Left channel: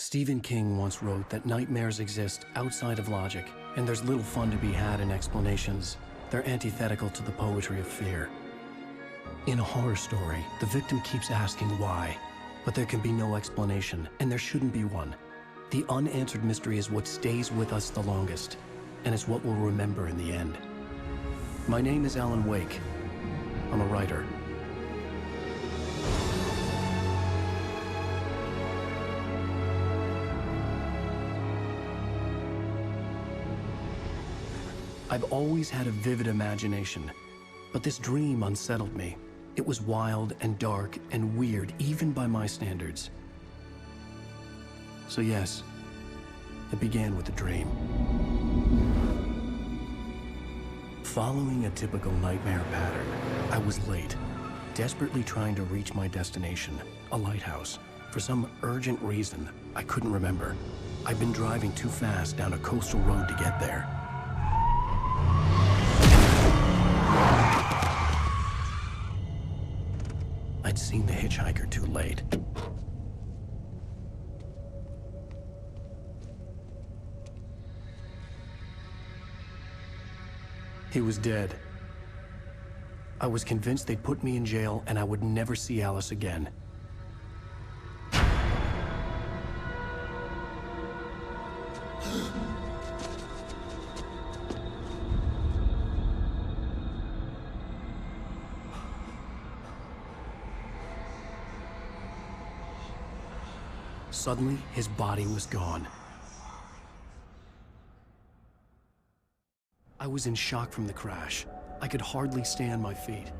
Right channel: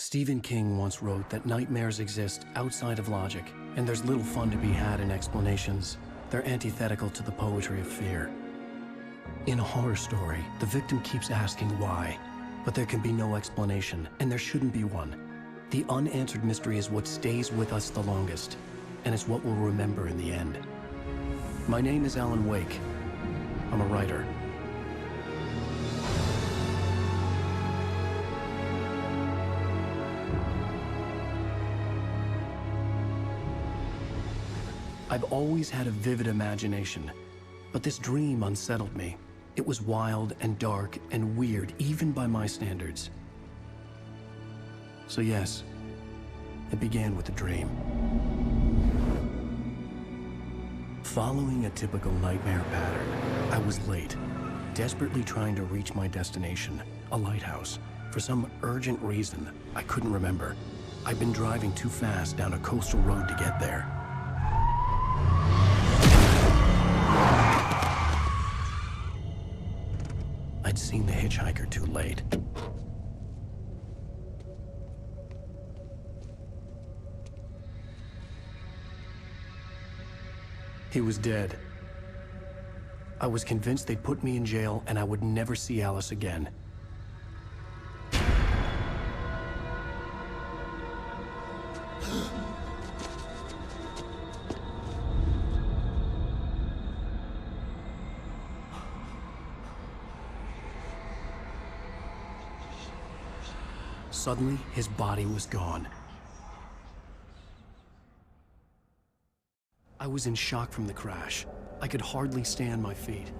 Stephen King once wrote that nightmares exist outside of logic, and there's little fun to be had in explanations. They're antithetical to the poetry of fear. In a horror story, the victim keeps asking why, but there can be no explanation, and there shouldn't be one. The unanswered mystery is what stays with us the longest, and it's what we'll remember in the end. My name is Alan Wake. I'm a writer. I've always had a vivid imagination, but this dream unsettled me. It was wild and dark and weird, even by my standards. So yes, it began with a dream. Following a typical nightmare pattern, I was late, desperately trying to reach my destination, a lighthouse. For some urgent reason, I couldn't remember. I'd been driving too fast down a coastal road to get there. I'd seen the hitchhiker too late. He was dead. I was convinced they'd put me in jail and I would never see Alice again. Suddenly, his body was gone. I was in shock from the crash. I could hardly stay on my feet.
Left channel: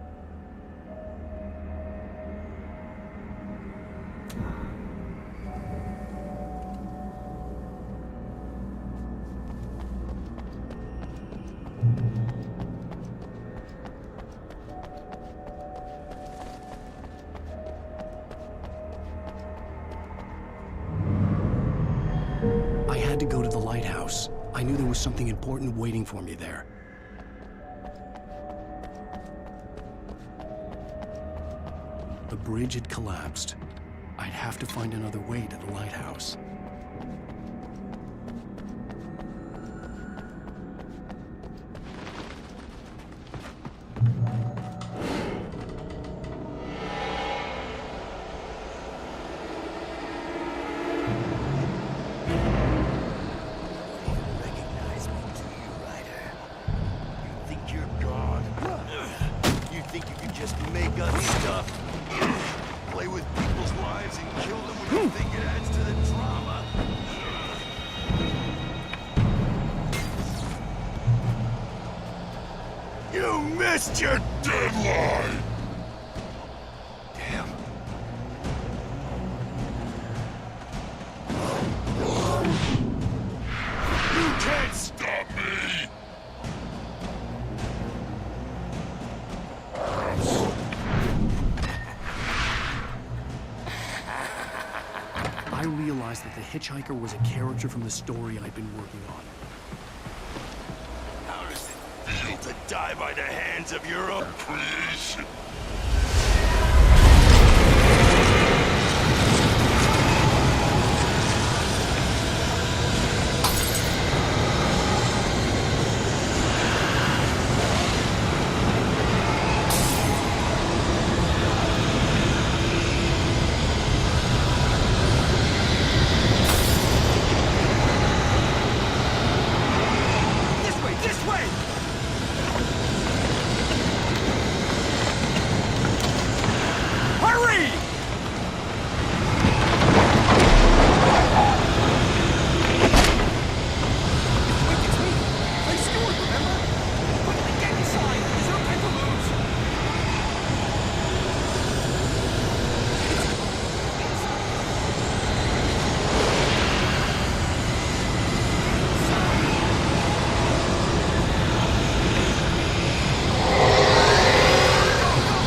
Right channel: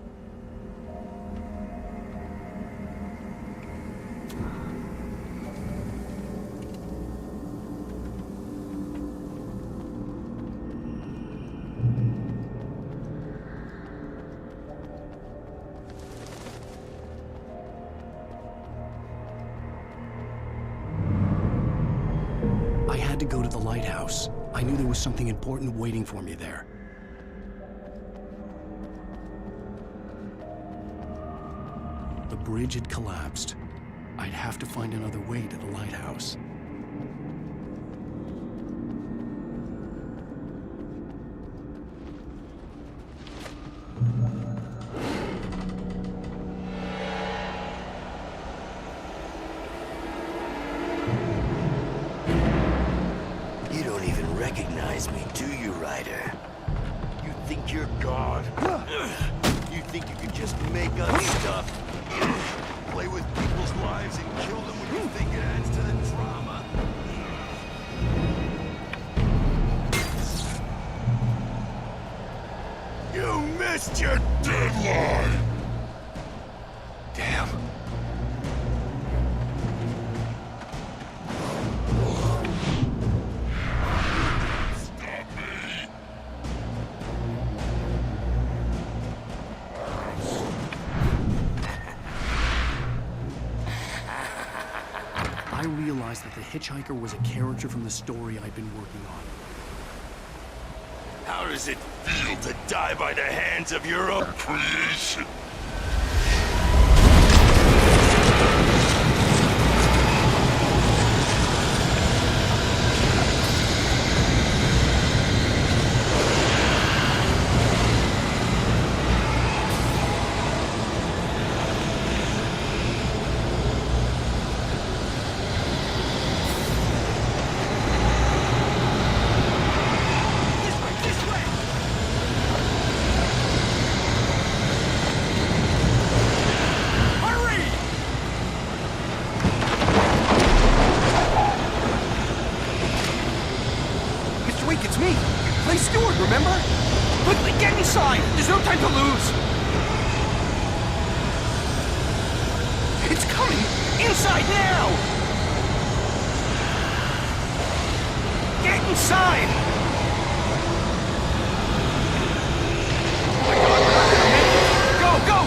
I had to go to the lighthouse. I knew there was something important waiting for me there. The bridge had collapsed. I'd have to find another way to the lighthouse. You missed your deadline! Damn. You can't stop me! I realized that the hitchhiker was a character from the story I'd been working on. How does it feel to die by the hands of your own creation? This way! Hurry! Mr. Wake, it's me. Play steward, remember? Quickly, get inside! There's no time to lose! It's coming! Inside now! Get inside!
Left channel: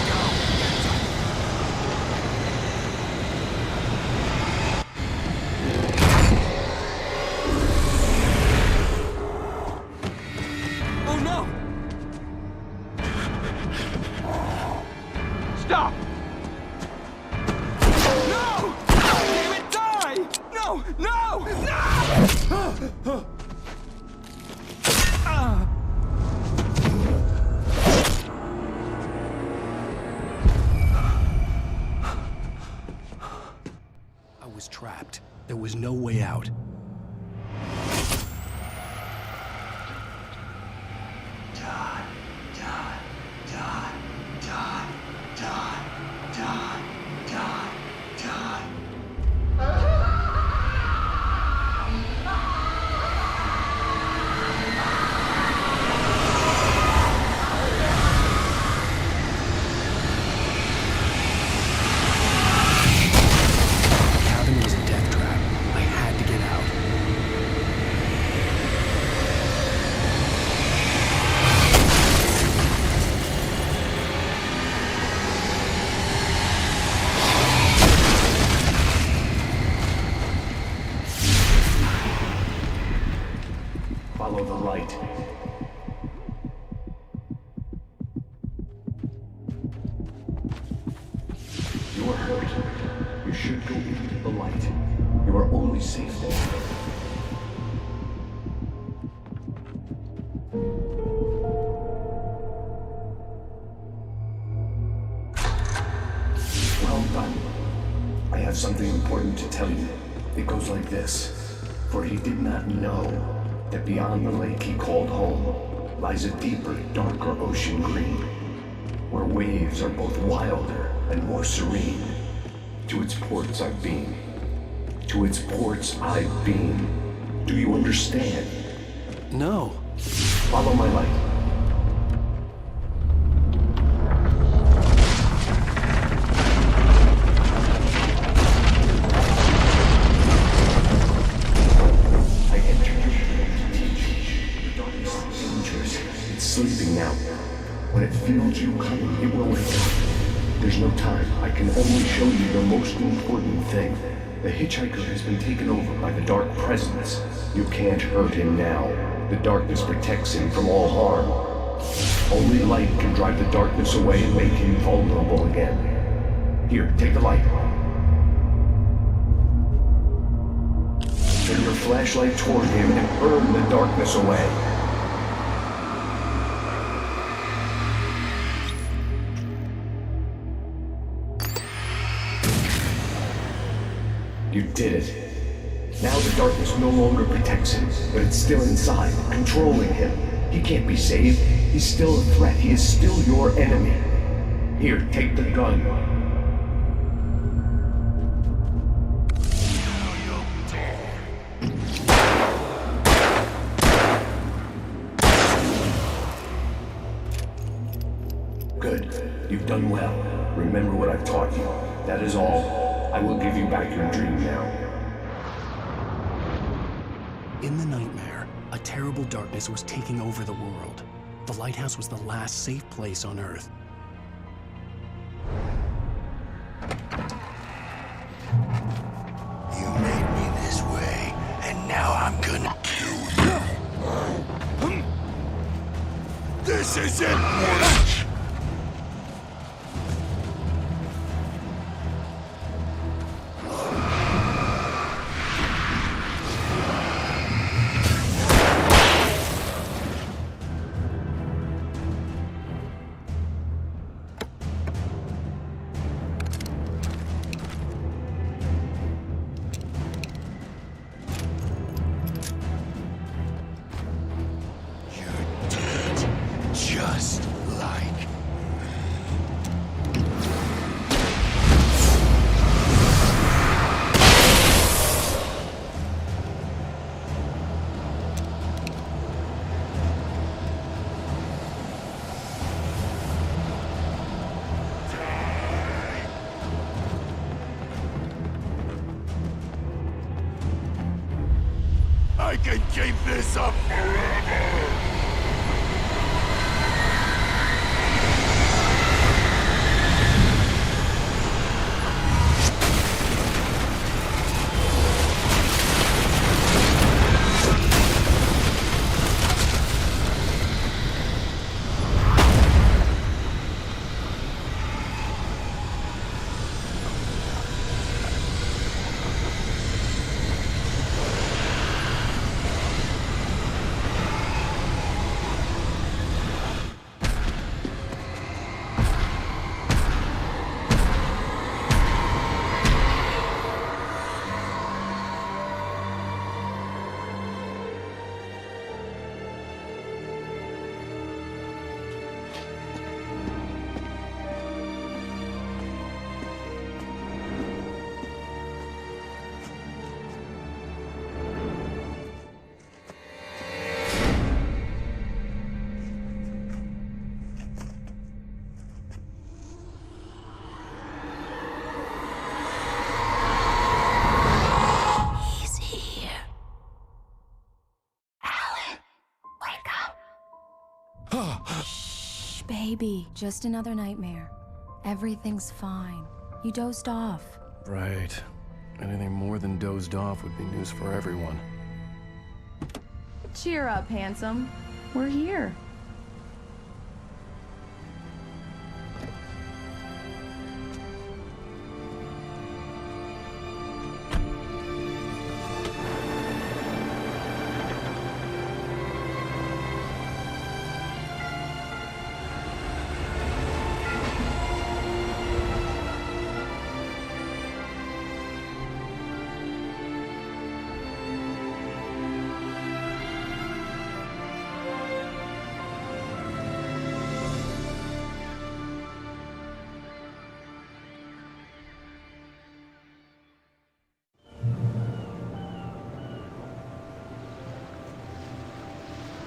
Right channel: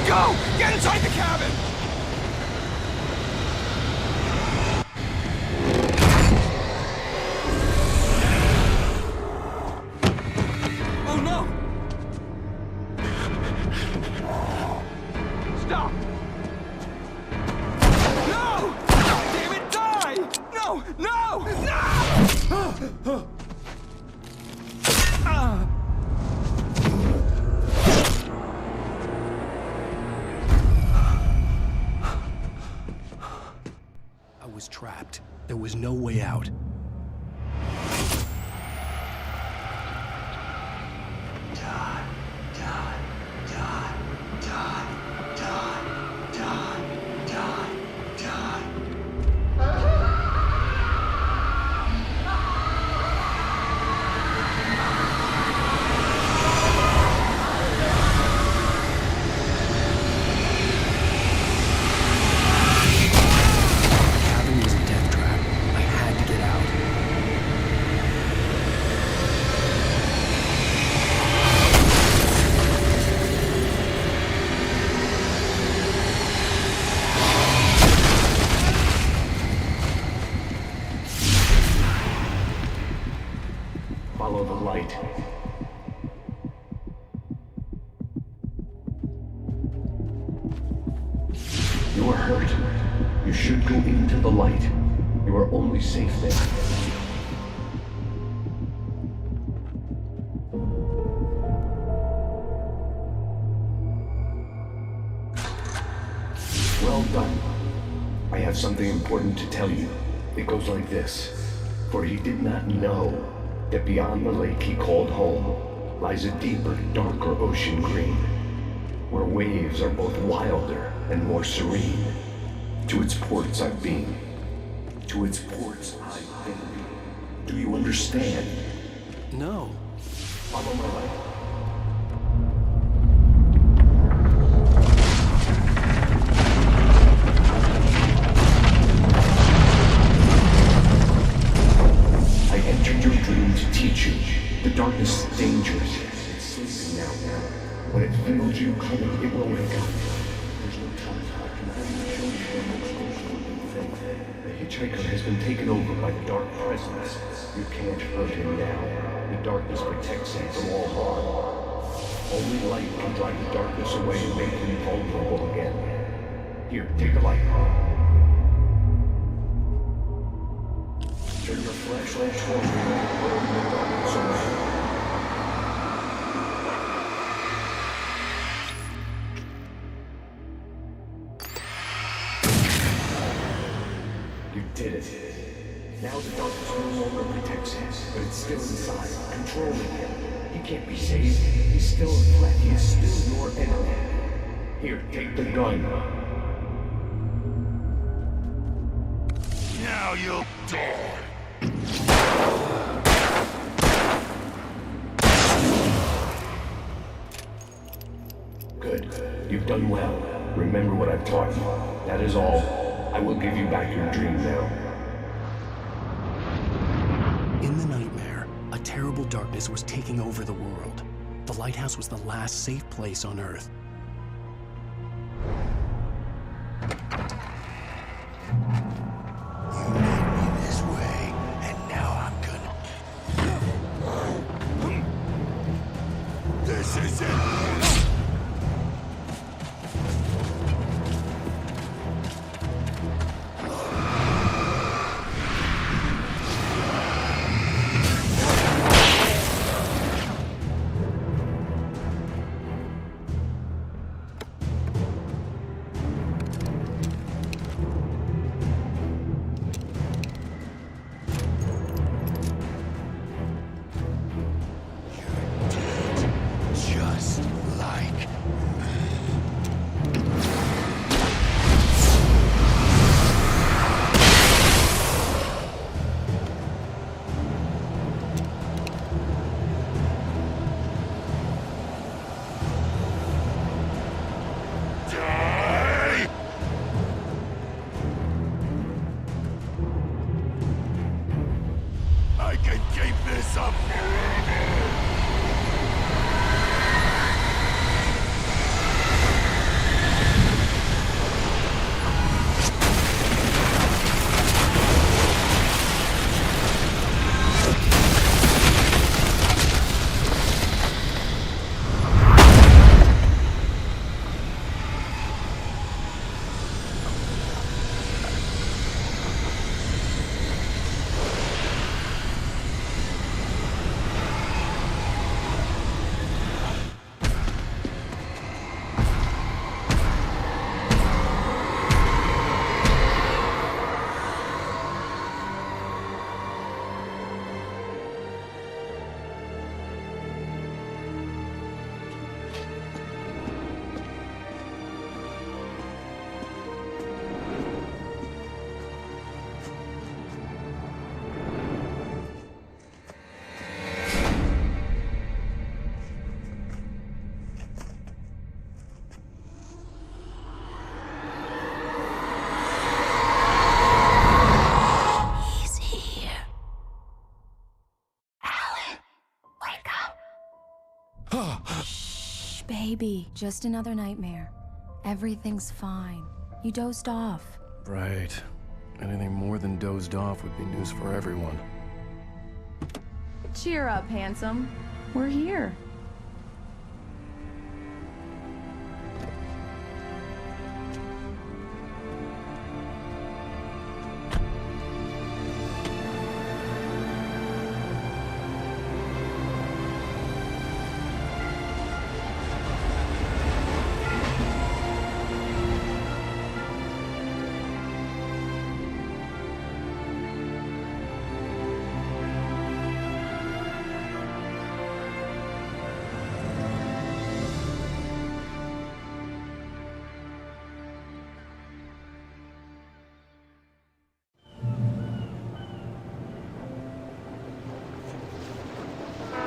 Go! Get inside the cabin! Oh no! Stop! No! Damn it, die! No! trapped. There was no way out. Die, die, die, die, die, die, die, die. The cabin was a death trap. I had to get out. Follow the light. You are hurt. You should go into the light. You are only safe there. Well done. I have something important to tell you. It goes like this. For he did not know that beyond the lake he called home lies a deeper, darker ocean green, where waves are both wilder and more serene. To its ports I beam. To its ports I beam. Do you understand? No. Follow my light. Darkness is dangerous. It's sleeping now. When it feels you coming, it will wake up. There's no time. I can only show you the most important thing. The hitchhiker has been taken over by the dark presence. You can't hurt him now. The darkness protects him from all harm. Only light can drive the darkness away and make him vulnerable again. Here, take the light. Turn your flashlight toward him and burn the darkness away. You did it. Now the darkness no longer protects him, but it's still inside, controlling him. He can't be saved. He's still a threat. He is still your enemy. Here, take the gun. Now you'll die. Good. You've done well. Remember what I've taught you. That is all. I will give you back your dream now. In the nightmare, a terrible darkness was taking over the world. The lighthouse was the last safe place on Earth. You made me this way, and now I'm gonna kill you. This isn't work! Just like die. I can keep this up forever. Shh, baby. Just another nightmare. Everything's fine. You dozed off. Right. Anything more than dozed off would be news for everyone. Cheer up, handsome. We're here.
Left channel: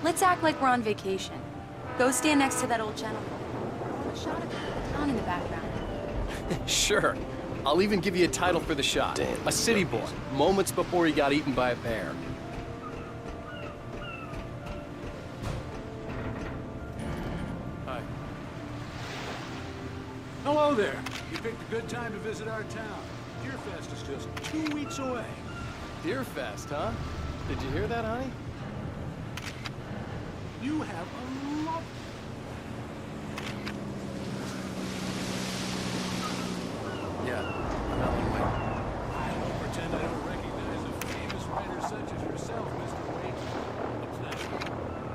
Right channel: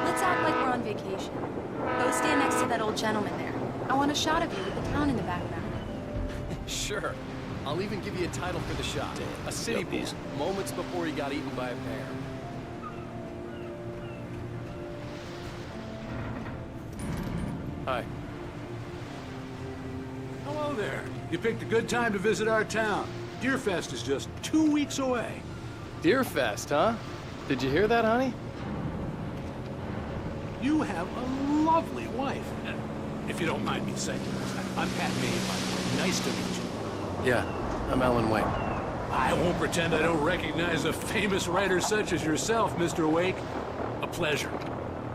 Let's act like we're on vacation. Go stand next to that old gentleman there. I want a shot of you. Sure. I'll even give you a title for the shot. Damn, a city go boy, easy. moments before he got eaten by a bear. Hi. Hello there. You picked a good time to visit our town. Deerfest is just 2 weeks away. Deerfest, huh? Did you hear that, honey? You have a lovely wife. If you don't mind me saying. I'm Pat Maine, by the way. Nice to meet you. Yeah, I'm Alan Wake. I won't pretend I don't recognize a famous writer such as yourself, Mr. Wake. A pleasure.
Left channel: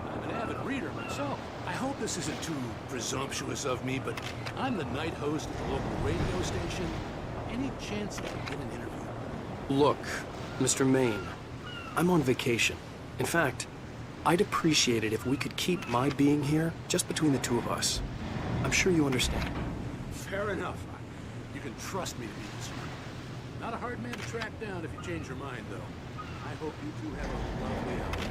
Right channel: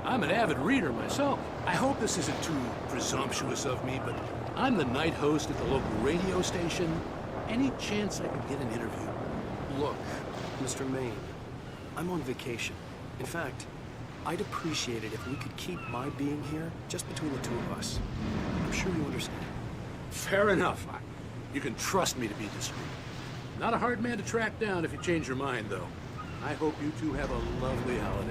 I'm an avid reader myself. I hope this isn't too presumptuous of me, but I'm the night host at the local radio station. Any chance I could get an interview? Look, Mr. Maine, I'm on vacation. In fact, I'd appreciate it if we could keep my being here just between the two of us. I'm sure you understand. Fair enough. You can trust me to be discreet. Not a hard man to track down if you change your mind, though. I hope you two have a lovely holiday.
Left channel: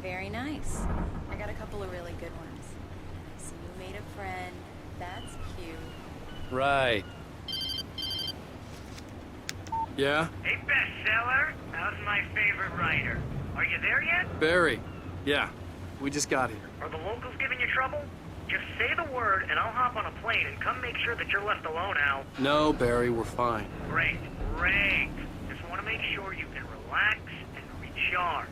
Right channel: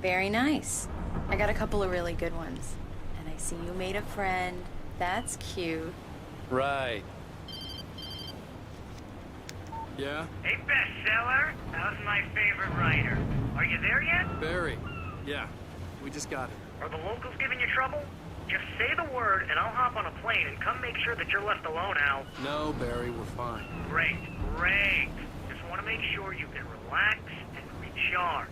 Very nice. I got a couple of really good ones. And I see you made a friend. That's cute. Right. Yeah? Hey, bestseller. How's my favorite writer? Are you there yet? Barry. Yeah. We just got here. Are the locals giving you trouble? Just say the word and I'll hop on a plane and come make sure that you're left alone, Al. No, Barry, we're fine. Great, great. Just want to make sure you can relax and recharge.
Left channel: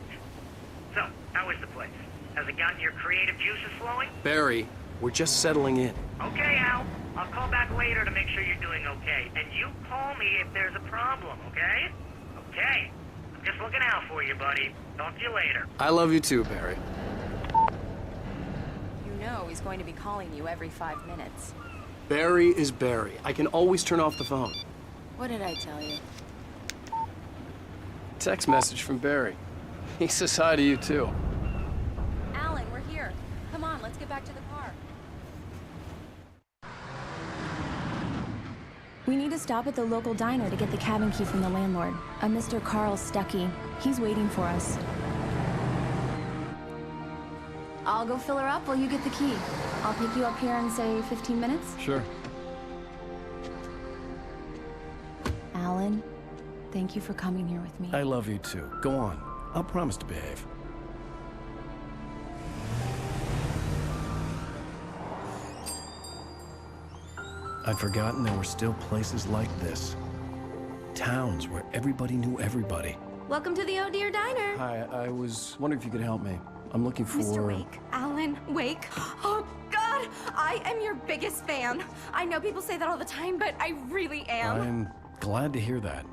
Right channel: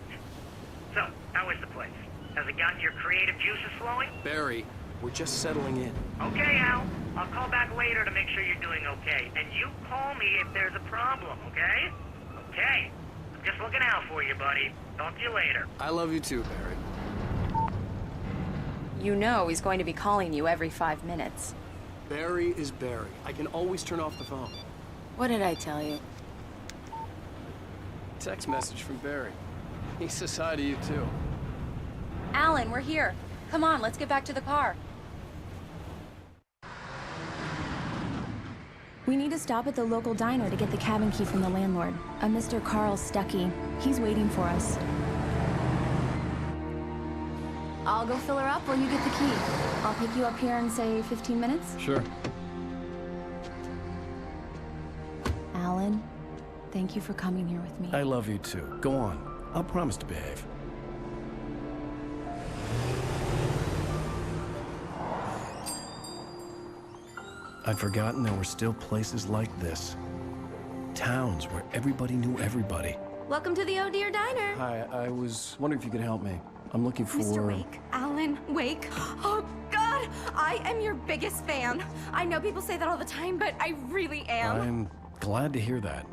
So, how is the place? Has it gotten your creative juices flowing? Barry, we're just settling in. Okay, Al. I'll call back later to make sure you're doing okay. And you call me if there's a problem, okay? Okay. I'm just looking out for you, buddy. Talk to you later. I love you too, Barry. You know he's going to be calling you every 5 minutes. Barry is Barry. I can always turn off the phone. What did I tell you? Text message from Barry. He says hi to you too. Alan, we're here. Come on, let's get back to the car. We need to stop at the local diner to get the cabin key from the landlord, a Mr. Carl Stuckey. He's waiting for us. I'll go fill her up while you get the key. I'll pick you up here in, say, 15 minutes? Sure. Alan, thank you for coming here with me. I love you too. Go on. I'll promise to behave. I'd forgotten there were still places like this. Towns where everybody knew everybody. Welcome to the Oh Dear Diner. Hi, I was wondering if you could help me. I'm looking for... Mr. Wake, Alan Wake. Oh, God, I am your biggest fan. I know people say that all the time, but I really am. I'm glad to hear that.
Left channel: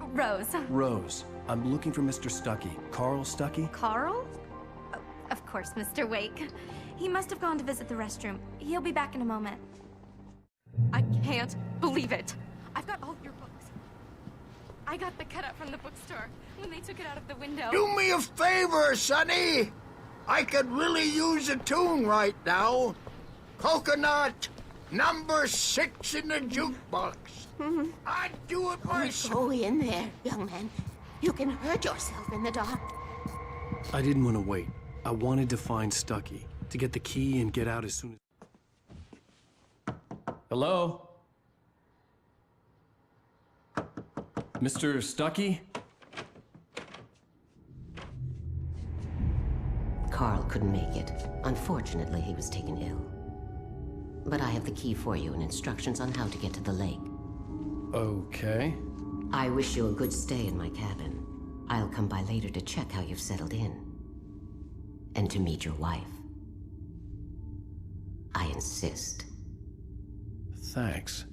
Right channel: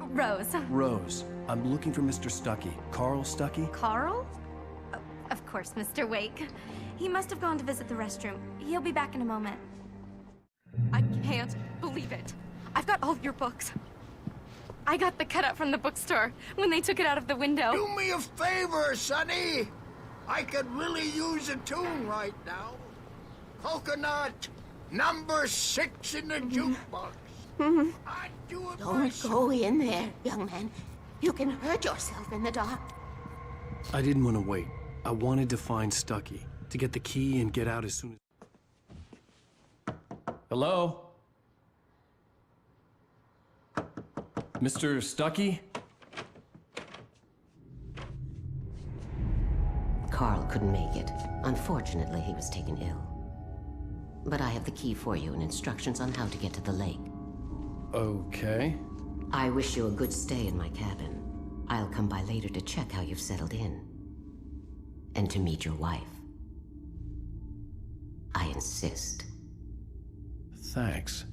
Rose. Rose, I'm looking for Mr. Stuckey. Carl Stuckey? Carl? Oh, of course, Mr. Wake. He must have gone to visit the restroom. He'll be back in a moment. I can't believe it. I've got all your books. I got the cutout from the bookstore when they took it out of the window. Do me a favor, Sonny. I could really use a tune right now. Coconut, number 6 in the jukebox. I'd do it myself. I didn't want to wait. I wanted to find Stuckey, to get the key and get out as soon as... Hello? Mr. Stuckey? Carl couldn't make it. Unfortunately, he was taken ill. But I have the key for you and instructions on how to get to the lake. Okay. I wish you a good stay in my cabin. I'll come by later to check how you've settled in. And to meet your wife. I insist. Thanks.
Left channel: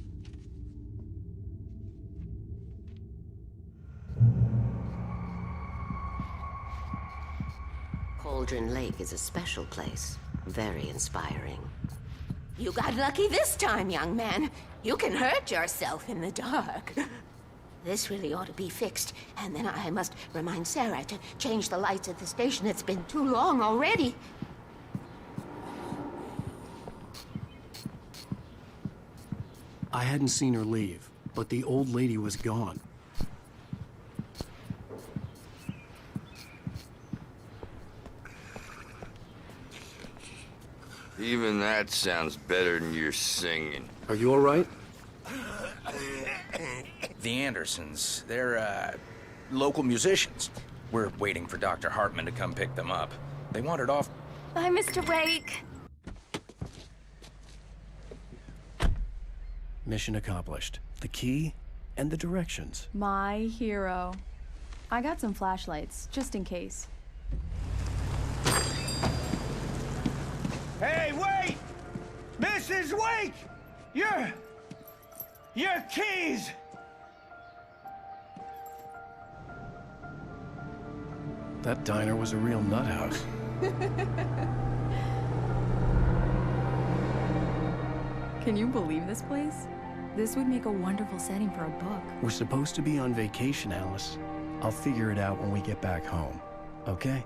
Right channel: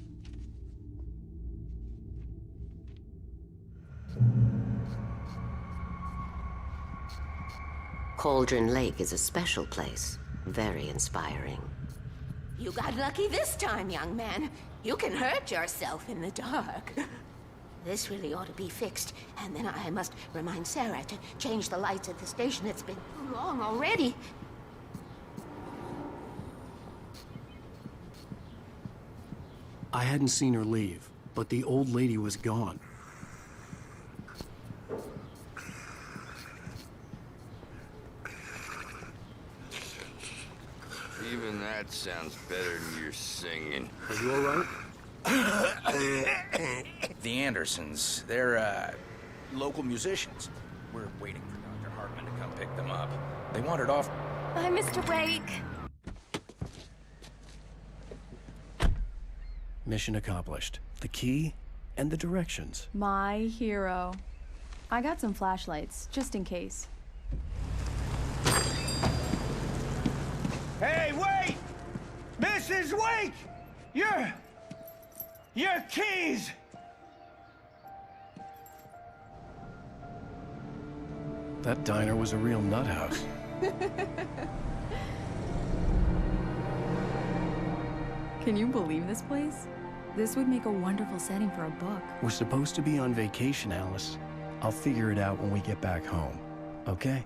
Cauldron Lake is a special place. Very inspiring. You got lucky this time, young man. You can hurt yourself in the dark. This really ought to be fixed, and then I must remind Sarah to change the lights at the station. It's been too long already. I hadn't seen her leave, but the old lady was gone. Even that sounds better than your singing. Are you all right? The Andersons, they're, local musicians. We're waiting for Dr. Hartman to come pick them up. Hi, Mr. Wake. Mission accomplished. The key and the directions. My hero. I got some flashlights, just in case. Hey, wait! Mrs. Wake! Your keys! That diner was a real nut house. Can you believe this place? This would make a wonderful setting for a book. We're supposed to be on vacation, Alice. I'll figure it out when we get back home. Okay?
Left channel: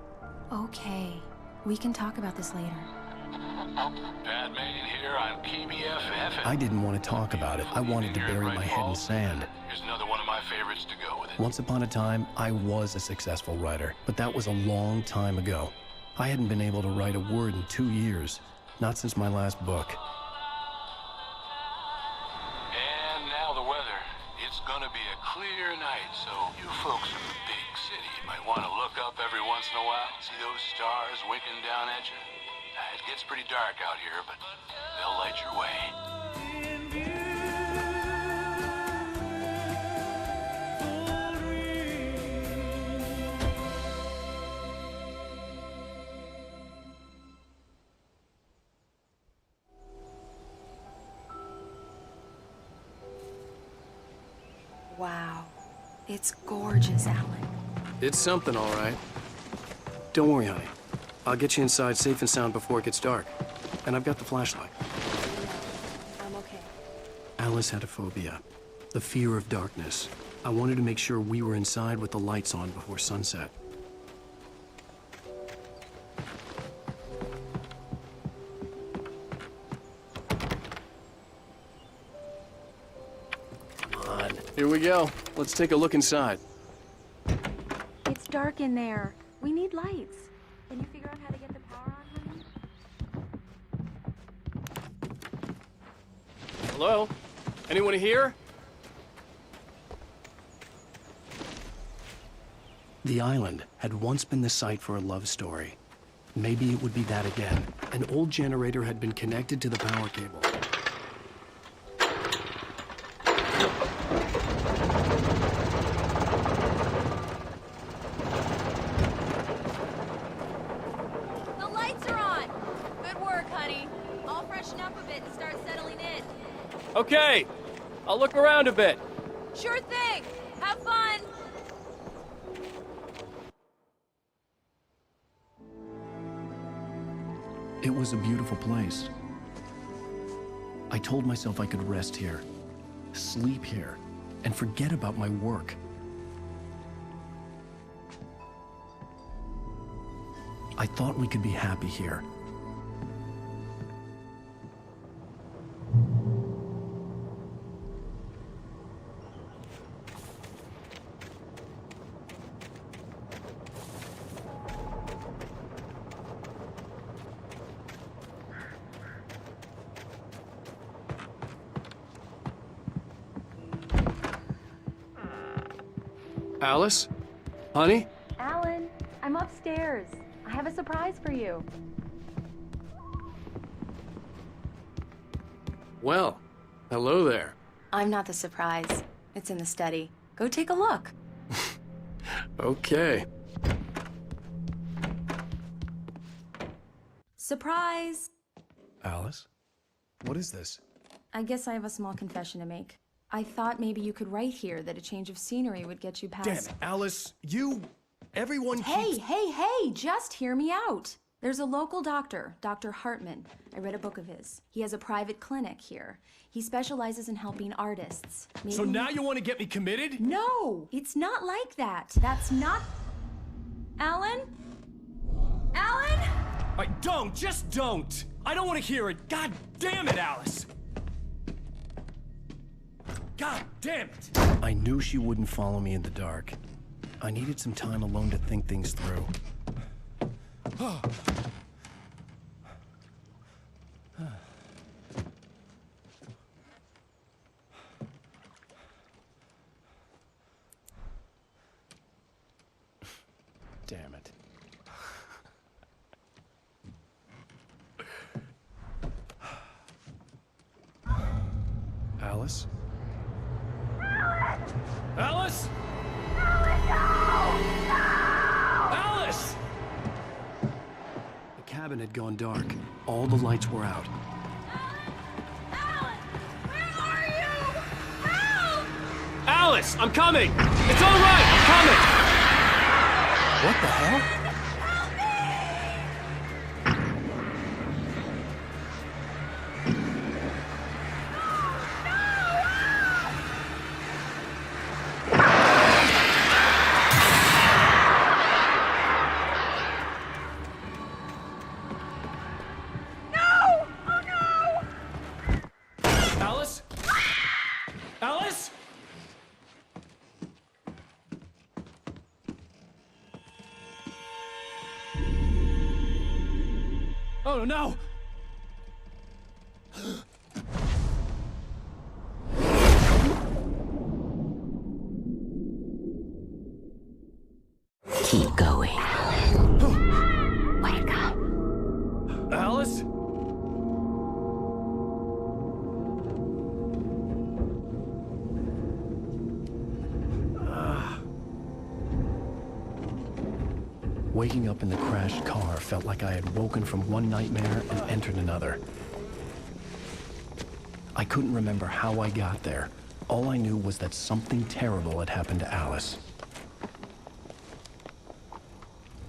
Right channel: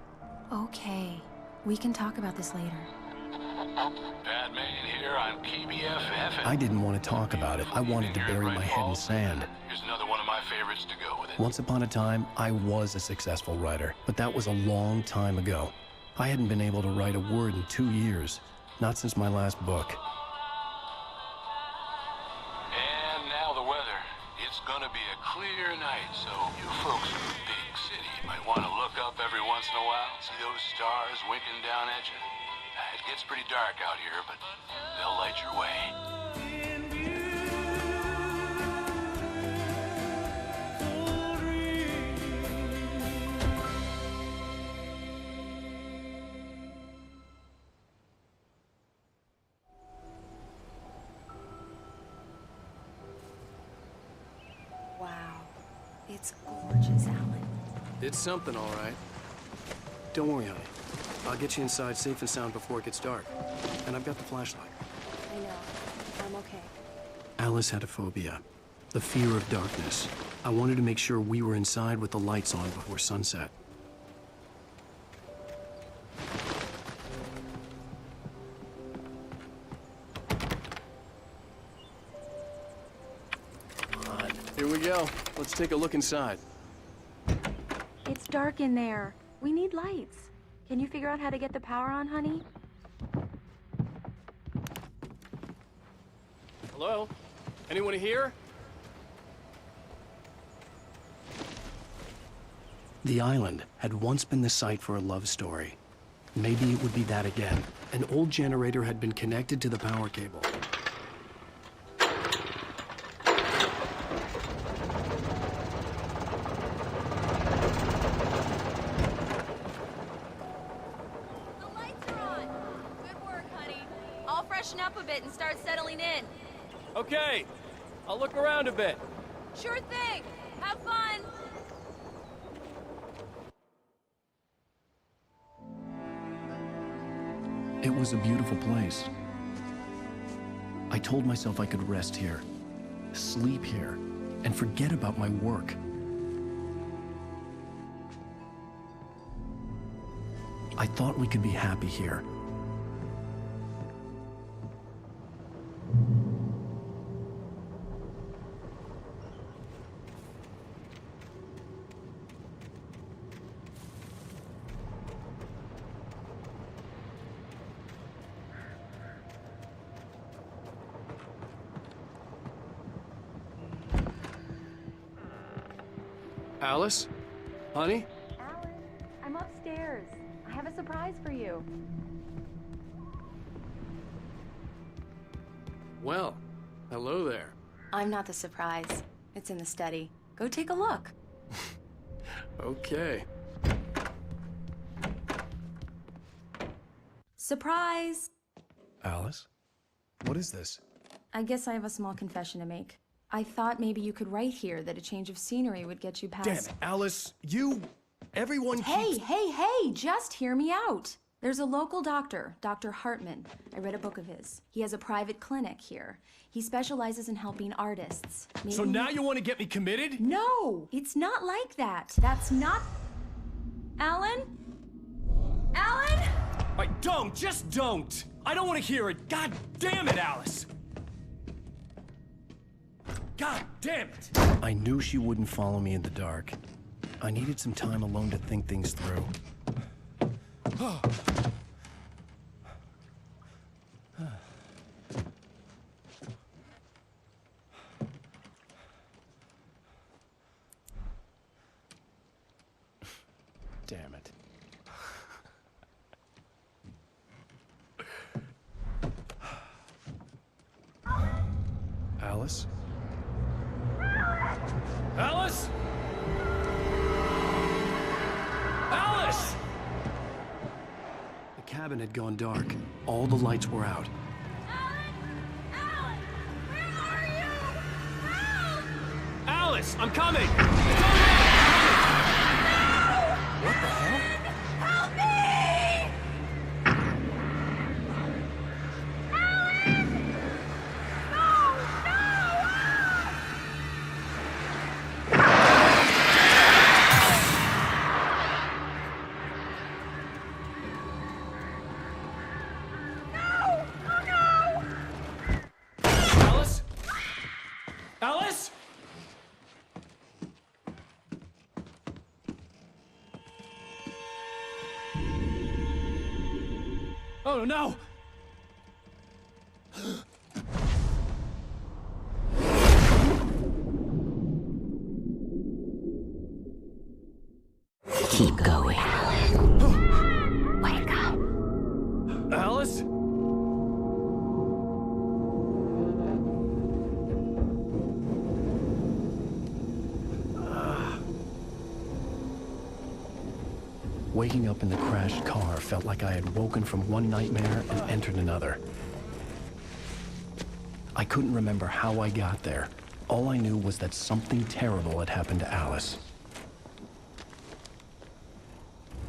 Okay. We can talk about this later. Batman here on KBFF. I didn't want to talk about it. I wanted to bury my head in sand. Here's another one of my favorites to go with it. Once upon a time, I was a successful writer, but that was a long time ago. I hadn't been able to write a word in 2 years, not since my last book. And now the weather. It's gonna be a clear night, so you folks in the big city might want to look up every once in a while, see those stars winking down at you. It gets pretty dark out here, but they'll light your way. Wow. It's gorgeous out. It's something, all right. Don't worry, honey. I'll get you inside safe and sound before it gets dark. And I've got the flashlight. Alice had a phobia. The fear of darkness. I wanted to make sure we were inside with the lights on before sunset. Here we go. Let's take a look inside. Can you figure out how to get the power on, honey? Hello? Anyone here? The island had once been the site for a love story. Maybe it would be that again. An old generator had been connected to the power cable. The lights are on! Good work, honey. I'll freshen up a bit and start settling in. Okay, I'll look around a bit. Sure thing! Have fun! It was a beautiful place. I told myself I could rest here, sleep here, and forget about my work. I thought we could be happy here. Alice? Honey? Alan, I'm upstairs. I have a surprise for you. Well, hello there. I'm not the surprise. It's in the study. Go take a look. Okay. Surprise! Alice? What is this? I guess I have a small confession to make. I thought maybe you could write here that a change of scenery would get you past... Damn it, Alice, everyone Hey, keeps... hey, just hear me out. There's a local doctor, Dr. Hartman. I read a book of his. He has a private clinic here. He specializes in helping artists. Maybe... So now you want to get me committed? No, it's not like that. That's not... Alan? Alan? Just don't! I don't want to hear it. God damn it, Alice! God damn it! I knew she wouldn't follow me in the dark. I needed some time alone to think things through. Damn it. Alice? Alice? Alice! The cabin had gone dark. All the lights were out. Alan! Where are you? Help! Alice, I'm coming! It's all right! I'm coming! What the hell? Help me! Alice? Alice? Oh no! Keep going, Alan. Wake up. Alice? Waking up in the crashed car felt like I had woken from one nightmare and entered another. I couldn't remember how I got there. All I knew was that something terrible had happened to Alice.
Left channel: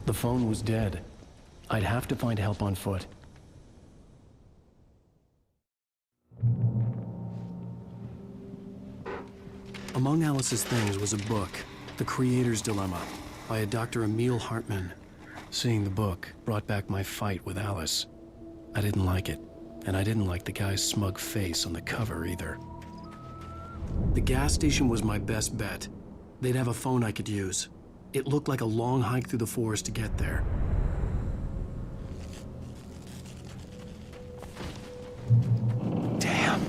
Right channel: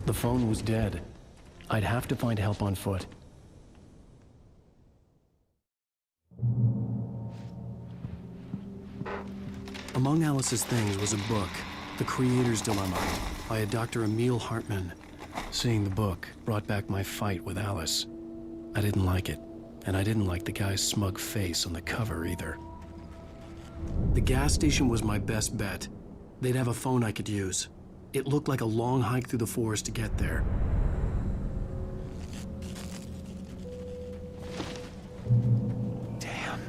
The phone was dead. I'd have to find help on foot. Among Alice's things was a book, The Creator's Dilemma, by a Dr. Emil Hartman. Seeing the book brought back my fight with Alice. I didn't like it, and I didn't like the guy's smug face on the cover either. The gas station was my best bet. They'd have a phone I could use. It looked like a long hike through the forest to get there. Damn.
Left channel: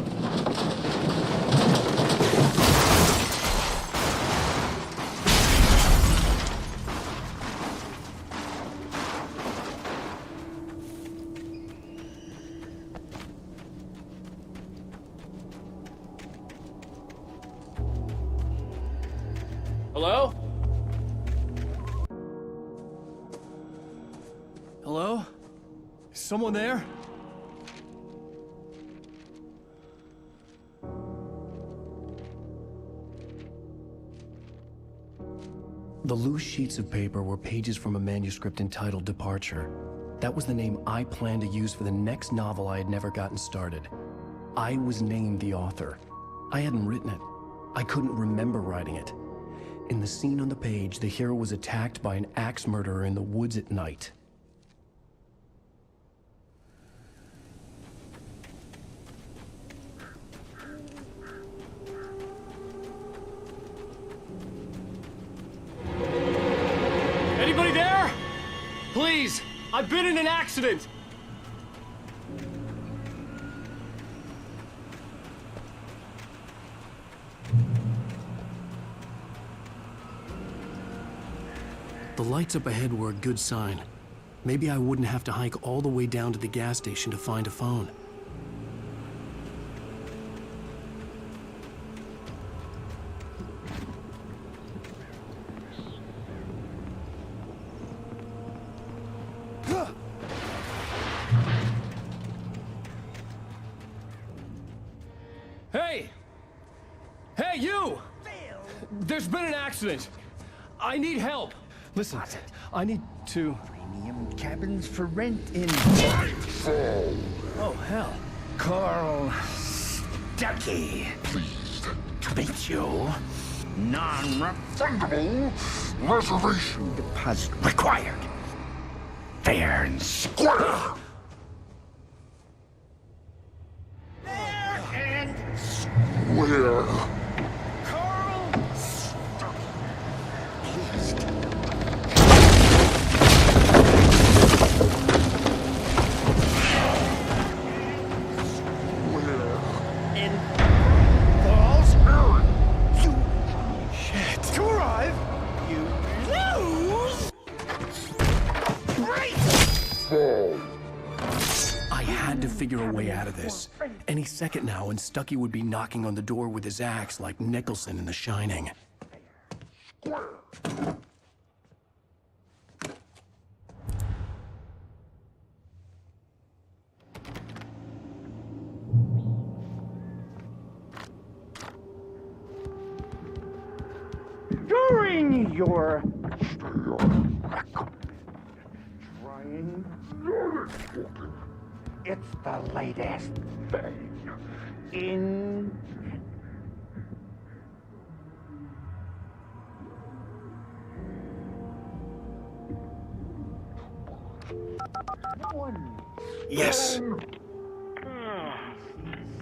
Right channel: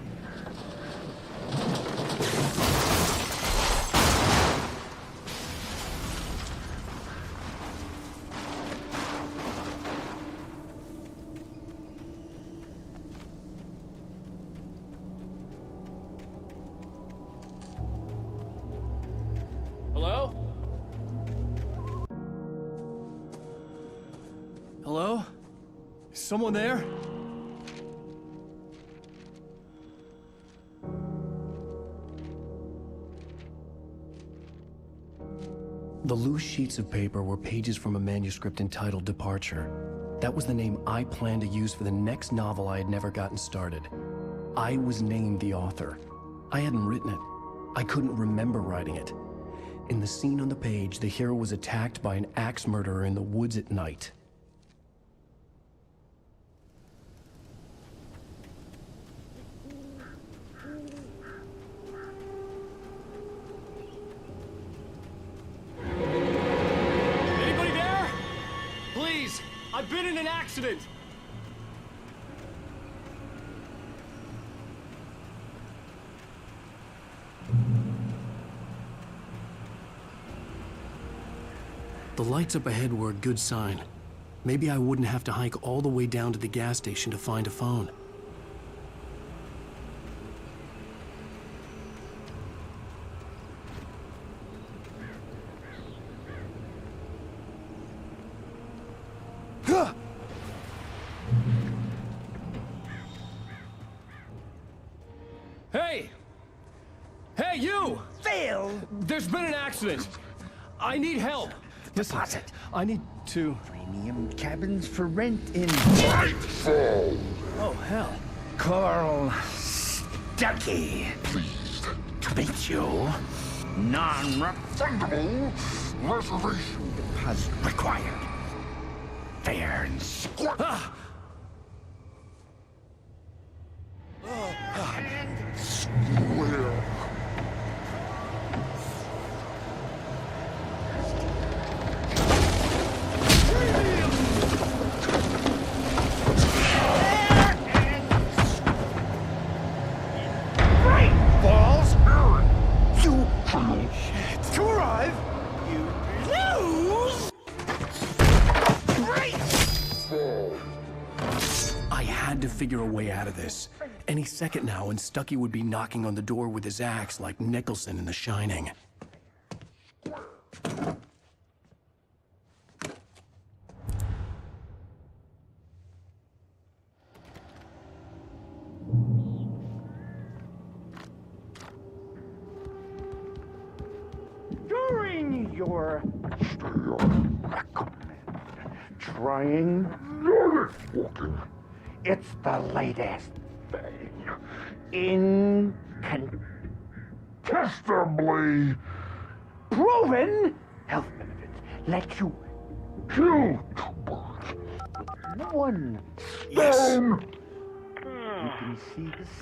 Hello? Hello? Is someone there? The loose sheets of paper were pages from a manuscript entitled Departure. That was the name I planned to use for the next novel I had never gotten started. I was named the author. I hadn't written it. I couldn't remember writing it. In the scene on the page, the hero was attacked by an axe murderer in the woods at night. Anybody there? Please, I've been in an accident. The lights up ahead were a good sign. Maybe I wouldn't have to hike all the way down to the gas station to find a phone. Hey! Hey, you! Phil! There's been an accident. I need help. Listen, I need to... Premium cabins for rent in Nightfall! Oh, hell. Carl Stuckey. Pleased To meet you. Non-refundable reservation deposit required. Fair and square. where? Carl Stuckey. In Bright Falls, you shit. Bright Fall. I had to figure a way out of this. Any second now, and Stuckey would be knocking on the door with his axe like Nicholson in The Shining. during your trying. It's the latest thing. Incontestably proven health benefits let you kill no one. Yes.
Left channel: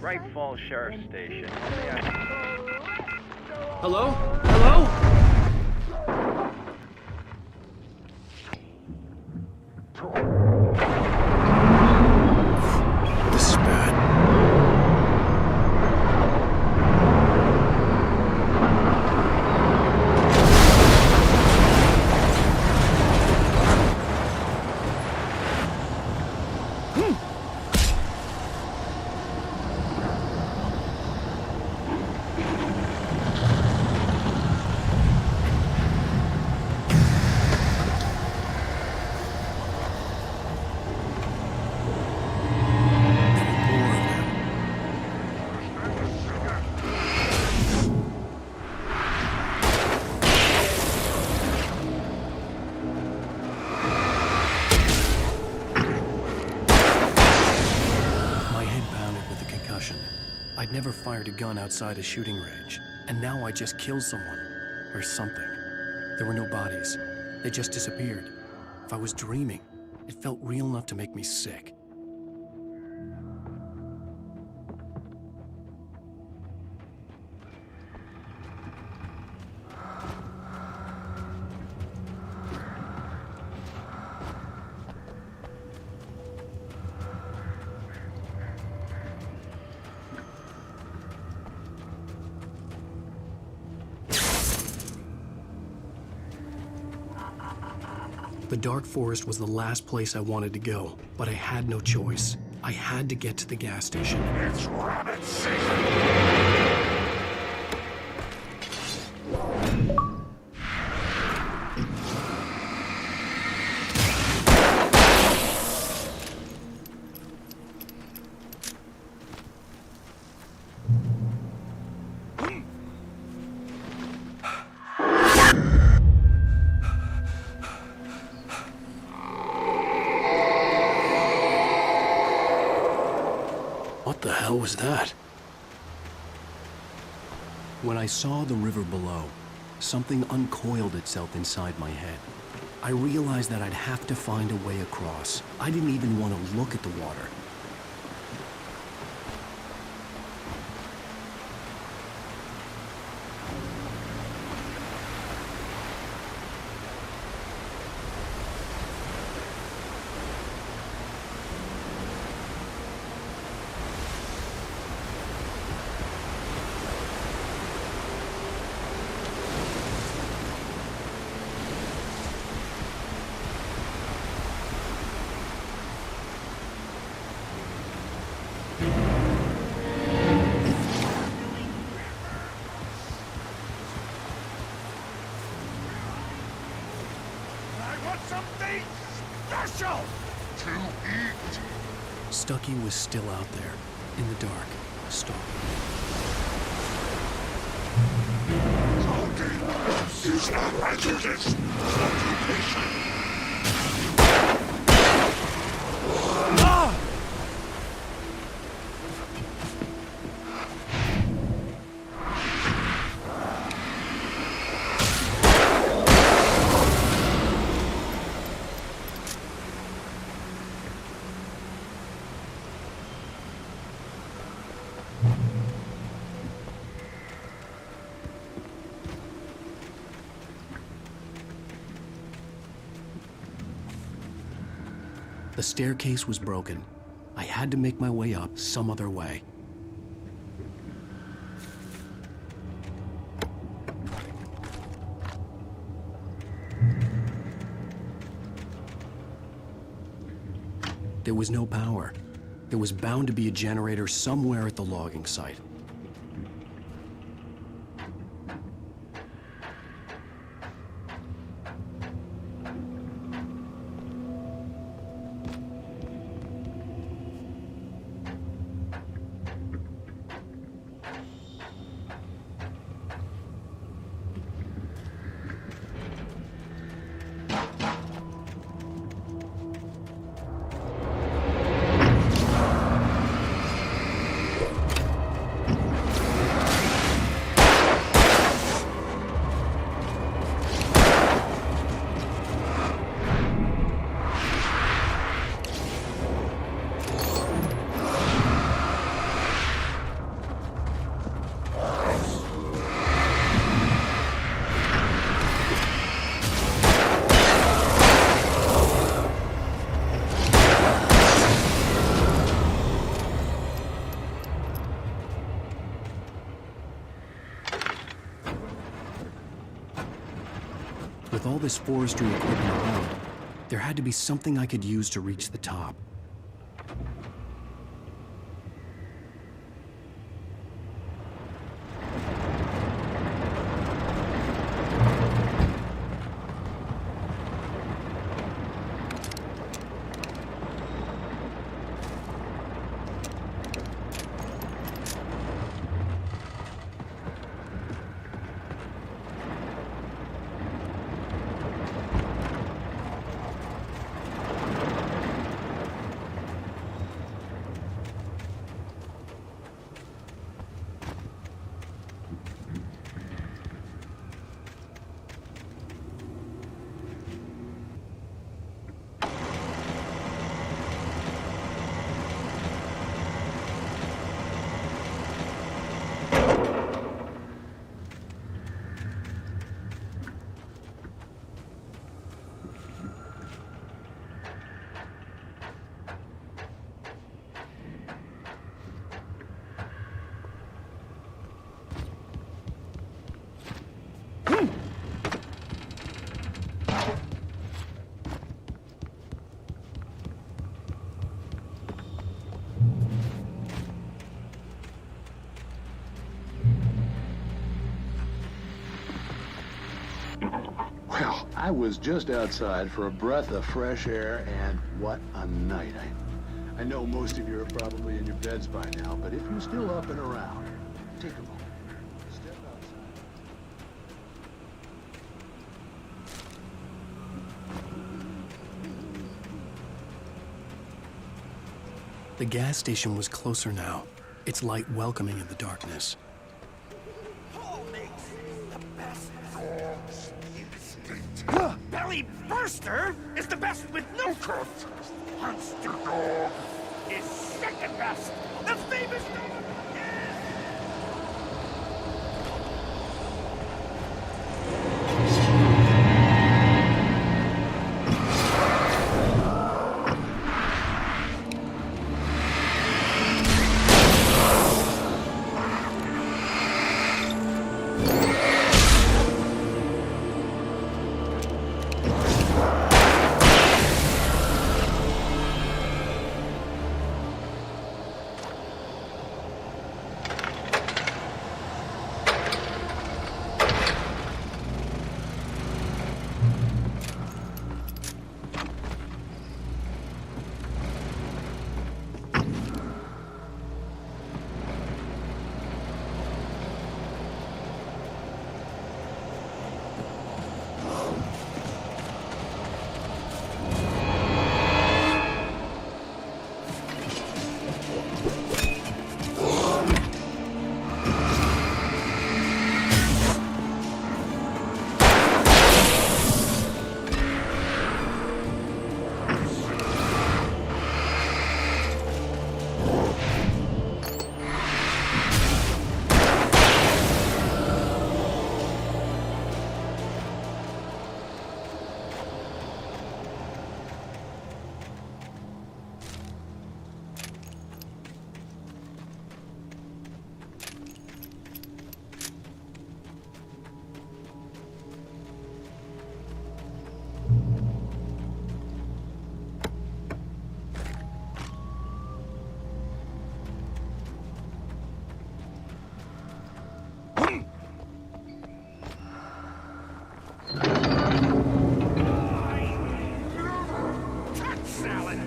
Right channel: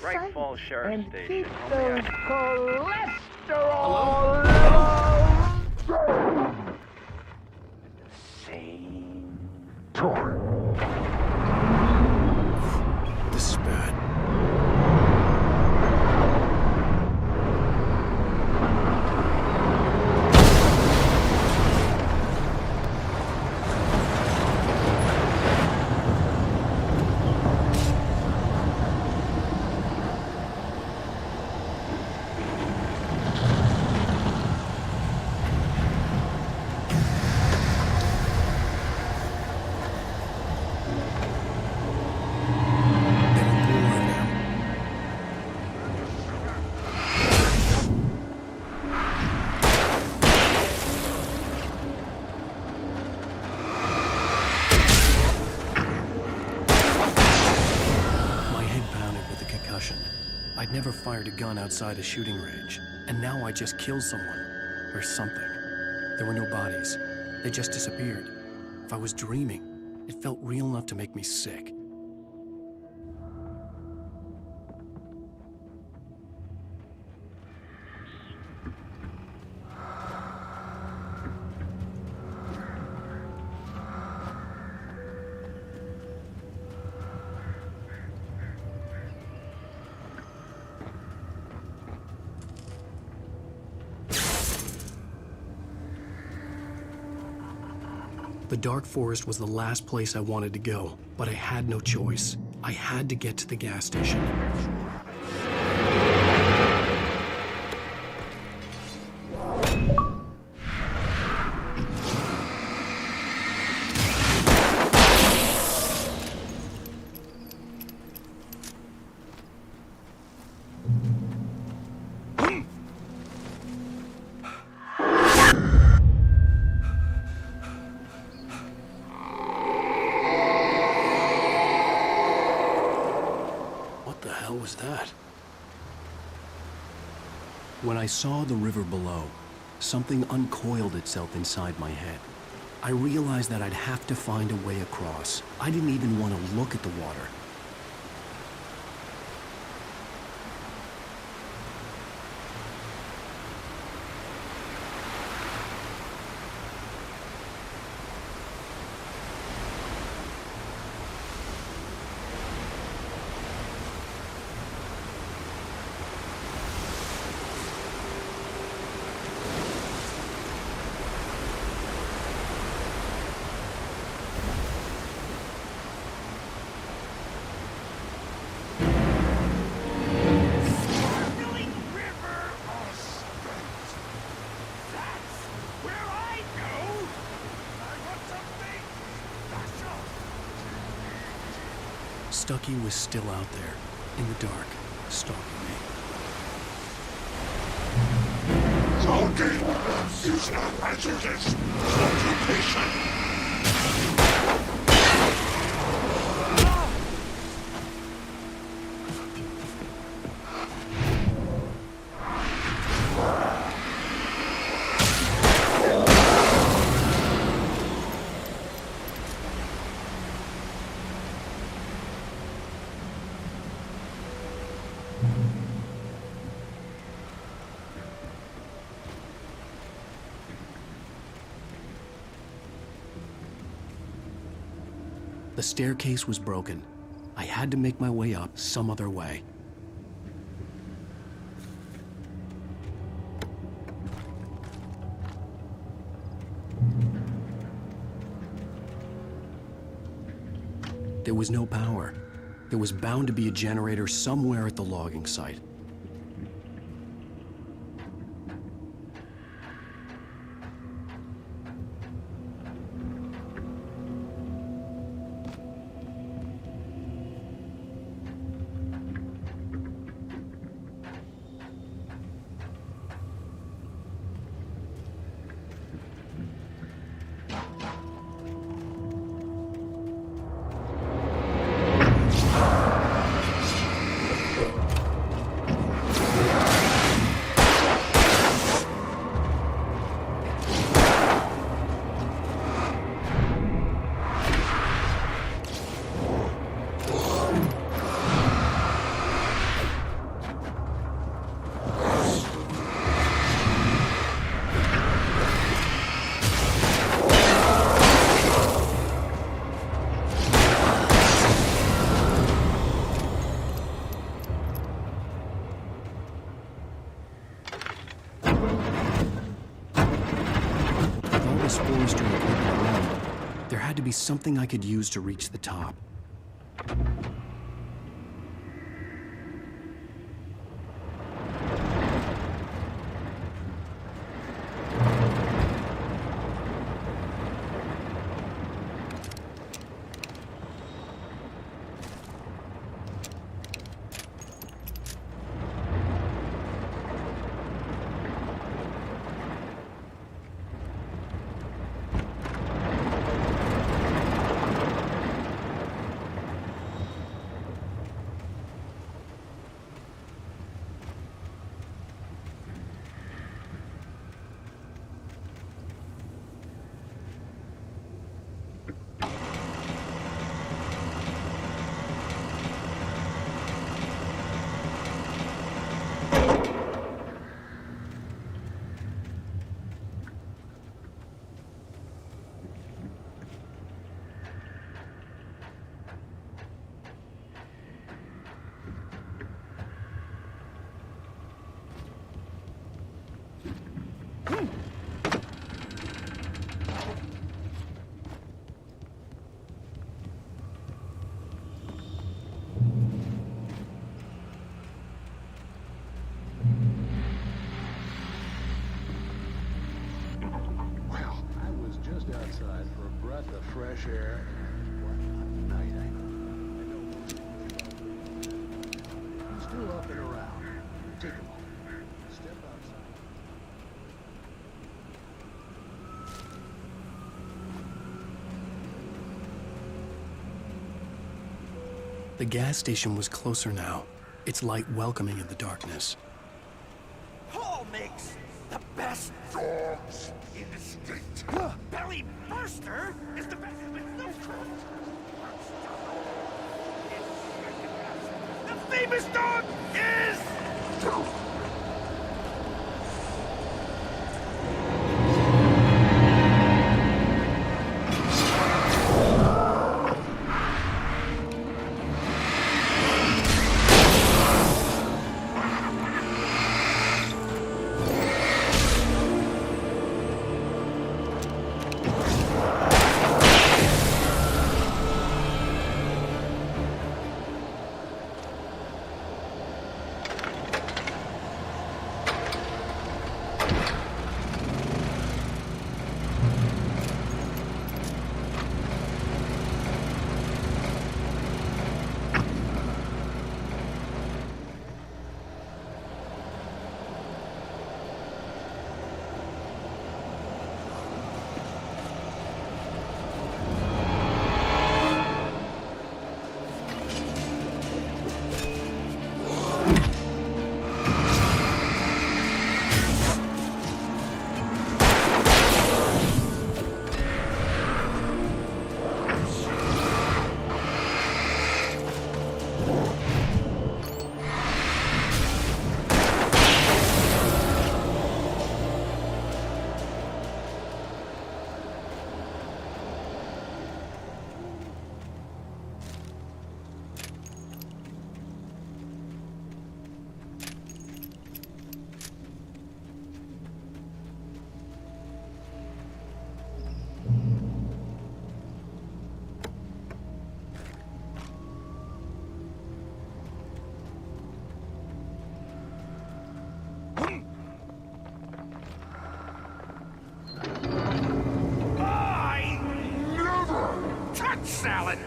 Bright Falls Sheriff Station. Hello? Hello? This is bad. I'd never fired a gun outside a shooting range, and now I just killed someone. Or something. There were no bodies. They just disappeared. If I was dreaming, it felt real enough to make me sick. The dark forest was the last place I wanted to go, but I had no choice. I had to get to the gas station. It's rabbit season. What the hell was that? When I saw the river below, something uncoiled itself inside my head. I realized that I'd have to find a way across. I didn't even want to look at the water. Something special to eat. Stucky was still out there, in the dark, stalking me. Talking is not hazardous. Occupation. The staircase was broken. I had to make my way up some other way. There was no power. There was bound to be a generator somewhere at the logging site. With all this forestry equipment around, there had to be something I could use to reach the top. was just outside for a breath of fresh air, and what a night. I know most of you are probably in your beds by now, but if you're still up and around... The gas station was closer now, its light welcoming in the darkness. Paul makes the best dogs in the state. Belly Burster is the best with no coat. Monster Dog is second best. The famous dog is...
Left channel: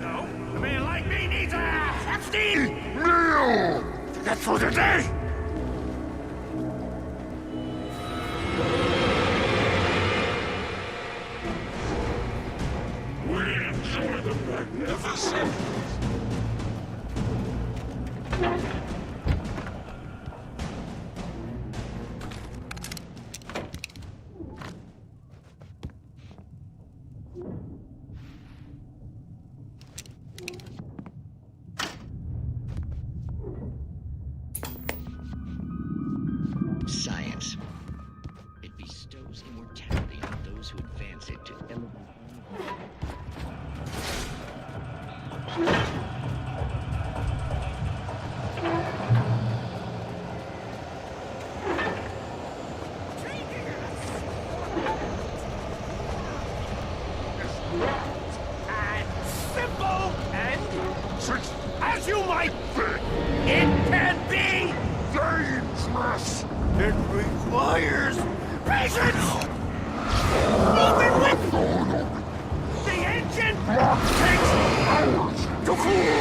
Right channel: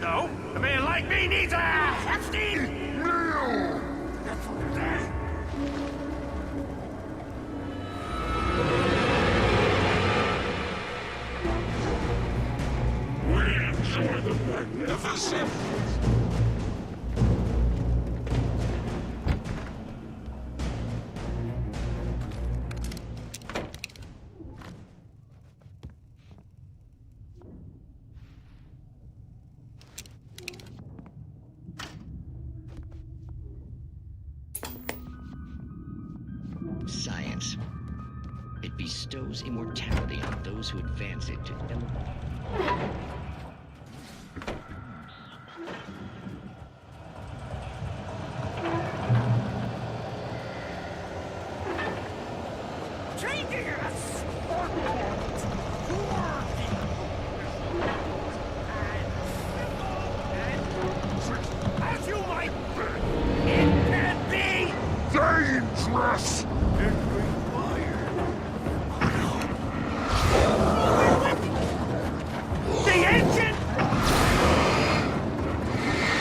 No, a man like me needs a hefty meal to get through the day. Bestows immortality on those who advance it. Changing a sport point to war vehicle is not as simple and, as you might think, it can be dangerous. It requires patience! Moving with the engine takes hours to cool!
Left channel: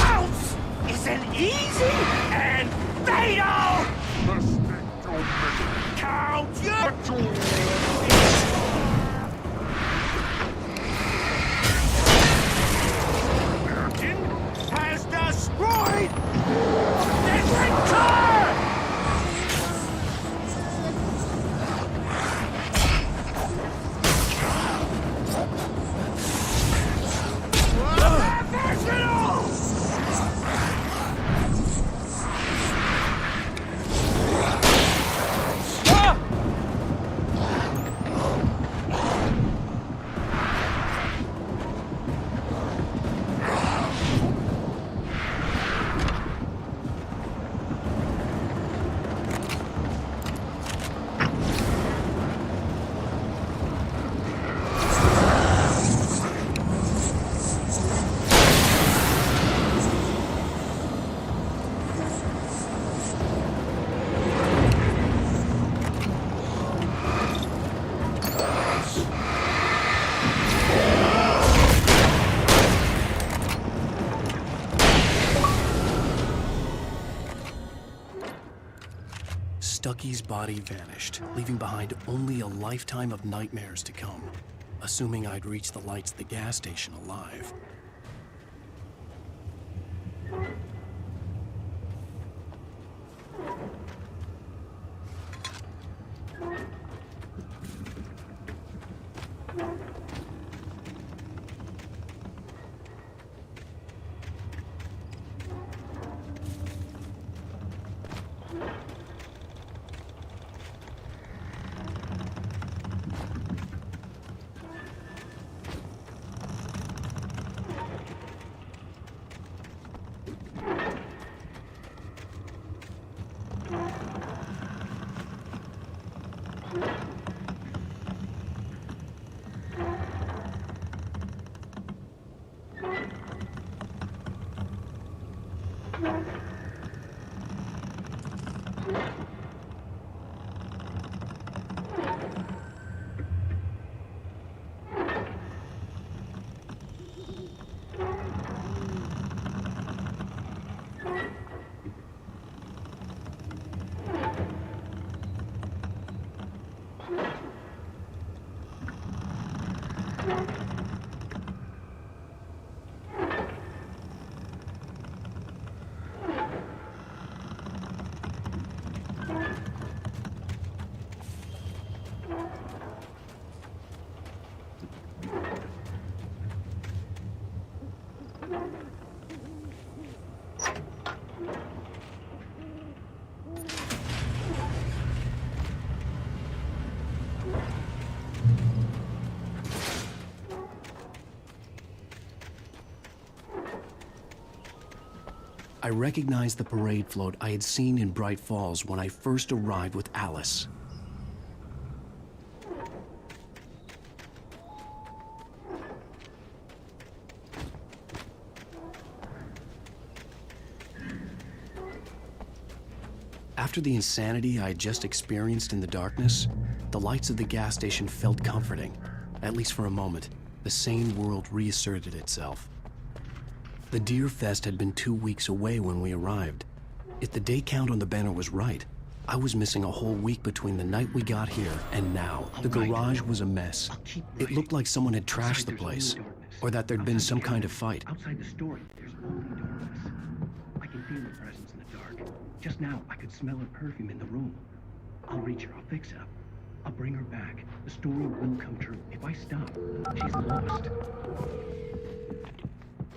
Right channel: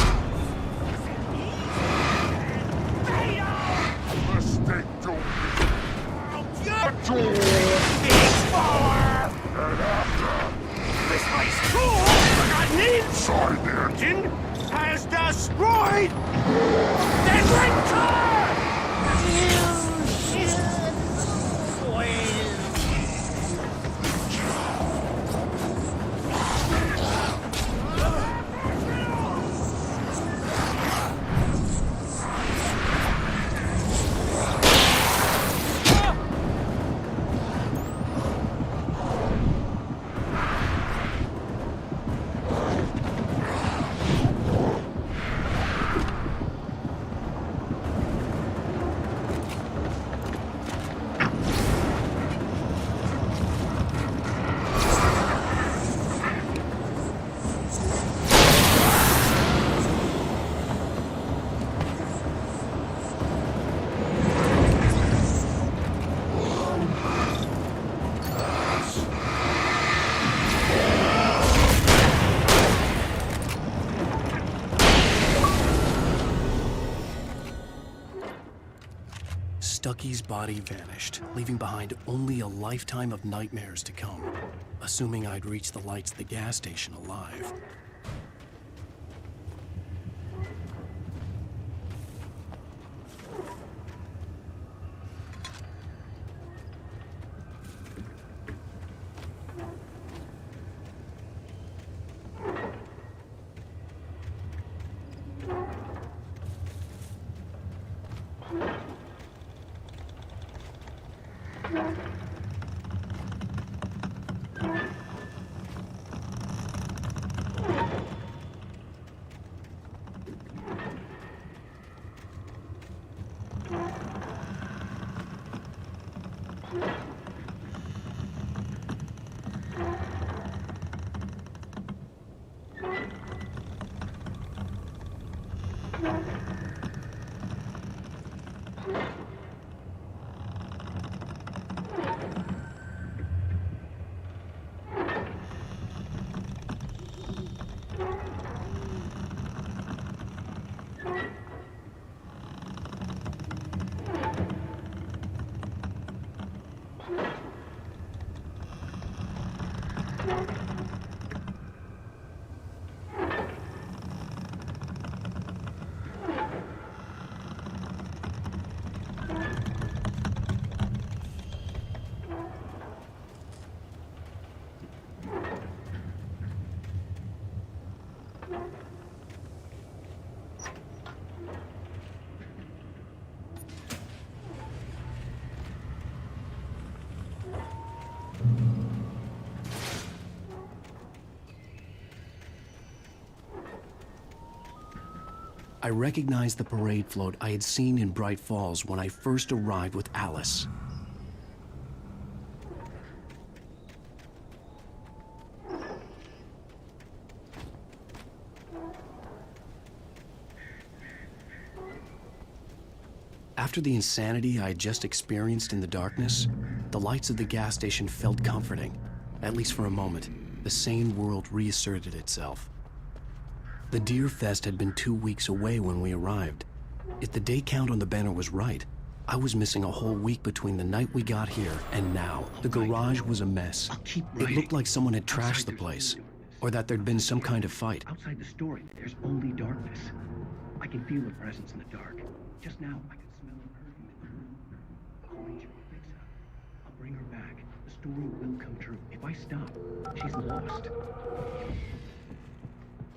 House isn't easy and fatal! Mistake don't make it count! Inside the engine has destroyed the red car! Ducky's body vanished, leaving behind only a lifetime of nightmares to come, assuming I'd reach the lights at the gas station alive. I recognized the parade float I had seen in Bright Falls when I first arrived with Alice. After the insanity I had just experienced in the darkness, the lights of the gas station felt comforting. At least for a moment, the sane world reasserted itself. The Deer Fest had been 2 weeks away when we arrived. If the day count on the banner was right, I was missing a whole week between the night we got here and now. The garage was a mess. It looked like someone had trashed the place, or that there'd been some kind of fight. There's only darkness. I can feel the presence in the room. Just now, I could smell her perfume in the room. I'll reach her. I'll fix her. I'll bring her back. The story will come true.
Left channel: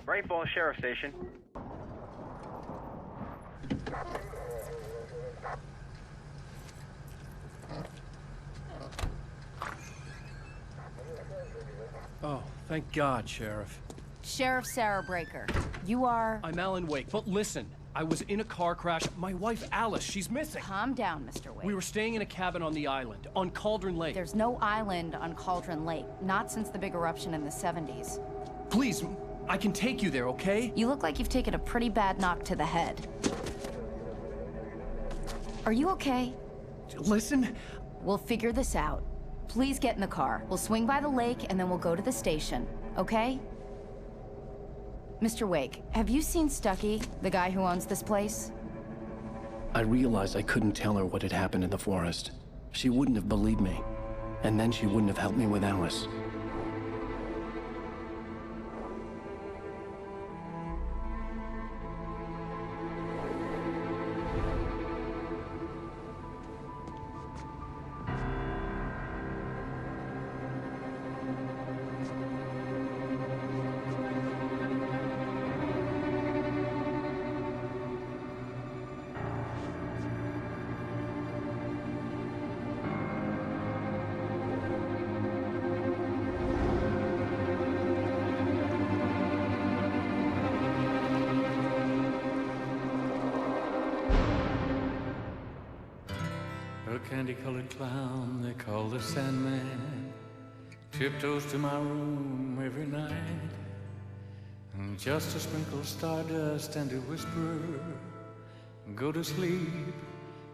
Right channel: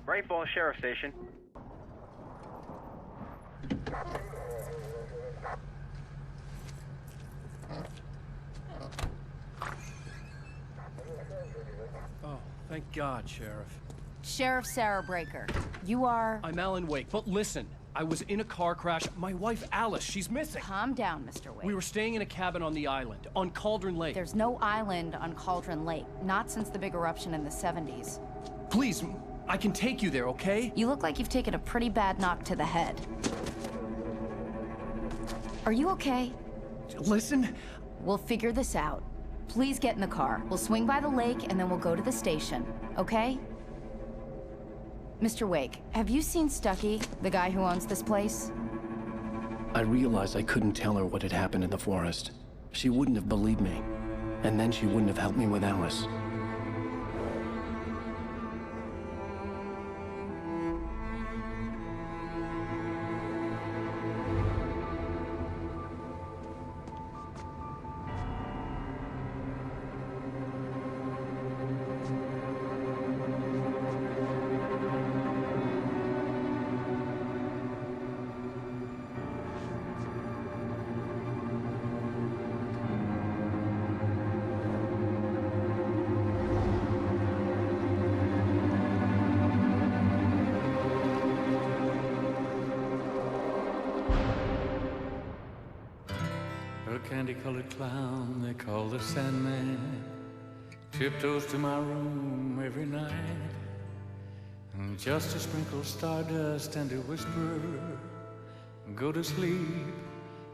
Bright Falls Sheriff Station. Oh, thank God, Sheriff. Sheriff Sarah Breaker. You are... I'm Alan Wake, but listen. I was in a car crash. My wife, Alice, she's missing. Calm down, Mr. Wake. We were staying in a cabin on the island, on Cauldron Lake. There's no island on Cauldron Lake. Not since the big eruption in the 70s. Please, I can take you there, okay? You look like you've taken a pretty bad knock to the head. Are you okay? Listen. We'll figure this out. Please get in the car. We'll swing by the lake and then we'll go to the station, okay? Mr. Wake, have you seen Stucky, the guy who owns this place? I realized I couldn't tell her what had happened in the forest. She wouldn't have believed me. And then she wouldn't have helped me with Alice. A candy-colored clown they call the Sandman tiptoes to my room every night, and just to sprinkle stardust and to whisper, go to sleep,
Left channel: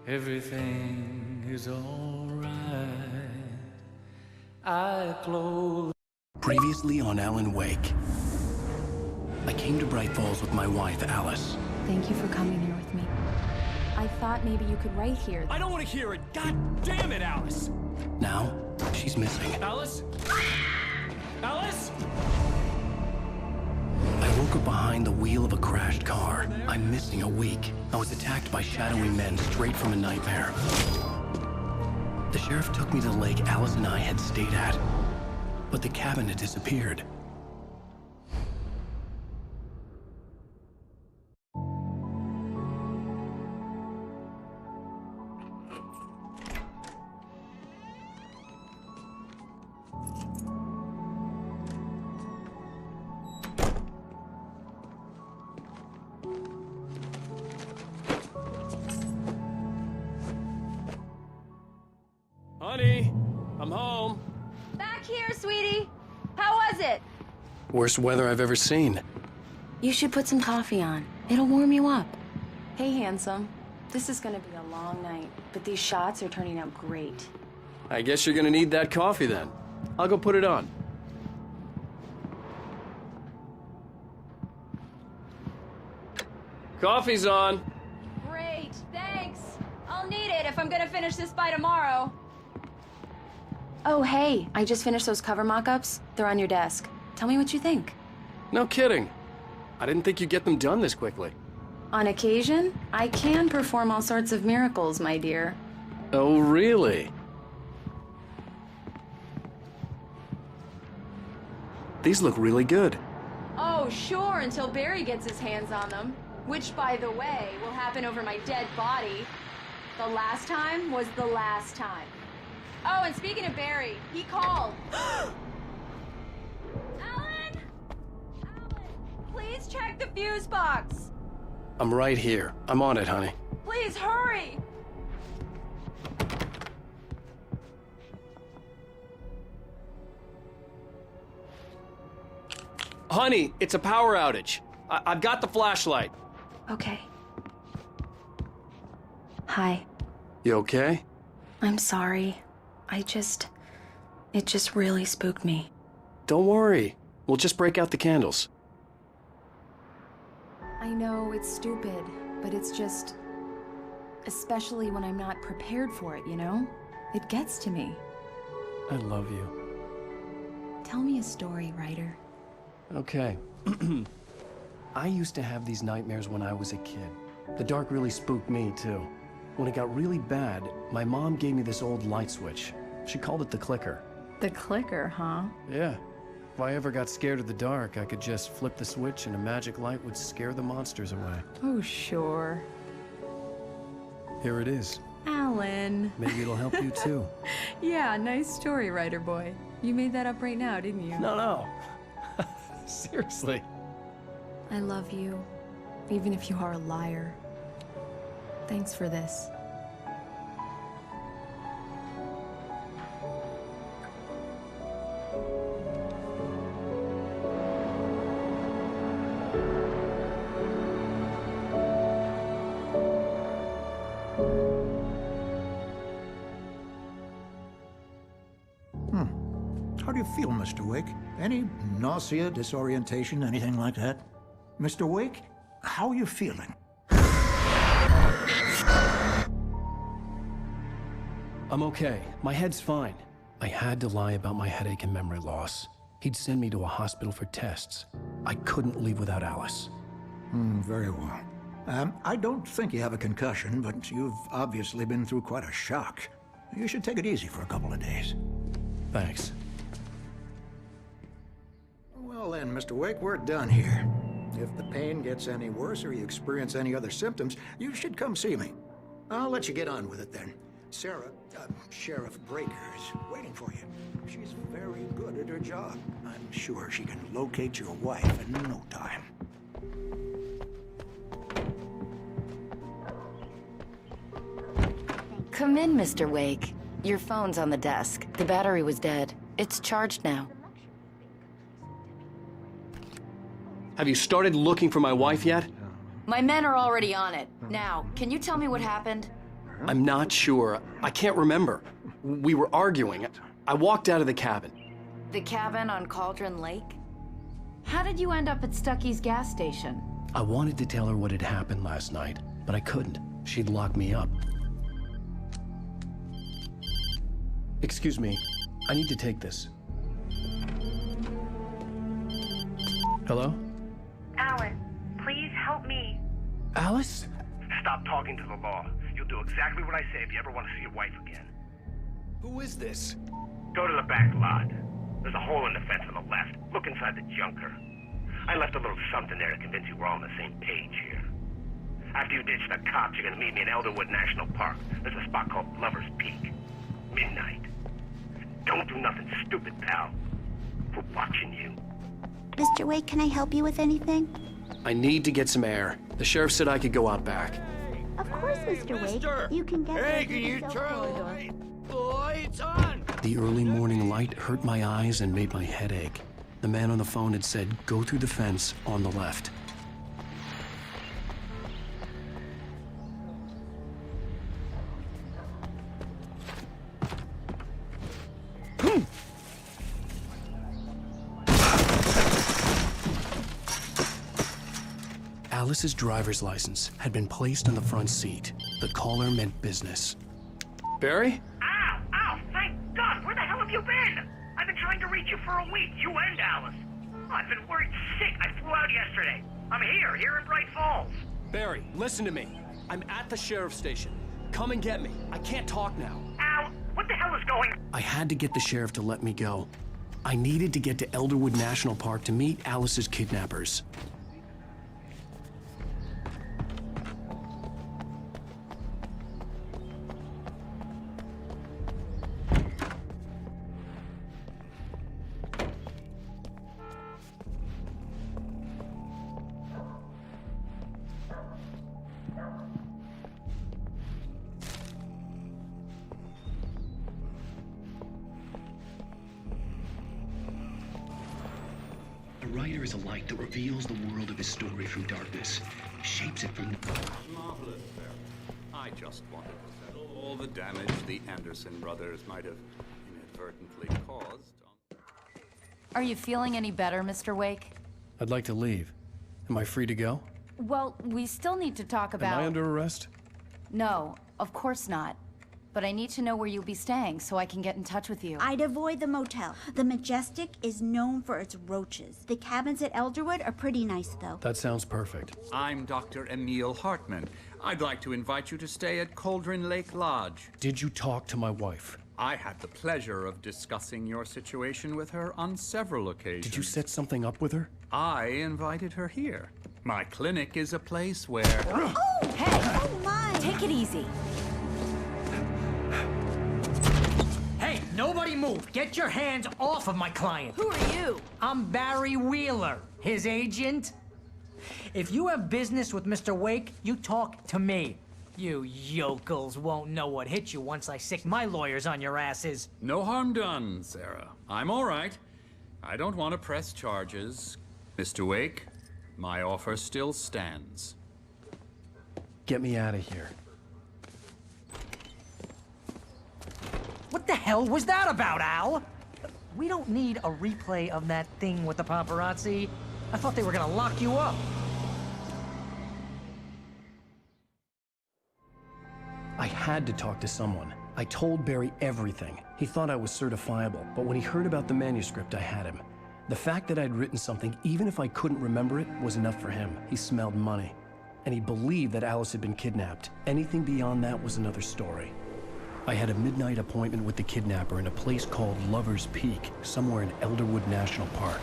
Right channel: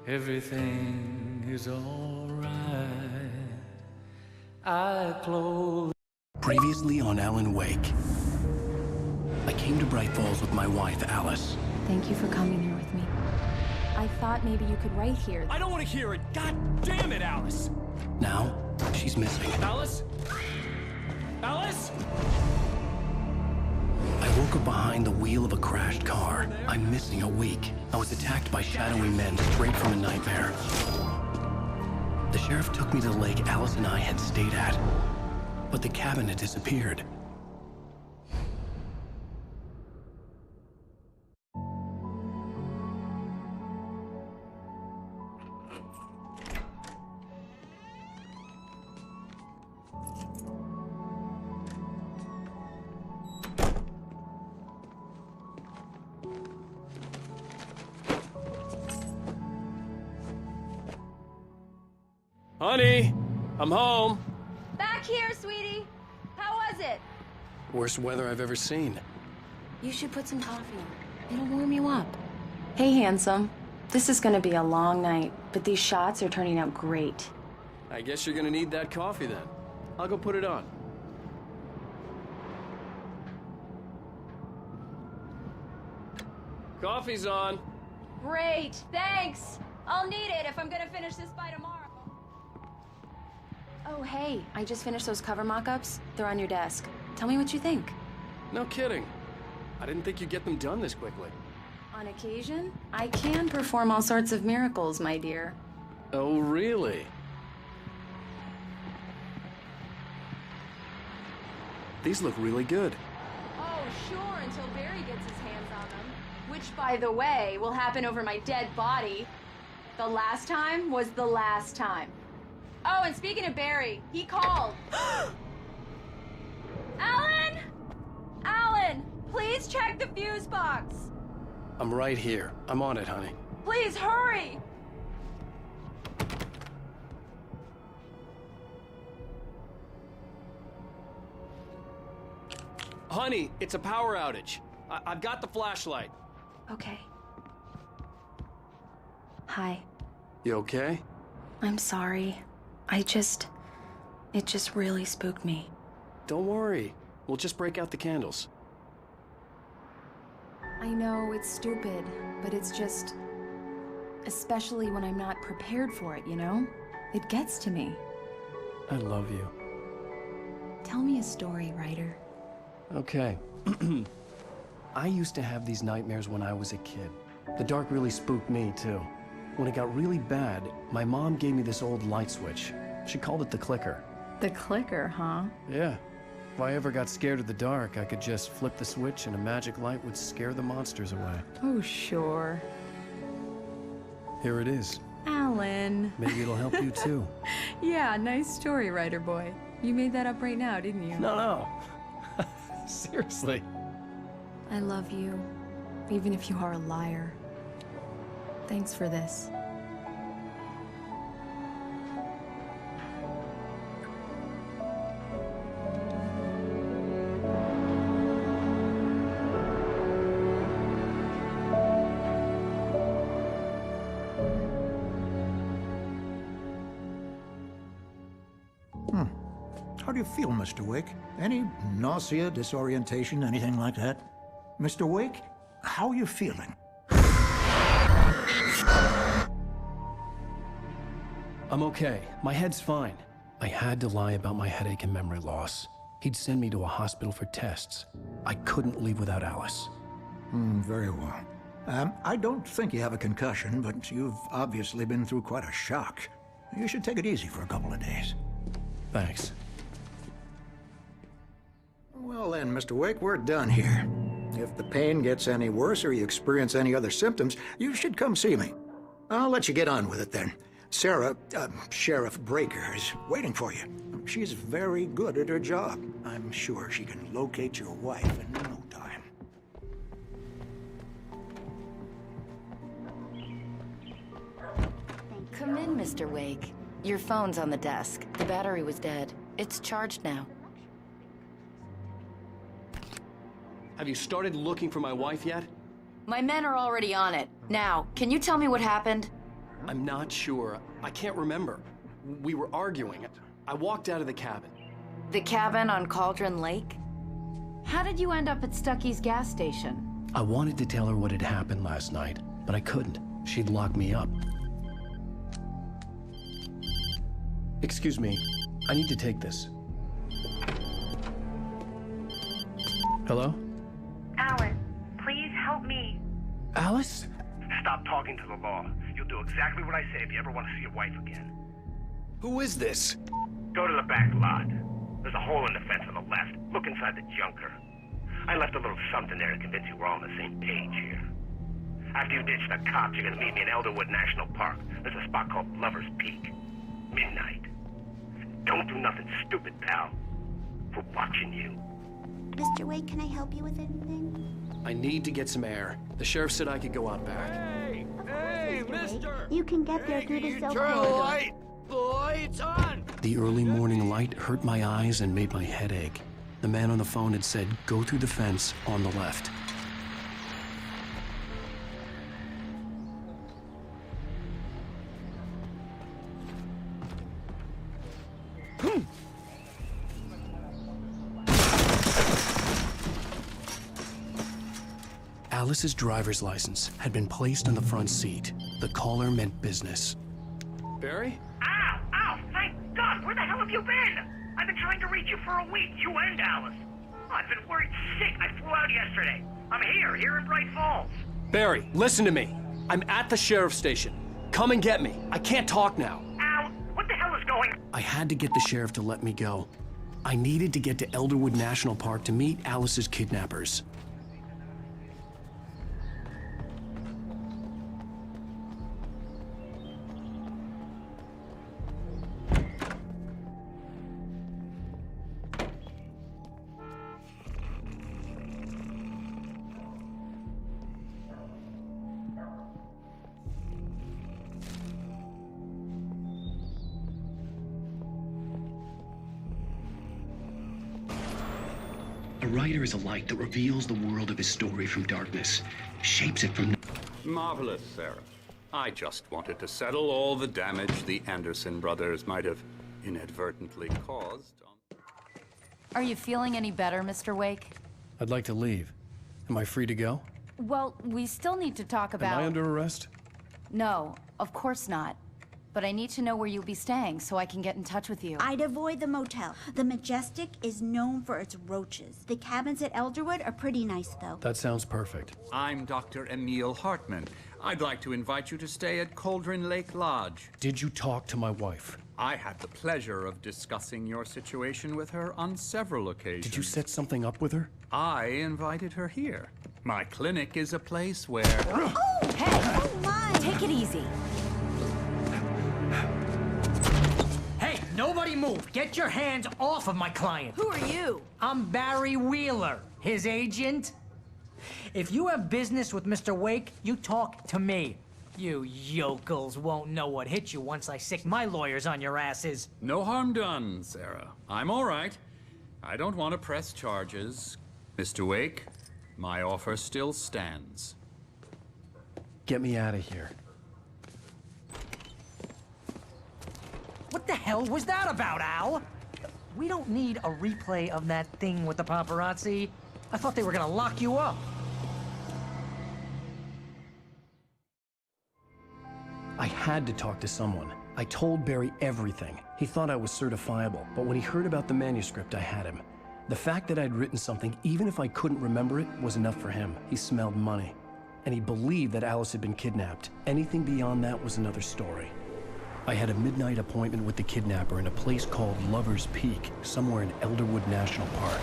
everything is all right. I close. Previously on Alan Wake, I came to Bright Falls with my wife, Alice. Thank you for coming here with me. I thought maybe you could write here. I don't want to hear it! God damn it, Alice! Now, she's missing. Alice? Alice? I woke up behind the wheel of a crashed car. I'm missing a week. I was attacked by shadowy men straight from a nightmare. The sheriff took me to the lake Alice and I had stayed at, but the cabin had disappeared. Honey, I'm home. Back here, sweetie. How was it? Worst weather I've ever seen. You should put some coffee on. It'll warm you up. Hey, handsome. This is gonna be a long night, but these shots are turning out great. I guess you're gonna need that coffee then. I'll go put it on. Coffee's on. Great, thanks. I'll need it if I'm gonna finish this by tomorrow. Oh, hey, I just finished those cover mock-ups. They're on your desk. Tell me what you think. No kidding. I didn't think you'd get them done this quickly. On occasion, I can perform all sorts of miracles, my dear. Oh, really? These look really good. Oh, sure, until Barry gets his hands on them. Which, by the way, will happen if the last time. Alan! Alan! Please check the fuse box! I'm right here. I'm on it, honey. Please hurry! Honey, it's a power outage. I've got the flashlight. Okay. Hi. You okay? I'm sorry. It just really spooked me. Don't worry. We'll just break out the candles. I know it's stupid, but it's just... especially when I'm not prepared for it, you know? It gets to me. I love you. Tell me a story, writer. Okay. I used to have these nightmares when I was a kid. The dark really spooked me, too. When it got really bad, my mom gave me this old light switch. She called it the clicker. The clicker, huh? Yeah. If I ever got scared of the dark, I could just flip the switch and a magic light would scare the monsters away. Oh, sure. Here it is. Alan. Maybe it'll help you, too. Yeah, nice story, writer boy. You made that up right now, didn't you? No. Seriously. I love you, even if you are a liar. Thanks for this. How do you feel, Mr. Wake? Any nausea, disorientation, anything like that? Mr. Wake, how are you feeling? I'm okay. My head's fine. I had to lie about my headache and memory loss. He'd send me to a hospital for tests. I couldn't leave without Alice. Very well. I don't think you have a concussion, but you've obviously been through quite a shock. You should take it easy for a couple of days. Thanks. Well then, Mr. Wake, we're done here. If the pain gets any worse or you experience any other symptoms, you should come see me. I'll let you get on with it then. Sarah, Sheriff Breaker, is waiting for you. She's very good at her job. I'm sure she'll go that way in no time. Come in, Mr. Wake. Your phone's on the desk. The battery was dead. It's charged now. Have you started looking for my wife yet? My men are already on it. Now, can you tell me what happened? I'm not sure. I can't remember. We were arguing. I walked out of the cabin. The cabin on Cauldron Lake? How did you end up at Stucky's gas station? I wanted to tell her what had happened last night, but I couldn't. she'd lock me up. Excuse me, I need to take this. Hello? Alan, please help me. Alice? Stop talking to the law. You'll do exactly what I say if you ever want to see your wife again. Who is this? Go to the back lot. There's a hole in the fence on the left. Look inside the junker. I left a little something there to convince you we're all on the same page here. After you ditch the cops, you're gonna meet me in Elderwood National Park. There's a spot called Lover's Peak. Midnight. Don't do nothing stupid, pal. We're watching you. Mr. Wake, can I help you with anything? I need to get some air. The sheriff said I could go out back. Hey, mister! Hey, can you turn the light? The early morning light hurt my eyes and made my head ache. The man on the phone had said, go through the fence on the left. Alice's driver's license had been placed on the front seat. The caller meant business. Barry? Ow! Ow! Thank God! Where the hell have you been? I've been trying to reach you for a week, you and Alice. Oh, I've been worried sick. I flew out yesterday. I'm here in Bright Falls. Barry, listen to me. I'm at the sheriff's station. Come and get me. I can't talk now. Al, what the hell is going on? I had to get the sheriff to let me go. I needed to get to Elderwood National Park to meet Alice's kidnappers. A writer is a light that reveals the world of his story from darkness, shapes it from... Marvelous, Sarah. I just wanted to settle all the damage the Anderson brothers might have inadvertently caused. Are you feeling any better, Mr. Wake? I'd like to leave. Am I free to go? Well, we still need to talk about... Am I under arrest? No, of course not. But I need to know where you'll be staying so I can get in touch with you. I'd avoid the motel. The Majestic is known for its roaches. The cabins at Elderwood are pretty nice, though. That sounds perfect. I'm Dr. Emil Hartman. I'd like to invite you to stay at Cauldron Lake Lodge. Did you talk to my wife? I had the pleasure of discussing your situation with her on several occasions. Did you set something up with her? I invited her here. My clinic is a place where... Oh, hey! Oh, my! Take it easy. Hey, nobody move! Get your hands off of my client! Who are you? I'm Barry Wheeler, his agent. If you have business with Mr. Wake, you talk to me. You yokels won't know what hit you once I sick my lawyers on your asses. No harm done, Sarah. I'm all right. I don't want to press charges. Mr. Wake, my offer still stands. Get me out of here. What the hell was that about, Al? We don't need a replay of that thing with the paparazzi. I thought they were gonna lock you up. I had to talk to someone. I told Barry everything. He thought I was certifiable, but when he heard about the manuscript, I had him. The fact that I'd written something, even if I couldn't remember it, was enough for him. He smelled money. And he believed that Alice had been kidnapped. Anything beyond that was another story. I had a midnight appointment with the kidnapper in a place called Lover's Peak, somewhere in Elderwood National Park.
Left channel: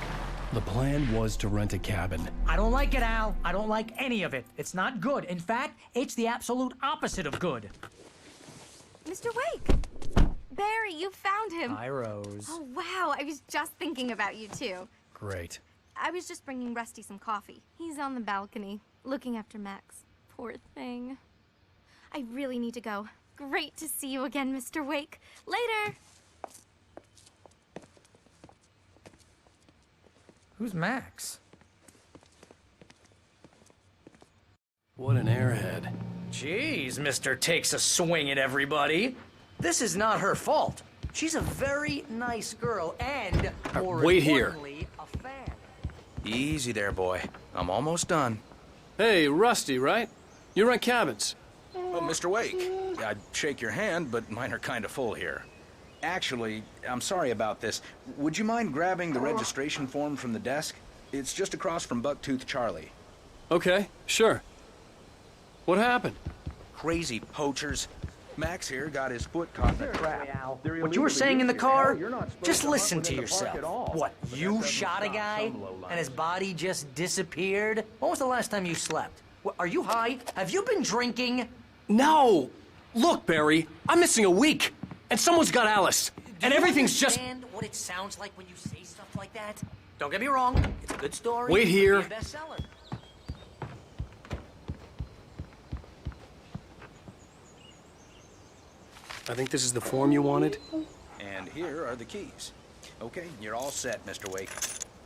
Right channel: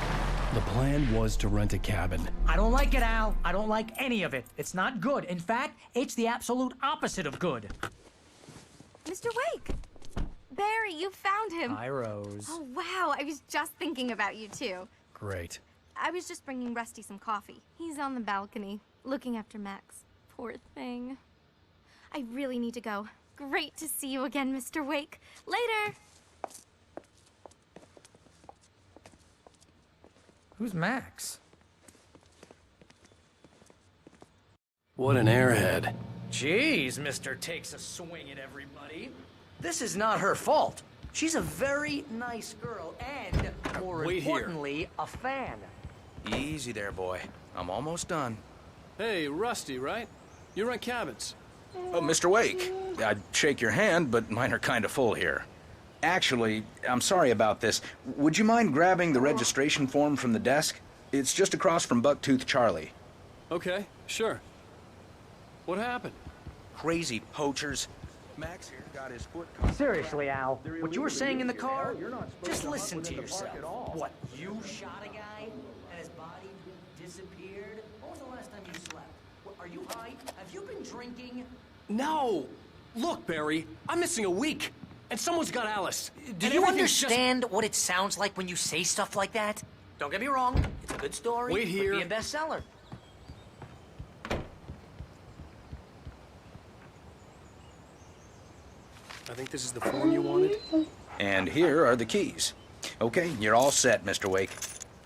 The plan was to rent a cabin. I don't like it, Al. I don't like any of it. It's not good. In fact, it's the absolute opposite of good. Mr. Wake! Barry, you found him. Hi, Rose. Oh, wow. I was just thinking about you, too. Great. I was just bringing Rusty some coffee. He's on the balcony, looking after Max. Poor thing. I really need to go. Great to see you again, Mr. Wake. Later! Who's Max? What an airhead. Jeez, Mr. Takes a swing at everybody. This is not his fault. She's a very nice girl and... Wait here. A fan. Easy there, boy. I'm almost done. Hey, Rusty, right? You rent cabins. Oh, Mr. Wake, I'd shake your hand, but mine are kind of full here. Actually, I'm sorry about this. Would you mind grabbing the registration form from the desk? It's just across from Bucktooth Charlie. Okay, sure. What happened? Max here got his foot caught. Seriously, Al, what you were saying in the car, just listen to yourself. What, you shot a guy and his body just disappeared? When was the last time you slept? What, are you high? Have you been drinking? No! Look, Barry, I'm missing a week, and someone's got Alice. Do and you everything's just... understand what it sounds like when you say stuff like that? Don't get me wrong. Wait here. Bestseller. I think this is the form you wanted. And here are the keys. Okay, you're all set, Mr. Wake.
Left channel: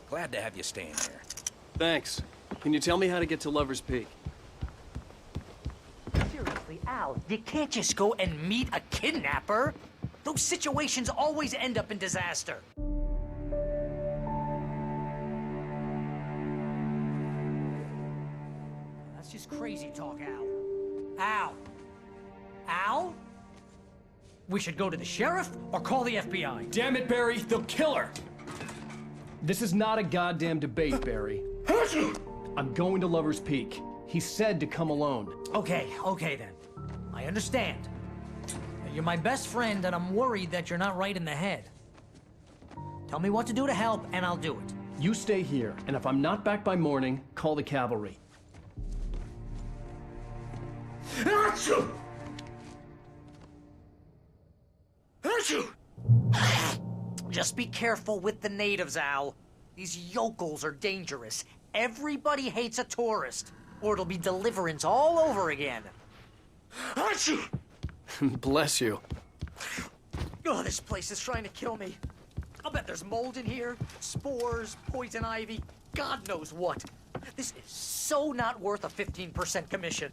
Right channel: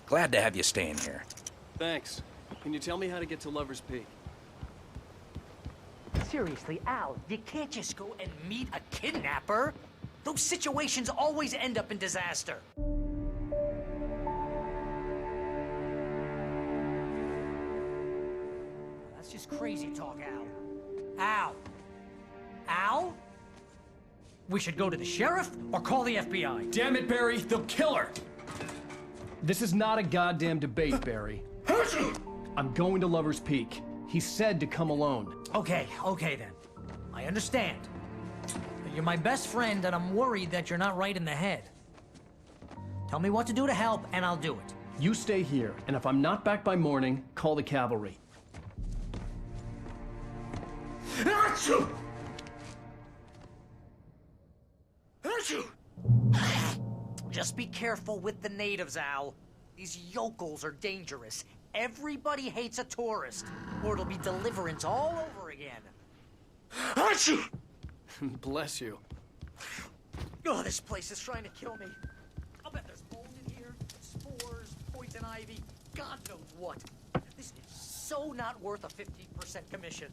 Glad to have you staying here. Thanks. Can you tell me how to get to Lover's Peak? Seriously, Al, you can't just go and meet a kidnapper. Those situations always end up in disaster. That's just crazy talk, Al. Al? Al? We should go to the sheriff or call the FBI. Damn it, Barry, they'll kill her! This is not a goddamn debate, Barry. I'm going to Lover's Peak. He said to come alone. Okay then. I understand. You're my best friend, and I'm worried that you're not right in the head. Tell me what to do to help, and I'll do it. You stay here, and if I'm not back by morning, call the cavalry. Achoo! Just be careful with the natives, Al. These yokels are dangerous. Everybody hates a tourist, or it'll be deliverance all over again. Bless you. Oh, this place is trying to kill me. I'll bet there's mold in here, spores, poison ivy, God knows what. This is so not worth a 15% commission.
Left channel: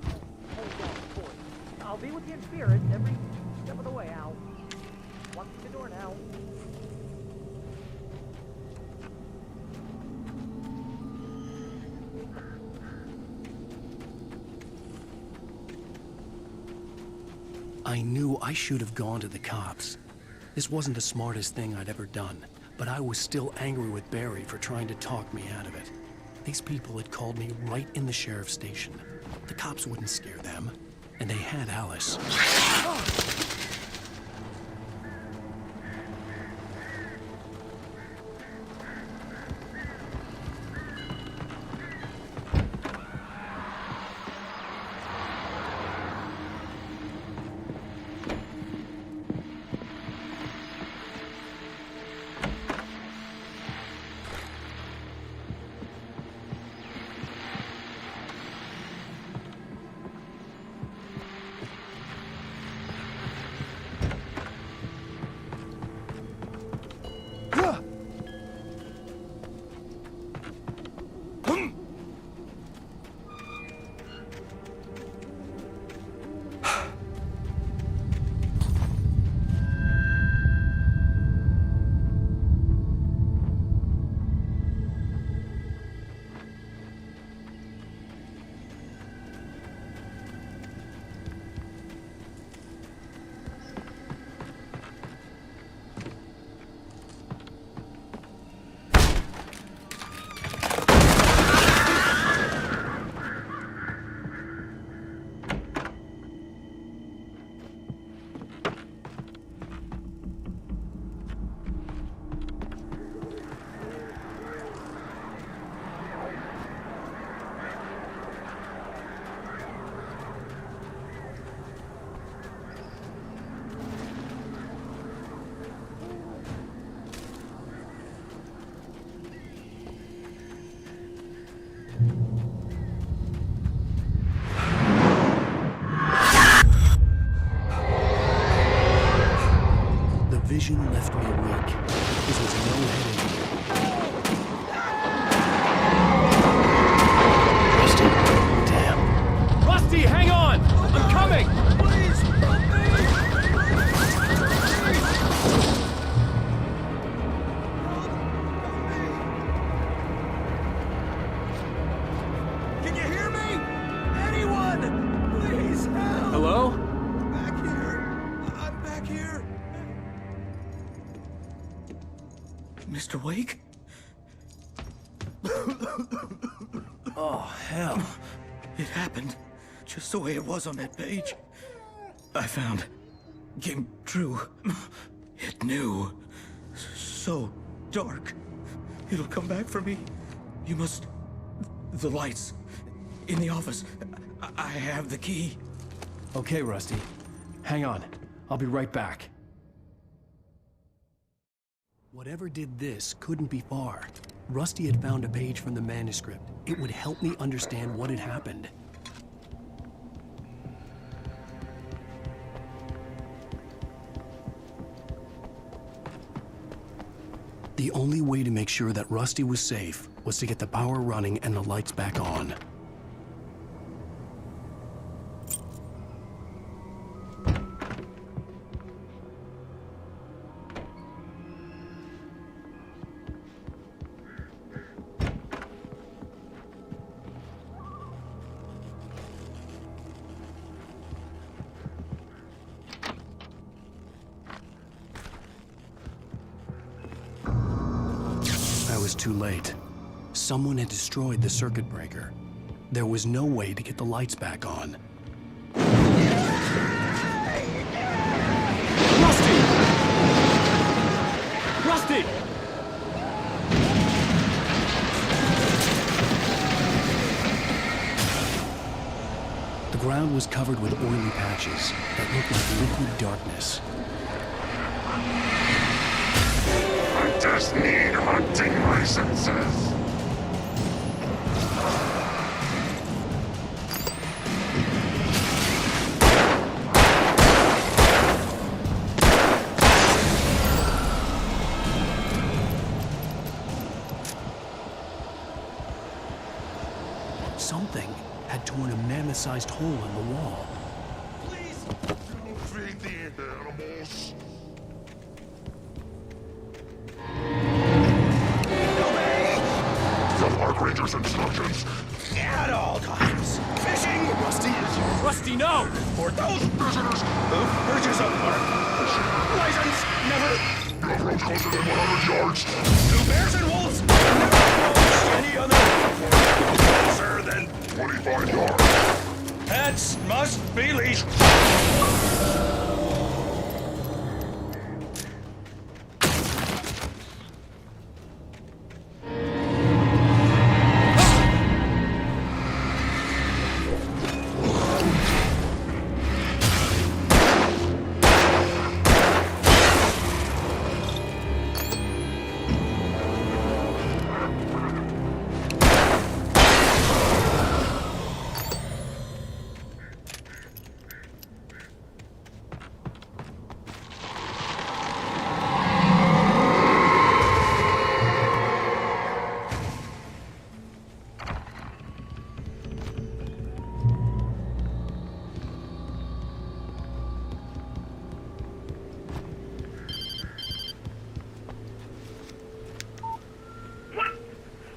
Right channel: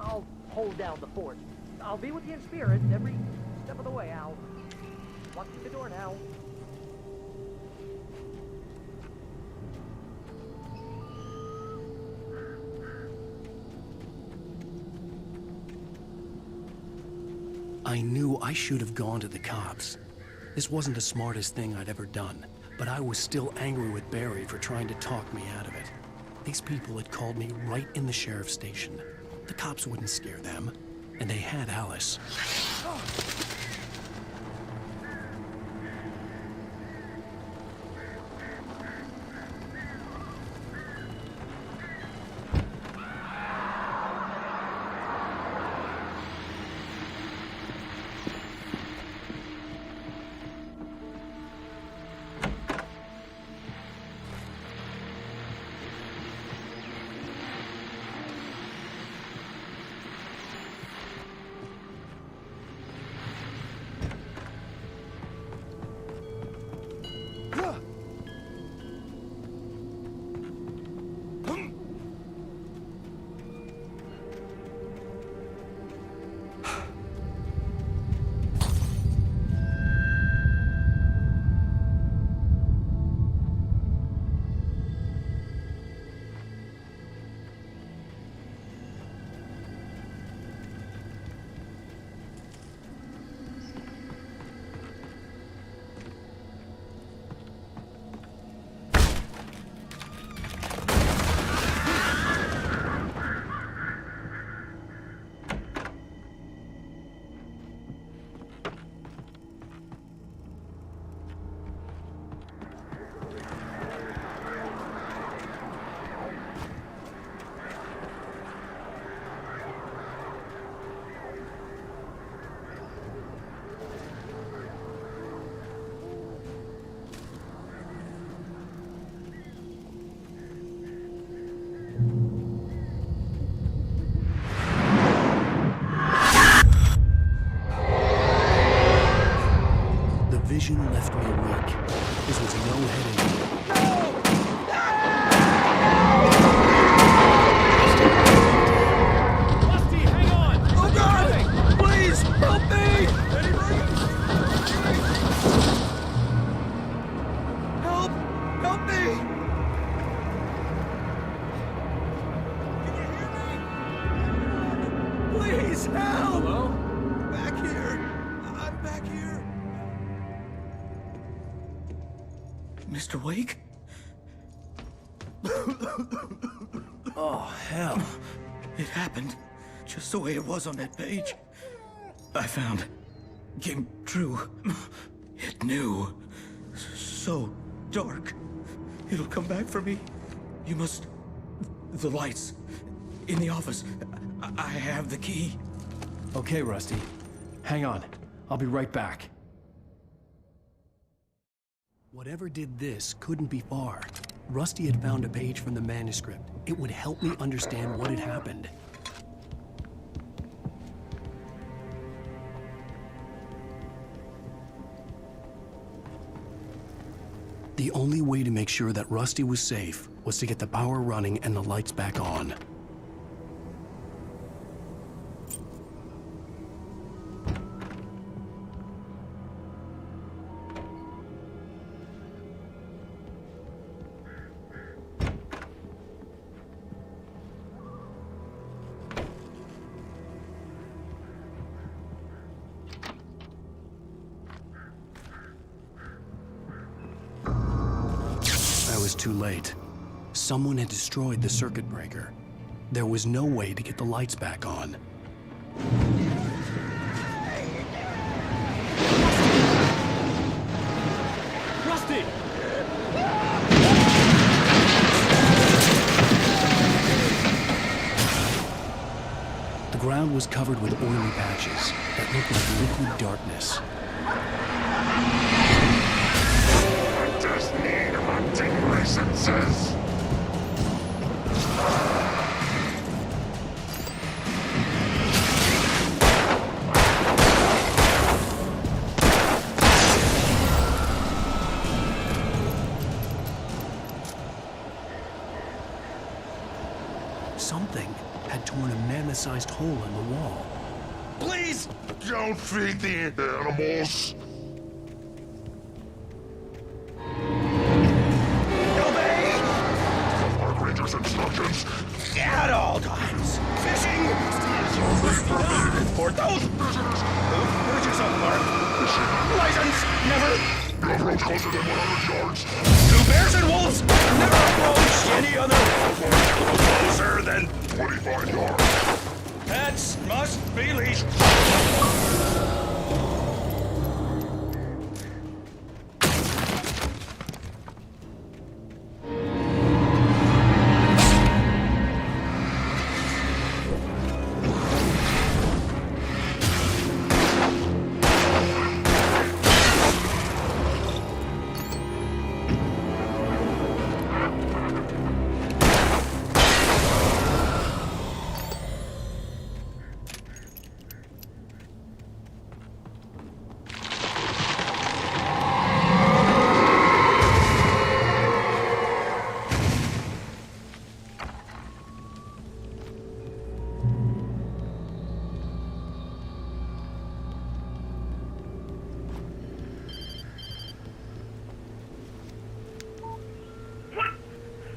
I'll hold down the fort. I knew I should have gone to the cops. This wasn't the smartest thing I'd ever done, but I was still angry with Barry for trying to talk me out of it. These people had called me right in the sheriff's station. The cops wouldn't scare them, and they had Alice. The vision left me weak. is with no head injury. Rusty, hang on! I'm coming! Please, help me! Help! Help me! Can you hear me? Anyone? Please, help! Hello? Back here. I'm back here. Mr. Wake? Oh, hell. It happened just the way it was on that page. I found. Came true. It knew. So dark. It'll come back for me. You must. The lights. In the office. I have the key. Okay, Rusty. Hang on. I'll be right back. Whatever did this couldn't be far. Rusty had found a page from the manuscript. It would help me understand what had happened. The only way to make sure that Rusty was safe was to get the power running and the lights back on. I was too late. Someone had destroyed the circuit breaker. There was no way to get the lights back on. Rusty! Rusty! The ground was covered with oily patches that looked like liquid darkness. I just need hunting licenses. Something had torn a mammoth-sized hole in the wall. Please don't feed the animals. Obey! The Park Ranger's instructions. At all times. Fishing Rusty, no! for those Visitors. who purchase a park. License never. You approach closer than 100 yards. To bears and wolves, never approach any other. Closer than 25 yards. pets must be leashed.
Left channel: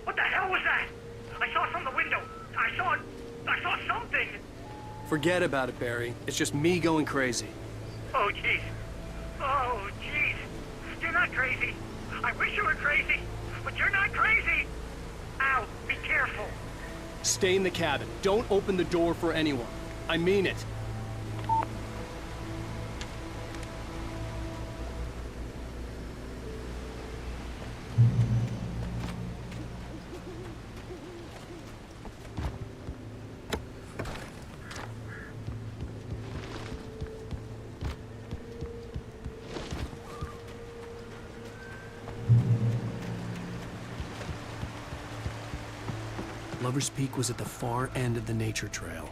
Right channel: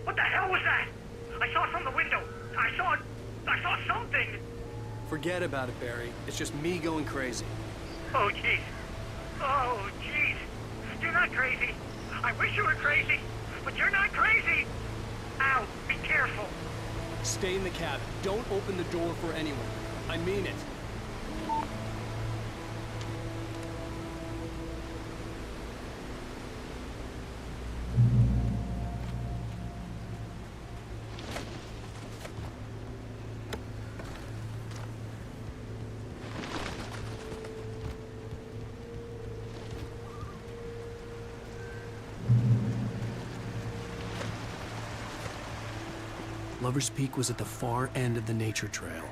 What the hell was that? I saw it from the window. I saw something. Forget about it, Barry. It's just me going crazy. Oh, jeez. Oh, jeez. You're not crazy. I wish you were crazy, but you're not crazy. Ow, be careful. Stay in the cabin. Don't open the door for anyone. I mean it. Lover's Peak was at the far end of the nature trail.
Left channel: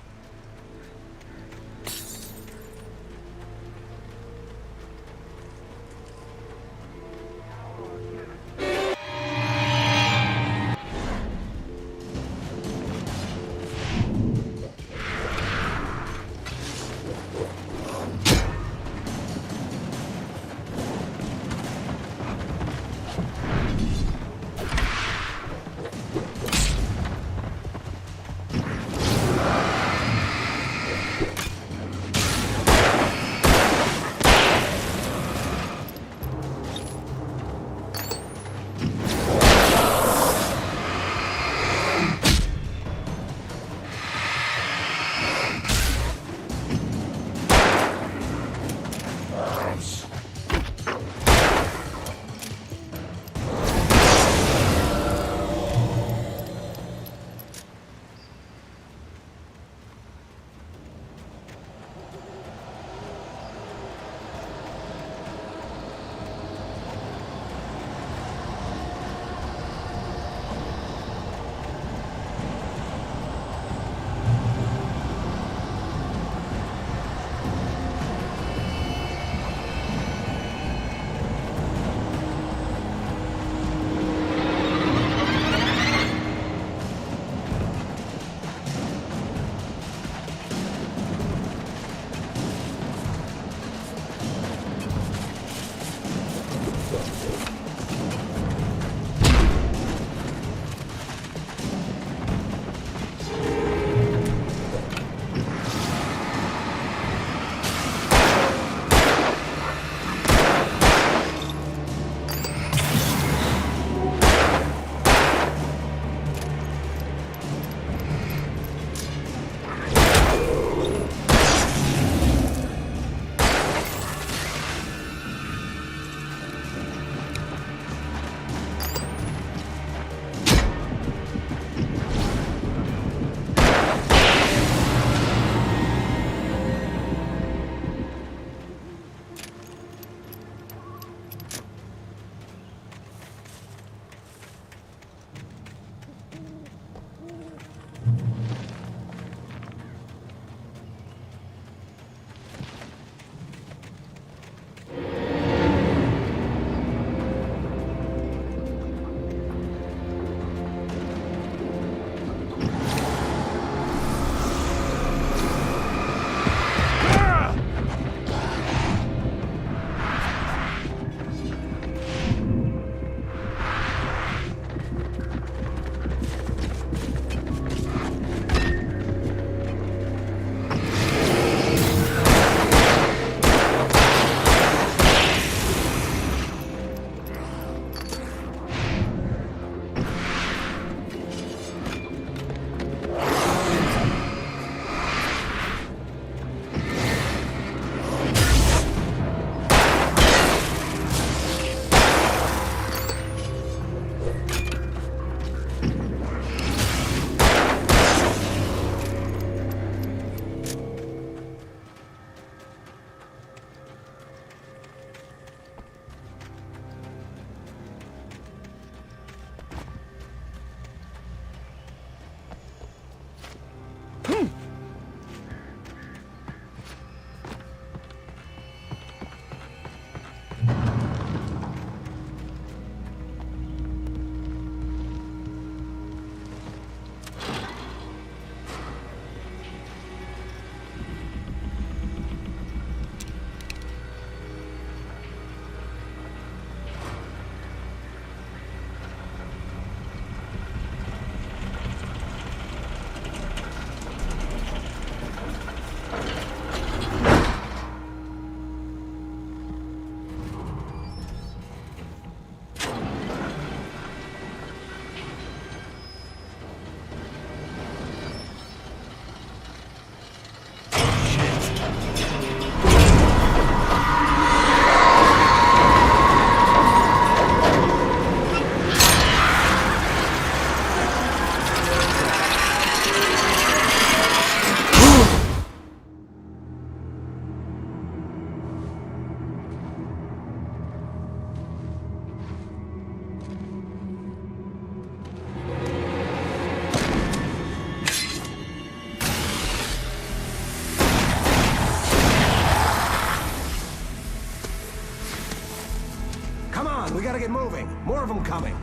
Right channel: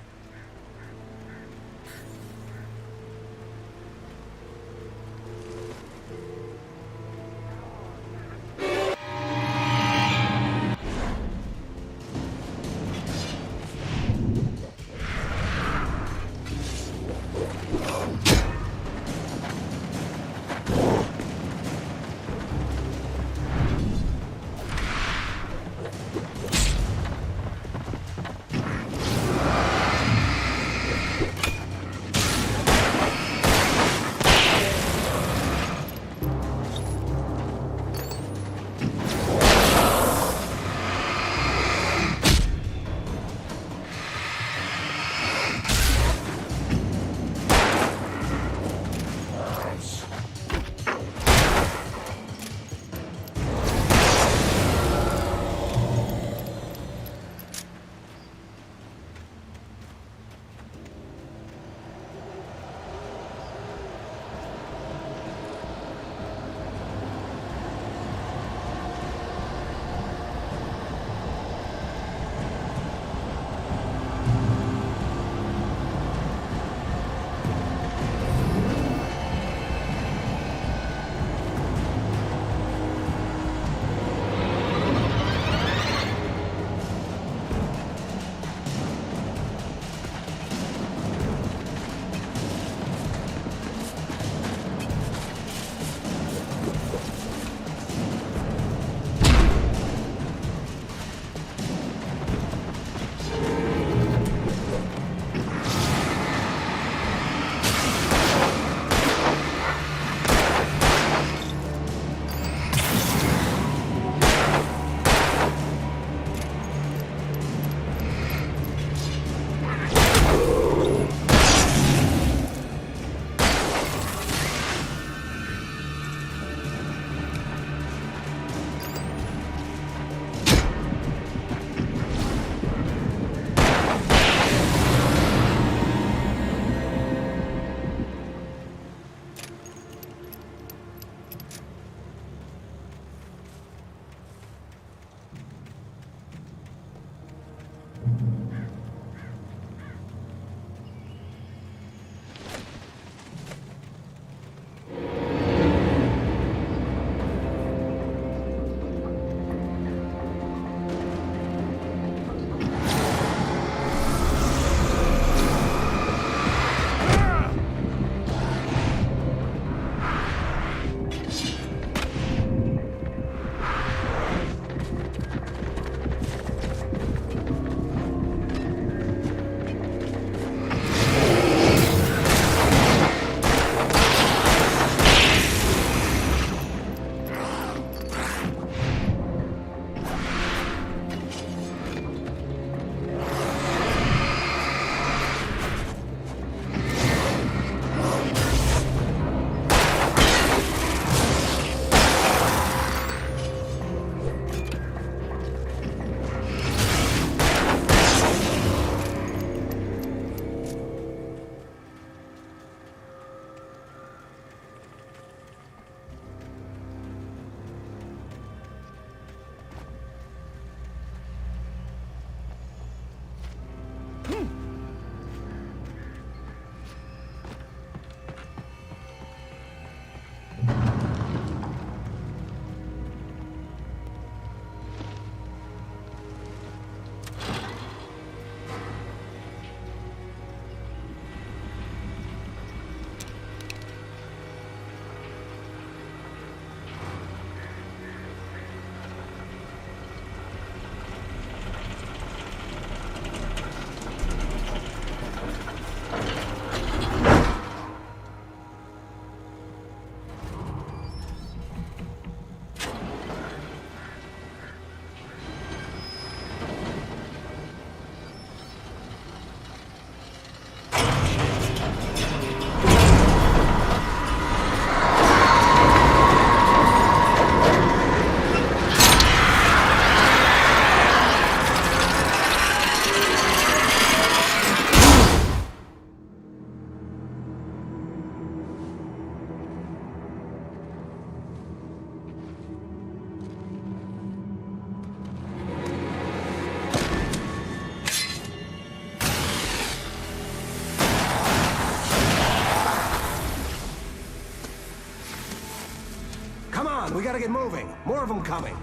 on, we gotta get moving. More of them coming.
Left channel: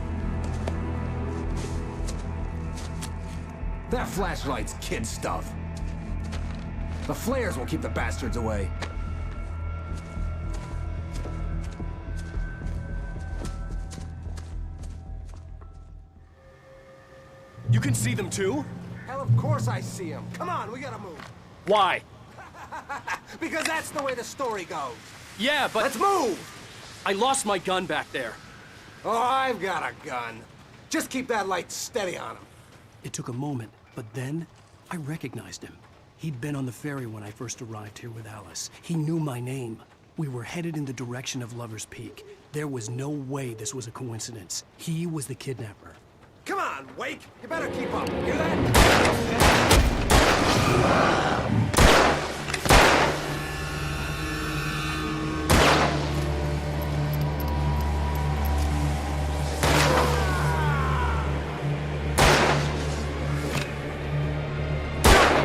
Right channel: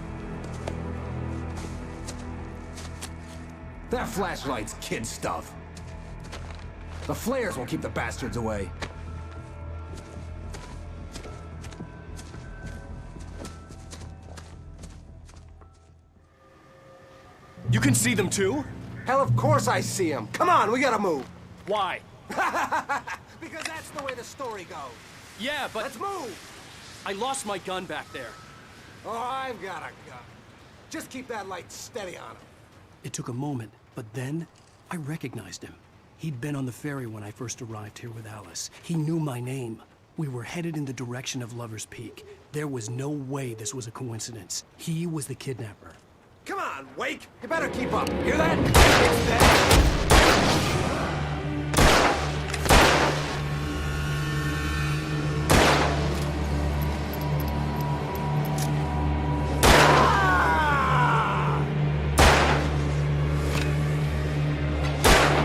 That flashlight's kid stuff. The flares will keep the bastards away. You can see them too? Hell, of course I see them. Come on, we gotta move. Why? Because that's the way the story goes. Yeah, but... Let's move! I lost my gun back there. Oh, I've got a gun. Just keep that light steady on him. It took a moment, but then I recognized him. He'd been on the ferry when I first arrived here with Alice. He knew my name. We were headed in the direction of Lover's Peak. There was no way this was a coincidence. He was the kidnapper. Come on, Wake! You better keep up. Hear that?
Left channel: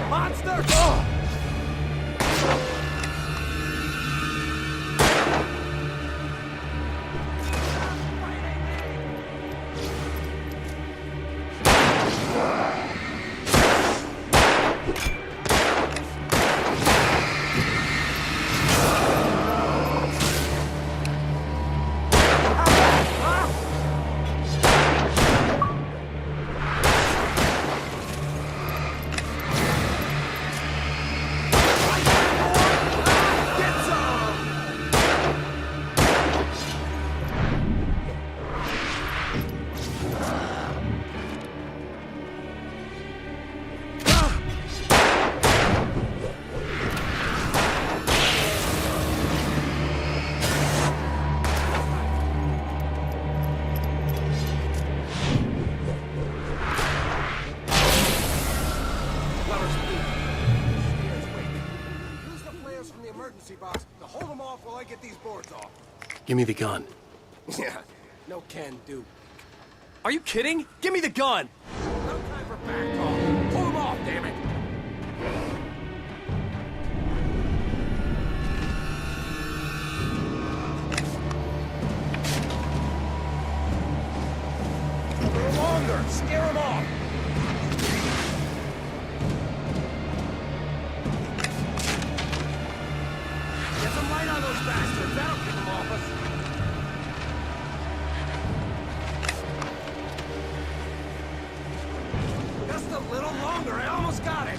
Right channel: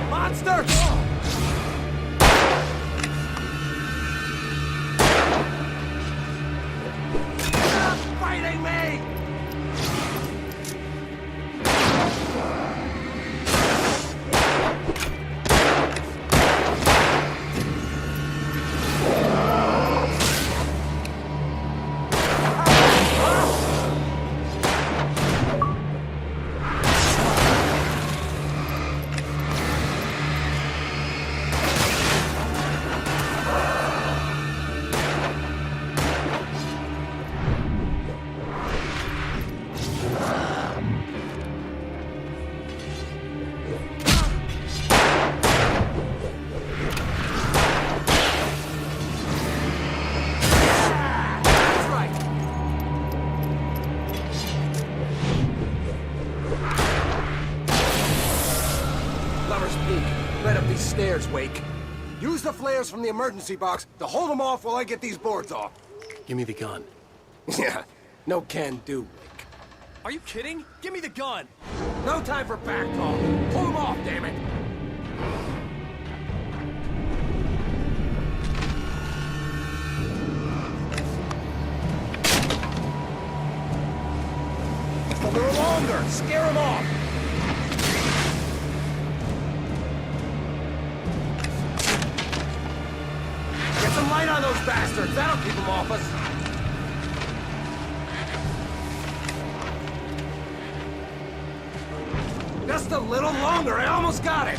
Monster! Oh! Fighting me! Right up these stairs, Wake. Use the flares from the emergency box to hold them off while I get these boards off. Give me the gun. Yeah, no can do, Wake. Are you kidding? Give me the gun! No time for back. Just a little longer, I almost got it.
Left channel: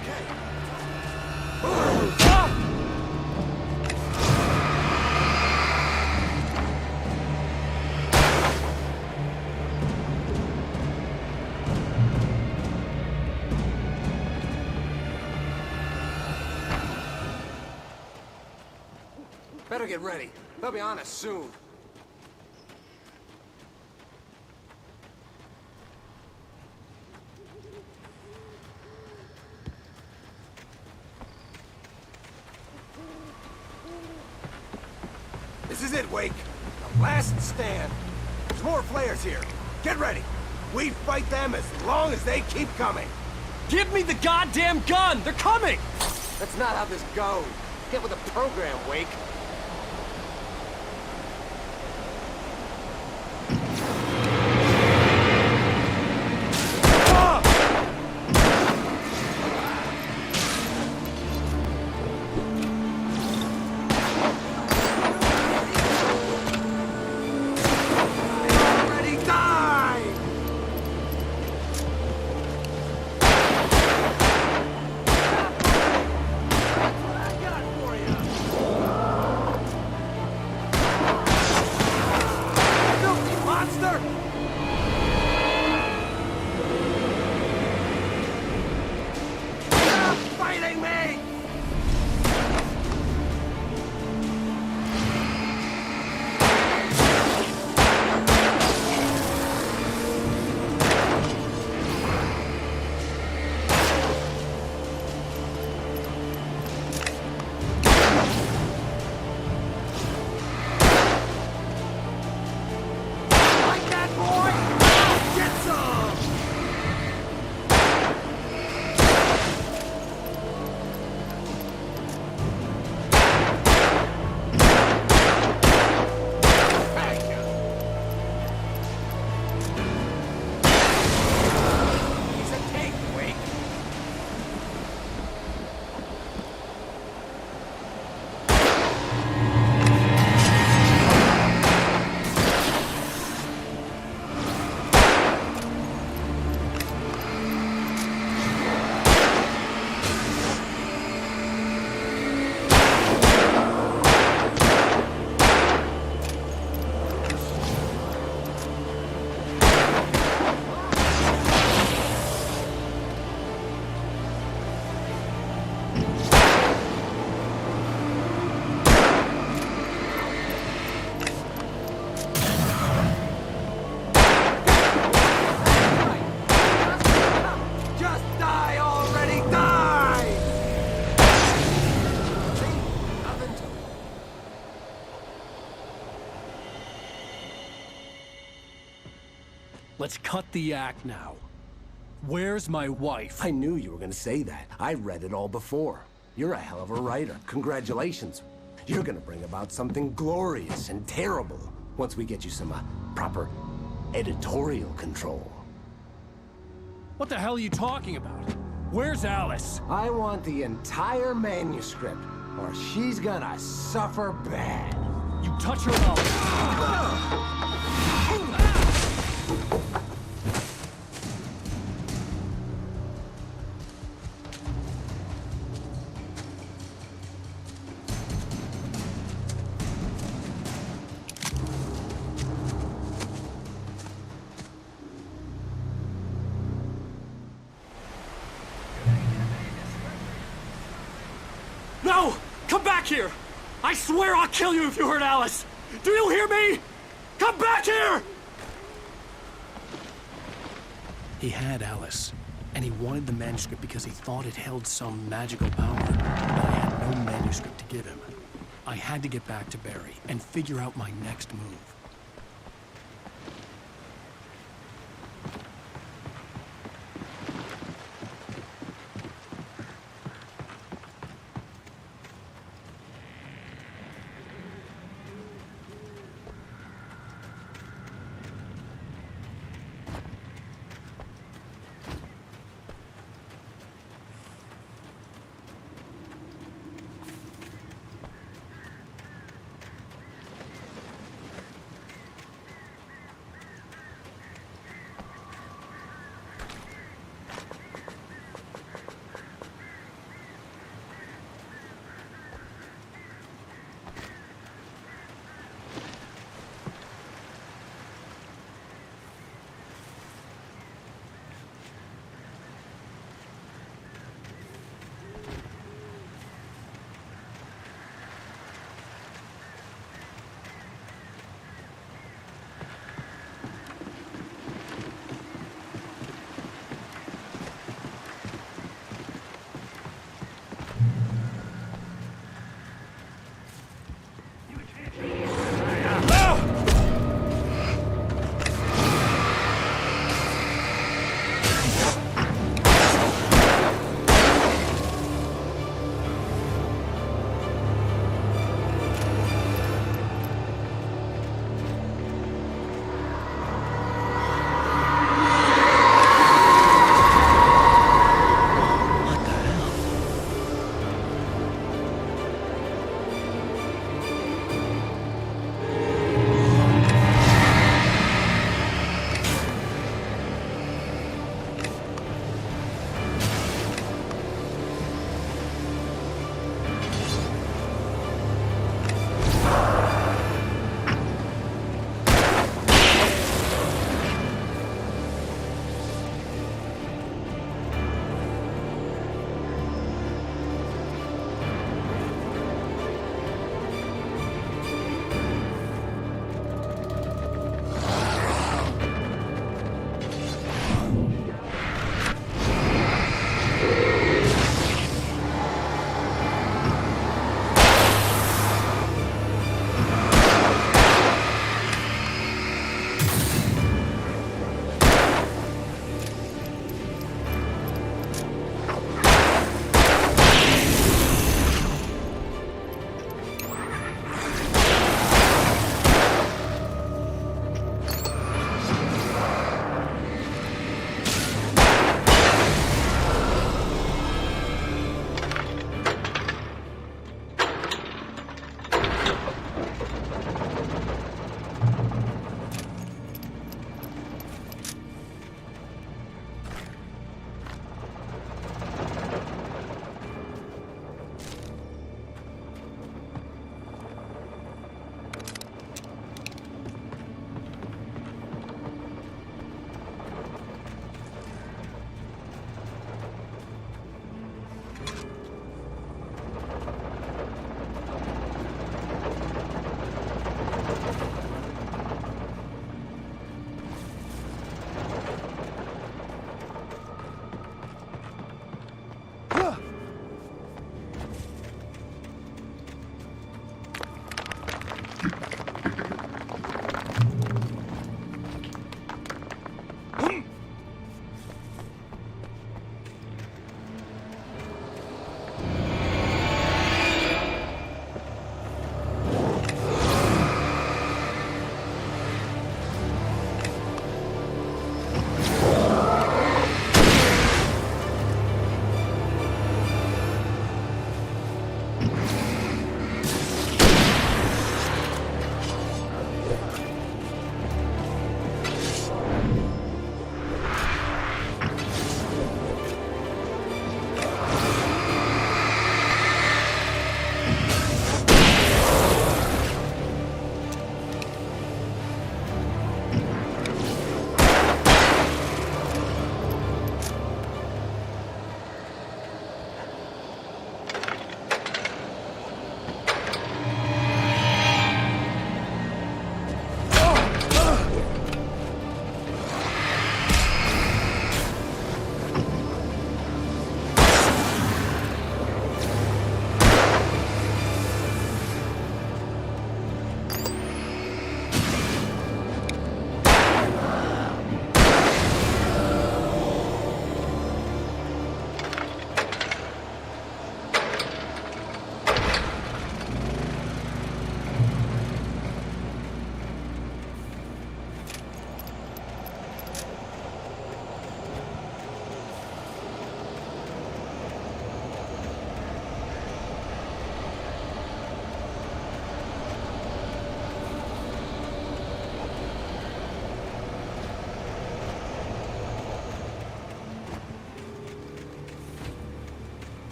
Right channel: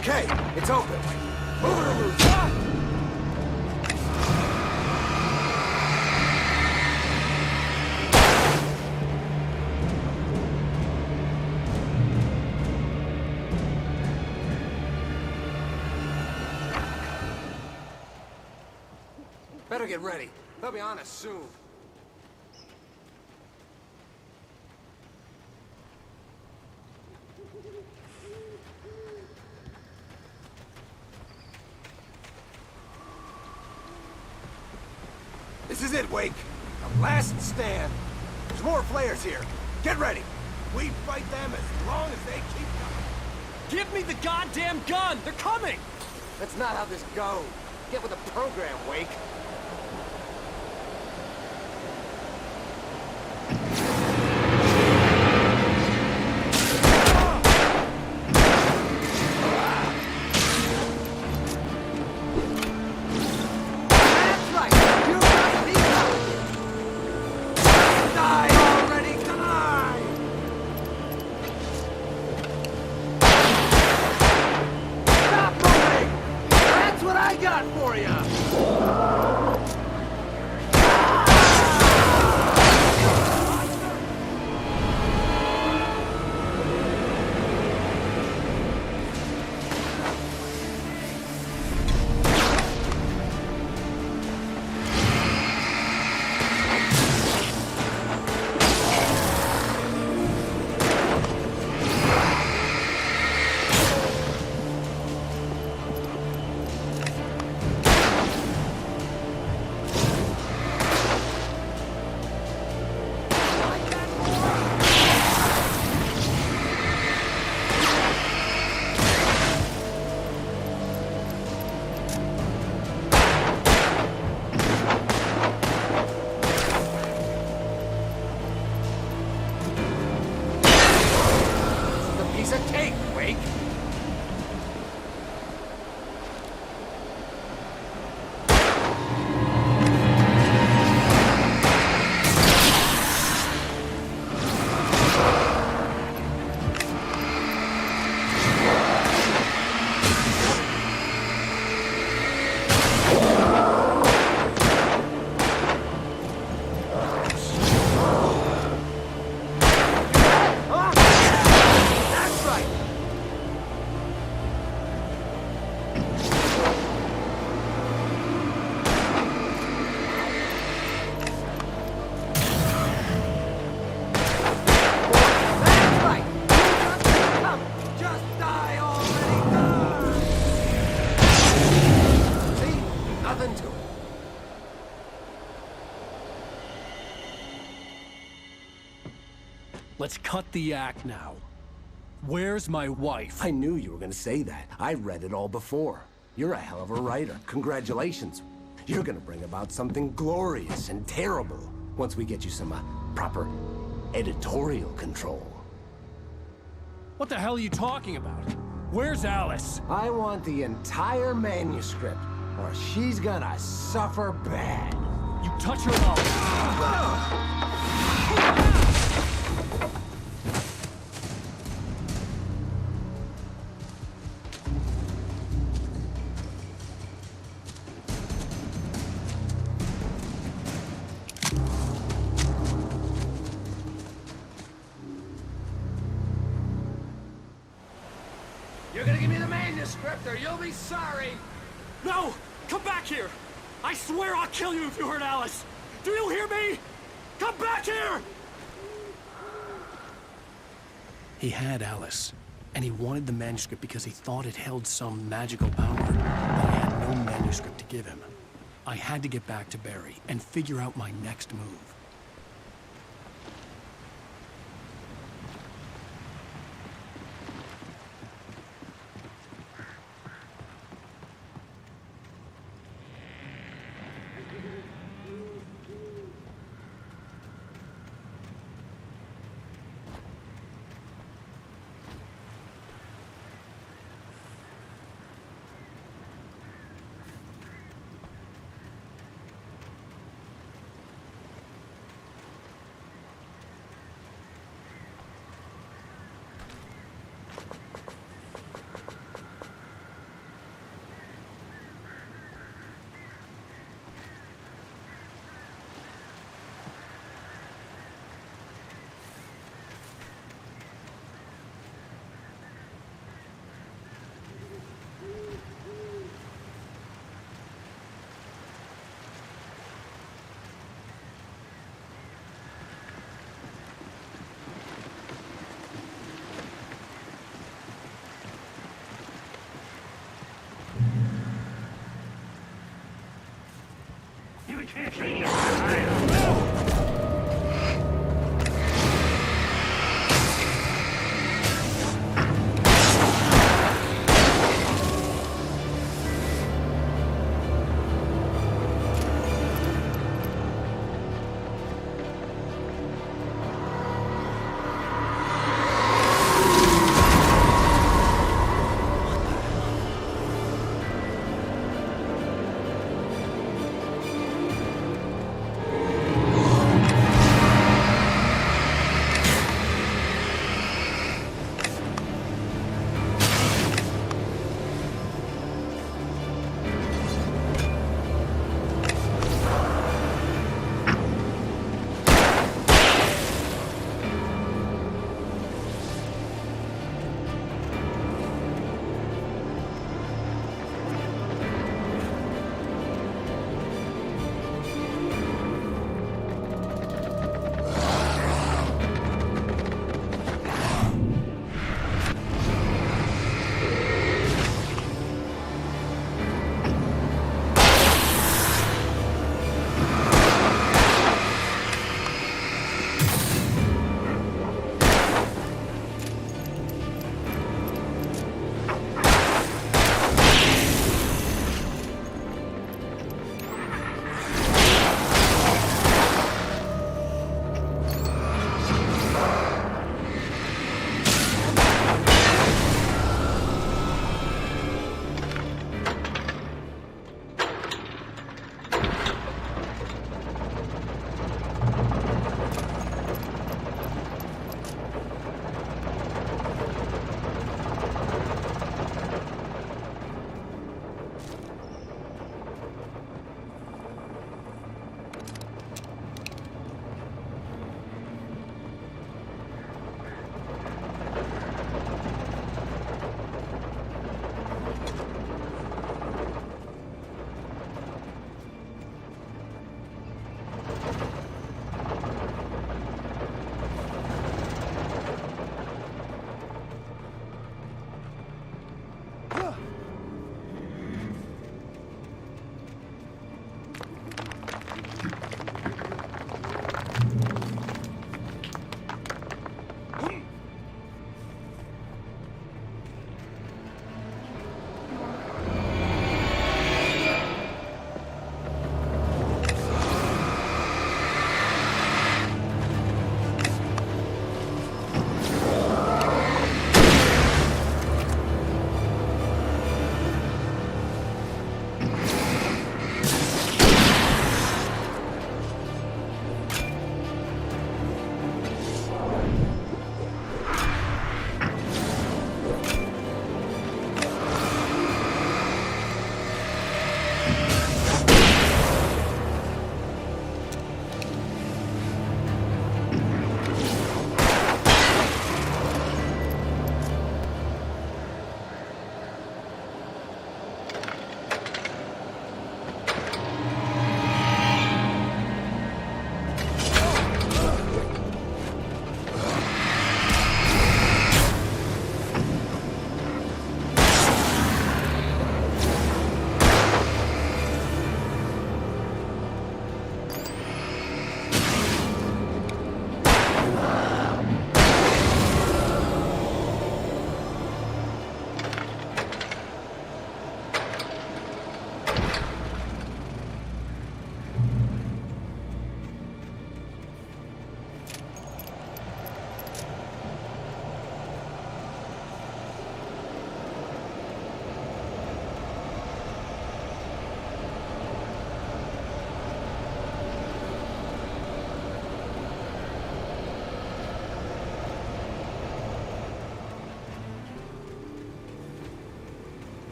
Okay, it's open. Move or lose. Ah! They'll be on us soon. We fight them as long as they keep coming. Give me the goddamn gun! They're coming! That's not how this goes. Get with the program, Wake. nothing to it. Let's cut the act now. Where's my wife? I knew you were gonna say that. I read it all before. You're a hell of a writer. Congratulations. You're gonna bring about something glorious and terrible once we get you some proper editorial control. What the hell are you talking about? Where's Alice? I want the entire manuscript, or she's gonna suffer bad. You touch her and I'll... You're gonna give me the manuscript, or you'll be sorry. No! Come back here! I swear I'll kill you if you hurt Alice! Do you hear me? Come back here! He had Alice, and he wanted the manuscript because he thought it held some magical power, but I had no manuscript to give him. I had to get back to Barry and figure out my next move.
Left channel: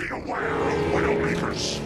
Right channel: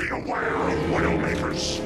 Beware of Widowmakers.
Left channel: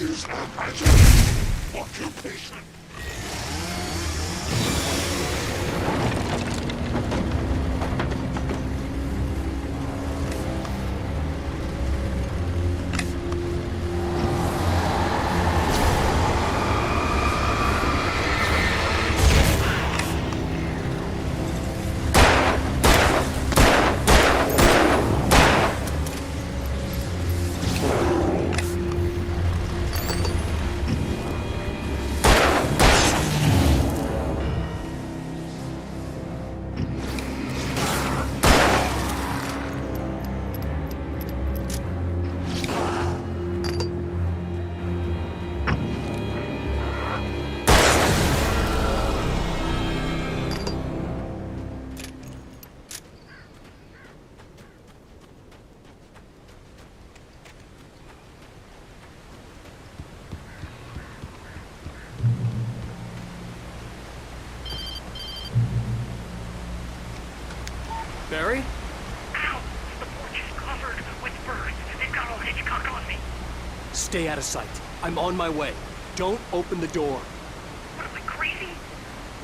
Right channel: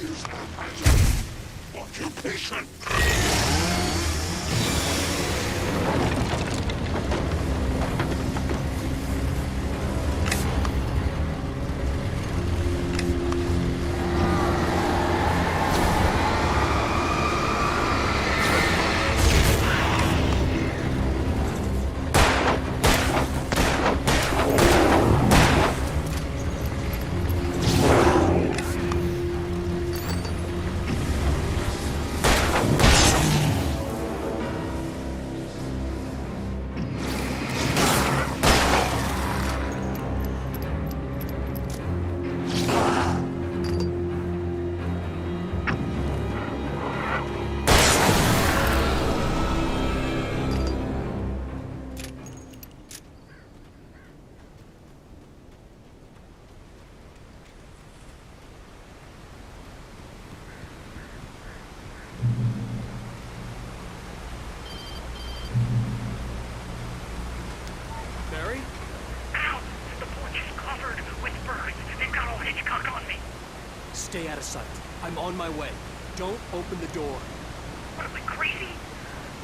Is a magic. Mission. Barry? Ow! The porch is covered with birds. They've got all Hitchcock on me. Stay out of sight. I'm on my way. Don't open the door. What am I, crazy?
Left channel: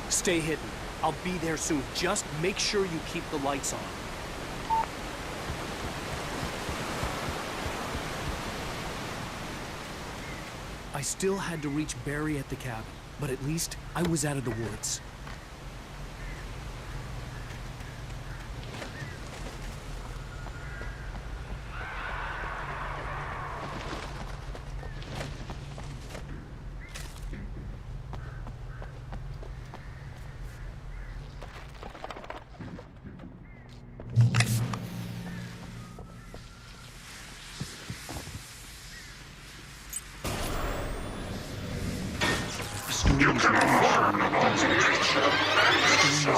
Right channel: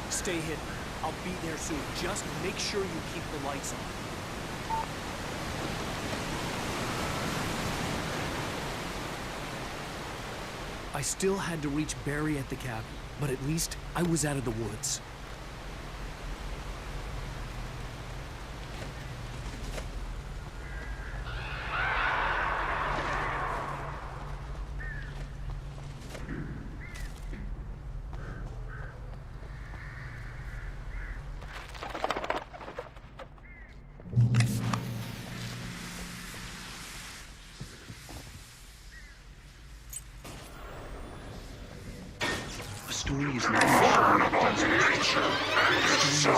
Stay hidden. I'll be there soon. Just make sure you keep the lights on. I still had to reach Barry at the cabin, but at least I was out of the woods. You can learn about nature and yourself.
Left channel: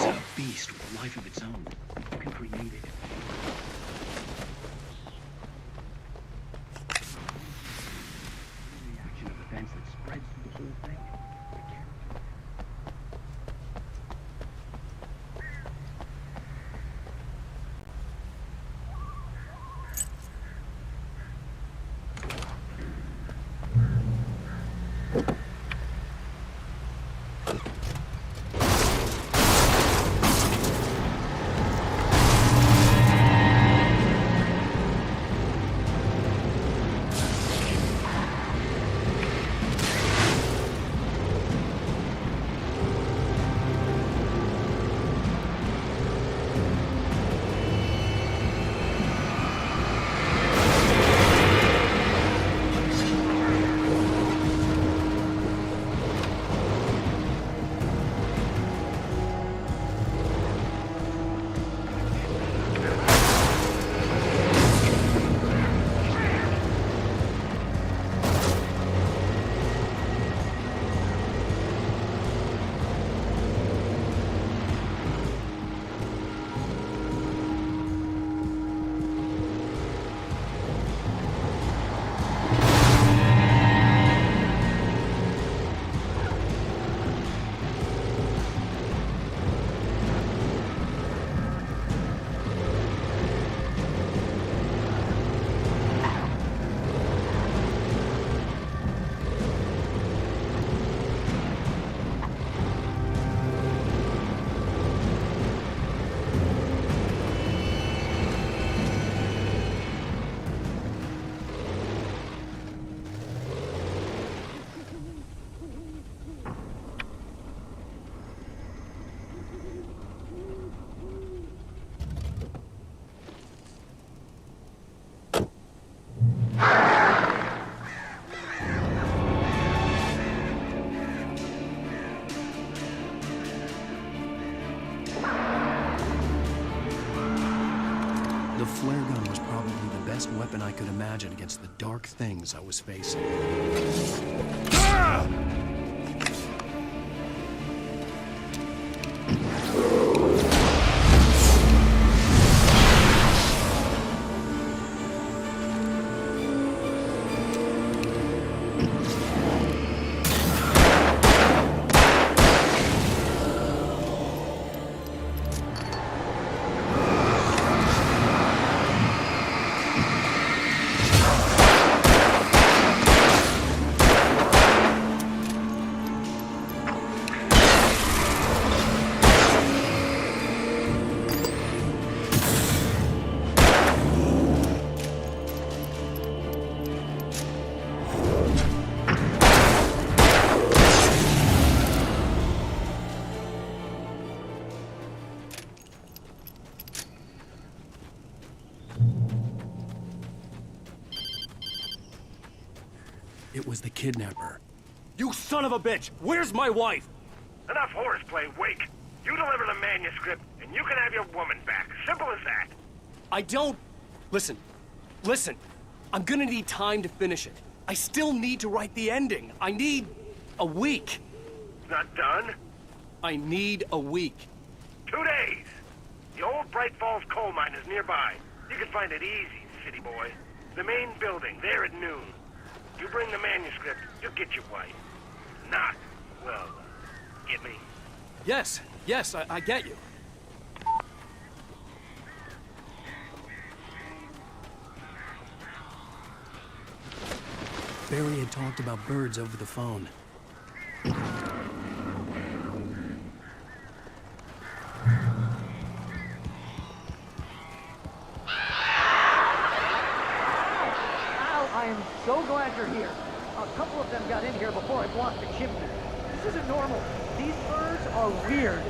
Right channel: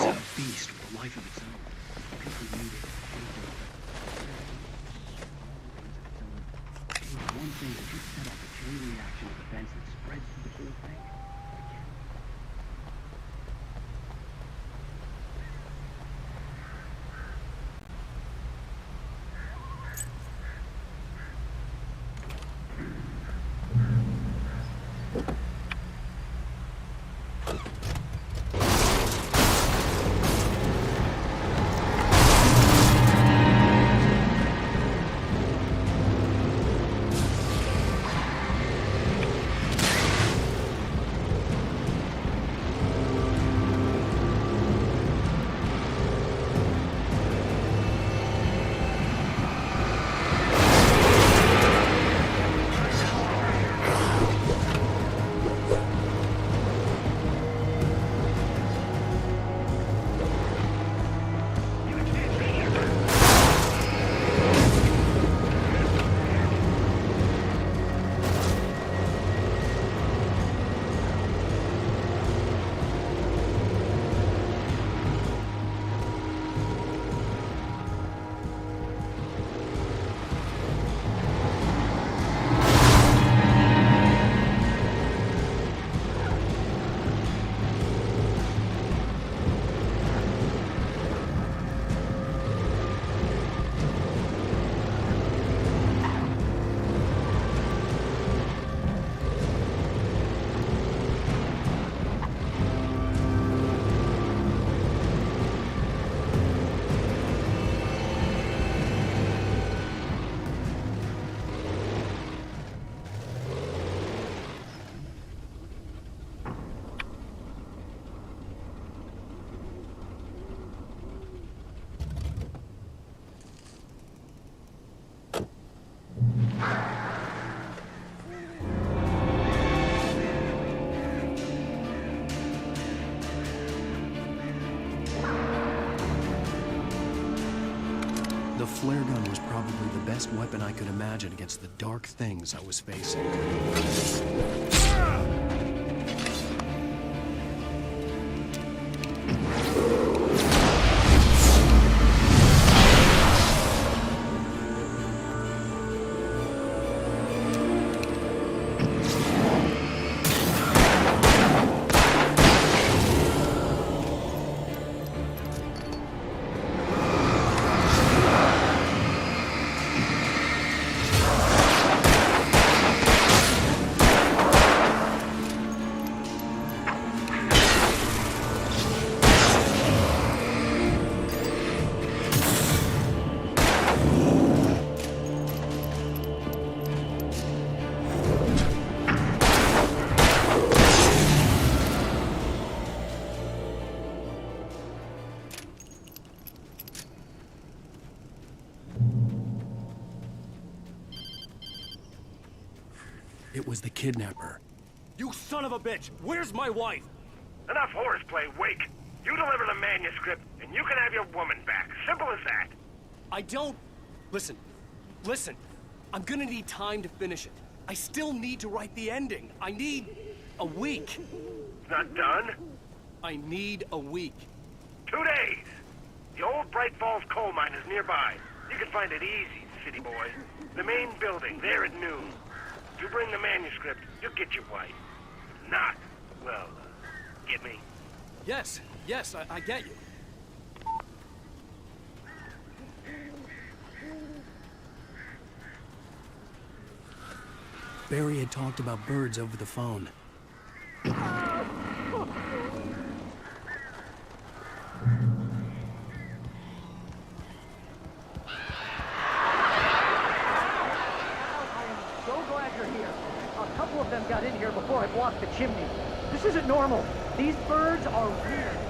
The flare gun was probably the best weapon I could imagine against the dark things I was facing. It was the kidnapper. You son of a bitch! Where's my wife? Enough horseplay, Wake. You deliver the manuscript, and you can have your woman back. Simple as that. I don't... Listen. I'm gonna need time to finish it. I still need to write the ending. I need... a week. It's not done? I need a week. 2 days. The old Bright Falls coal mine is nearby. You can find it easy, city boy. The main building, there at noon. You bring the manuscript, you'll get your wife. If not, well, get me? Yes, I get you. Barry had talked about birds over the phone. I am so glad you're here. A couple of them got in here before I blocked the chimney. This isn't normal. These birds are weird.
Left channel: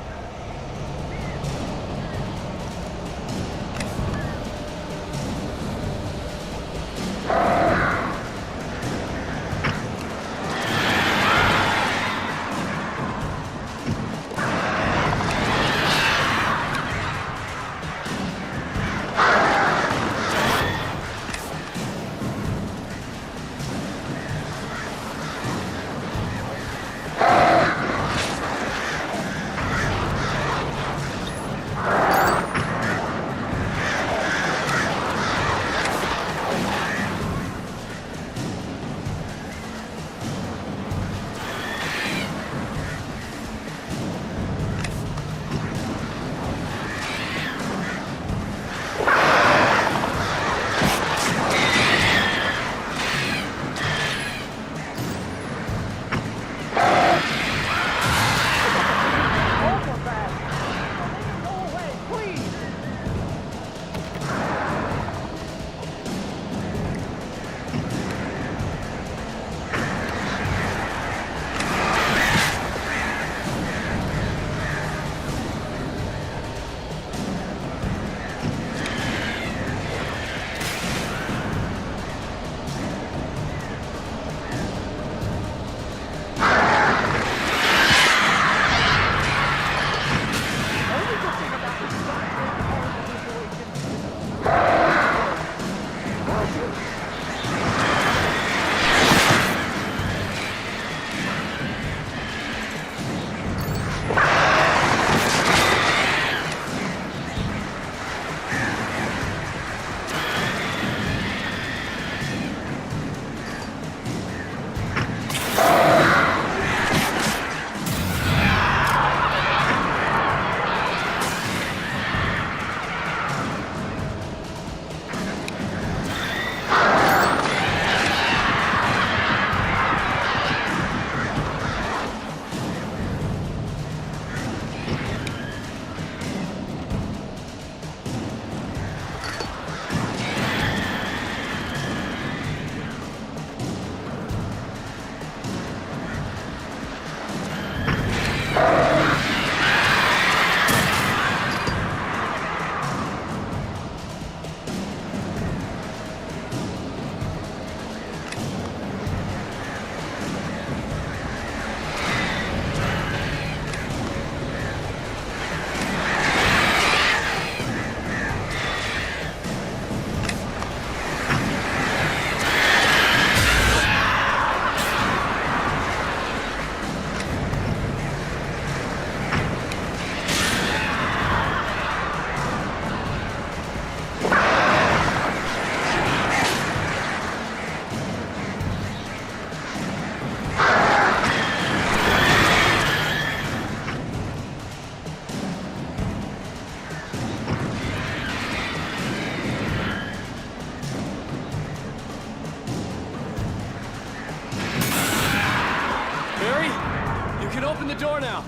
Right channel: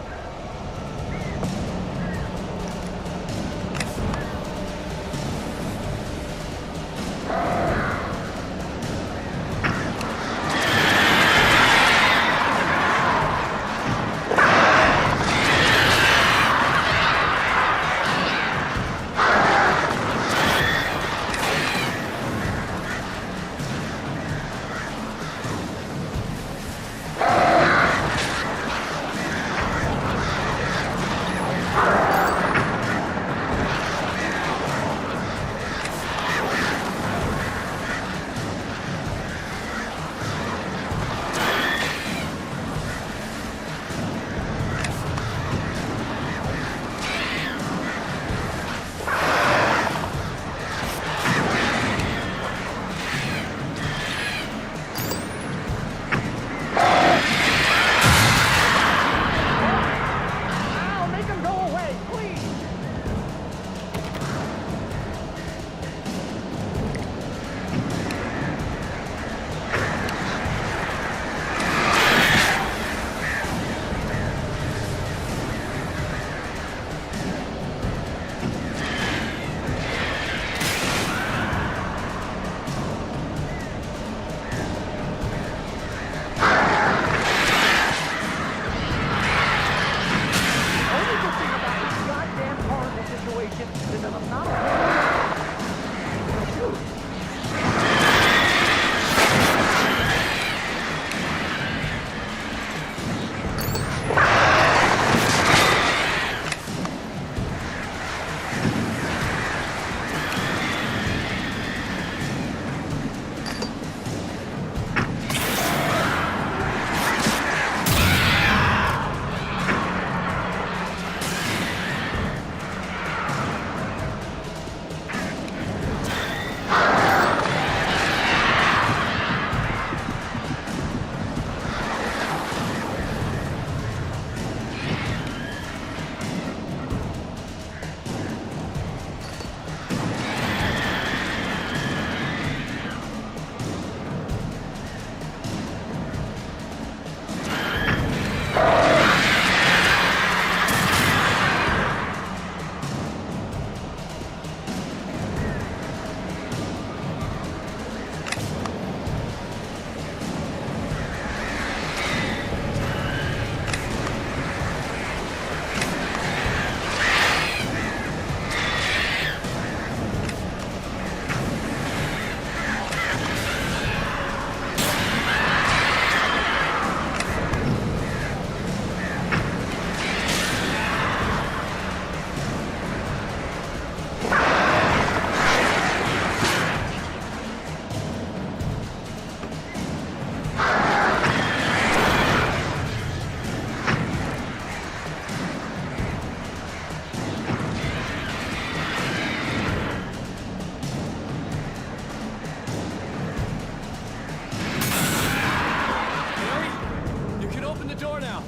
can open the door now.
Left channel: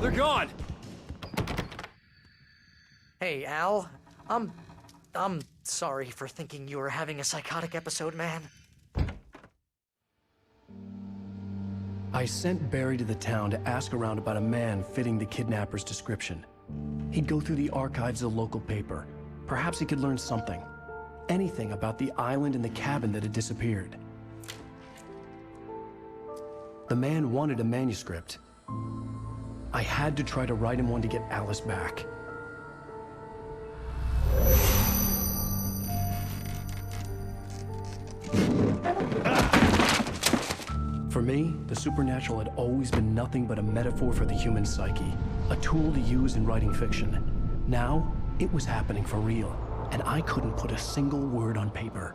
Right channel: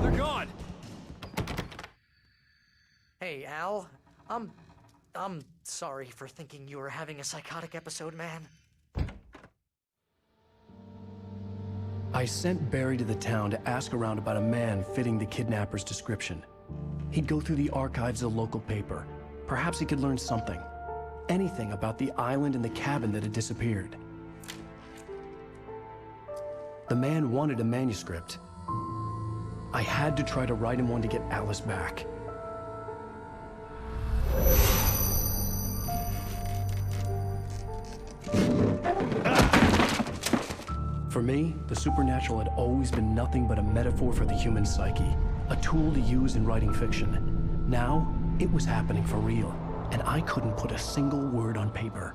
They're gone. Hey, Al. I'm sorry for thinking you were having a psychotic episode, man. I sent Barry to the town to ask around about a man fitting the kidnapper's description. He'd go through the archives of the local paper. Perhaps he could learn something. Anything about the island and the cabin that had disappeared. The man wanted a manuscript. I had to try to write him one to get Alice back. For me, the supernatural had always been nothing but a metaphor for the human psyche, a tool to use in writing fiction. Now, it was happening for real, and I couldn't put a single word on paper.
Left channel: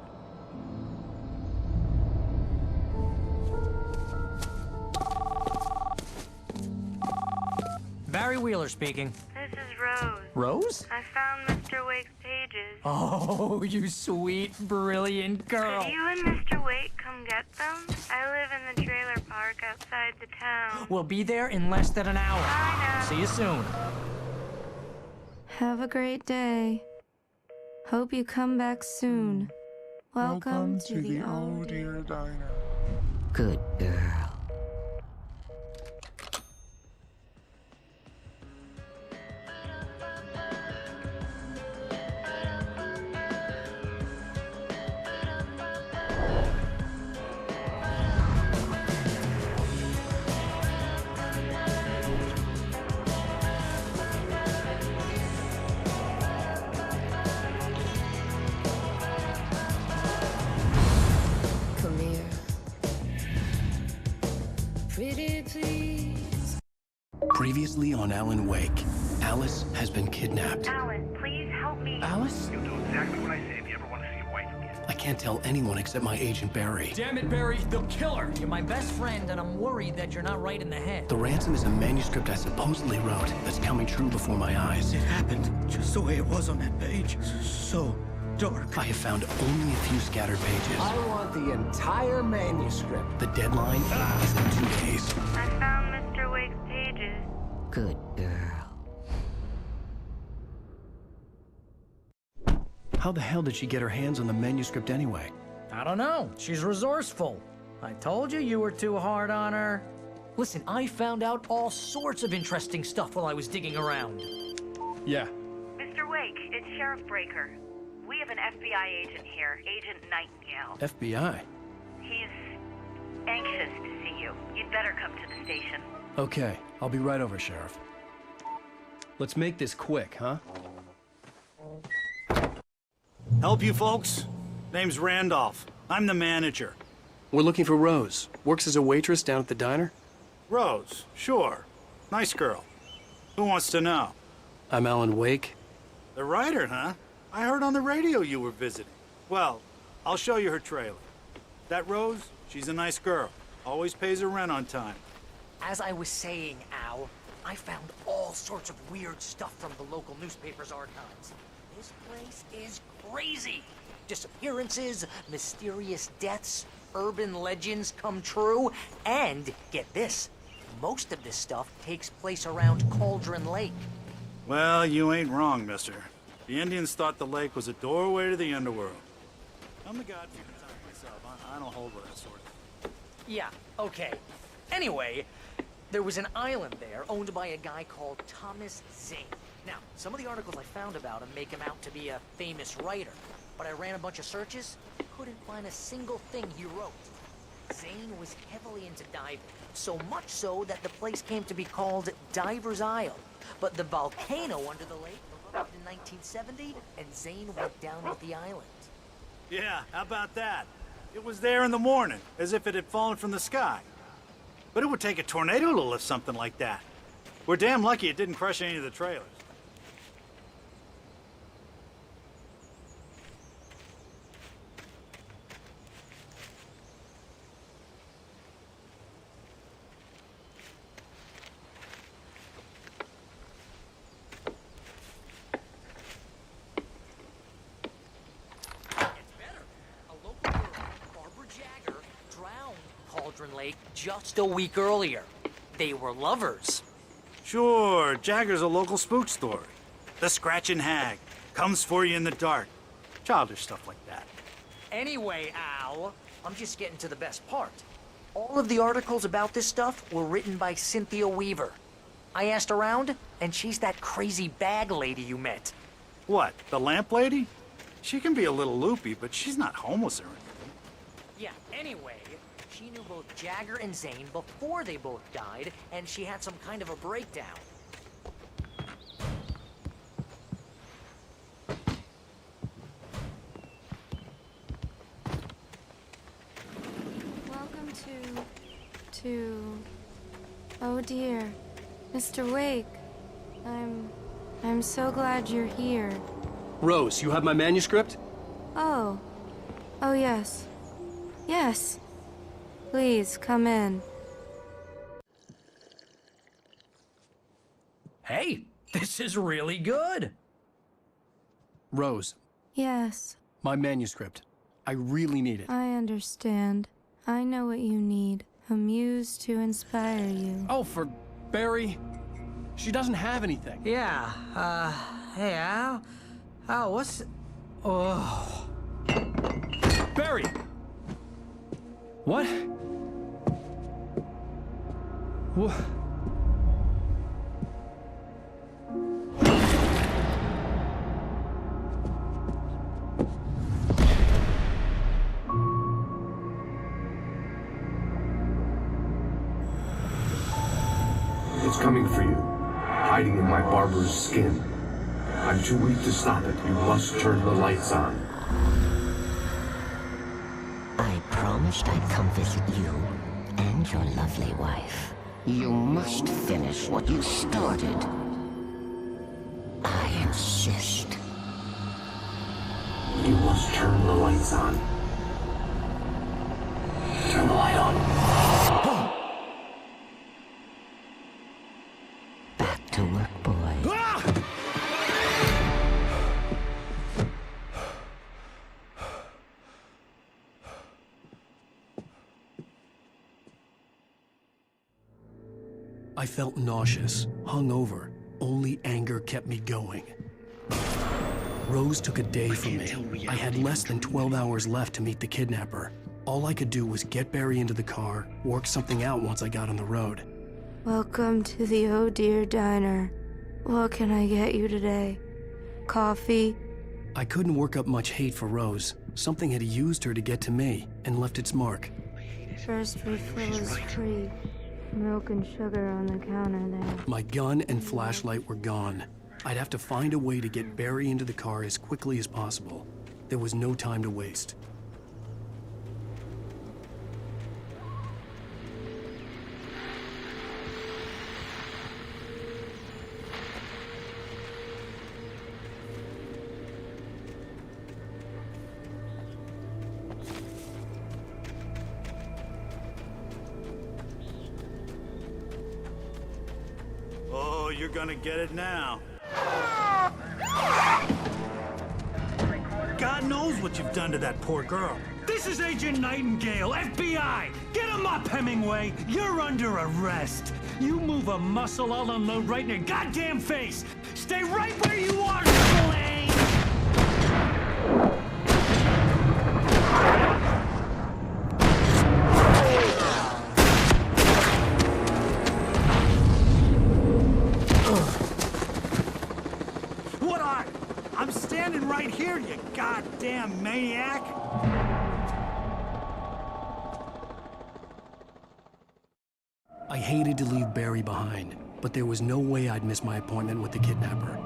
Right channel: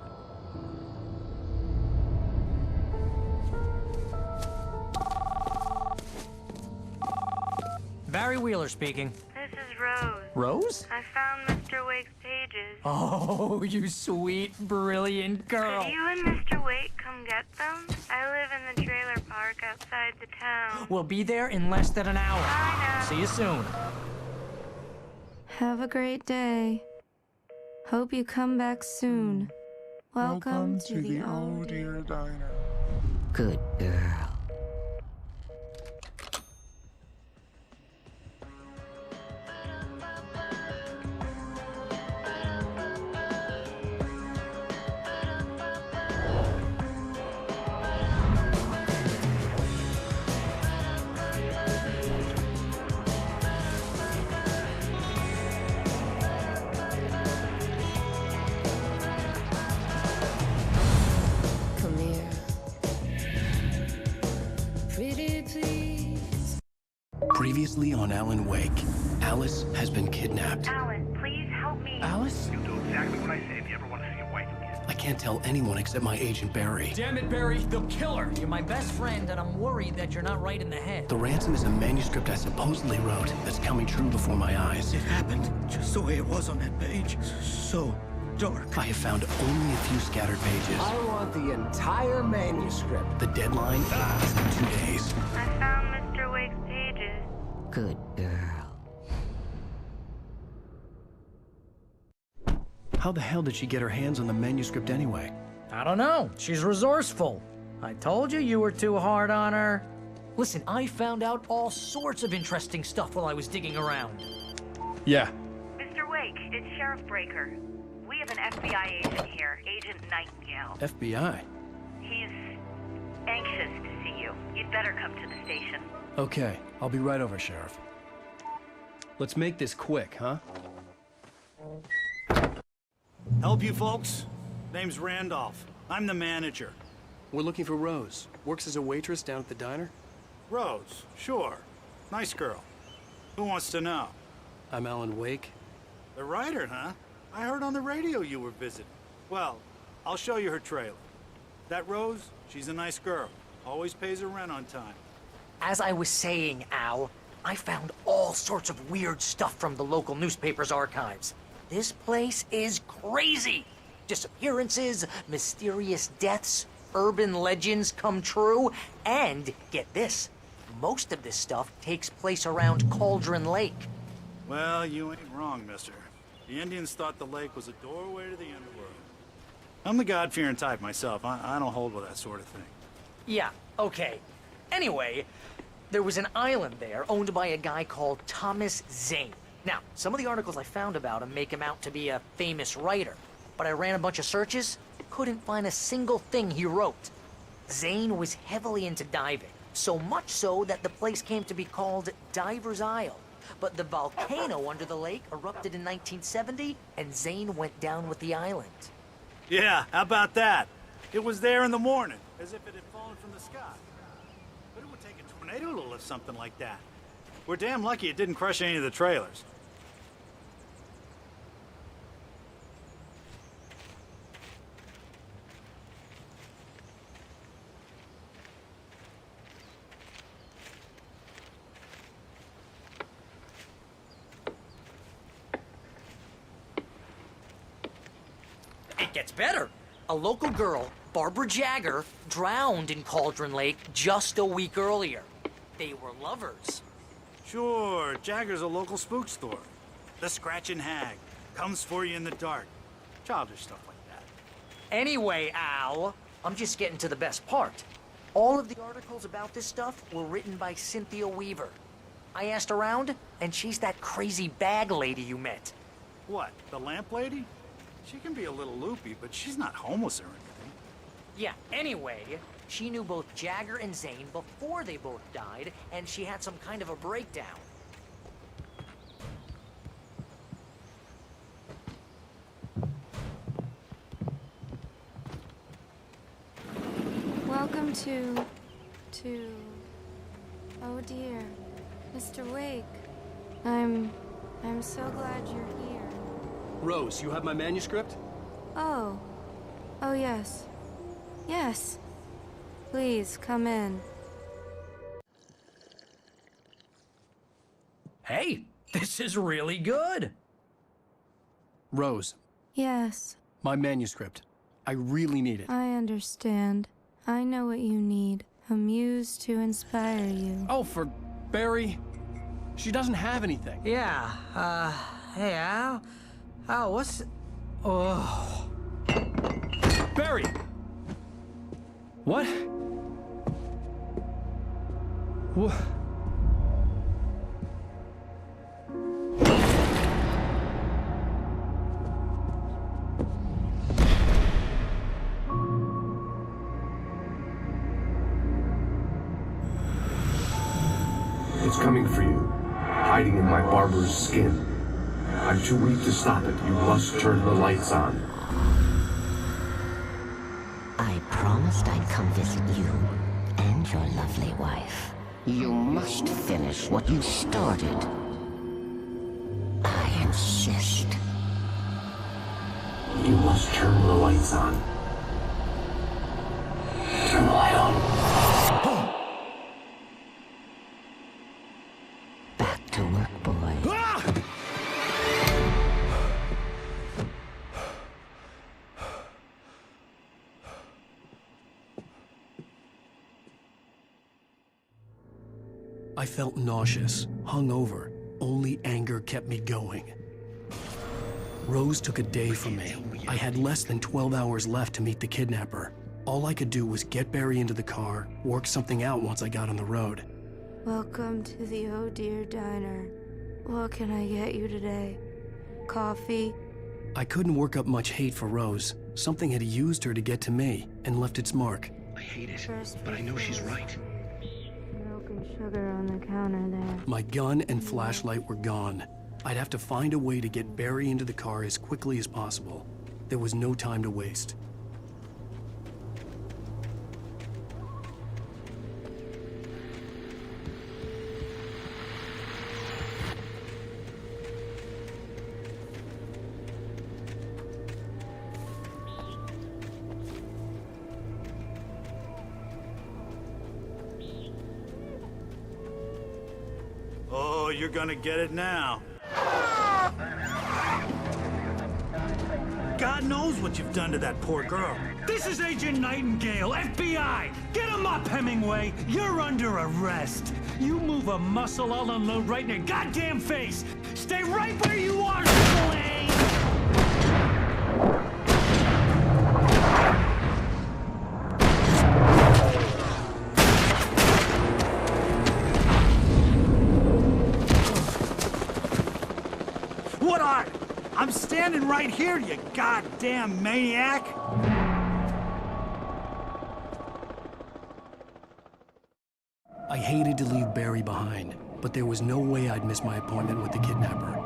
Barry Wheeler speaking. This is Rose. Rose? I found Mr. Wake's pages. Oh, you sweet, brilliant girl. Could you and Mr. Wake come get them? I live in the trailer park outside the town. We'll be there in less than an hour. Bye now. See you soon. Have a great day. Hope you come back soon. Welcome to the Oh Dear Diner. Good girl. Come here. Pretty please. Previously on Alan Wake, Alice has been kidnapped. Alan, please help me. Alice? You'll do exactly what I say if you ever want to see your wife again. I can't tell anyone except my agent Barry. Damn it, Barry, they'll kill her. You're my best friend, and I'm worried that you're not right in the head. The ransom is a manuscript I supposedly wrote that's coming true before my eyes. It happened just the way it was on that page. So dark. I have found only a few scattered pages. I want the entire manuscript. The deadline is in 2 days. I found Mr. Wake's pages. Good girl. How the hell did she get her hands on the manuscript anyway? I don't know. She's resourceful. I told you you were too hard on her. Listen, I found out all sorts of interesting stuff while I was digging around. Yeah. Mr. Wake, it's Sheriff Breaker. We have an FBI agent here, Agent Nightingale. FBI? He's anxious to see you. You'd better come to the station. Okay, I'll be right over, Sheriff. Let's make this quick, huh? Help you folks? Name's Randolph. I'm the manager. We're looking for Rose. Works as a waitress down at the diner. Rose, sure. Nice girl. Who wants to know? I'm Alan Wake. The writer, huh? I heard on the radio you were visiting. Well, I'll show you her trailer. That Rose, she's a nice girl. Always pays her rent on time. As I was saying, Al, I found all sorts of weird stuff from the local newspaper's archives. This place is crazy. Disappearances, mysterious deaths, urban legends come true, and, get this, most of this stuff takes place around Cauldron Lake. Well, you ain't wrong, mister. The Indians thought the lake was a doorway to the underworld. I'm the God-fearing type myself. I don't hold with that sort of thing. Yeah, okay. Anyway, there was an island there owned by a guy called Thomas Zane. Now, some of the articles I found about him make him out to be a famous writer, but I ran a bunch of searches, couldn't find a single thing he wrote. Zane was heavily into diving, so much so that the place came to be... Under the lake erupted in 1970, and Zane went down with the island. Yeah, how about that? It was there this morning, as if it had fallen from the sky. But it would take a tornado to lift something like that. We're damn lucky it didn't crush any of the trailers. It gets better. A local girl, Barbara Jagger, drowned in Cauldron Lake just a week earlier. they were lovers. Sure, Jagger's a local spook story. The Scratching Hag comes for you in the dark. Childish stuff like that. Anyway, Al, I'm just getting to the best part. All of the articles about this stuff were written by Cynthia Weaver. I asked around, and she's that crazy bag lady you met. What, the lamp lady? She can be a little loopy, but she's not homeless. Yeah, anyway, she knew both Jack and Jesse before they were Welcome to... Oh dear. Mr. Wake. I'm so glad you're here. Rose, you have my manuscript? Oh. Oh, yes. Yes. Please, come in. Hey, this is really good. Rose, Yes, my manuscript. I really need it. I understand. I know what you need. A muse to inspire you. Oh, for Barry? She doesn't have anything. Yeah, hey, Al? Al, what's... Oh... Barry! What? What? It's coming for you, hiding in my barber's skin. I'm too weak to stop it. You must turn the lights on. I promised I'd come visit you and your lovely wife. You must finish what you started. I insist. You must turn the lights on. Turn the light on. Back to work, boy. I felt nauseous, hungover. Only anger kept me going. Rose took a day from me. I had less than 12 hours left to meet the kidnapper. All I could do was get Barry into the car, work something out once I got on the road. Welcome to the Oh Dear Diner. What can I get you today? Coffee? I couldn't work up much hate for Rose. Something had used her to get to me and left its mark. First refill is free. Milk and sugar on it. My gun and flashlight were gone. I'd have to find a way to get Barry into the car as quickly as possible. There was no time to waste. Oh, you're gonna get it now. God knows what you've done to that poor girl. This is Agent Nightingale, FBI! Get him up, Hemingway! You're under arrest! You move a muscle, I'll unload right in your goddamn face! Stay right where you are, Slane! What are? I'm standing right here, you goddamn maniac! I hated to leave Barry behind, but there was no way I'd miss my appointment with the kidnapper.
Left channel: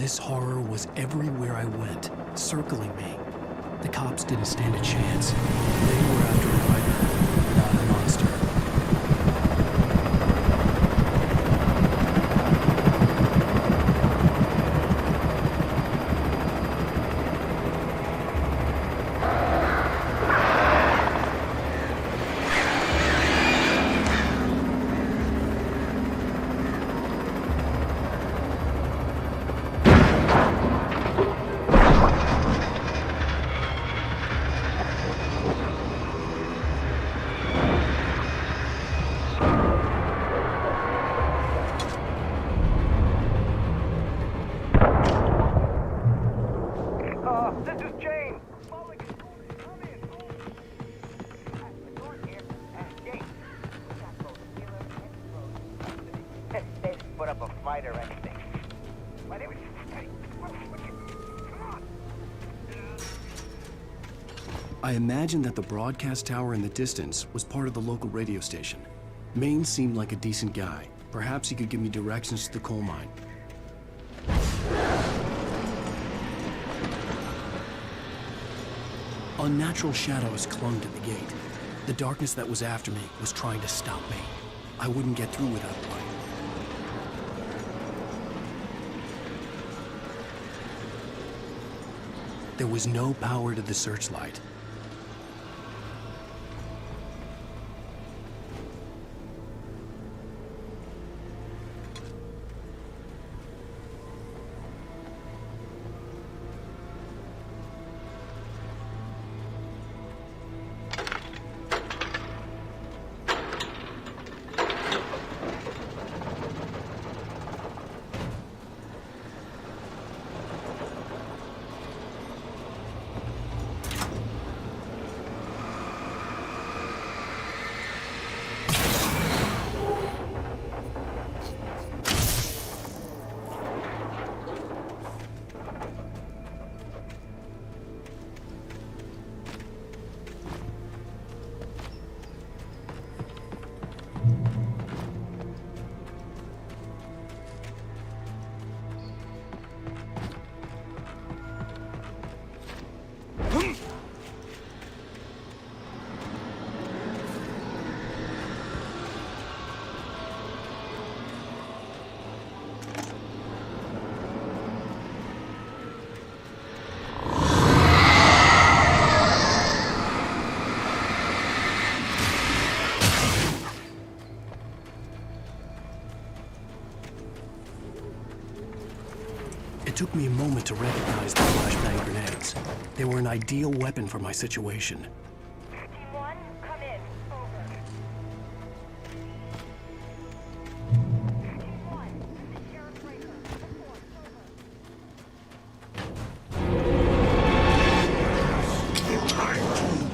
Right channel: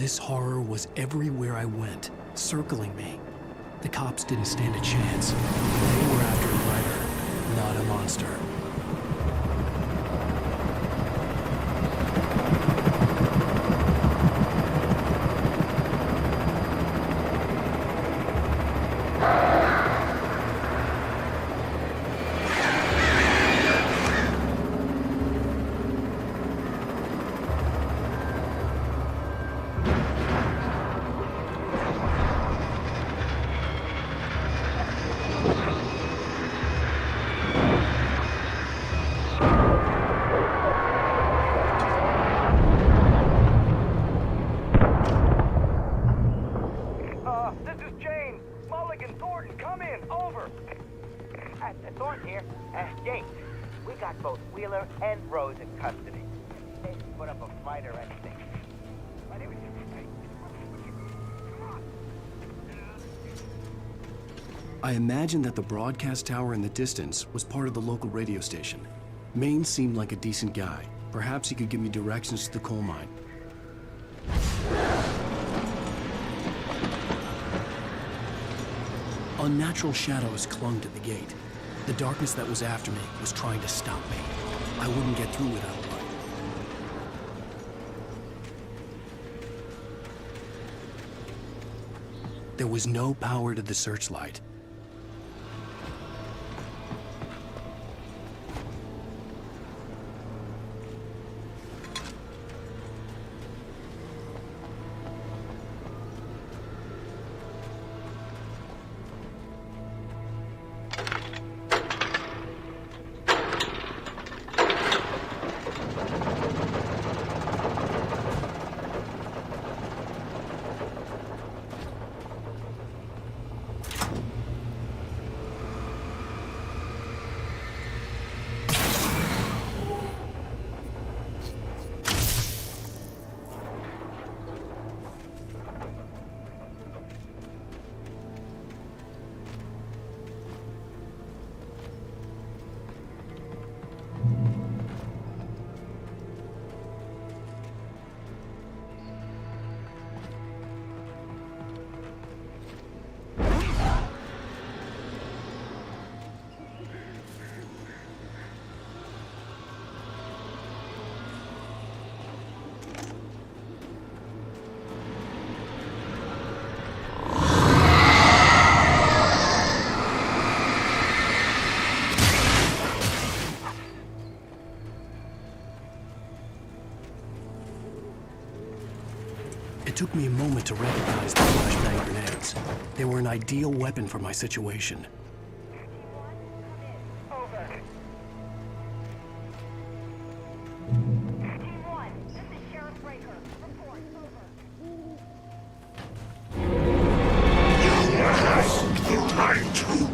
This horror was everywhere I went, circling me. The cops didn't stand a chance. They were after a writer, not a monster. I imagined that the broadcast tower in the distance was part of the local radio station. Maine seemed like a decent guy. Perhaps he could give me directions to the coal mine. Unnatural shadows clung to the gate. The darkness that was after me was trying to stop me. I wouldn't get through without a light. There was no power to the searchlight. It took me a moment to recognize the flashbang grenades. They were an ideal weapon for my situation. Team 1, come in. Over. Team 1, secure breaker. You have the right to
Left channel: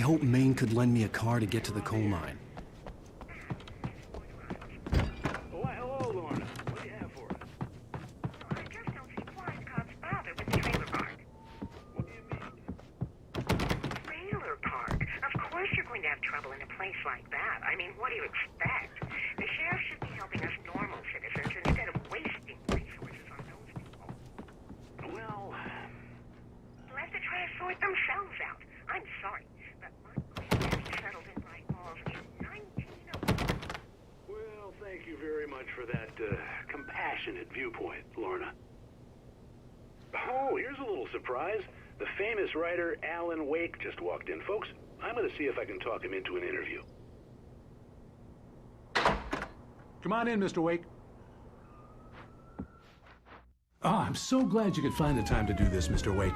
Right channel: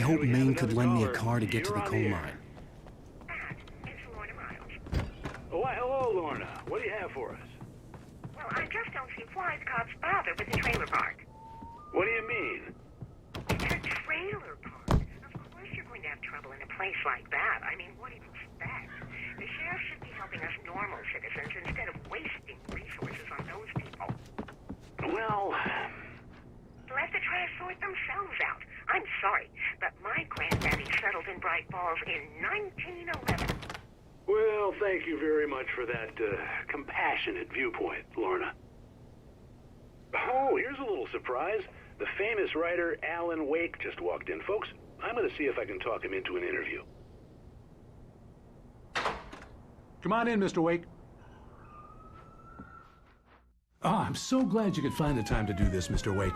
I hope Maine could lend me a car to get to the coal mine. Oh, why, hello, Lorna. What do you have for us? Well, I just don't see why the cops bother with the trailer park. What do you mean? It's a trailer park. Of course you're going to have trouble in a place like that. I mean, what do you expect? The sheriff's resources on those people. Well... Let the trash sort themselves out. I'm sorry, but my granddaddy settled in Bright Falls in 1911. Well, thank you very much for that compassionate viewpoint, Lorna. Oh, here's a little surprise. The famous writer Alan Wake just walked in. Folks, I'm going to see if I can talk him into an interview. Come on in, Mr. Wake. Oh, I'm so glad you could find the time to do this, Mr. Wake.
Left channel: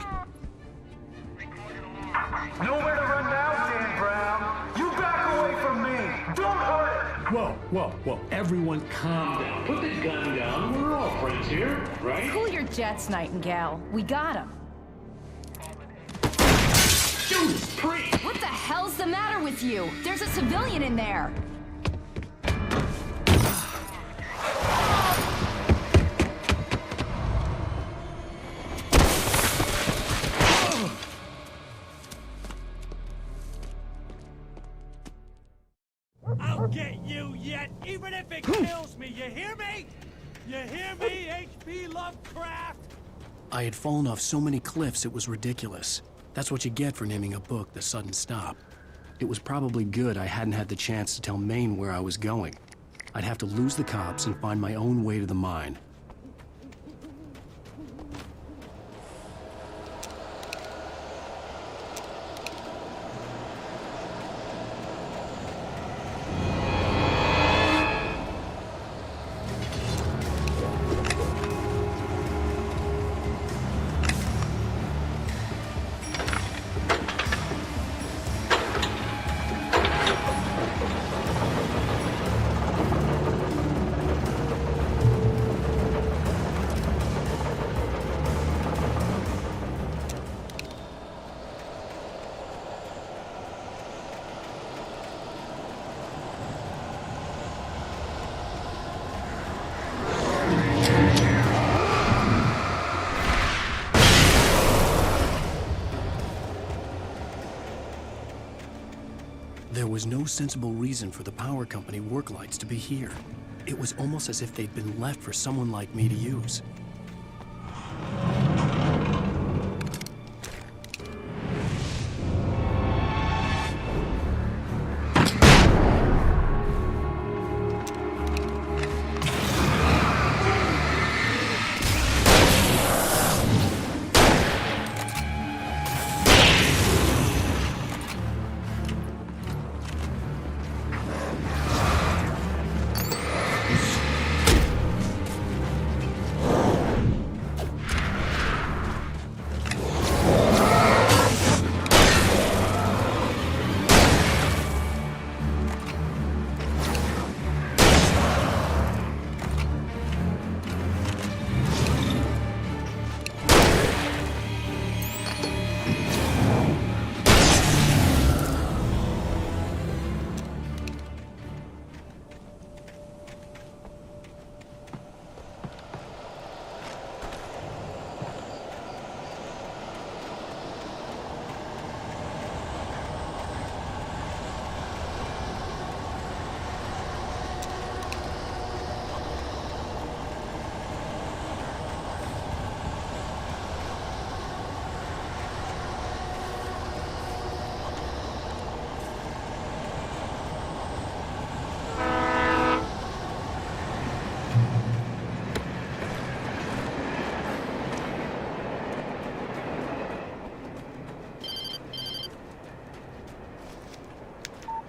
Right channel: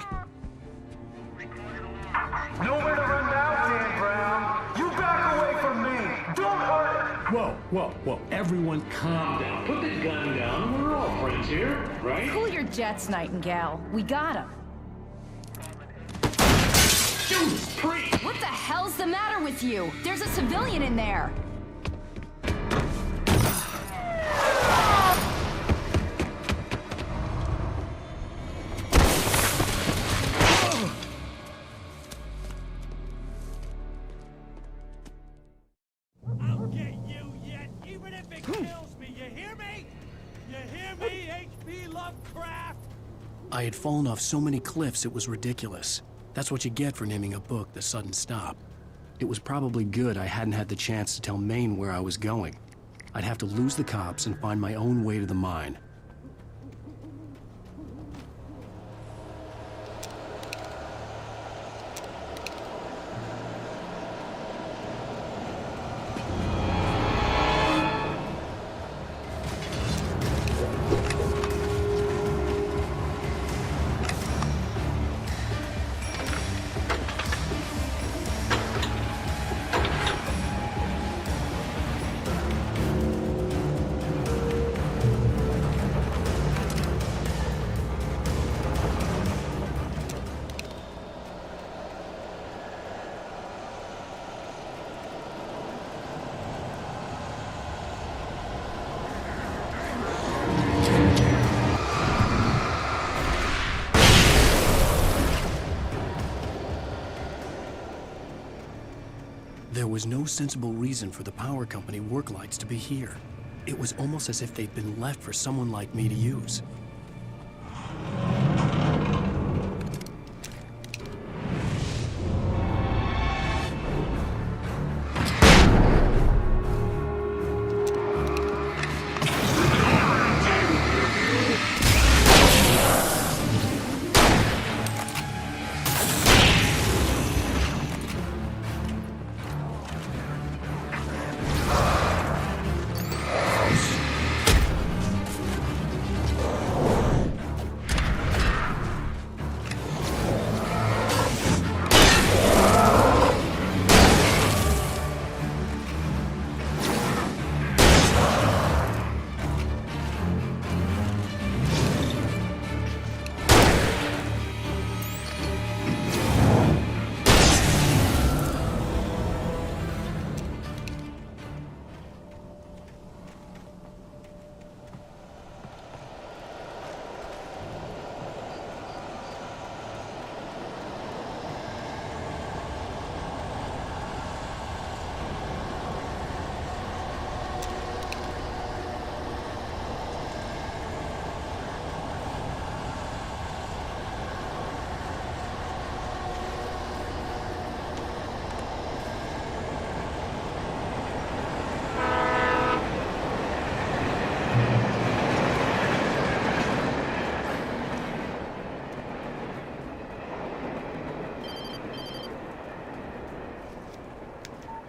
Nowhere to run now, Dan Brown. You back away from me. Don't hurt it. Whoa. Everyone calm down. Put the gun down. We're all friends here, right? Cool your jets, Nightingale. We got him. Judas Priest! What the hell's the matter with you? There's a civilian in there. I'll get you yet, even if it kills me. You hear me? You hear me, XB Lovecraft? I had fallen off so many cliffs it was ridiculous. That's what you get for naming a book The Sudden Stop. It was probably good I hadn't had the chance to tell Maine where I was going. I'd have to lose the cops and find my own way to the mine. There was no sensible reason for the power company work lights to be here. It was almost as if they'd been left for someone like me to use.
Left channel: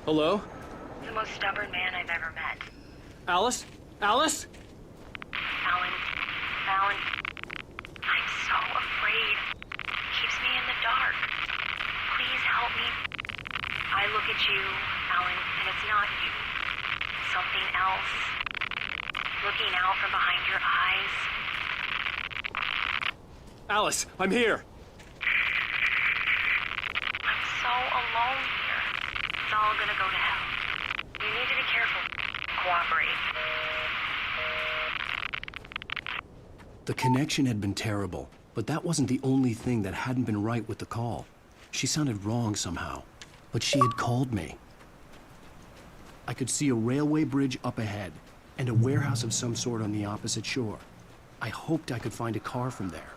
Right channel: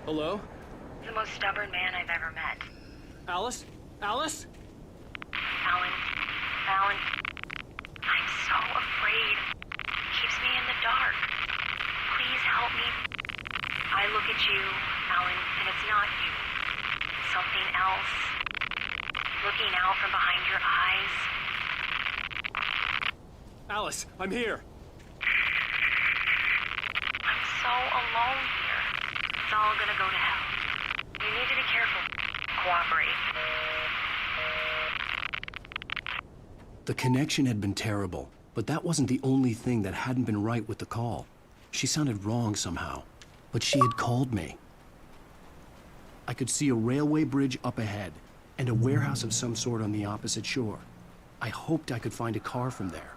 Hello? The most stubborn man I've ever met. Alice? Alice? Alan, I'm so afraid. Keeps me in the dark. Please help me. I look at you, Alan, and it's not you. Something else. Looking out from behind your eyes. Alice, I'm here. I'm so alone here. all gonna go to hell. You need to be careful. Cooperate. The connection had been terrible, but that wasn't the only thing that hadn't been right with the call. She sounded wrong somehow, but she had called me. I could see a railway bridge up ahead and a warehouse of some sort on the opposite shore. I hoped I could find a car from there.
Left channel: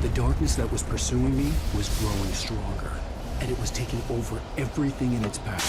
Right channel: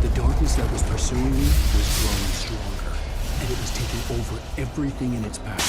The darkness that was pursuing me was growing stronger, and it was taking over everything in its path.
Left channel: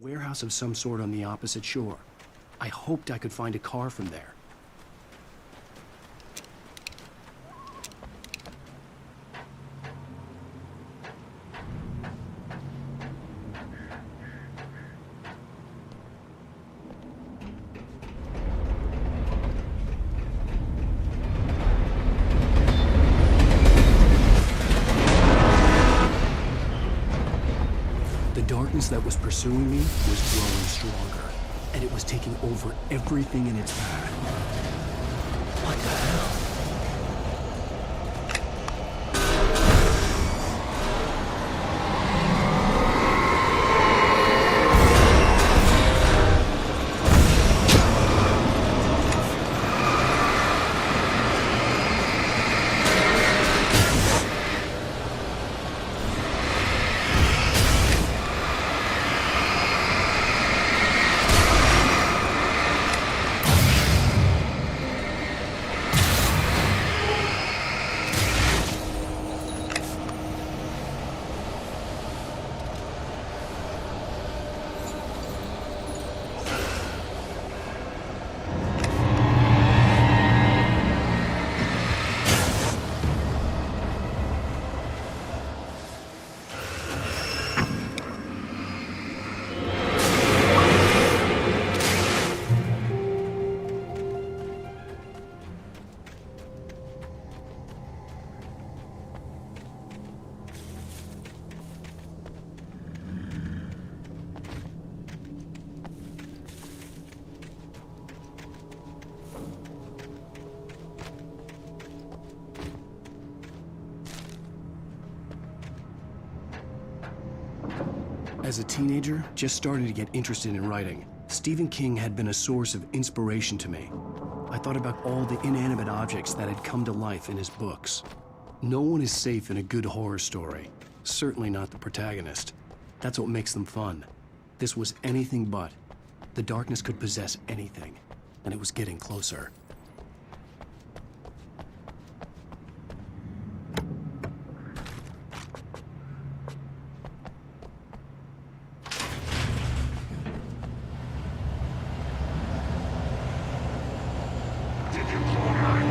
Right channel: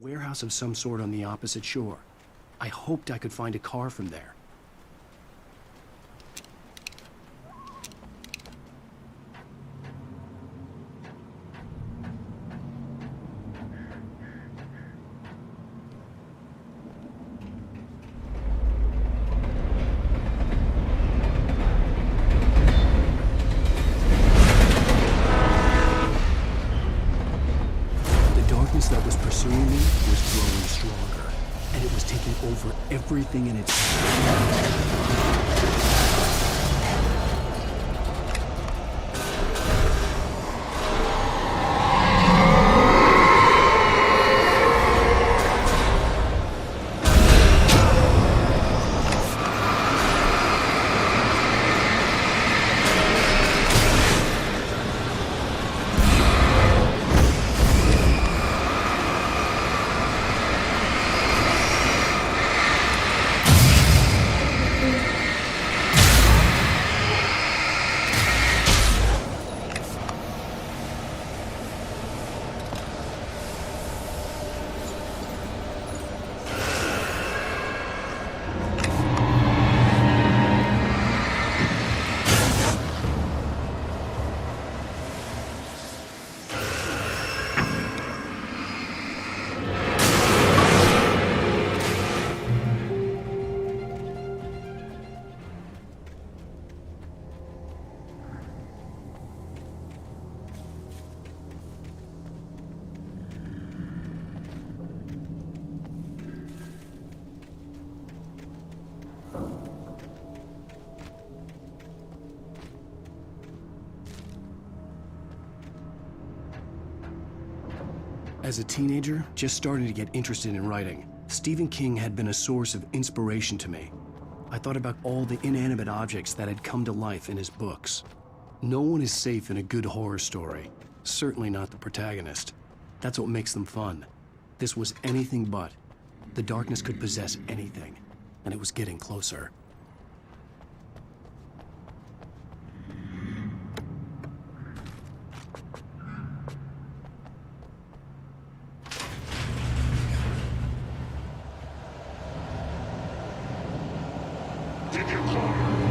Warehouse of some sort on the opposite shore. I hoped I could find a car from there. The darkness that was pursuing me was growing stronger, and it was taking over everything in its path. As a teenager, just starting to get interested in writing, Stephen King had been a source of inspiration to me. I thought about all the inanimate objects that had come to life in his books. No one is safe in a good horror story, certainly not the protagonist. That's what makes them fun. This was anything but. The darkness could possess anything, and it was getting closer. Did you call her?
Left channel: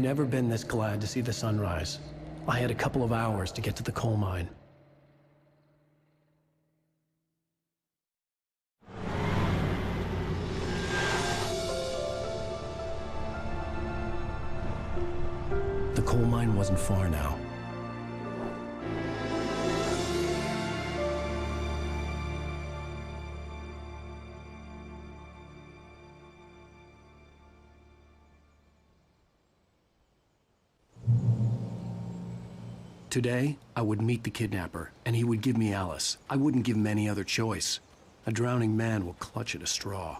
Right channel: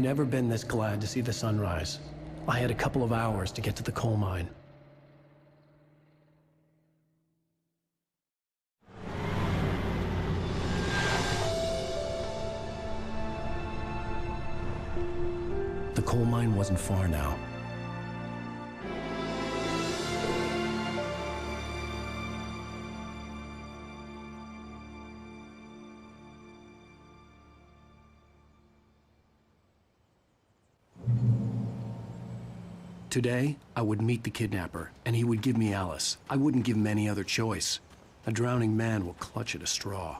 never been this glad to see the sunrise. I had a couple of hours to get to the coal mine. The coal mine wasn't far now. Today, I would meet the kidnapper, and he would give me Alice. I wouldn't give him any other choice. A drowning man will clutch at a straw.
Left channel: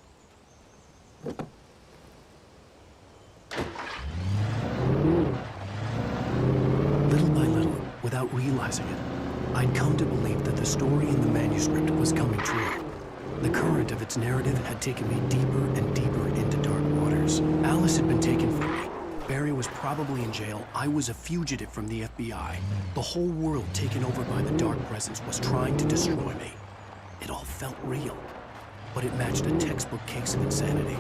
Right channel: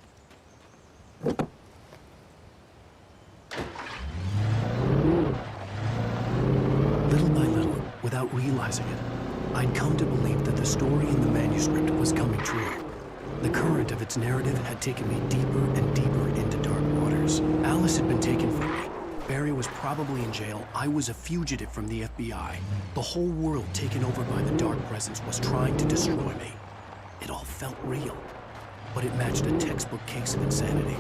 Little by little, without realizing it, I'd come to believe that the story in the manuscript was coming true. The current of its narrative had taken me deeper and deeper into dark waters. Alice had been taken from me. Barry was probably in jail. I was a fugitive from the FBI. The whole world taken over by the Dark Presence was trying to destroy me. It all felt real, but it matched a textbook case of insanity.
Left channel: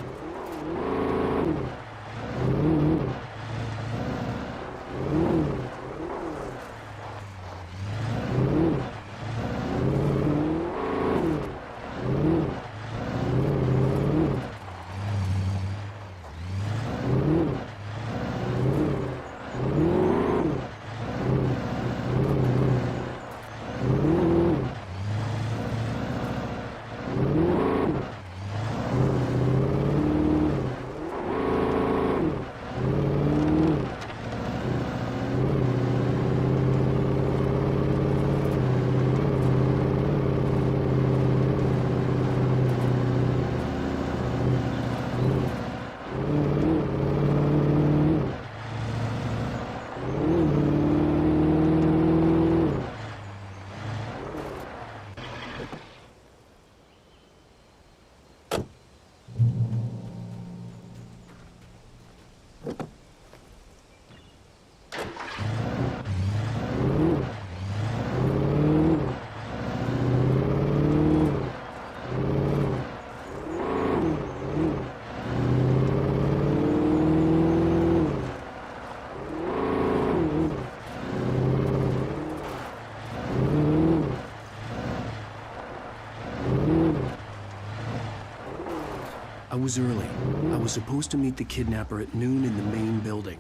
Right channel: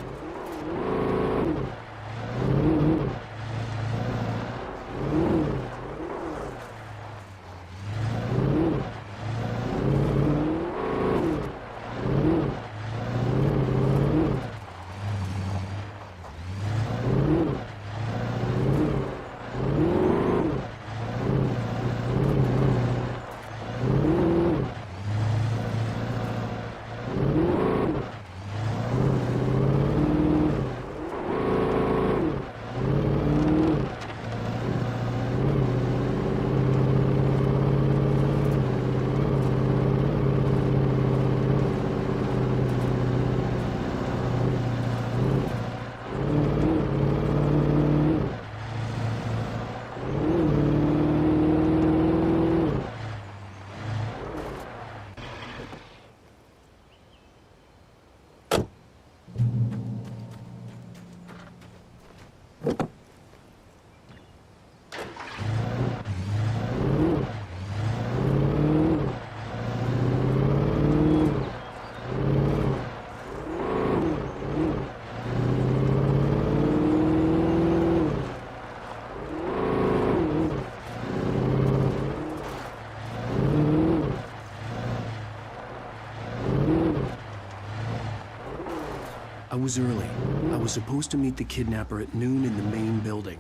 I was early. I was supposed to meet the kidnapper at noon in the main building.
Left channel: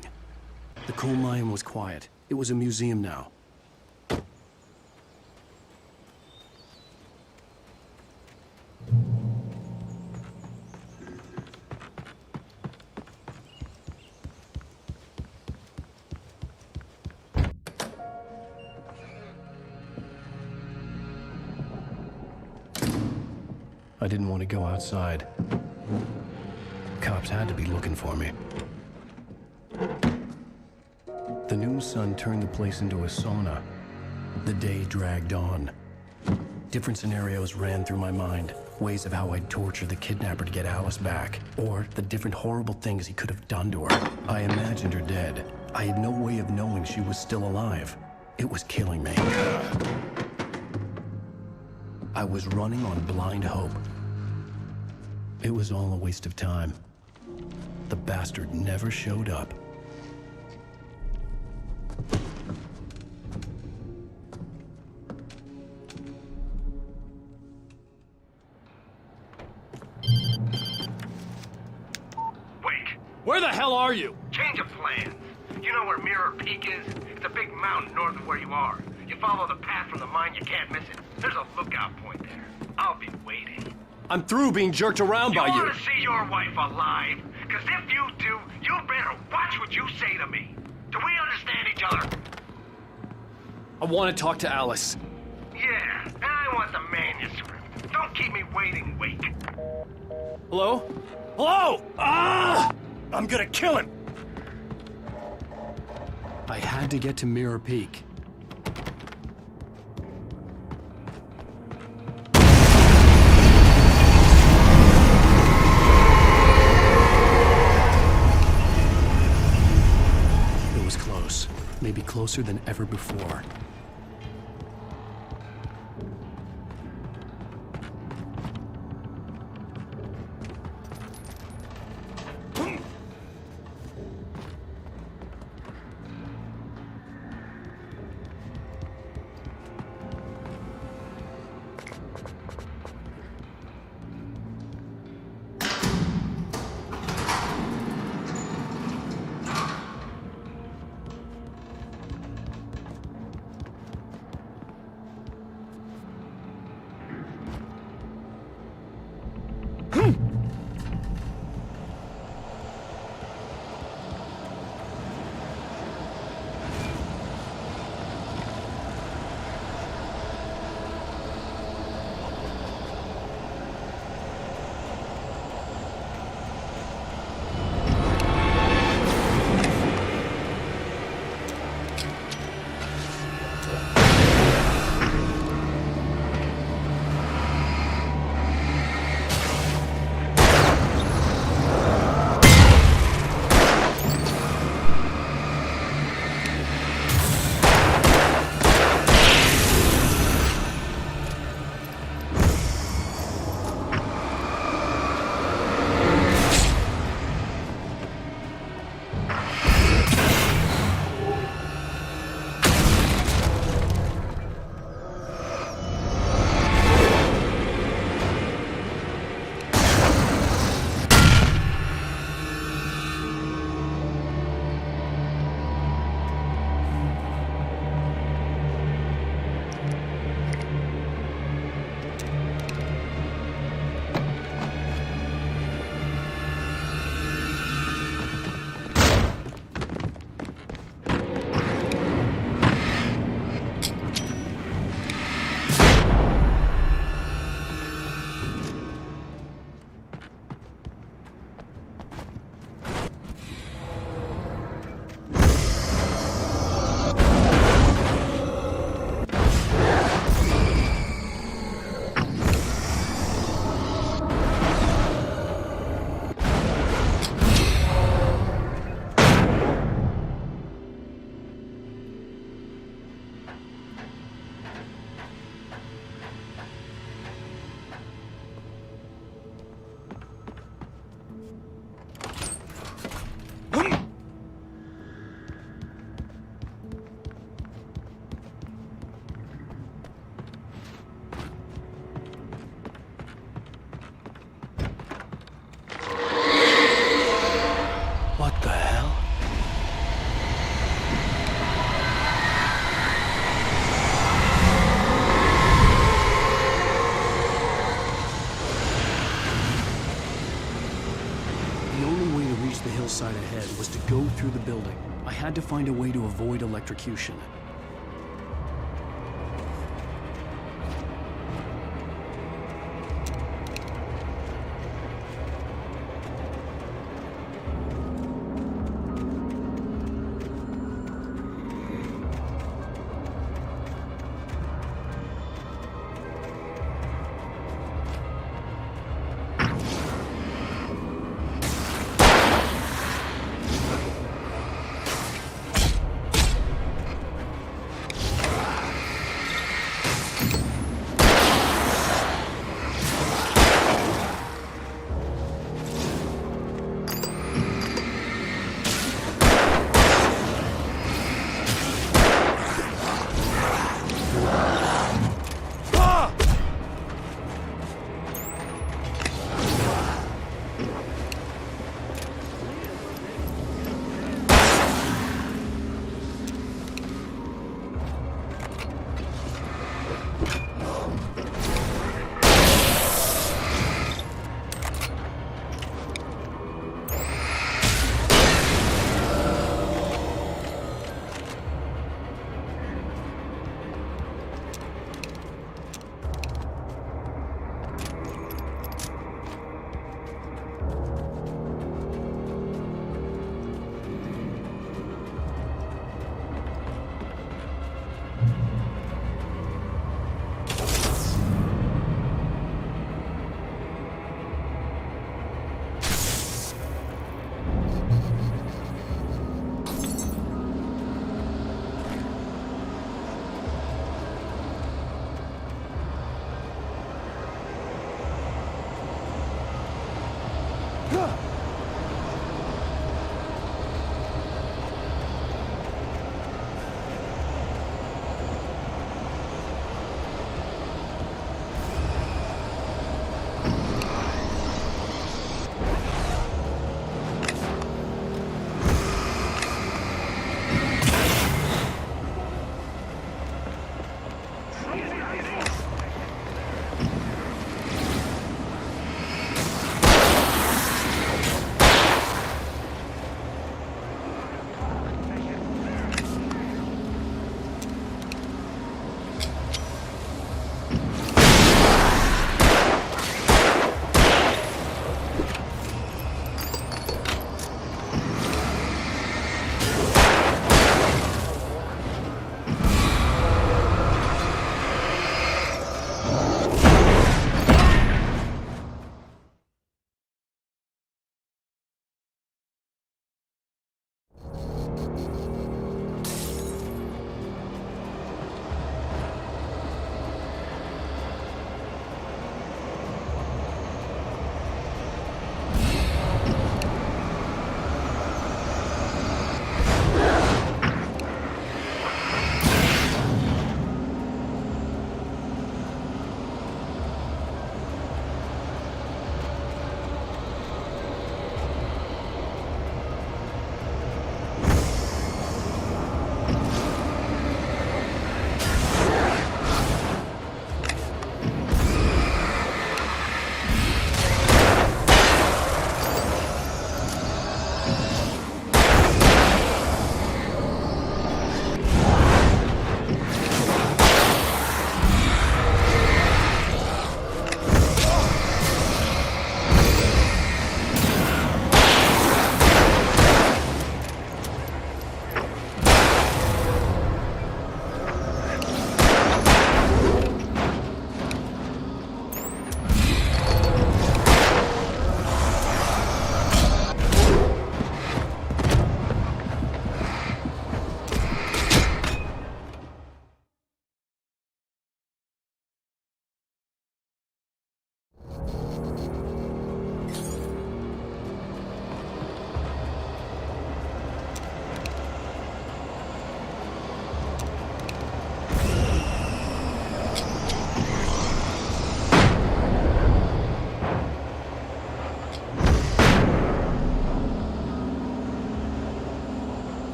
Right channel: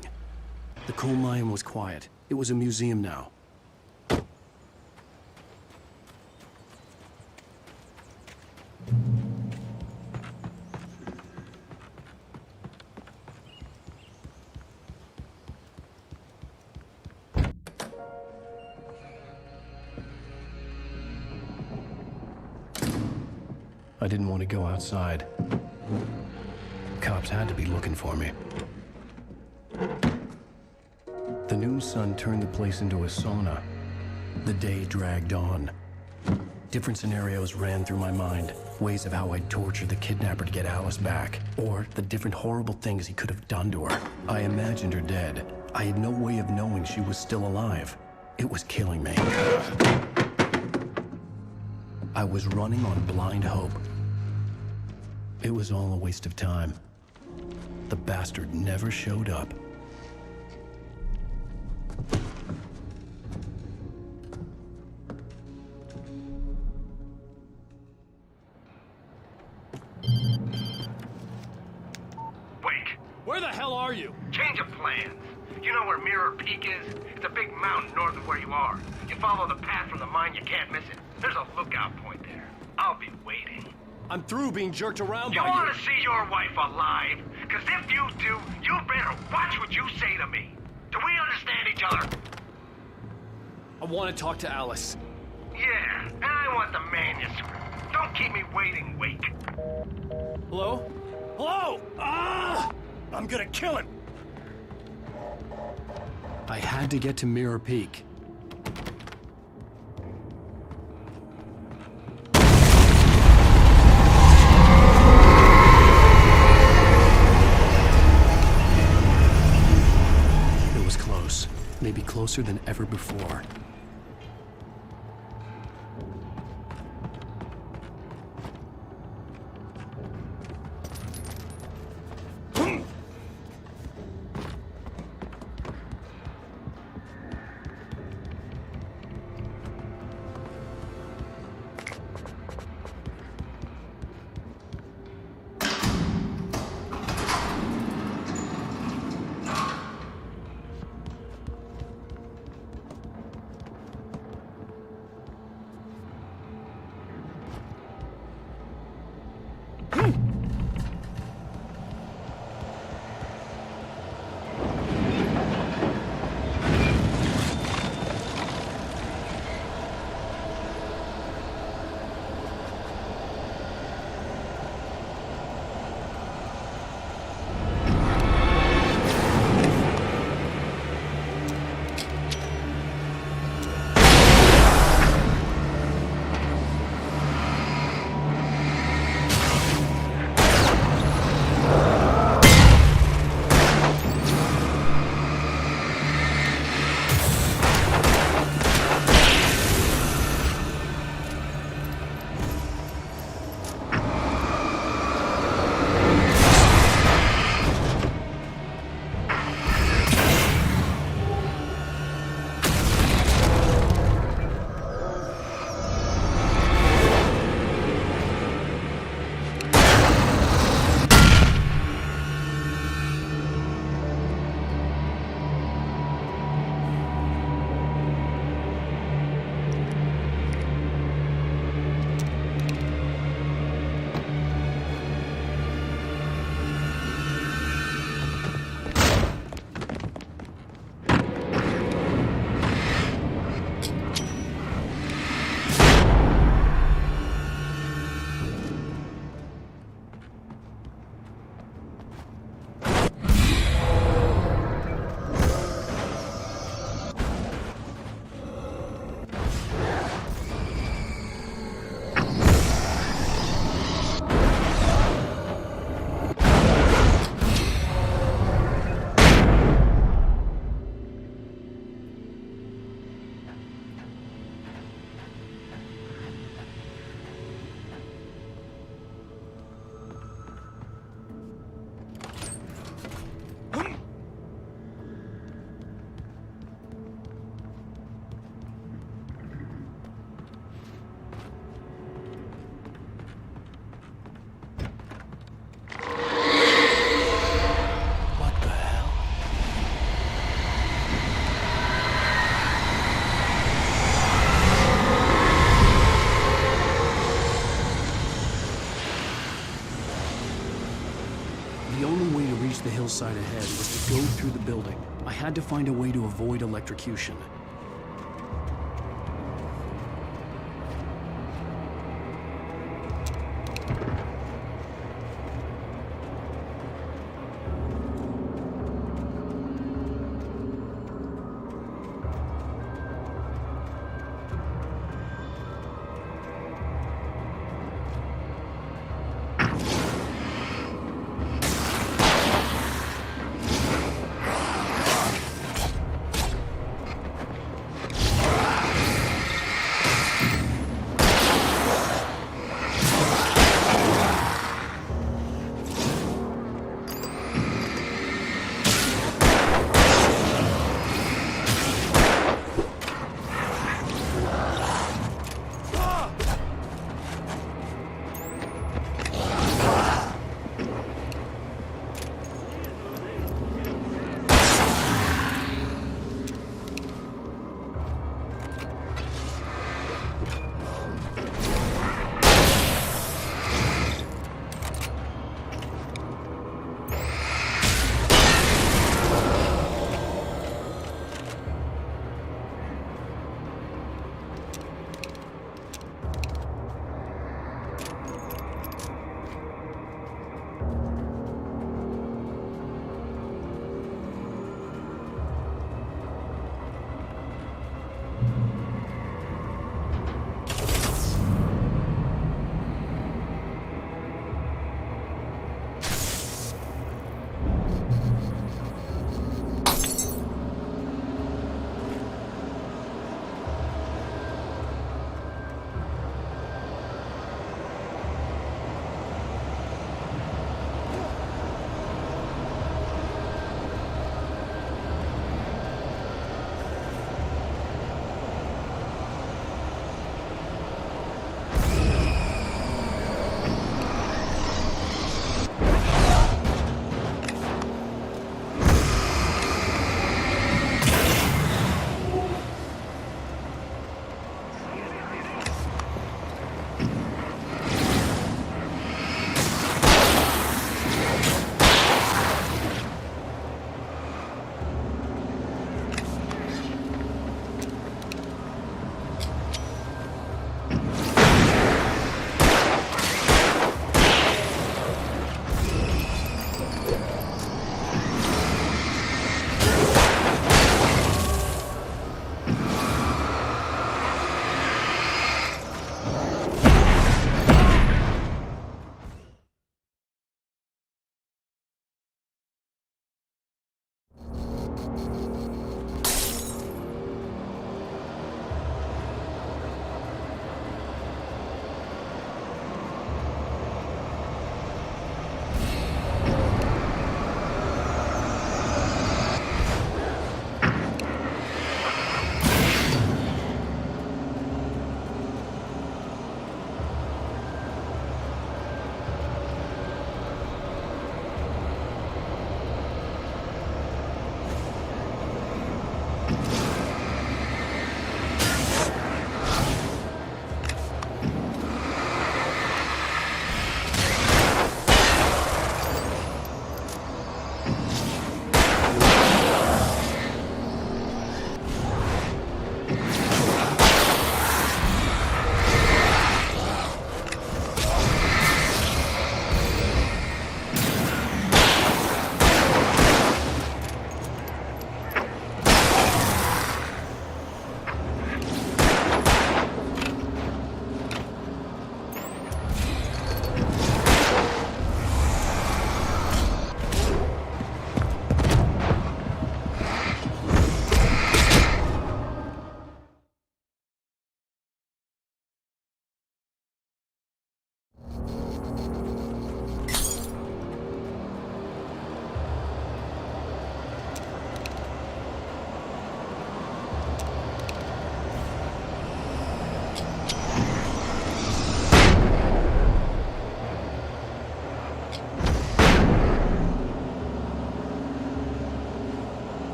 The coal mine was quiet. It was a museum now. I didn't want to go outside. Cops had to be looking for me. The noon sun turned the place into a sauna. The day dragged on. Different scenarios ran through my mind. Ways of how I'd torture the kidnapper to get Alice back. Or the different horrible things he could have done to her. I imagined her dead. I had no way of knowing she was still alive. It was killing me. I was running on blind hope. It was all a waste of time. The bastard never showed up. Where the hell are you? Change of plans. You know where Mirror Peak is? It's a big mountain north of where you are. You follow the path from the mine, you can't miss it. There's a lookout point there. I'll be waiting. I'm through being jerked around by you. You want to see your wife alive? Because if you do, you better watch what you say to me. Do we understand each other? I want to talk to Alice. Yeah, and I want the manuscript. Don't keep me waiting, Wake. Hello? Hello! Ah! I'm gonna kill him! I had to get to Mirror Peak. It was close. Maybe closer than ever before. reach the hillside ahead was to go through the building. I had to find a way to avoid electrocution.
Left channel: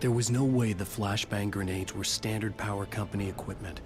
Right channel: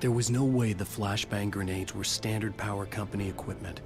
There was no way the flashbang grenades were standard power company equipment.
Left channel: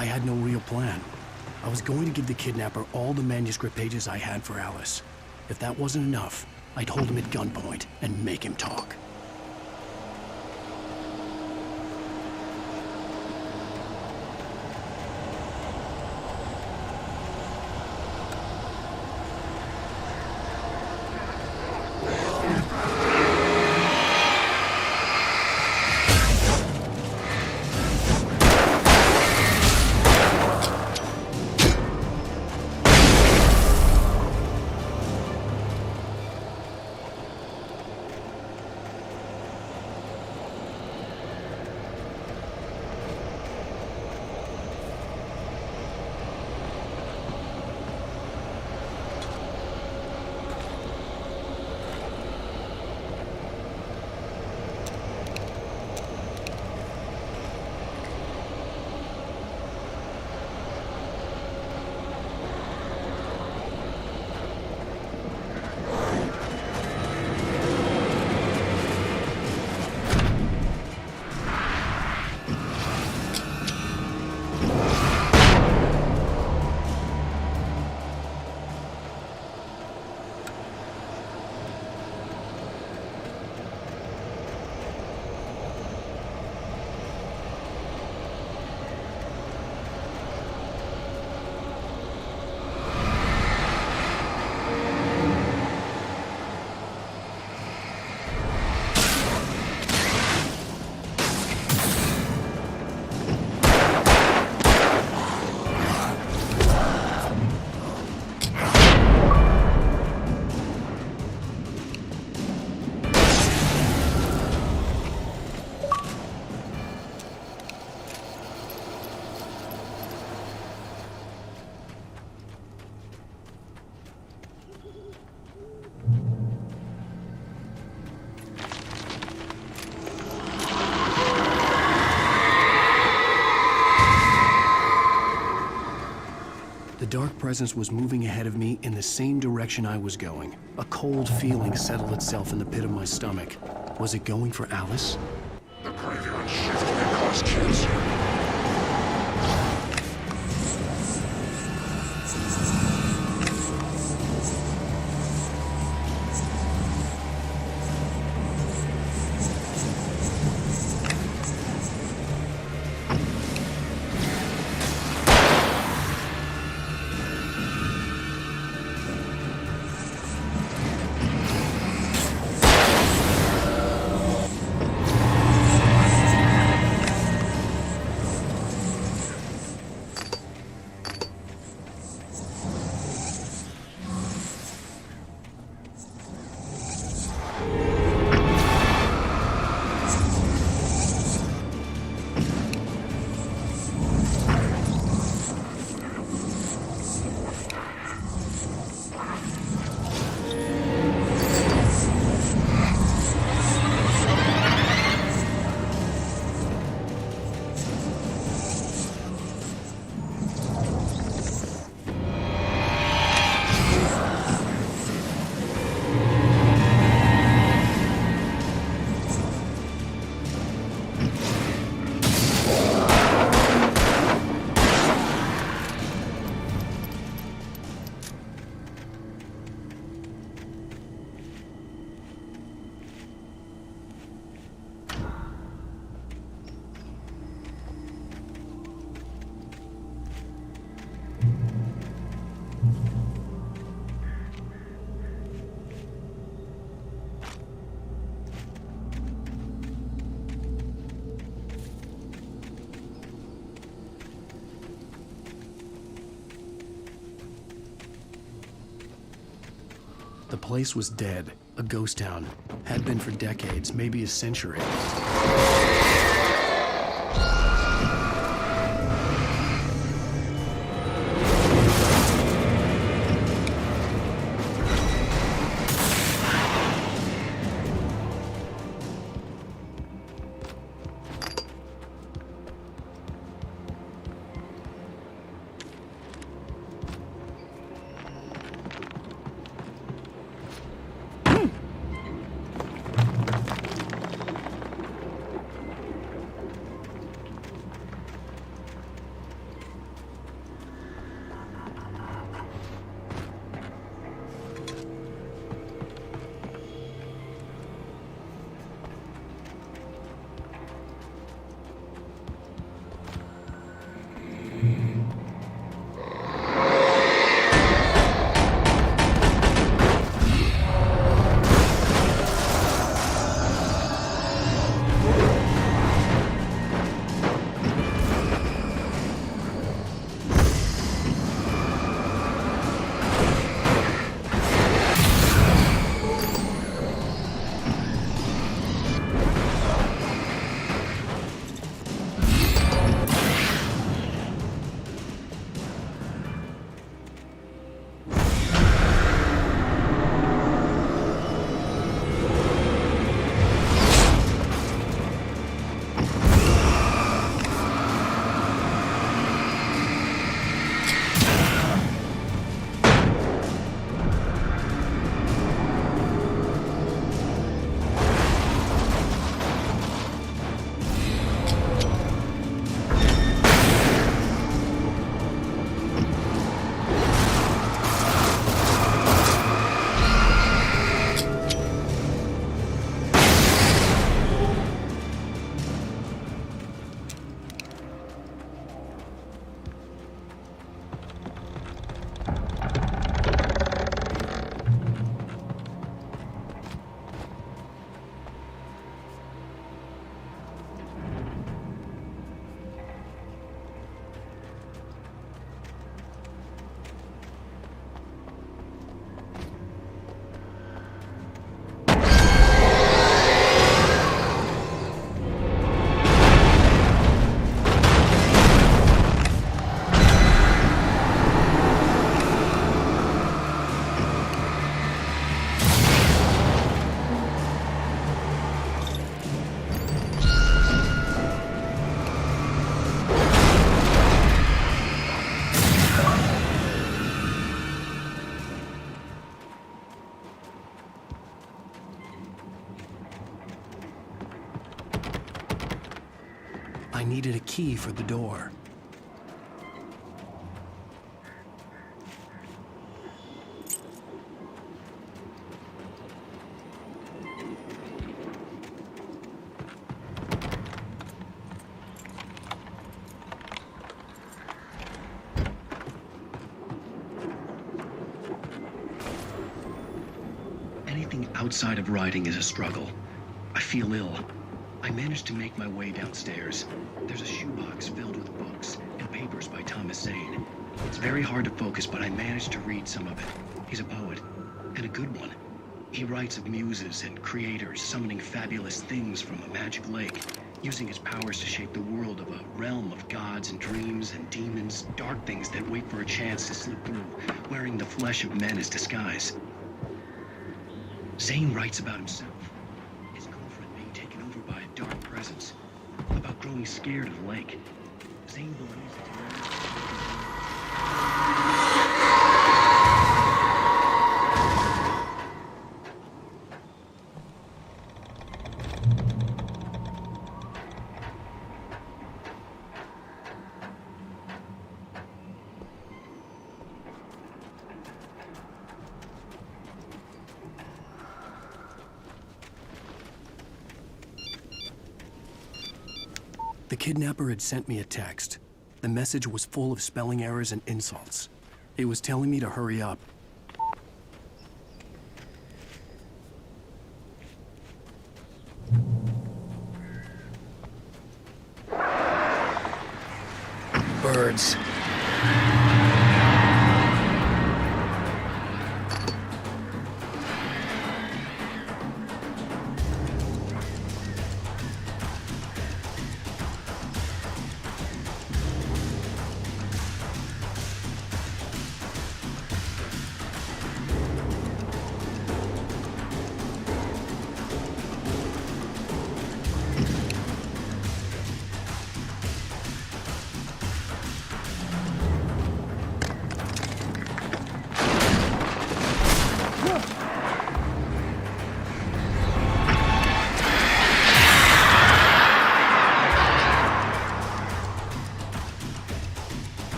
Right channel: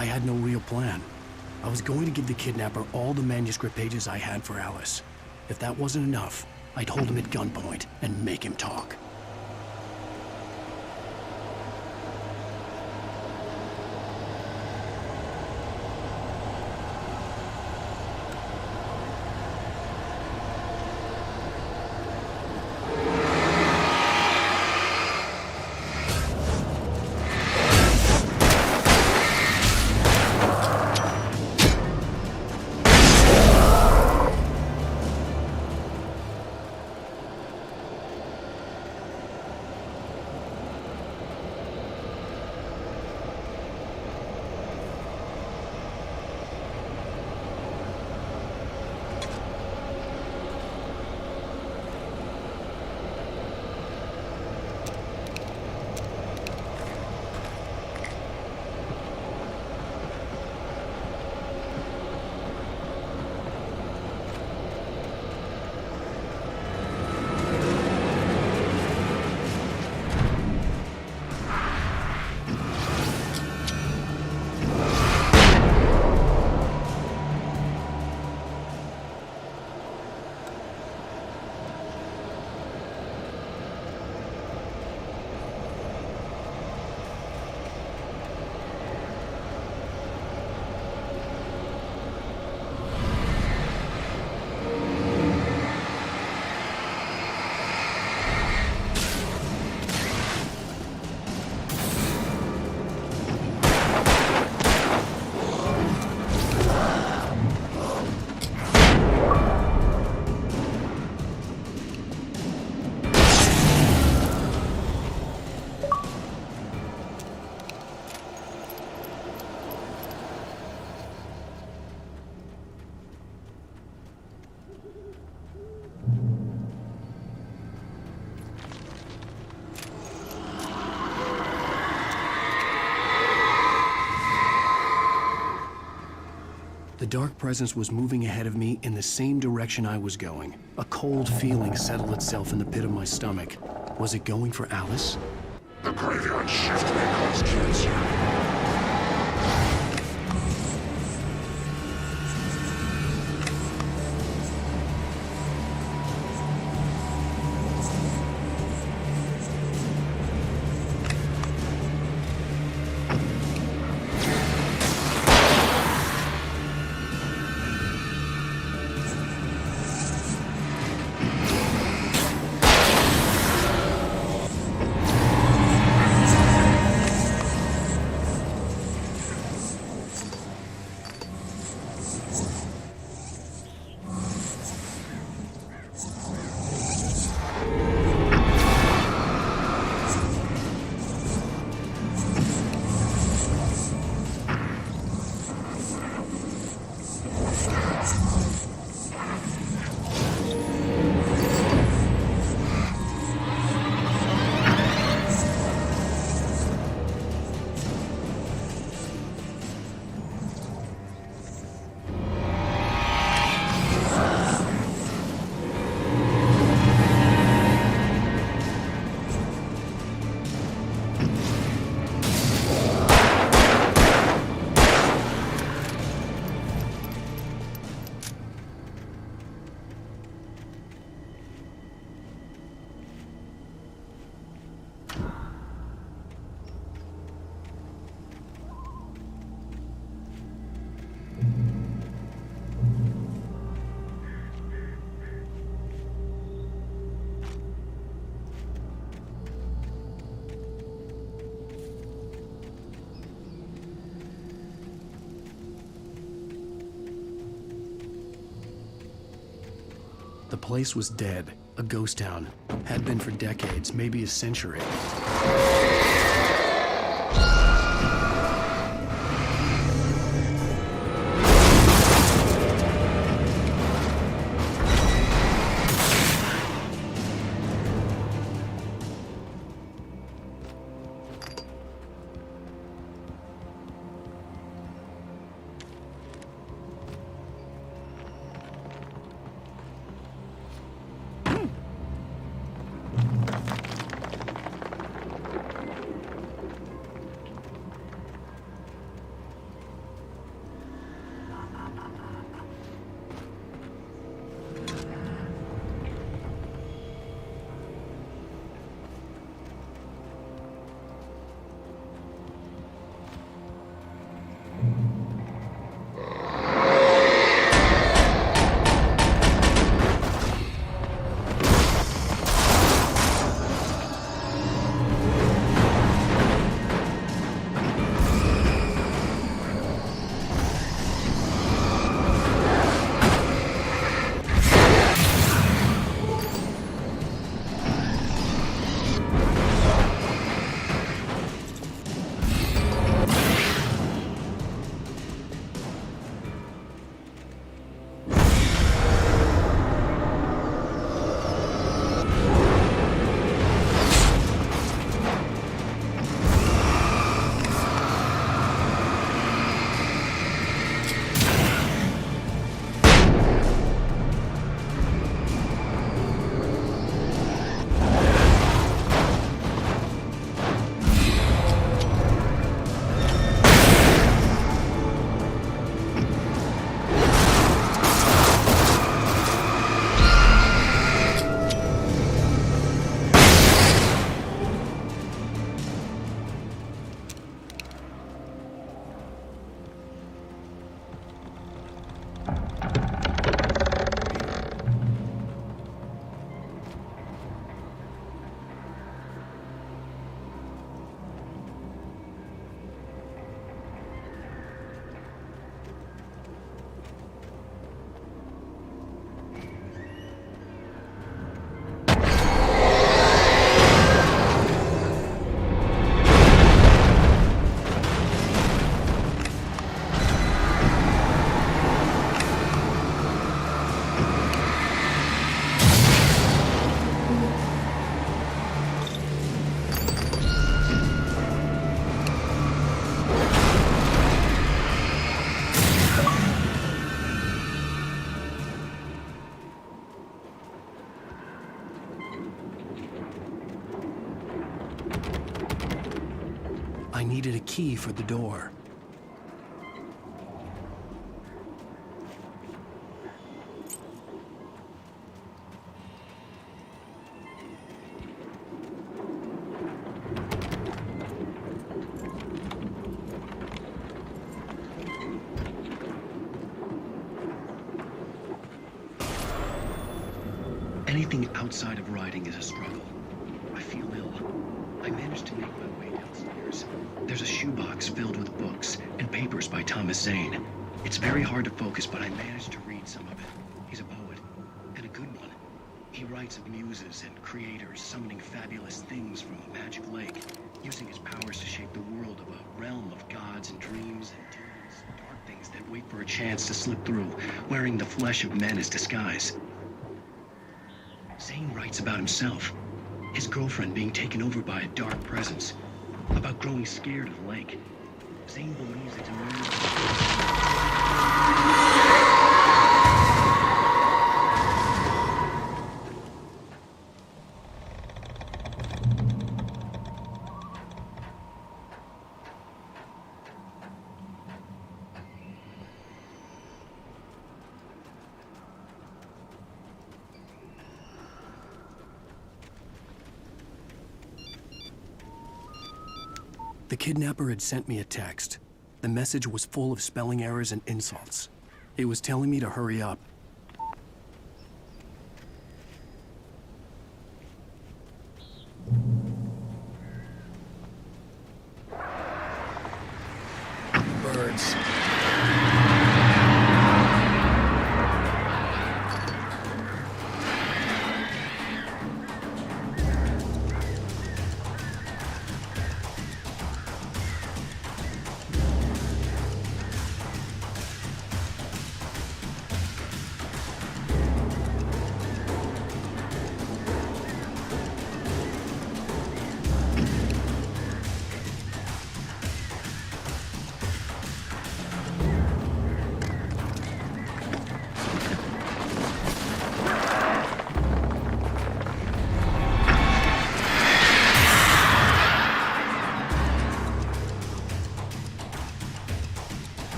I had no real plan. I was going to give the kidnapper all the manuscript pages I had for Alice. If that wasn't enough, I'd hold him at gunpoint and make him talk. dark presence was moving ahead of me in the same direction I was going. A cold feeling settled itself in the pit of my stomach. Was it going for Alice? The graveyard shift may cause cancer. The place was dead, a ghost town. Had been for decades, maybe a century. I needed a key for the door. Anything outside of writing is a struggle. I feel ill. I managed to make my way downstairs. There's a shoebox filled with books and papers by Thomas Zane. But I managed to read some of it. He's a poet, and a good one. He writes of muses and creators summoning fabulous things from a magic lake, using his powers to shape the world of a realm of gods and dreams and demons, dark things that wait for a chance to slip through, wearing the flesh of men as disguise. Zane writes about himself, his girlfriend being taken over by a dark presence, about growing fear. The kidnapper had sent me a text. The message was full of spelling errors and insults. It was telling me to hurry up. Birds.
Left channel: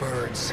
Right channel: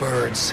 Birds.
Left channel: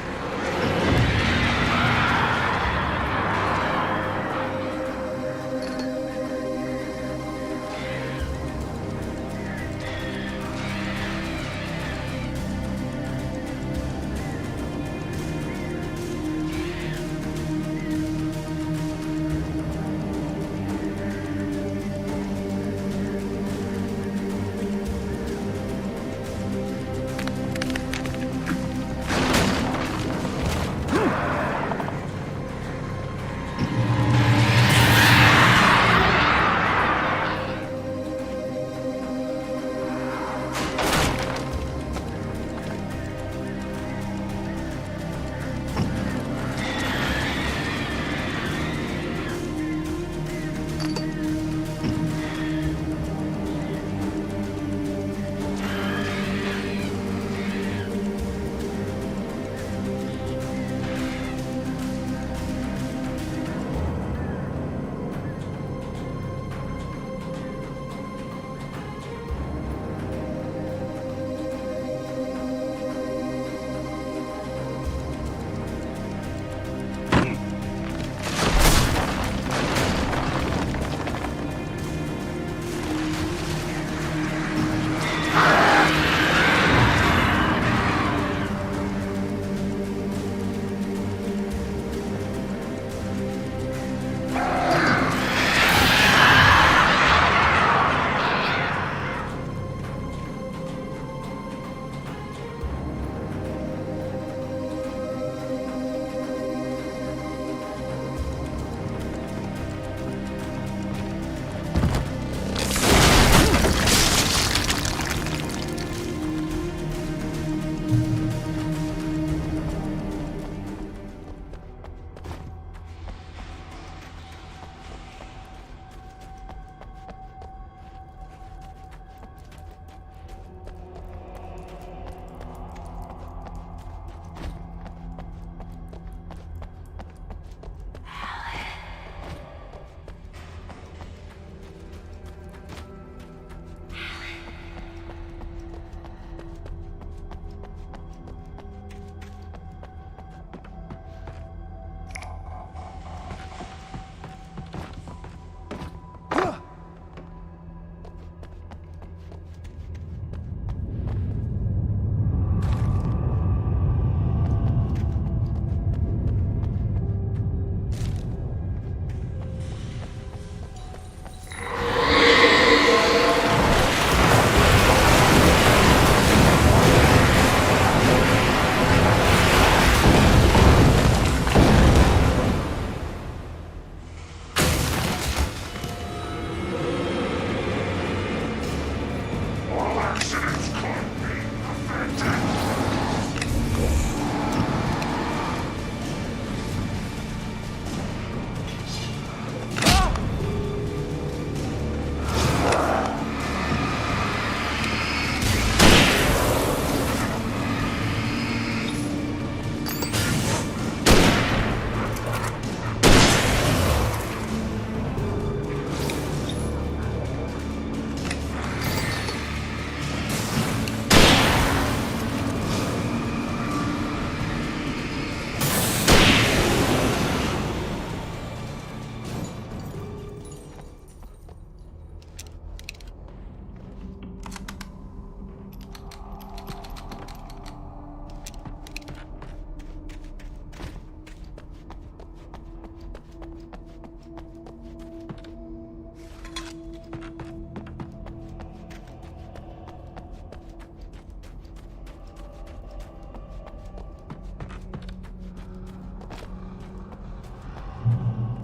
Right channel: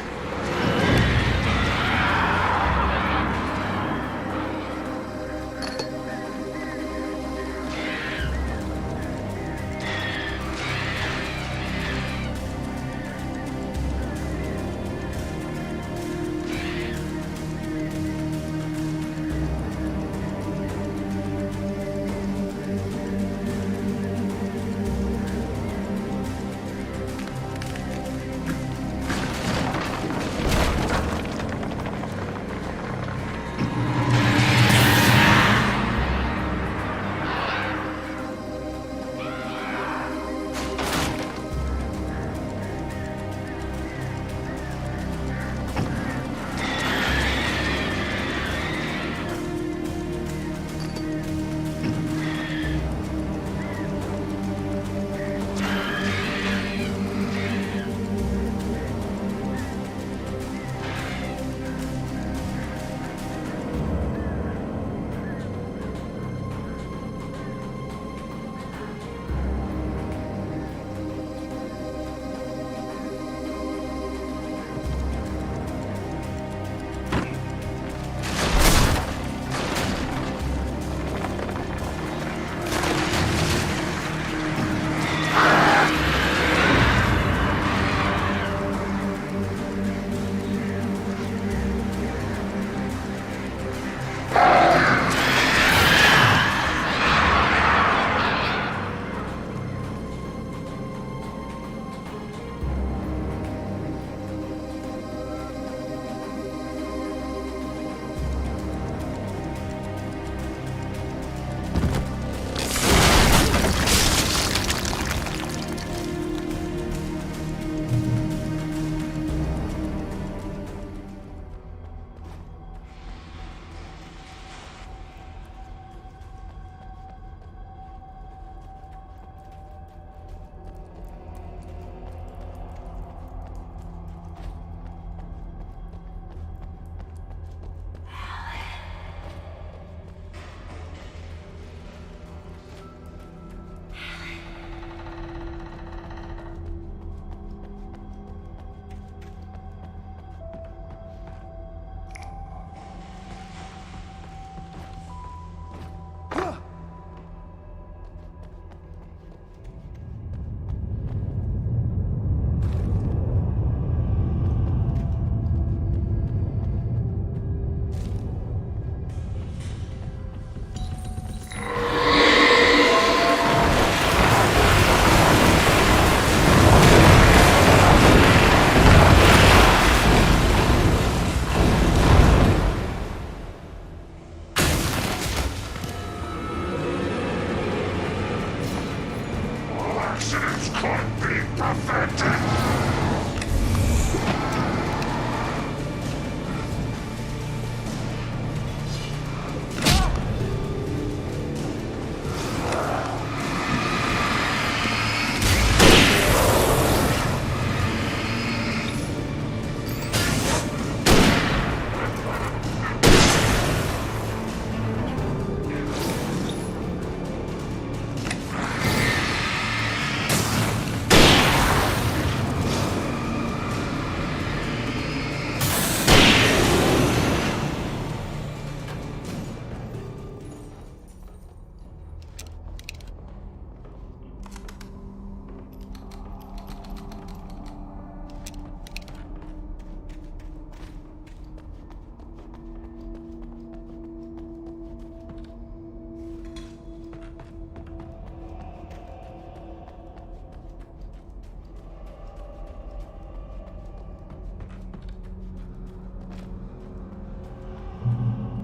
pathetic.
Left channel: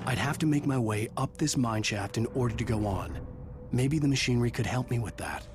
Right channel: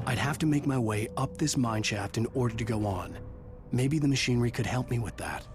I'd have to make my way up this mine shaft in order to go on. Maybe the machinery could help me with that.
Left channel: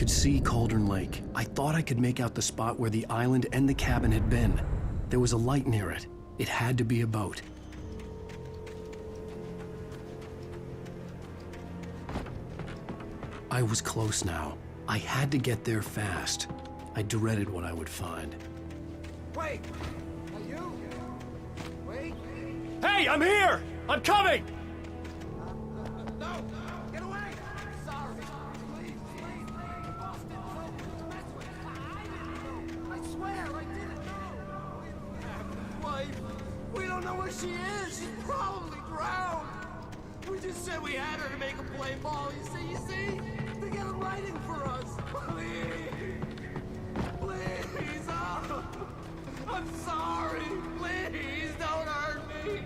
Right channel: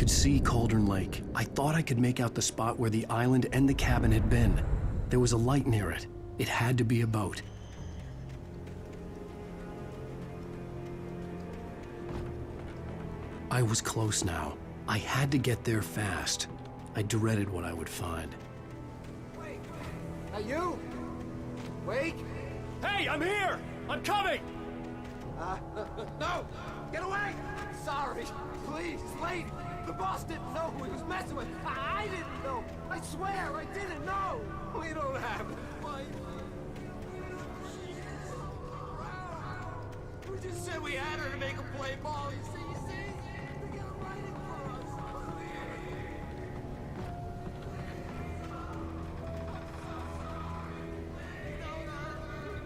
could see Cauldron Lake. I thought I could make out the spot where the island and the cabin had been. There was a light near it. It had to be a boat. I was close now. I had to get there fast. I dreaded what I would find. Wait! Are you? Wait! Hey, I'm here! I'm coming! No! Get away! Sorry! Please, wait! The boss didn't know who he was messing with. I didn't know. I swear I didn't know. We don't have his wife. We don't know where she is. She's probably drowned. We just said we didn't have anything. See? They got it writing for us. Please. Oh. I'm sorry. Please don't hurt me.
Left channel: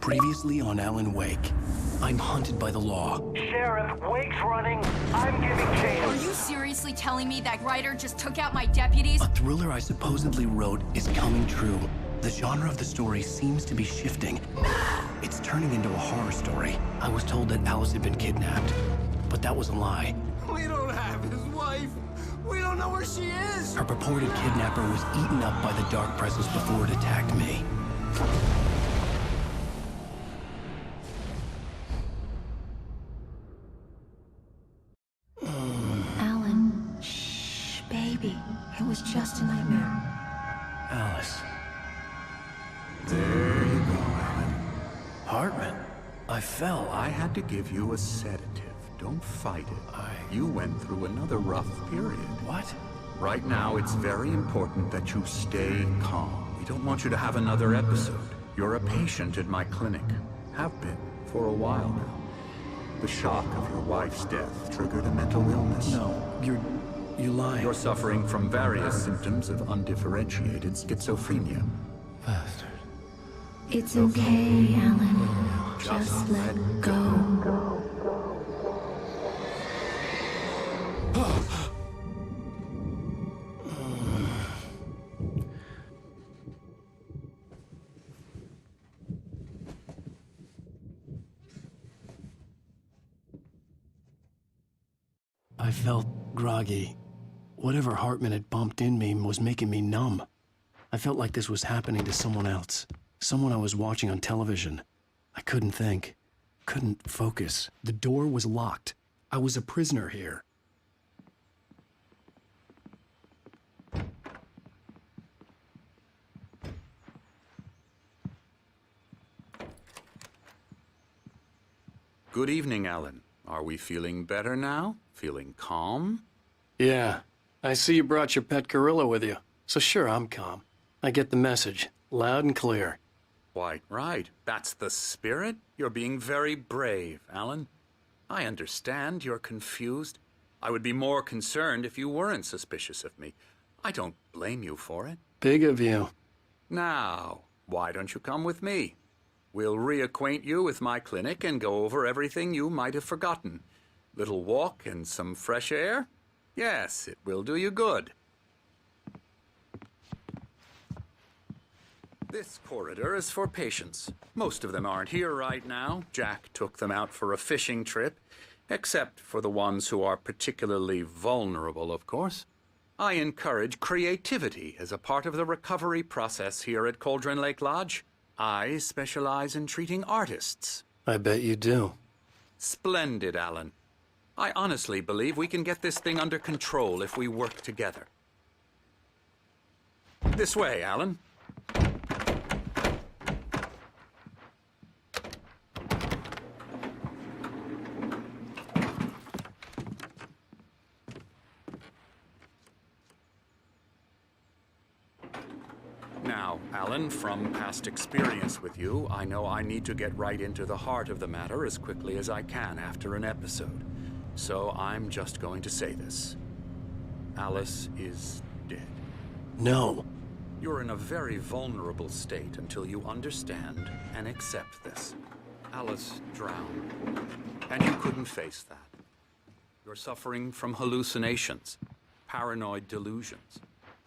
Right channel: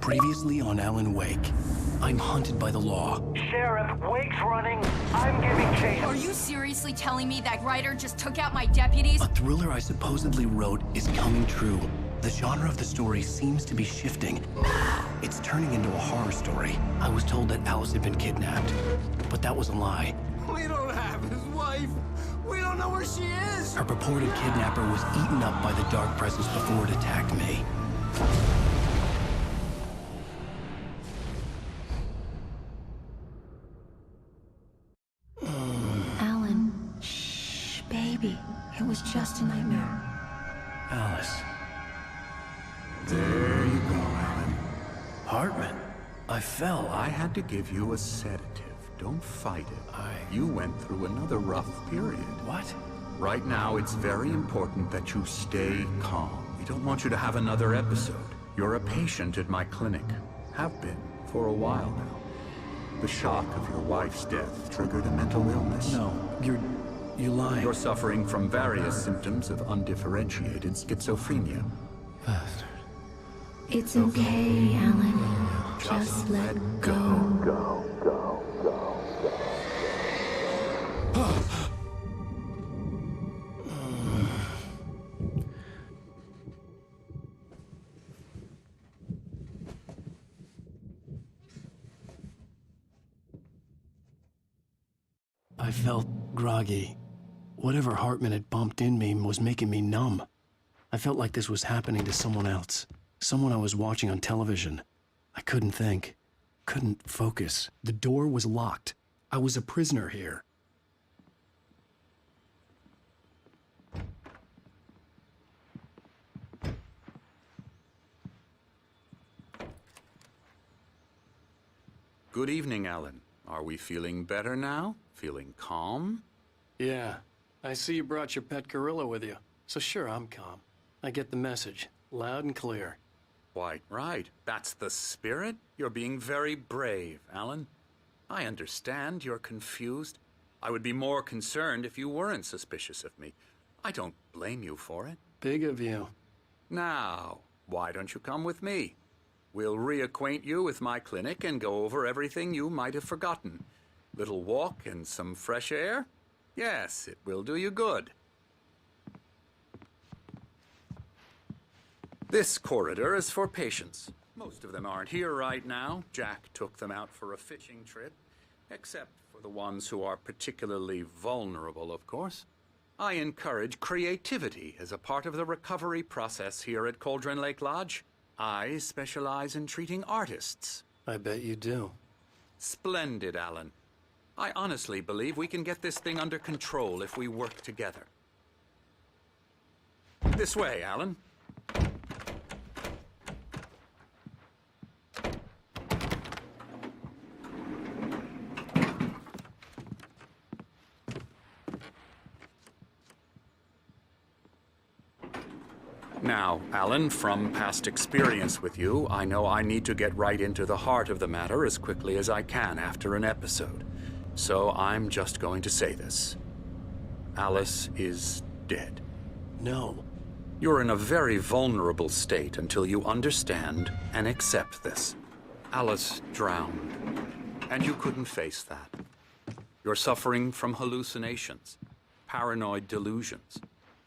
Previously on Alan Wake, I'm hunted by the law. Sheriff, Wake's running. I'm giving chase. Are you seriously telling me that writer just took out my deputies? A thriller I supposedly wrote is coming true. The genre of the story seems to be shifting. It's turning into a horror story. I was told that Alice had been kidnapped, but that was a lie. We don't have his wife. We don't know where she is. Her purported kidnapper was eaten up by the dark presence before it attacked me. Alan, shh, baby. It was just a nightmare. Alice. There you go, Alan. Hartman, I fell. I had to give you a sedative. Don't fight it. You went through another rough period. What? Right now, it's very important that you stay calm. We don't want you to have another episode. You're a patient at my clinic. Have been for a while now. The shock of your wife's death triggered a mental illness. No, you're lying. You're suffering from various symptoms of undifferentiated schizophrenia. Bastard. It's okay, Alan. Just let go. I felt groggy. Whatever Hartman had bumped in me was making me numb. I felt like this was happening to someone else. Someone I was watching on television. I couldn't think. Couldn't focus. The door was locked. I was a prisoner here. Good evening, Alan. Are we feeling better now? Feeling calm? Yeah. I see you brought your pet gorilla with you. So sure, I'm calm. I get the message. Loud and clear. Quite right. That's the spirit. You're being very brave, Alan. I understand you're confused. I would be more concerned if you weren't suspicious of me. I don't blame you for it. Big of you. Now, why don't you come with me? We'll reacquaint you with my clinic and go over everything you might have forgotten. Little walk and some fresh air? Yes, it will do you good. This corridor is for patients. Most of them aren't here right now. Jack took them out for a fishing trip, except for the ones who are particularly vulnerable, of course. I encourage creativity as a part of the recovery process here at Cauldron Lake Lodge. I specialize in treating artists. I bet you do. Splendid, Alan. I honestly believe we can get this thing under control if we work together. This way, Alan. Now, Alan, from past experience with you, I know I need to get right into the heart of the matter as quickly as I can after an episode. So I'm just going to say this. Alice is dead. No. You're in a very vulnerable state until you understand and accept this. Alice drowned. You couldn't face that. You're suffering from hallucinations, paranoid delusions,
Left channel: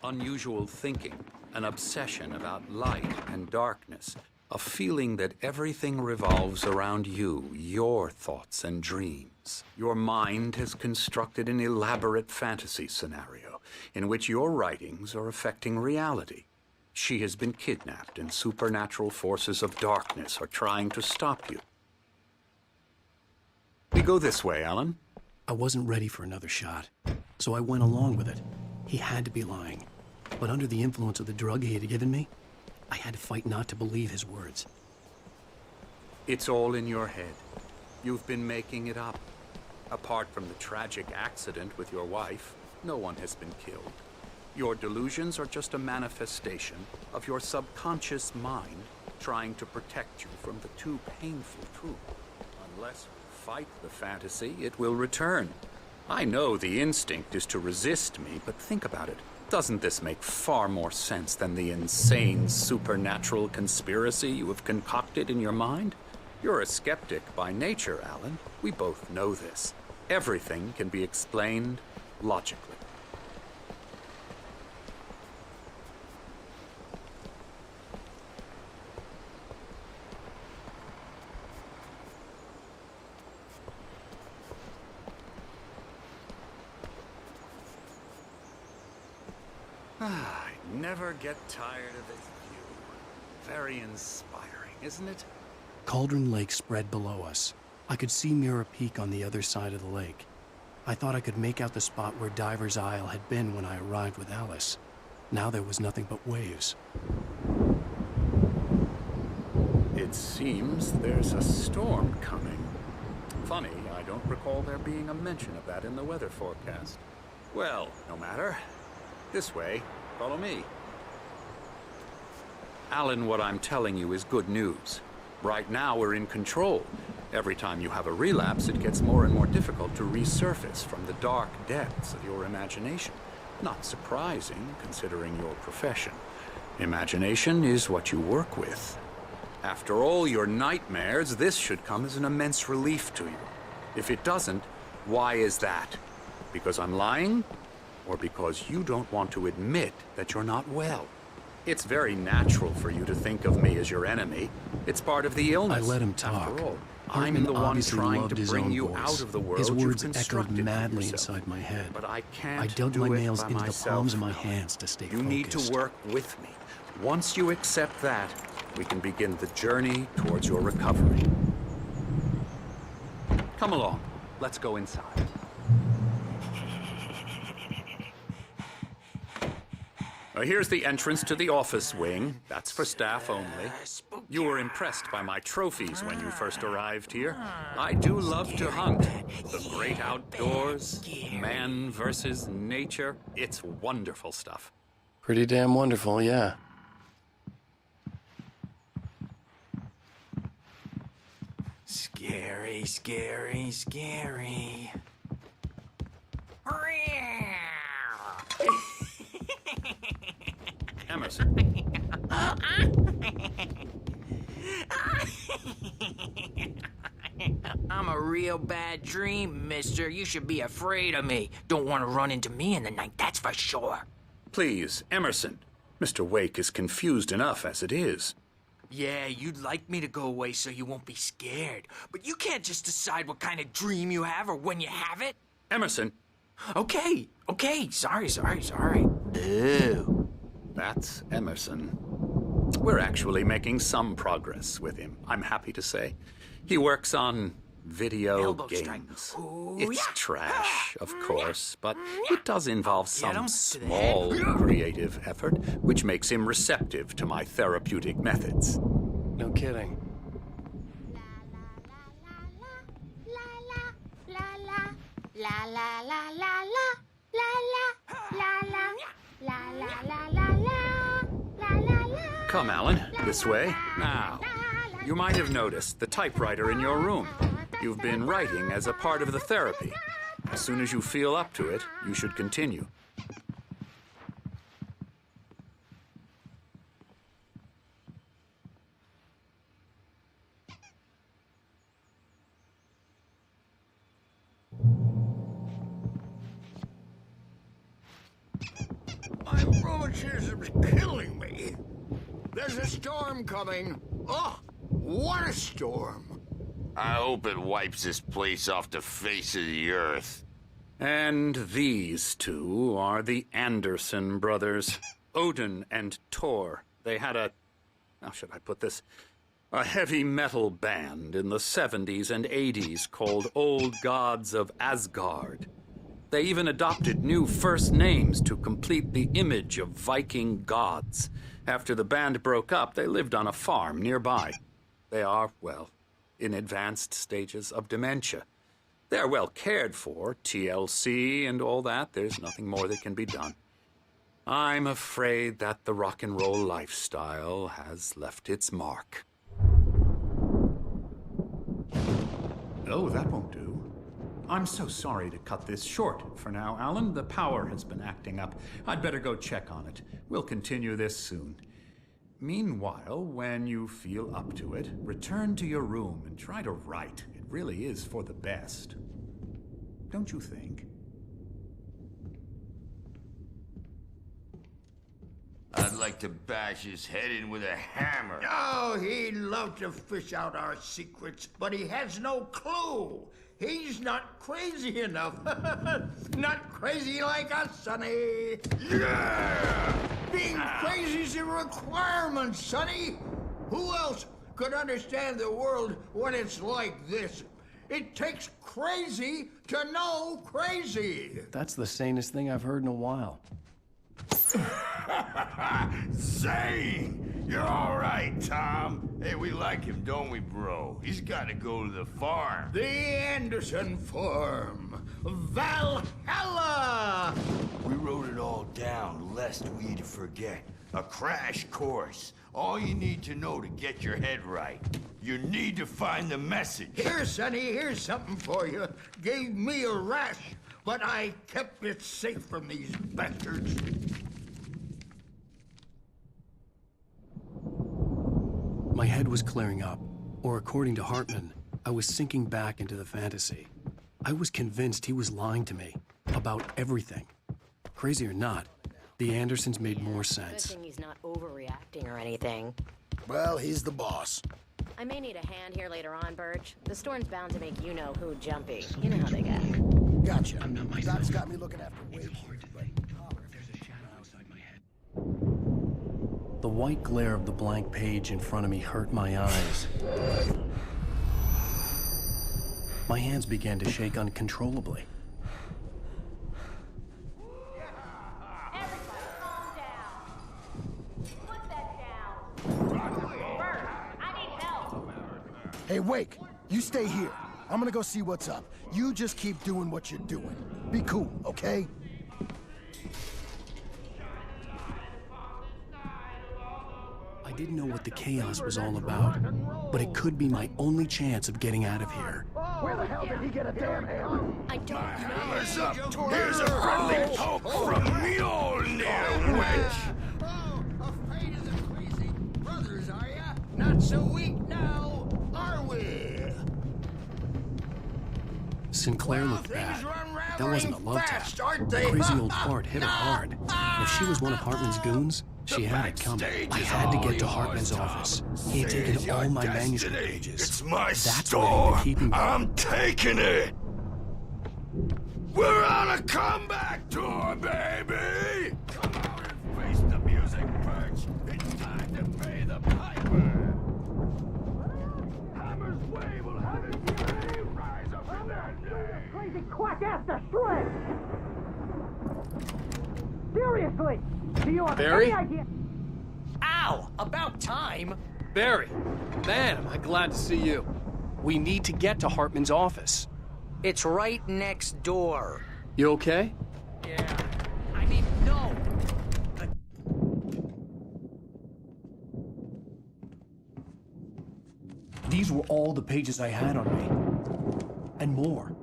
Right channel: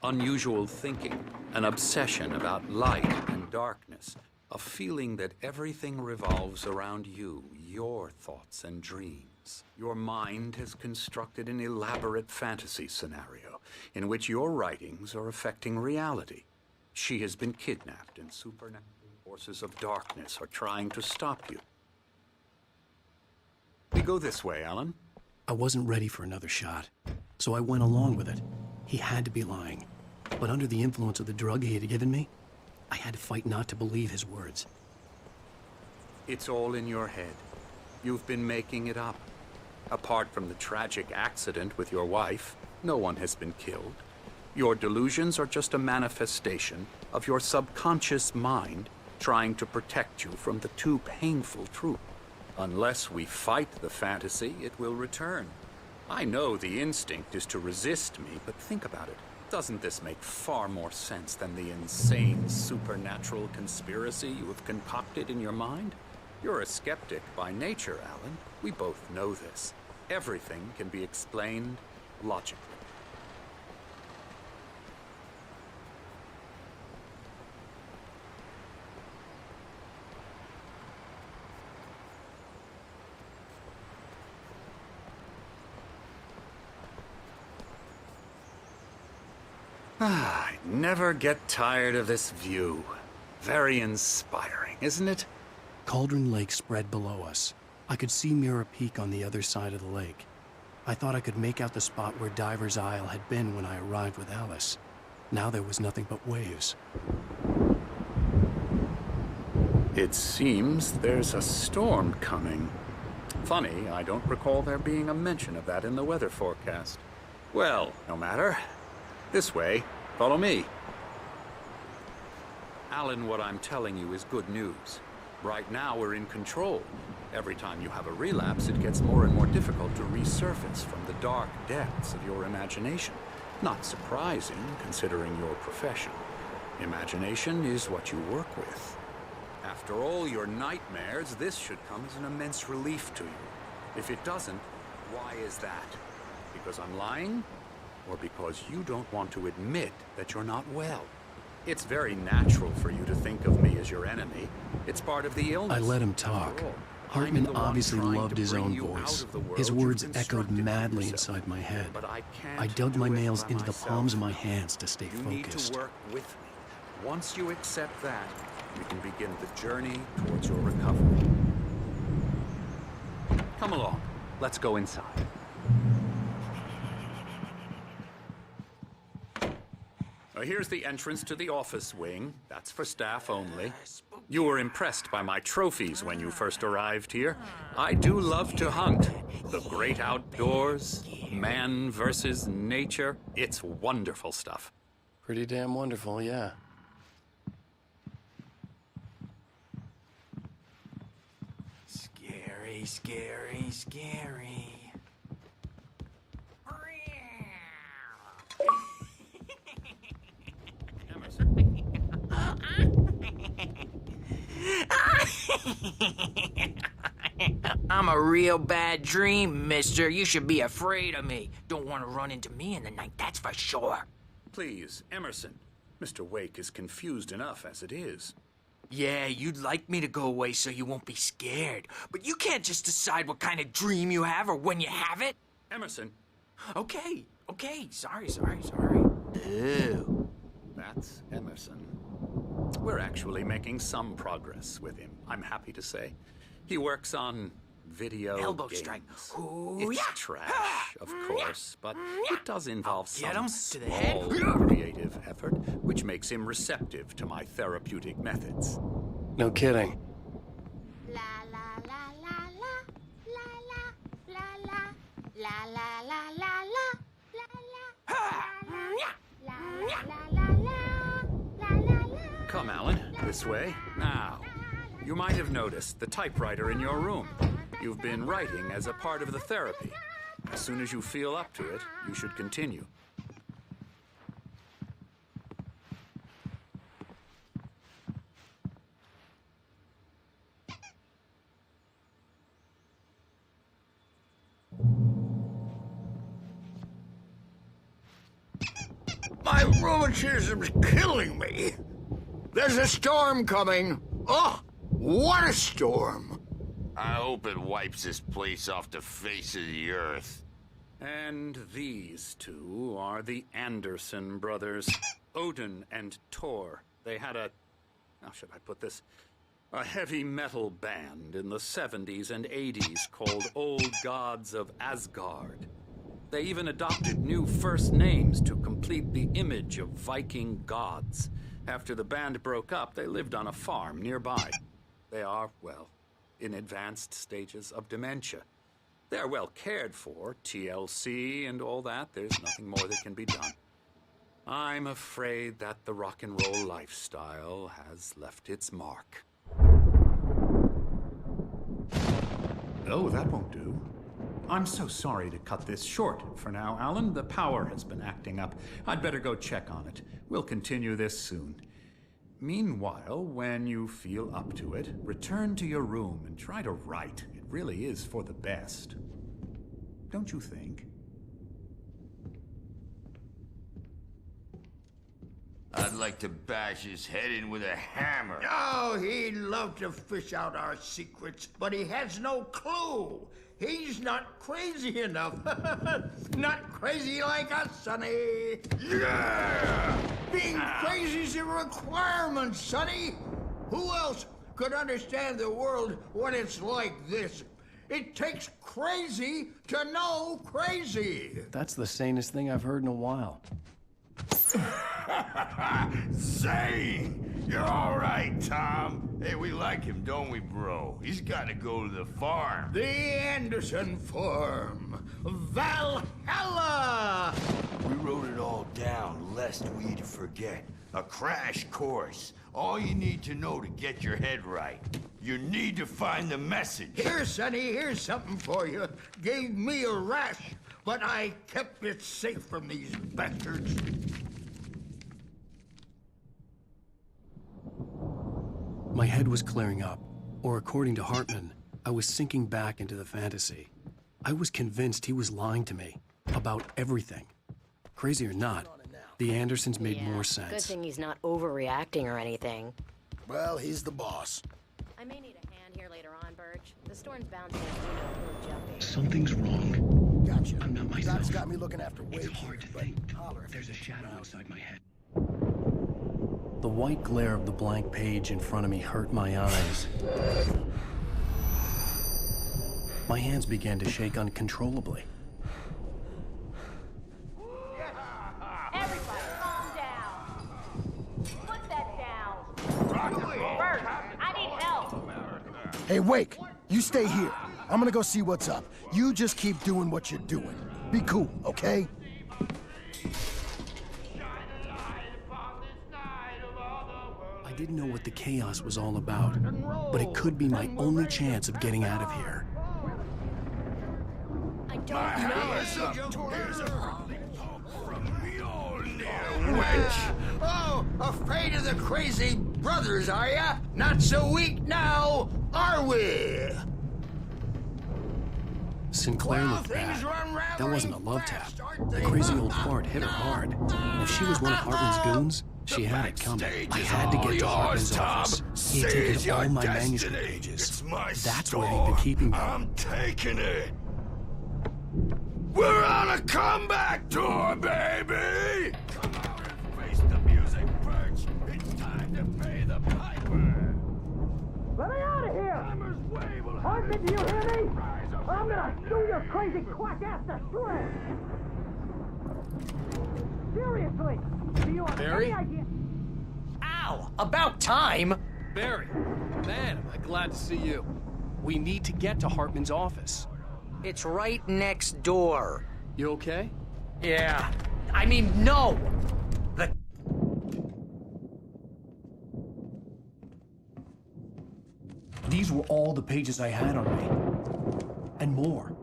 unusual thinking, an obsession about light and darkness, a feeling that everything revolves around you, your thoughts and dreams. Your mind has constructed an elaborate fantasy scenario in which your writings are affecting reality. She has been kidnapped and supernatural forces of darkness are trying to stop you. We go this way, Alan. I wasn't ready for another shot, so I went along with it. He had to be lying. But under the influence of the drug he had given me, I had to fight not to believe his words. It's all in your head. You've been making it up. Apart from the tragic accident with your wife, no one has been killed. Your delusions are just a manifestation of your subconscious mind trying to protect you from the too painful truth. Unless we fight the fantasy, it will return. I know the instinct is to resist me, but think about it. Doesn't this make far more sense than the insane supernatural conspiracy you have concocted in your mind? You're a skeptic by nature, Alan. We both know this. Everything can be explained logically. I never get tired of this view. Very inspiring, isn't it? Cauldron Lake spread below us. I could see Mirror Peak on the other side of the lake. I thought I could make out the spot where Diver's Isle had been when I arrived with Alice. Now there was nothing but waves. It seems there's a storm coming. Funny, I don't recall there being a mention of that in the weather forecast. Well, no matter. This way. Follow me. Alan, what I'm telling you is good news. Right now, we're in control. Every time you have a relapse, it gets more and more difficult to resurface from the dark depths of your imagination. Not surprising, considering your profession. Imagination is what you work with. After all your nightmares, this should come as an immense relief to you. If it doesn't, why is that? Because I'm lying? Or because you don't want to admit that you're not well? It's very natural for you to think of me as your enemy. It's part of the illness. I let him talk. After all, Hartman obviously loved his own you out voice. of the world His you've words echoed constructed for madly yourself. inside my head. But I can't I dug do my it nails by into the myself. palms of my hands to stay You focused. need to work with me. Once you accept that, we can begin the journey towards your recovery. Come along. Let's go inside. Here's the entrance to the office wing. That's for staff only. You were impressed by my trophies when you first arrived here. I do love to hunt. The great outdoors, man versus nature. It's wonderful stuff. Pretty damn wonderful, yeah. Scary, scary, scary. Emerson. I'm a real bad dream, mister. You should be afraid of me. Don't want to run into me in the night, that's for sure. Please, Emerson. Mr. Wake is confused enough as it is. Yeah, you'd like me to go away so you won't be scared. But you can't just decide what kind of dream you have or when you have it. Emerson. Okay. Sorry. Boo. That's Emerson. We're actually making some progress with him, I'm happy to say. He works on video Elbow games. strike. Ooh, It's yeah. trash, of course, but it does involve Get him some to the head. small creative effort, which makes him receptive to my therapeutic methods. No kidding. Come, Alan, this way. Now, you might have noticed the typewriter in your room. You've been writing as a part of the therapy. As soon as you feel up to it, you should continue. My rheumatism's killing me. There's a storm coming. Oh, what a storm. I hope it wipes this place off the face of the earth. And these two are the Anderson brothers, Odin and Tor. They had how should I put this? A heavy metal band in the 70s and 80s called Old Gods of Asgard. They even adopted new first names to complete the image of Viking gods. After the band broke up, they lived on a farm nearby. They are, well, in advanced stages of dementia. They're well cared for, TLC and all that. There's nothing more that can be done. I'm afraid that the rock and roll lifestyle has left its mark. Oh, that won't do. I'm so sorry to cut this short for now, Alan. The power has been acting up. I'd better go check on it. We'll continue this soon. Meanwhile, when you feel up to it, return to your room and try to write. It really is for the best. Don't you think? I'd like to bash his head in with a hammer. Oh, he'd love to fish out our secrets, but he has no clue. He's not crazy enough. Not crazy like us, Sonny. Yeah! Being crazy's a requirement, Sonny. Who else could understand the world when it's like this? It takes crazy to know crazy. That's the sanest thing I've heard in a while. Zane! You're all right, Tom. Hey, we like him, don't we, bro? He's got to go to the farm. The Anderson farm. Valhalla! We wrote it all down lest we'd forget. A crash course. All you need to know to get your head right. You need to find the message. Here, Sonny, here's something for you. Gave me a rash, but I kept it safe from these bastards. My head was clearing up, or according to Hartman, I was sinking back into the fantasy. I was convinced he was lying to me about everything. Crazy or not, the Andersons made more Good sense. thing he's not overreacting or anything. Well, he's the boss. I may need a hand here later on, Birch. The storm's bound to make you-know-who jumpy. You know how they get. Gotcha. It's hard to think. There's a shadow outside my head. The white glare of the blank page in front of me hurt my eyes. My hands began to shake uncontrollably. Everybody, calm down. Put that down. Bert, I need help. Hey, Wake, you stay here. I'm gonna go see what's up. You just keep doing what you're doing. Be cool, okay? I didn't know what the chaos was all about, but it could be my only chance of getting out of here. I don't Hammer's up. Here's a friendly poke from Mjolnir. Oh, afraid of the crazy brothers, are ya? Not so weak now, are we? Sinclair looked bad. That wasn't a love tap. The crazy old fart hit her hard. And if she was one of Hartman's goons, she had it coming. I had to get to Hartman's office. He had taken all my manuscript pages. It's my That's store. where he'd been keeping them. I'm taking it. Come back to her, baby. Let me out of here! Hartman, do you hear me? I'm gonna chew your crazy quack ass to shreds! Seriously! Do you have Barry? any idea? Ow! About time! Barry, man, am I glad to see you. We need to get to Hartman's office. It's right next door. You okay? Yeah. I mean, no! These were all the pages I had on me. And more.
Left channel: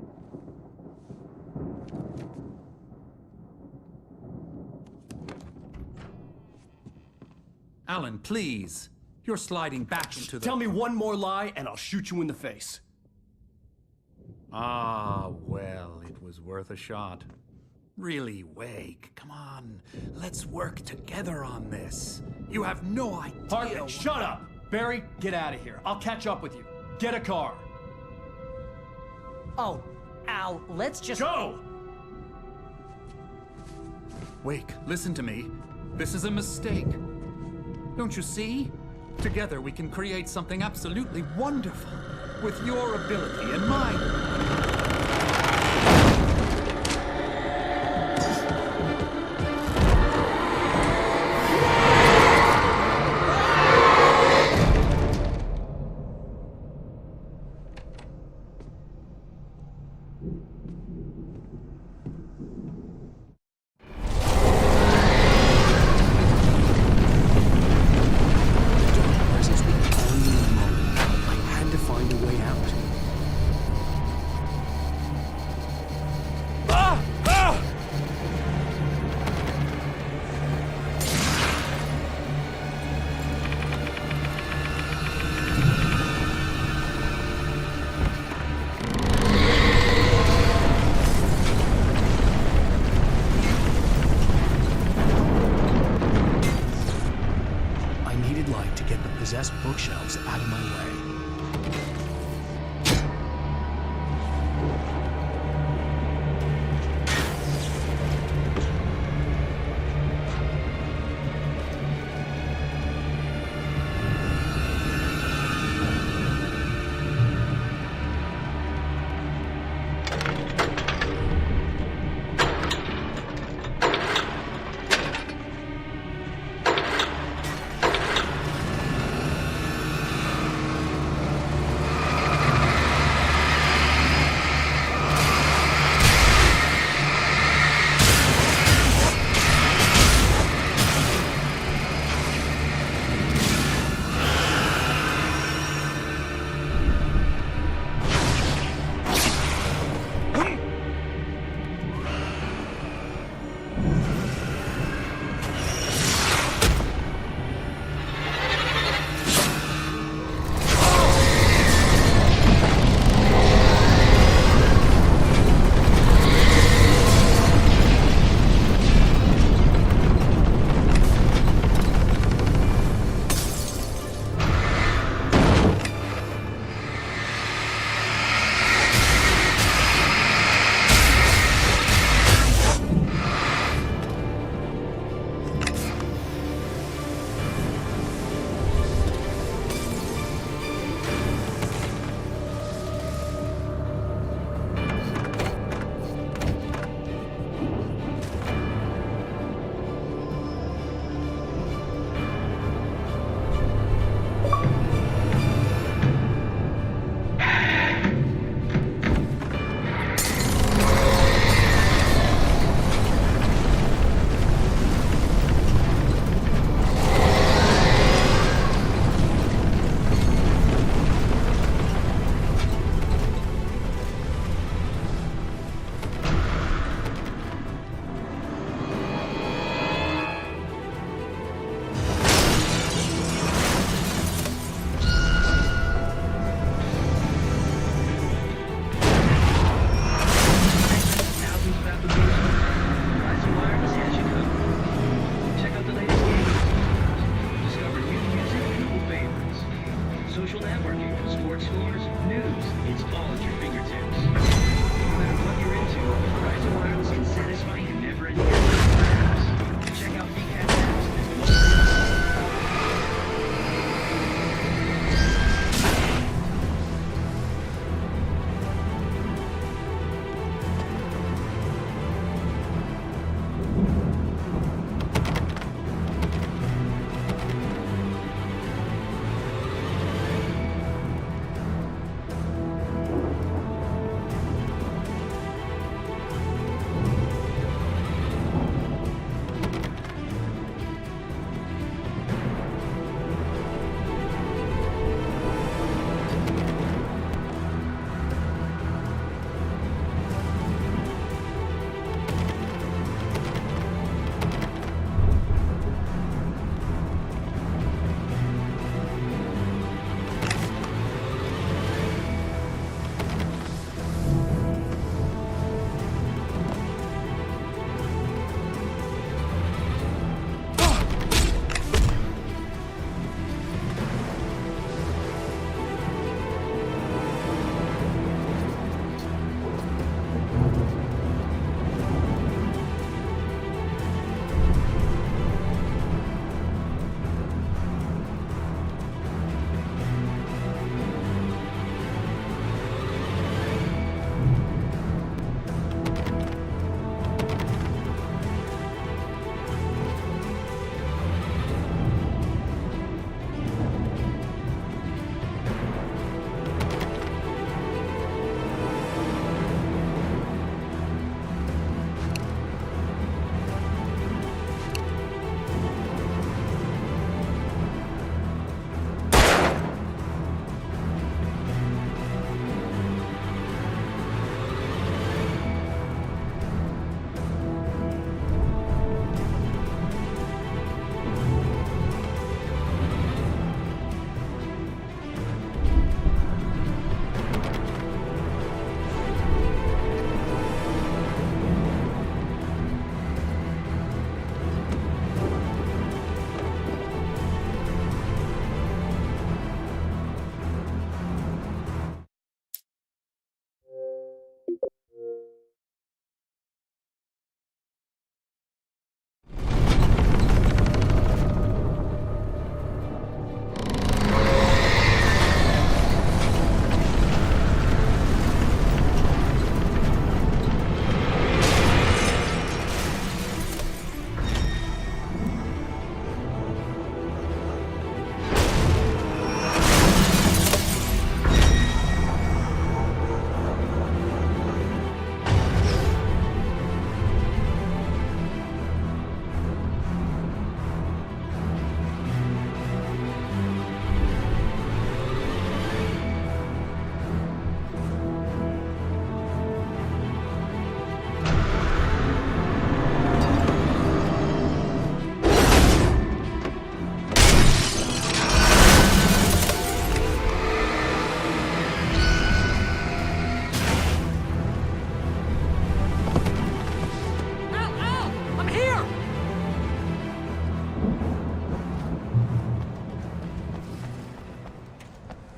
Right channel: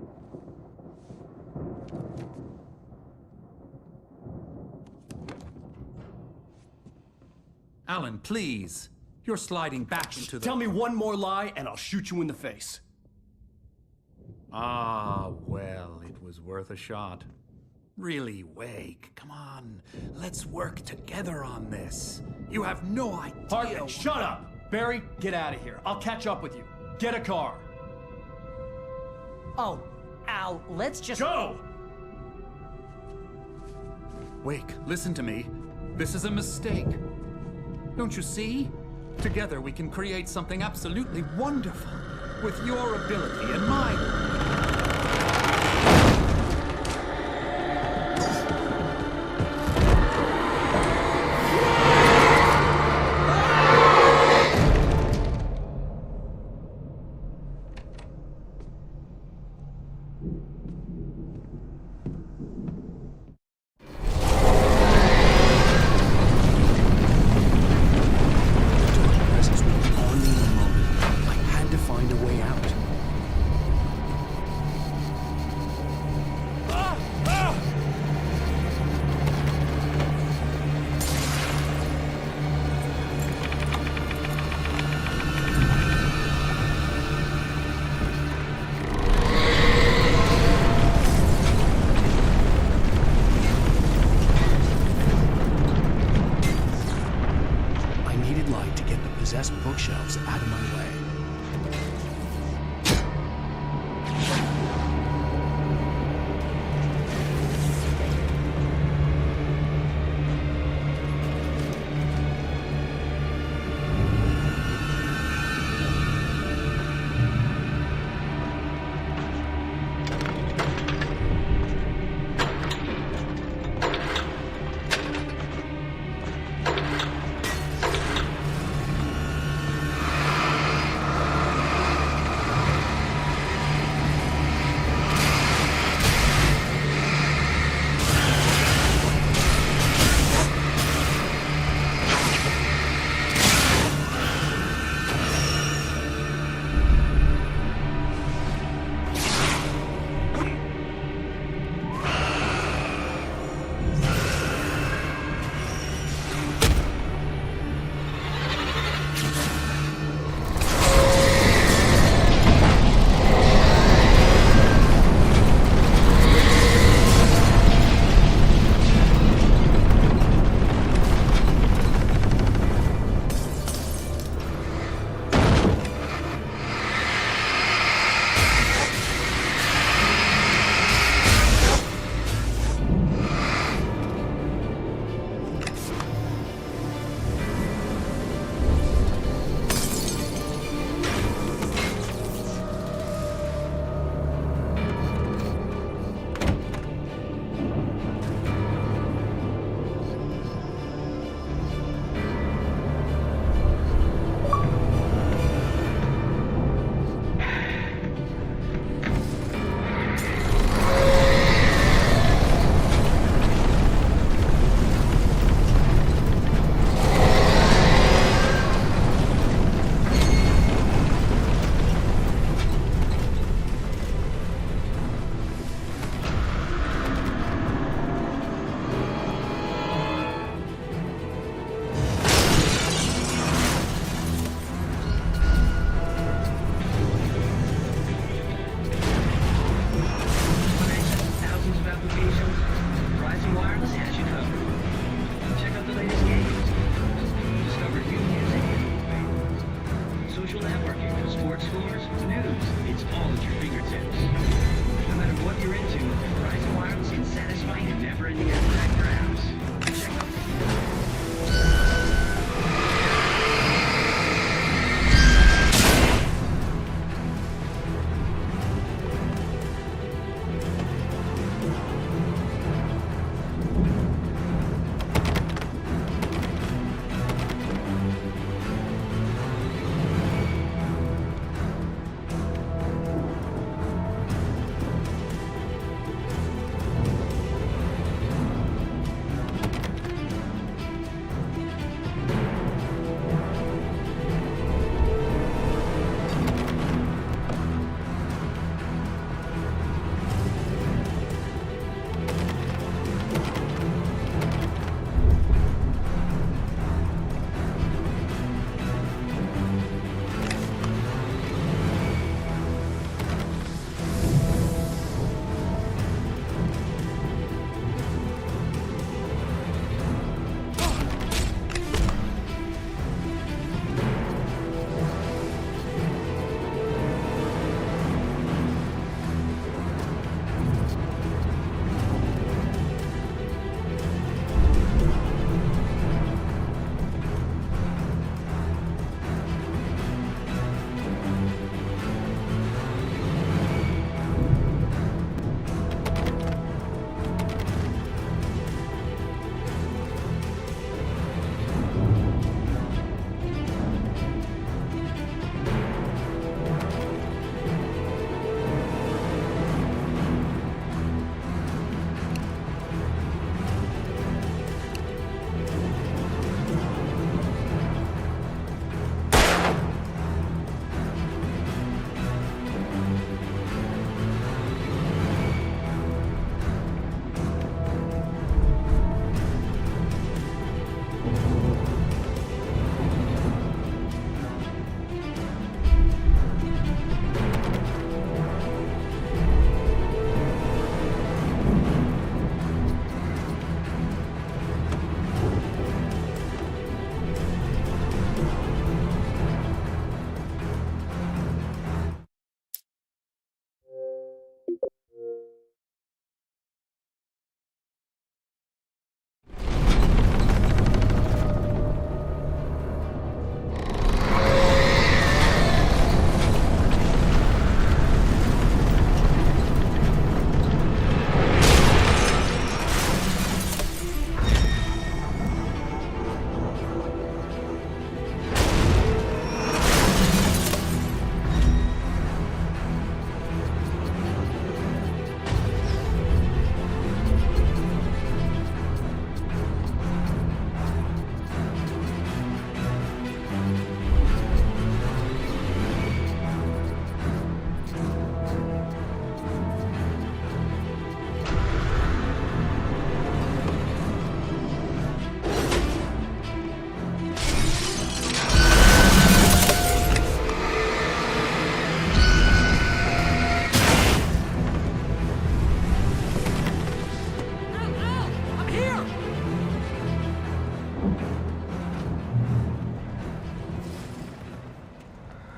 Alan, please. You're sliding back into the... Tell me one more lie and I'll shoot you in the face. Ah, well, it was worth a shot. Really, Wake, come on. Let's work together on this. You have no idea... Hartman, shut up! Barry, get out of here. I'll catch up with you. Get a car. Oh, Al, let's just... Go! Wake, listen to me. This is a mistake. Don't you see? Together we can create something absolutely wonderful. With your ability and mine. Find a way out. I needed light to get the possessed bookshelves out of my way.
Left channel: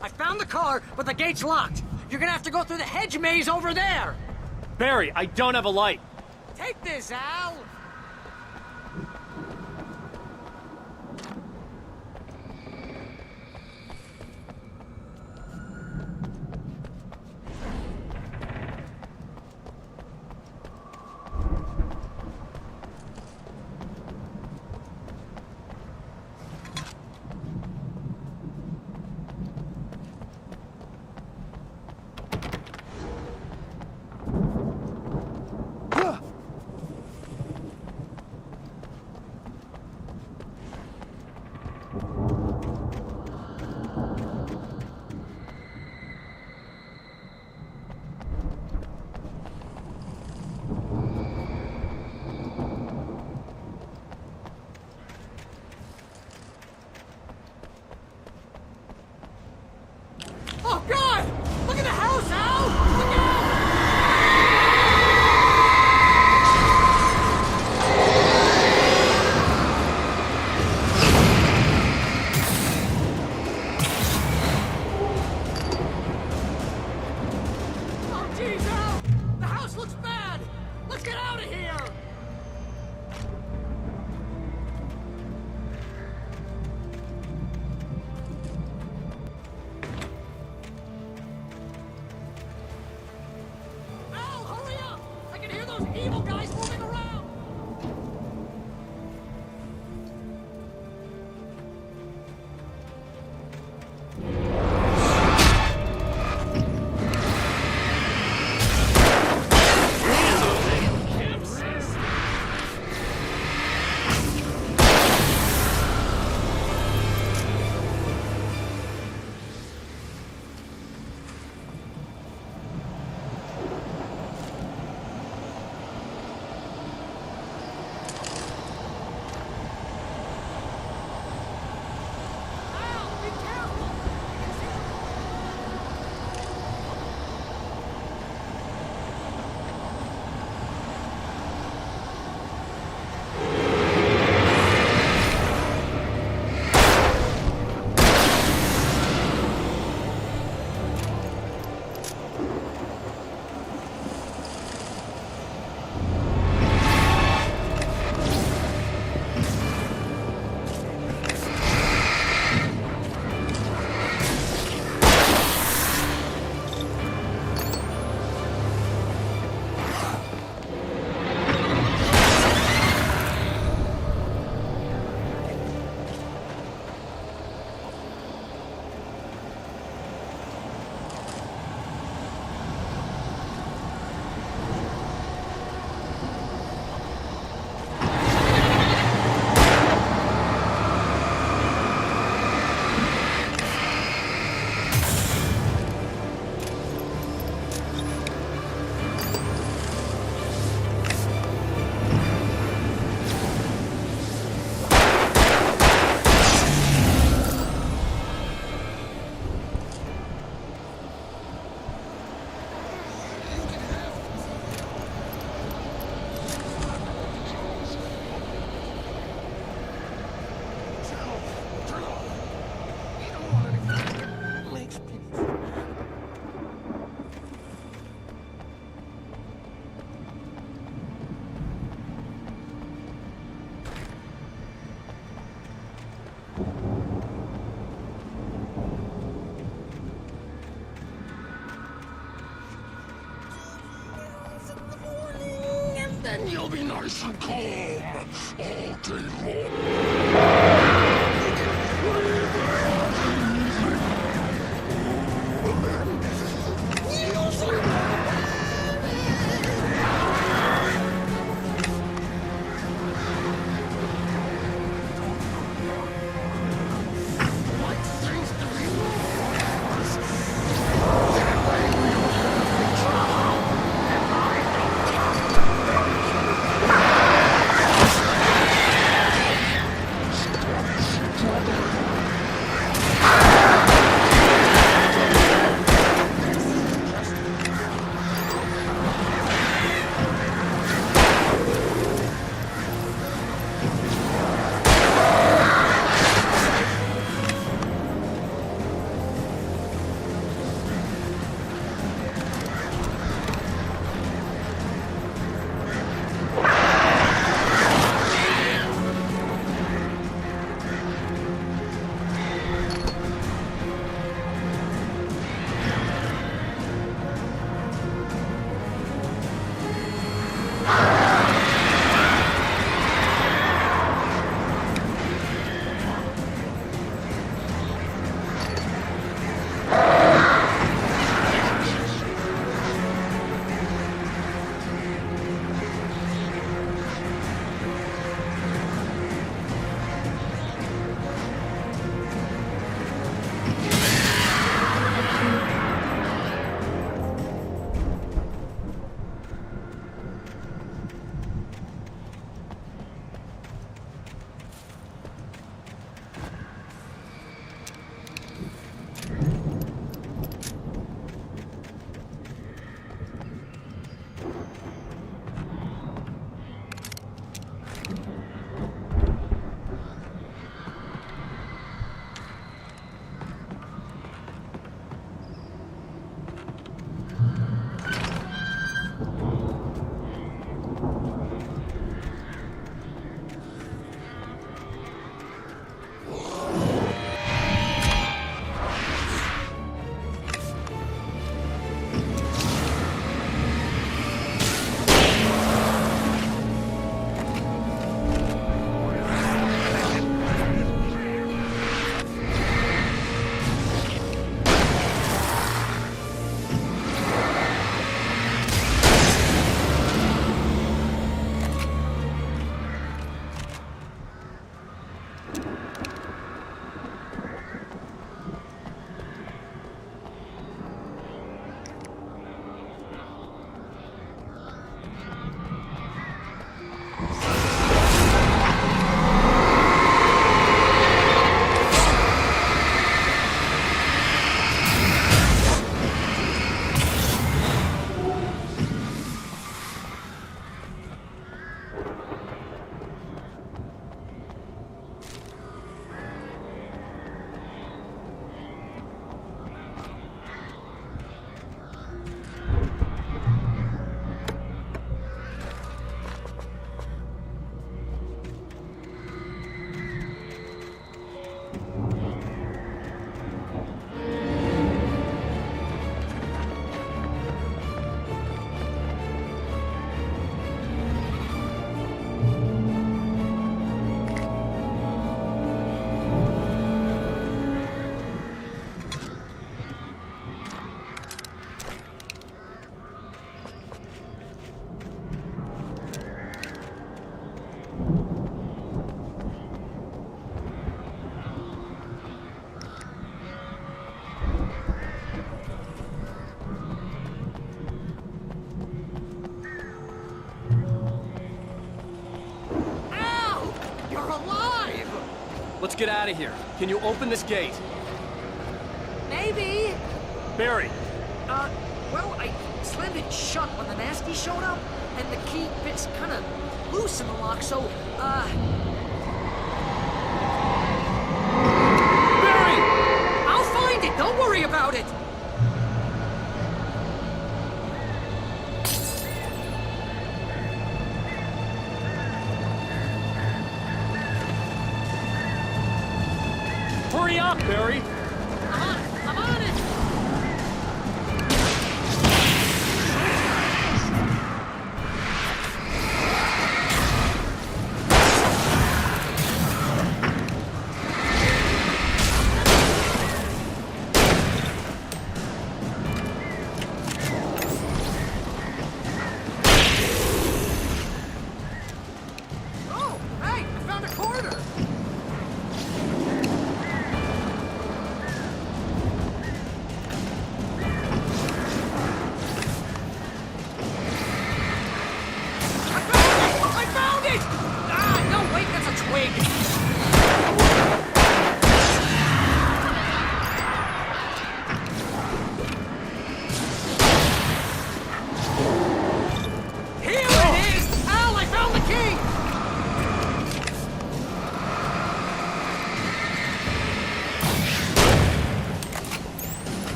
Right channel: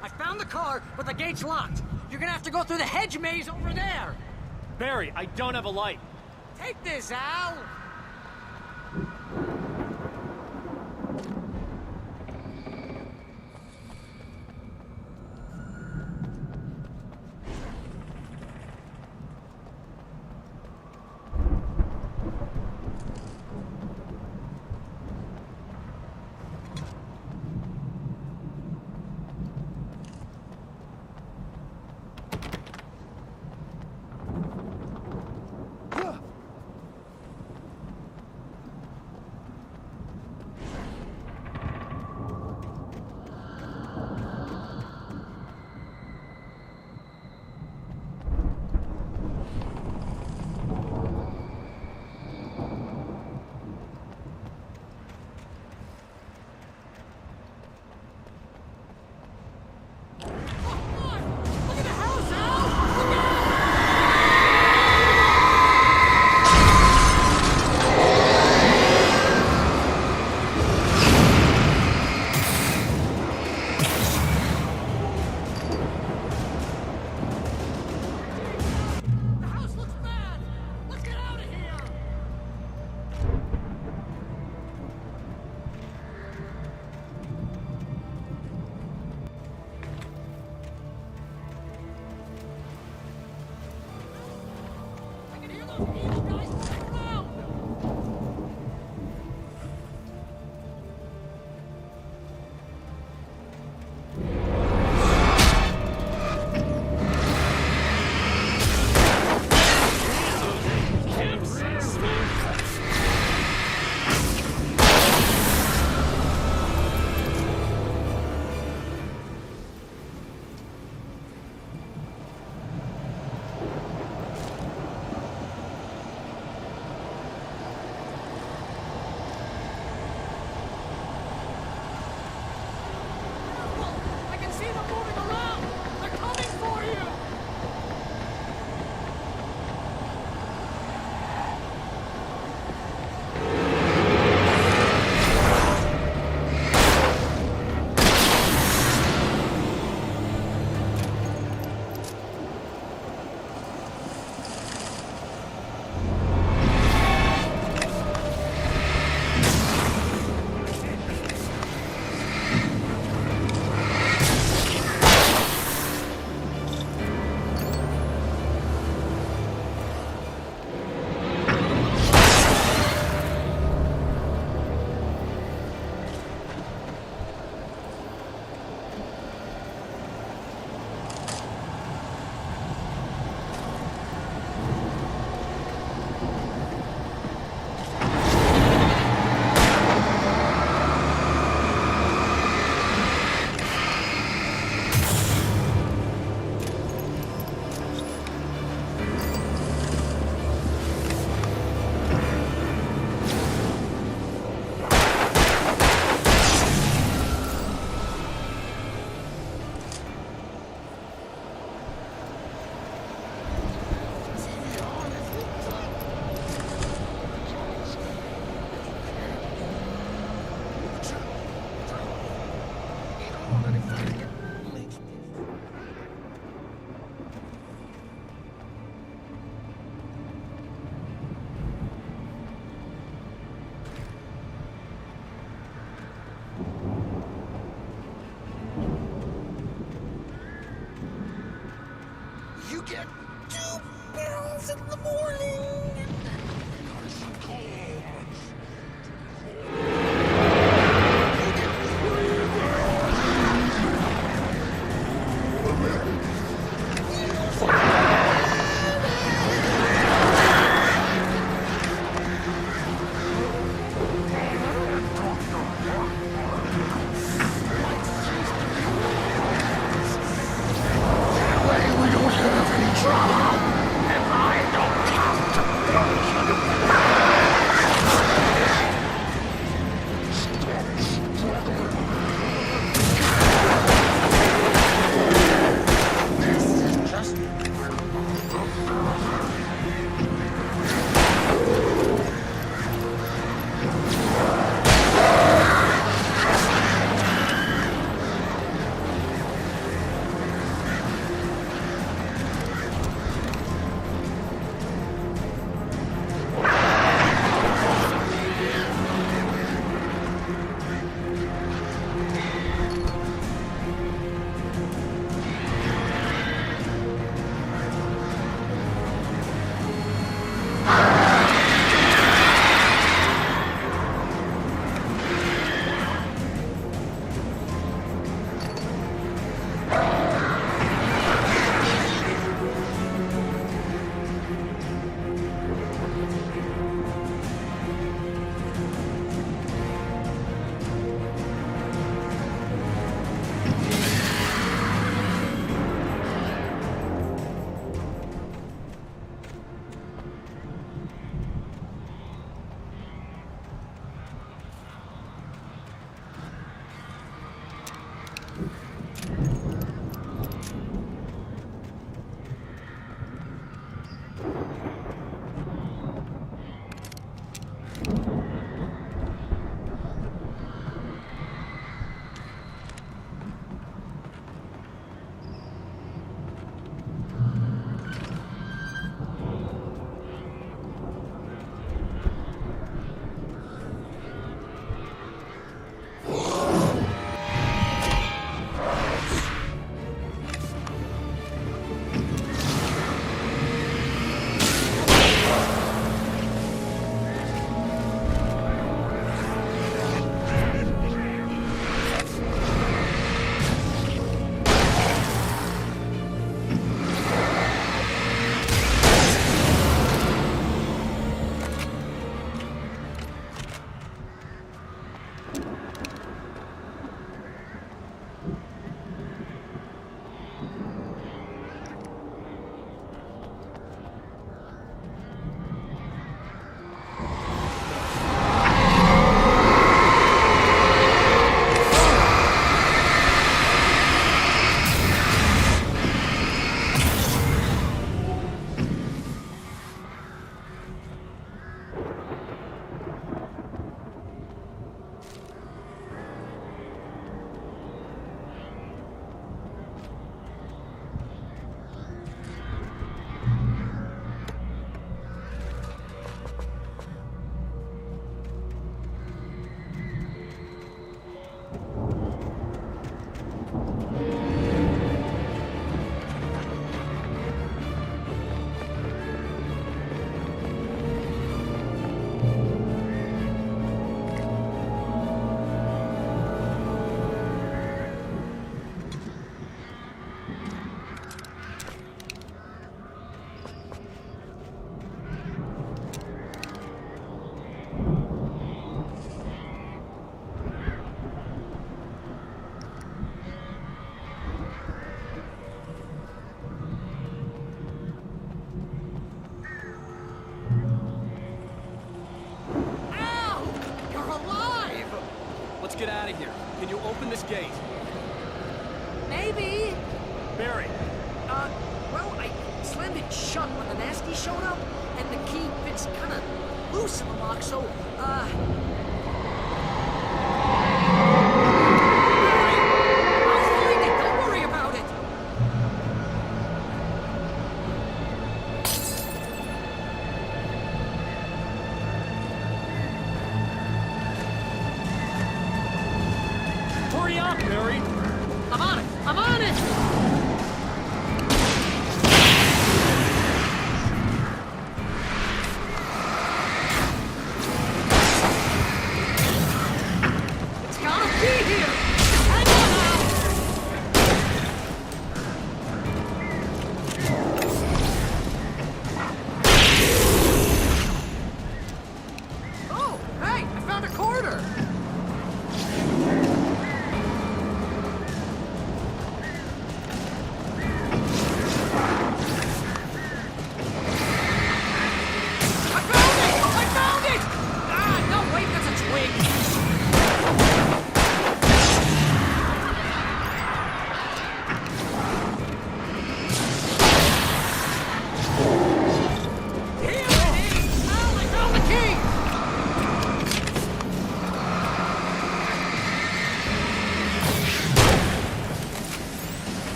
I found the car, but the gate's locked. You're gonna have to go through the hedge maze over there. Barry, I don't have a light. let's get out of here. Can you open this gate? Maybe. Barry. Well, I slammed it shut when the nasty showed up, and the key fits kind of loose in the lock, so, Barry! Don't worry about it! Hurry up, Barry!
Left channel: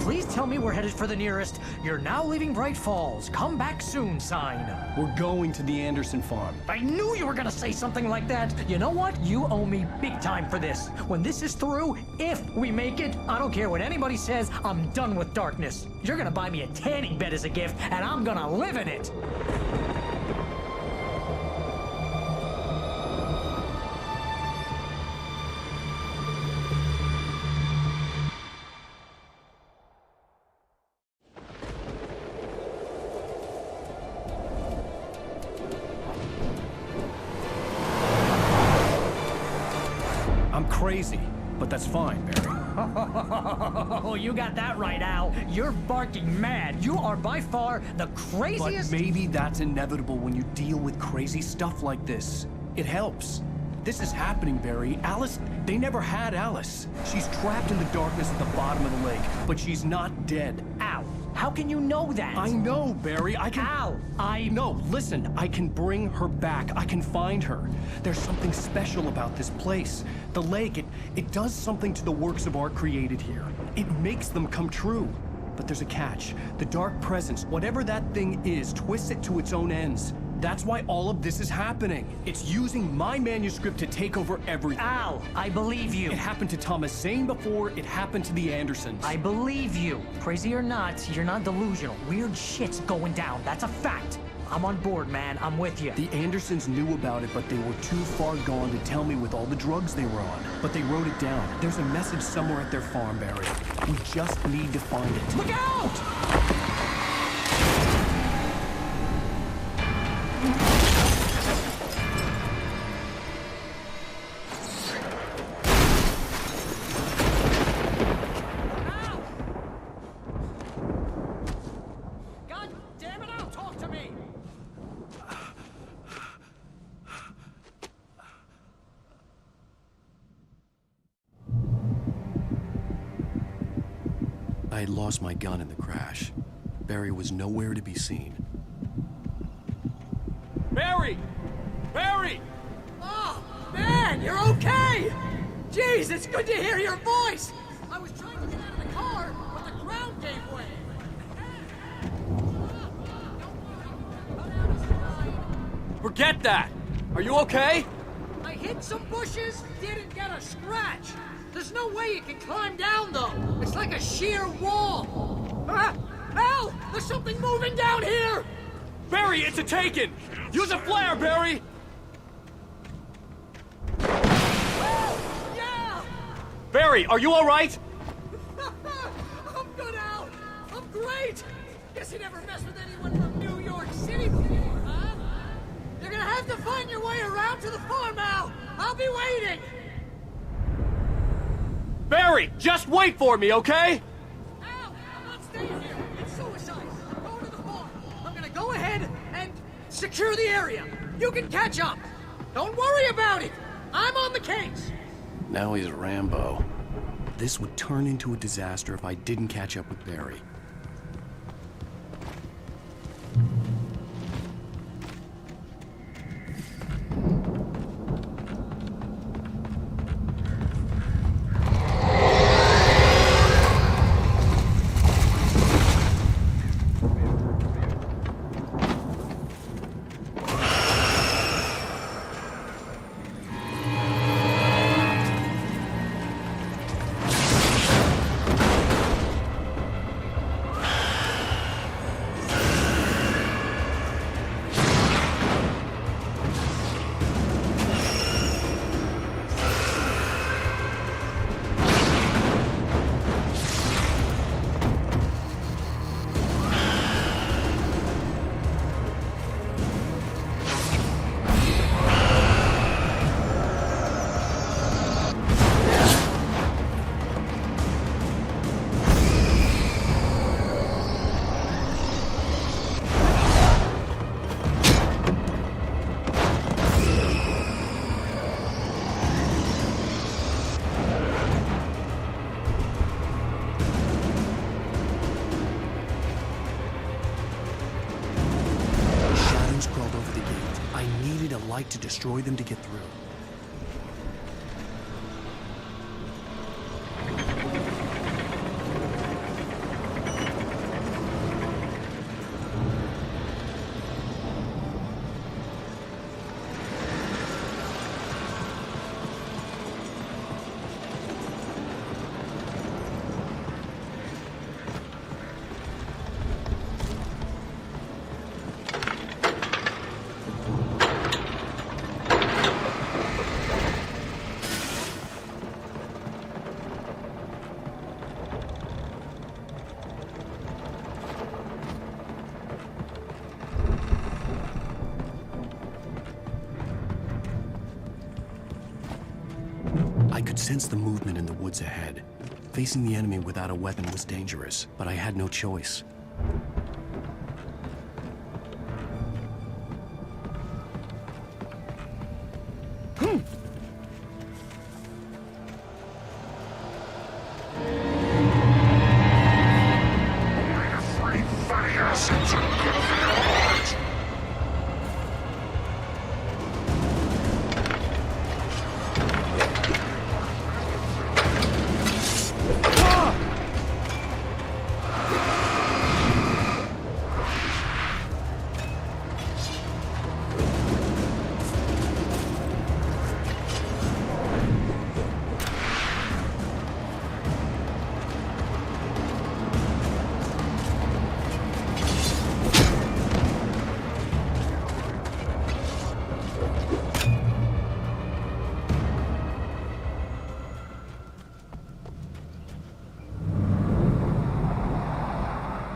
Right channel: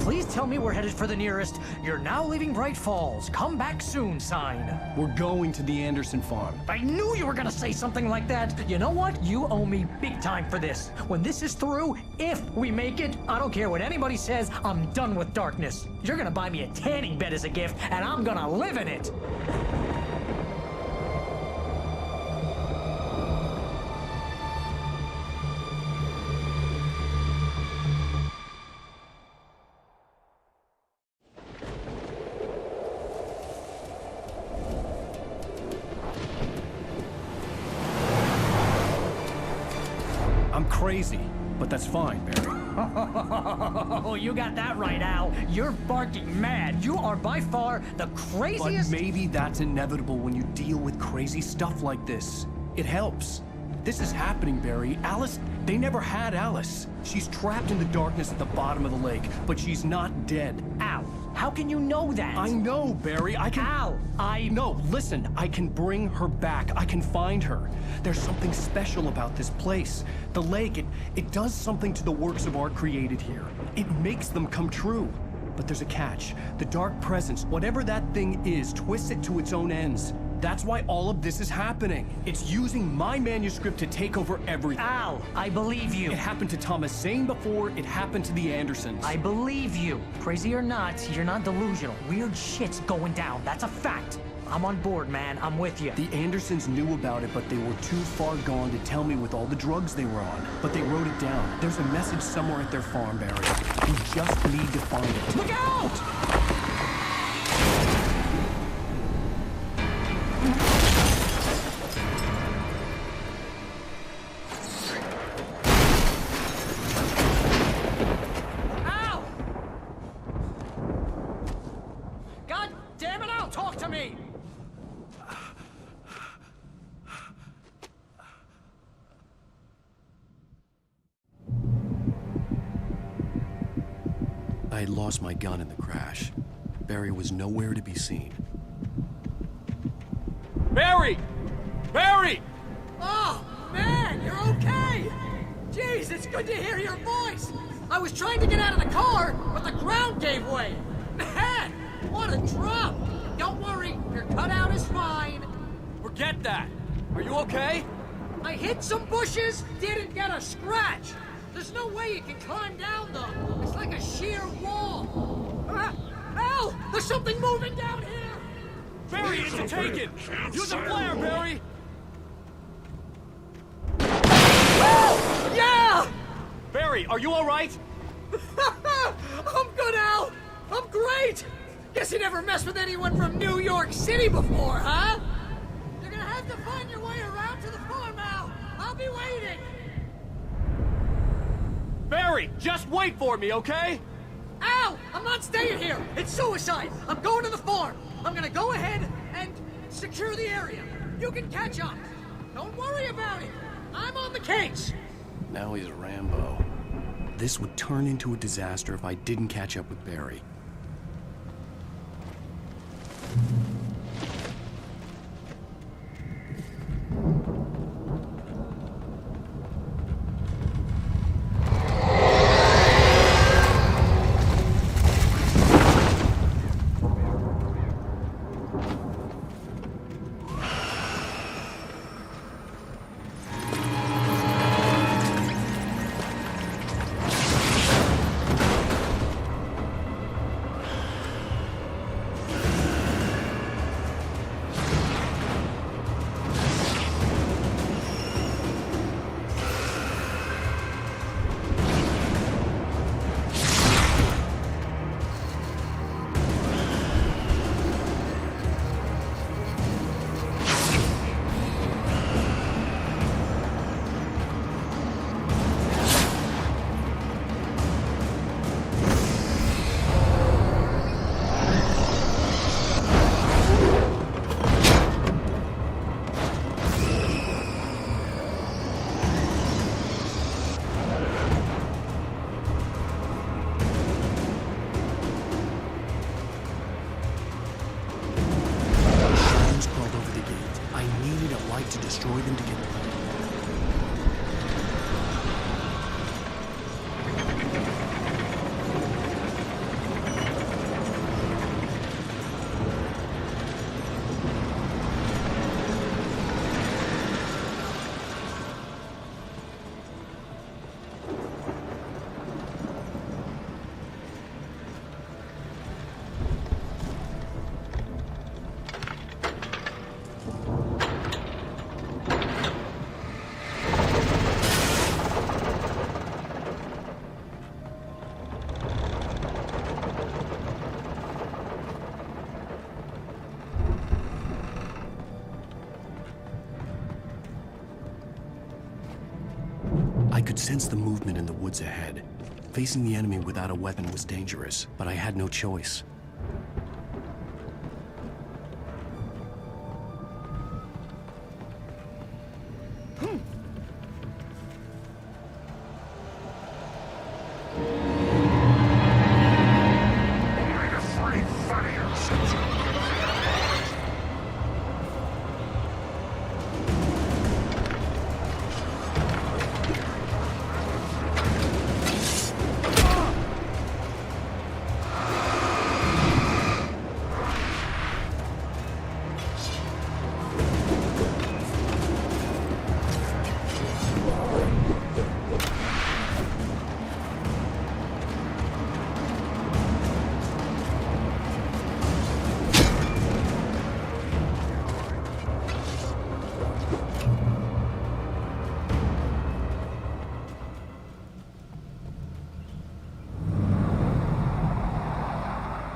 Please tell me we're headed for the nearest "You're now leaving Bright Falls. Come back soon" sign. We're going to the Anderson farm. I knew you were gonna say something like that. You know what? You owe me big time for this. When this is through, if we make it, I don't care what anybody says, I'm done with darkness. You're gonna buy me a tanning bed as a gift, and I'm gonna live in it. I'm crazy, but that's fine, Barry. Oh, you got that right, Al. You're barking mad. You are by far the craziest... But maybe that's inevitable when you deal with crazy stuff like this. It helps. This is happening, Barry. Alice, they never had Alice. She's trapped in the darkness at the bottom of the lake, but she's not dead. Al, how can you know that? I know, Barry. I can... Al, No, listen. I can bring her back. I can find her. There's something special about this place. The lake, it does something to the works of art created here. It makes them come true. But there's a catch. The dark presence, whatever that thing is, twists it to its own ends. That's why all of this is happening. It's using my manuscript to take over everything. Al, I believe you. It happened to Thomas Zane before, it happened to the Andersons. I believe you. Crazy or not, you're not delusional. Weird shit's going down. That's a fact. I'm on board, man. I'm with you. The Andersons knew about it, but they were too far gone to tell me with all the drugs they were on. But they wrote it down. There's a message somewhere at their farm, Barry. We just need to find it. Look out! Al! God damn it, Al, talk to me! I had lost my gun in the crash. Barry was nowhere to be seen. Barry! Barry! Oh, man, you're okay! Jeez, it's good to hear your voice! I was trying to get out of the car, but the ground gave way. Man, what a drop! Don't worry, your cutout is fine. Forget that! Are you okay? I hit some bushes, didn't get a scratch. There's no way you can climb down, though. It's like a sheer wall. Al, there's something moving down here! Barry, it's a taken! Use a flare, Barry! Yeah! Barry, are you all right? I'm good, Al. I'm great. Guess you never messed with anyone from New York City before, huh? You're gonna have to find your way around to the farm, Al. I'll be waiting. Barry, just wait for me, okay? Al, I'm not staying here. It's suicide. I'm going to the farm. I'm gonna go ahead and secure the area. You can catch up. Don't worry about it. I'm on the case. Now he's Rambo. This would turn into a disaster if I didn't catch up with Barry. To destroy them to get through. I could sense the movement in the woods ahead. Facing the enemy without a weapon was dangerous, but I had no choice. Yes, it's a good for your heart.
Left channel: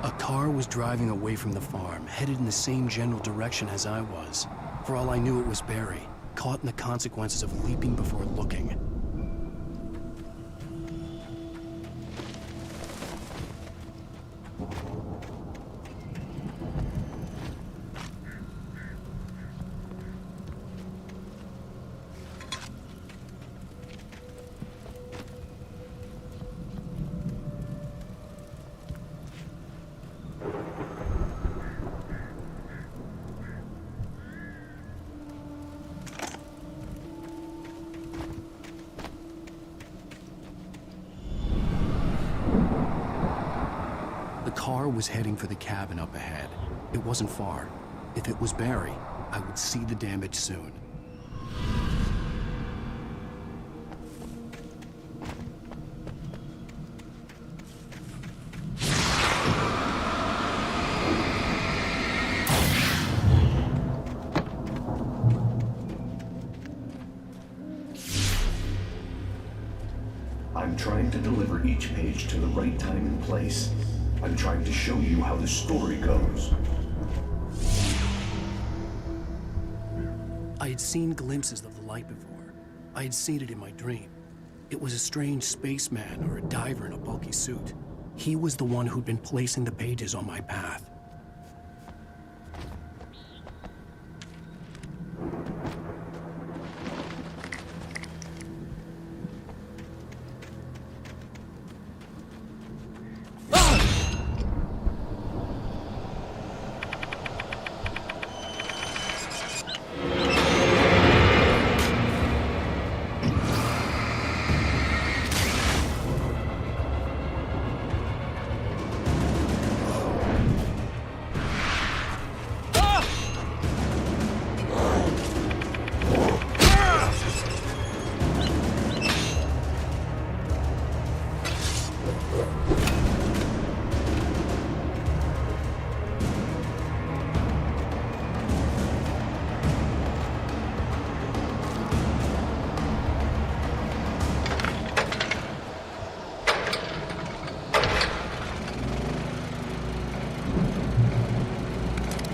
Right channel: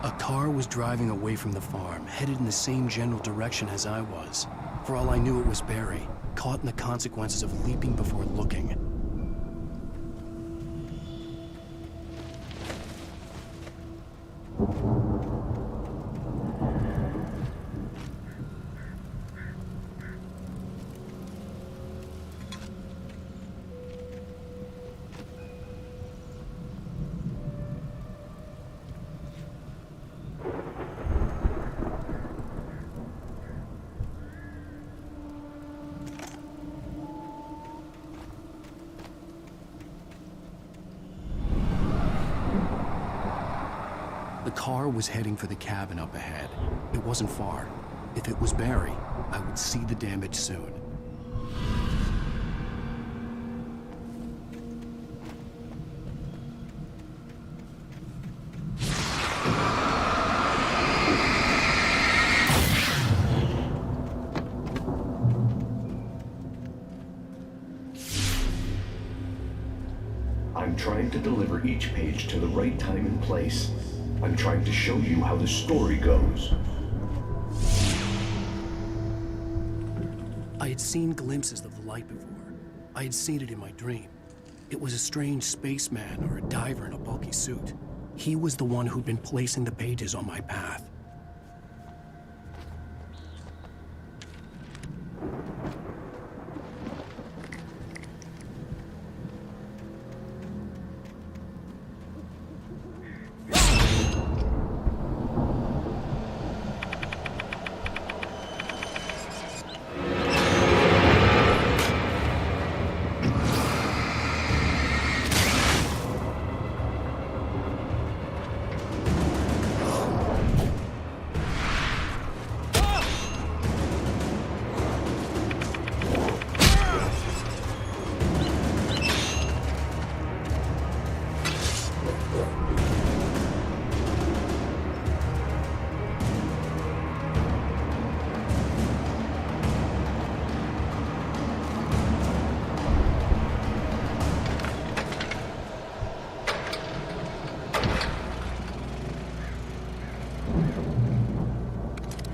A car was driving away from the farm, headed in the same general direction as I was. For all I knew, it was Barry, caught in the consequences of leaping before looking. The car was heading for the cabin up ahead. It wasn't far. If it was Barry, I would see the damage soon. I'm trying to deliver each page to the right time and place. I'm trying to show you how the story goes. I had seen glimpses of the light before. I had seen it in my dream. It was a strange spaceman or a diver in a bulky suit. He was the one who'd been placing the pages on my path.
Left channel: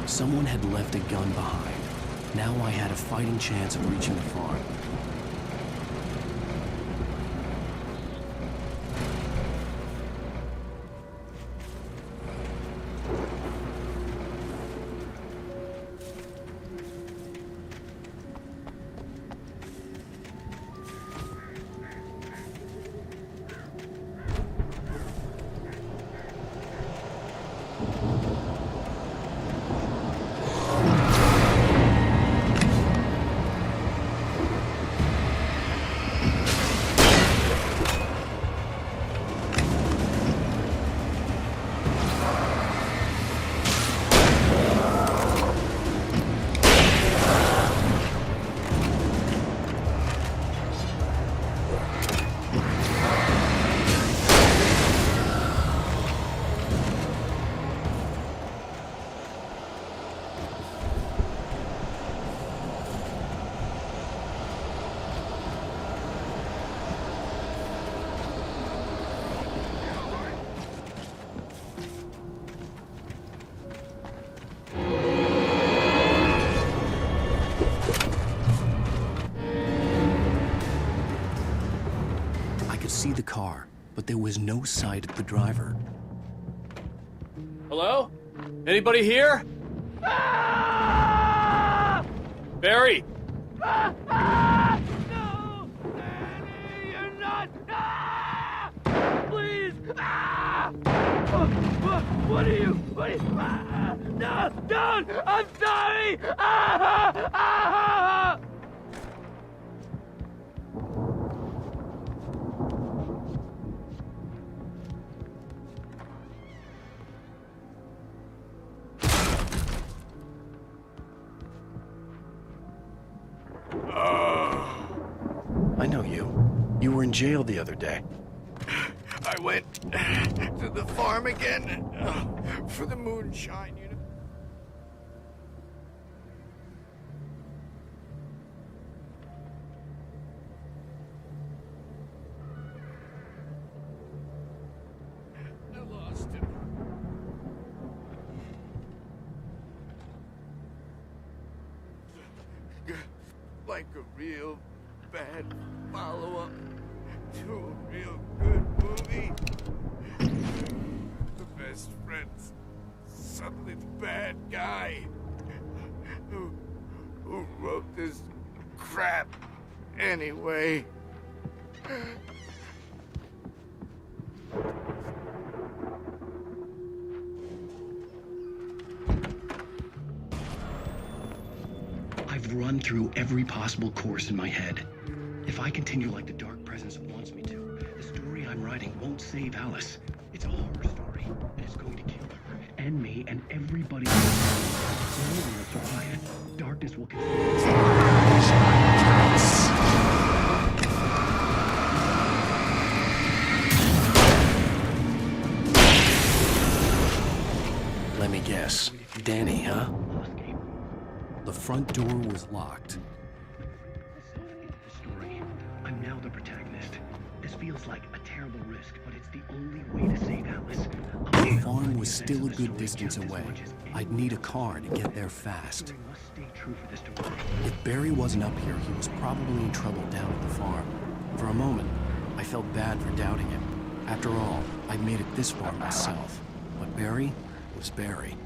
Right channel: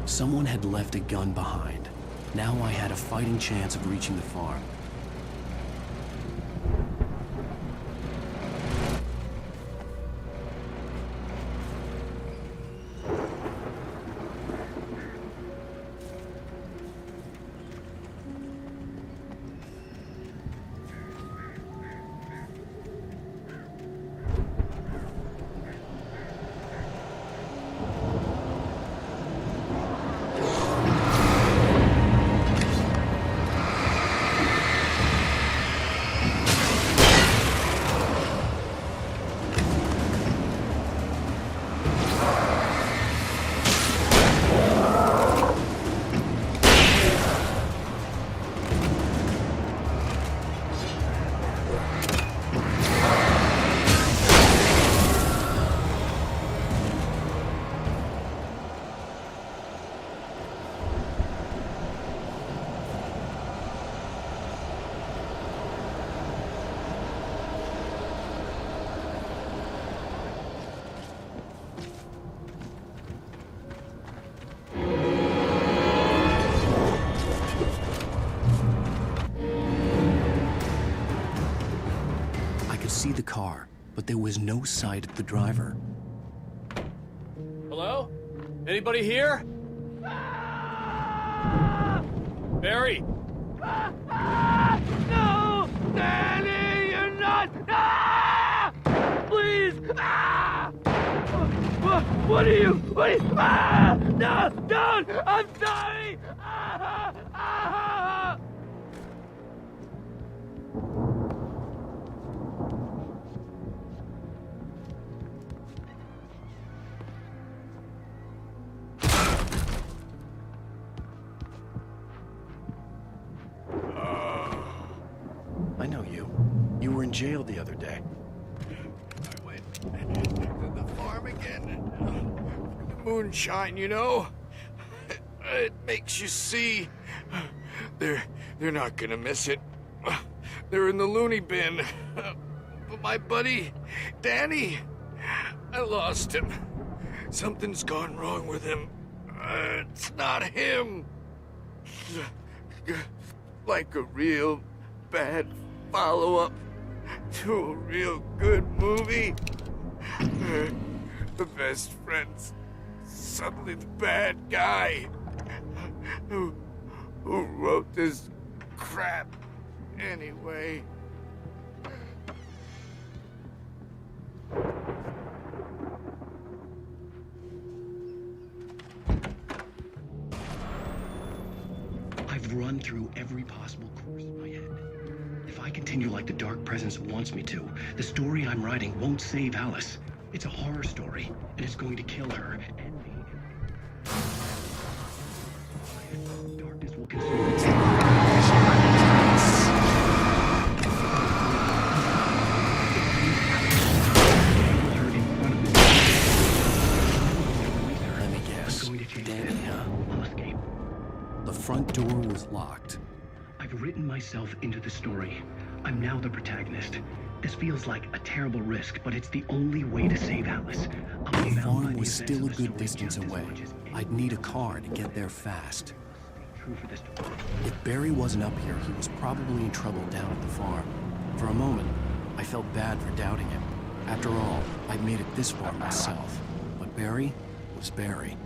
Someone had left a gun behind. Now I had a fighting chance of reaching the farm. I could see the car, but there was no sight of the driver. Hello? Anybody here? Barry! No! Danny, you're not! Ah! Please! Ah! What are you? Ah! No! Don't! Sorry! Ah! Ah! I know you. You were in jail the other day. I went to the farm again for the moonshine, you know? It makes you see. They're not gonna miss it. They're in the loony bin. But my buddy, Danny, I lost him. Something's gone wrong with him. It's not him. Like a real bad follow-up to a real good movie. The best friend's suddenly the bad guy. Who wrote this crap anyway? I've run through every possible course in my head. If I continue like the Dark Presence wants me to, the story I'm writing won't save Alice. It's a horror story, and it's going to kill her, and me, and everybody else. No one will survive. Darkness will consume us. Let me guess. Danny, huh? The front door was locked. I've written myself into the story. I'm now the protagonist. This feels like a terrible risk, but it's the only way to save Alice. The farm was still a good distance away. I'd need a car to get there fast. If Barry wasn't up here, he was probably in trouble down at the farm. For a moment, I felt bad for doubting him. After all, I'd made it this far myself. But Barry was Barry.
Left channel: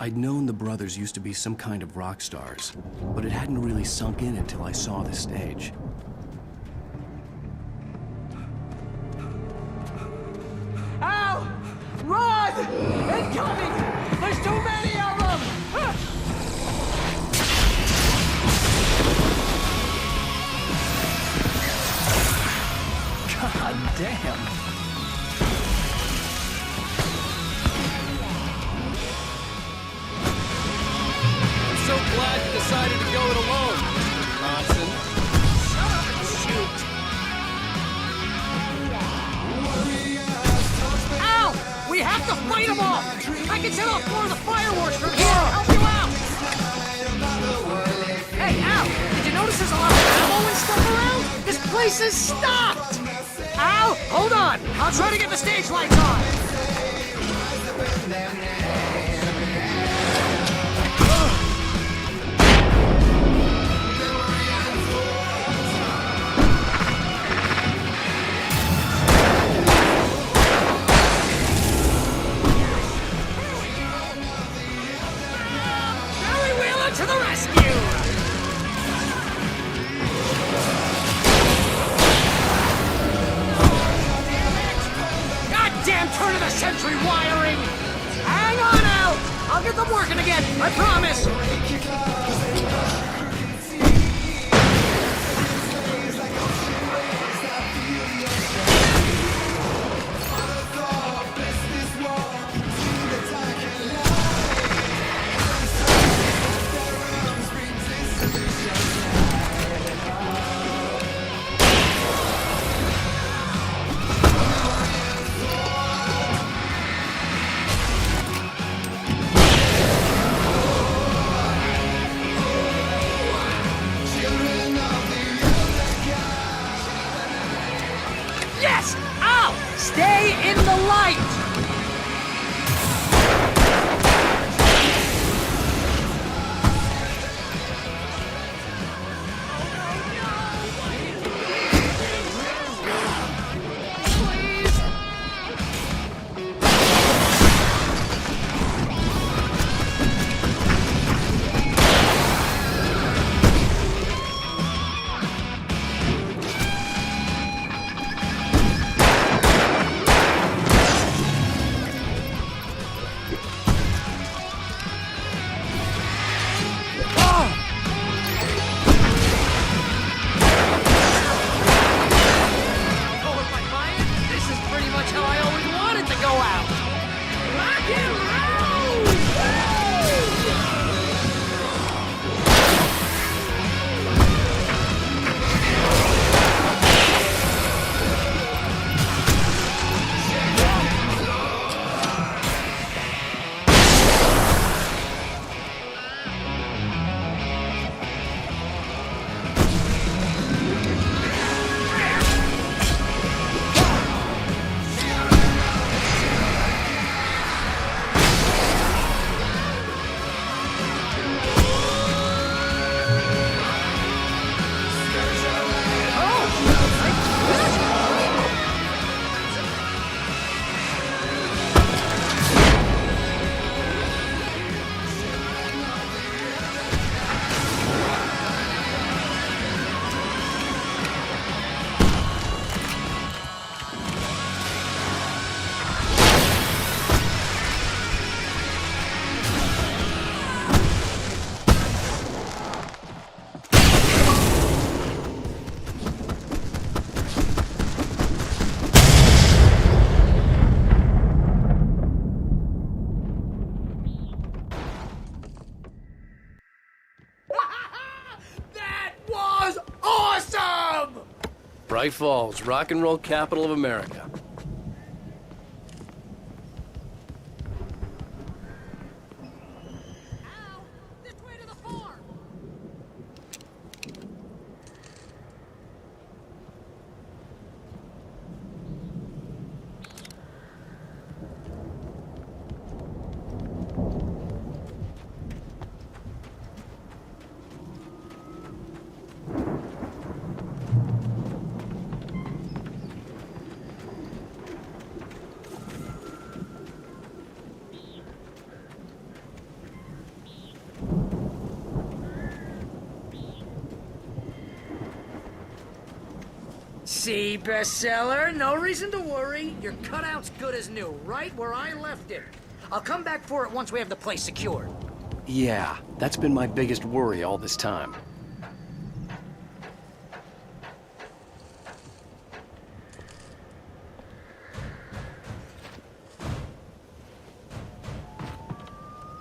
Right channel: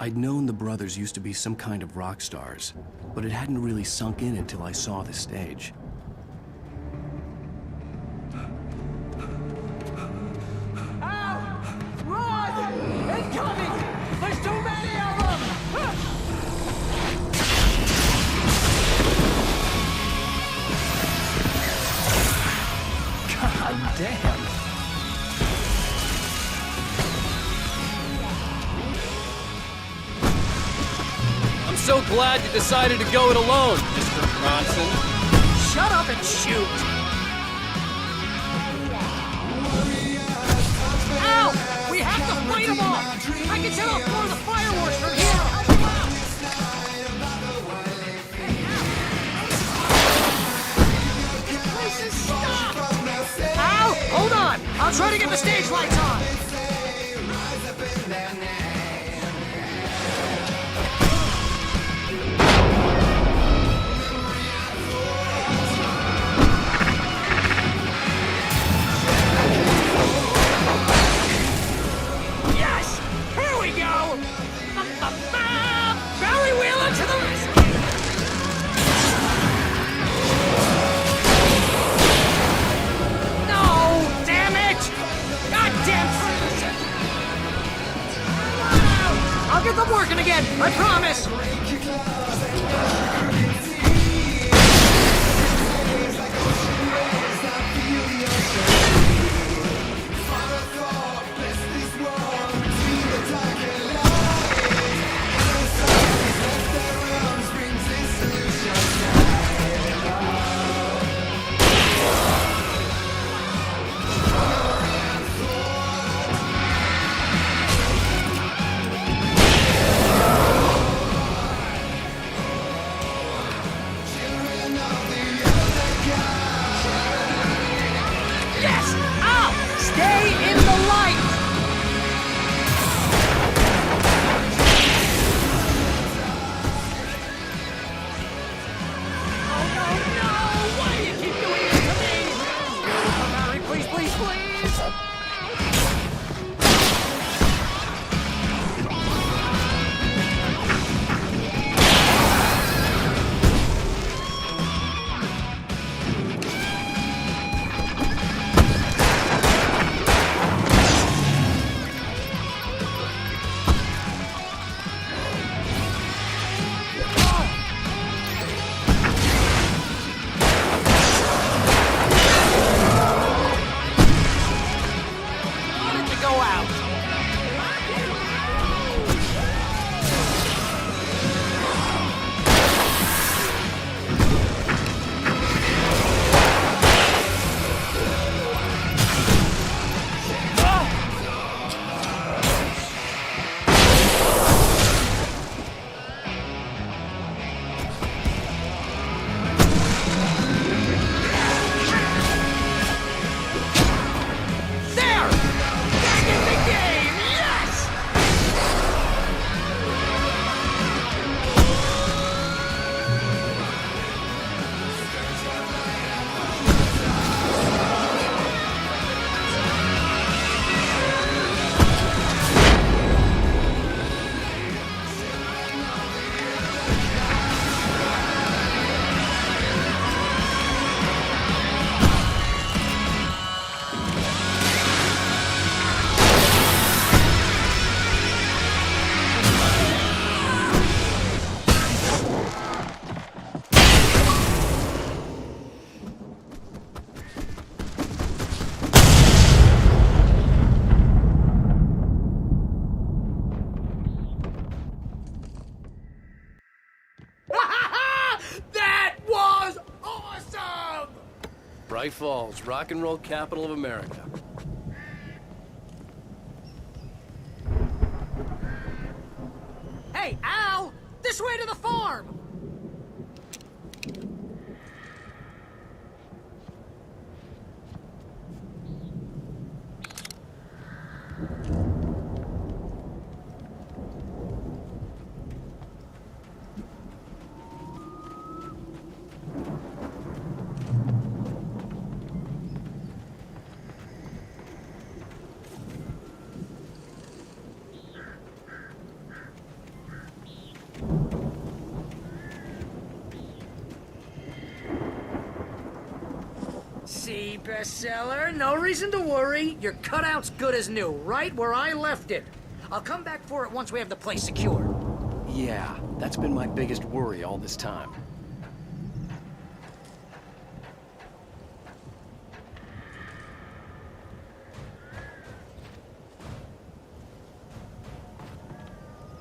I'd known the brothers used to be some kind of rock stars, but it hadn't really sunk in until I saw the stage. Ow! Run! Incoming! There's too many of them! God damn! I'm so glad you decided to go it alone, Mr. Bronson. Shut up and shoot! Hey, Al! Did you notice there's a lot of ammo and stuff around? This place is stopped! Bright Falls, rock and roll capital of America. Hey, Al! This way to the farm! See, bestseller? No reason to worry. Your cutout's good as new, right where I left it. I'll come back for it once we have the place secure. Yeah, that's been my biggest worry all this time.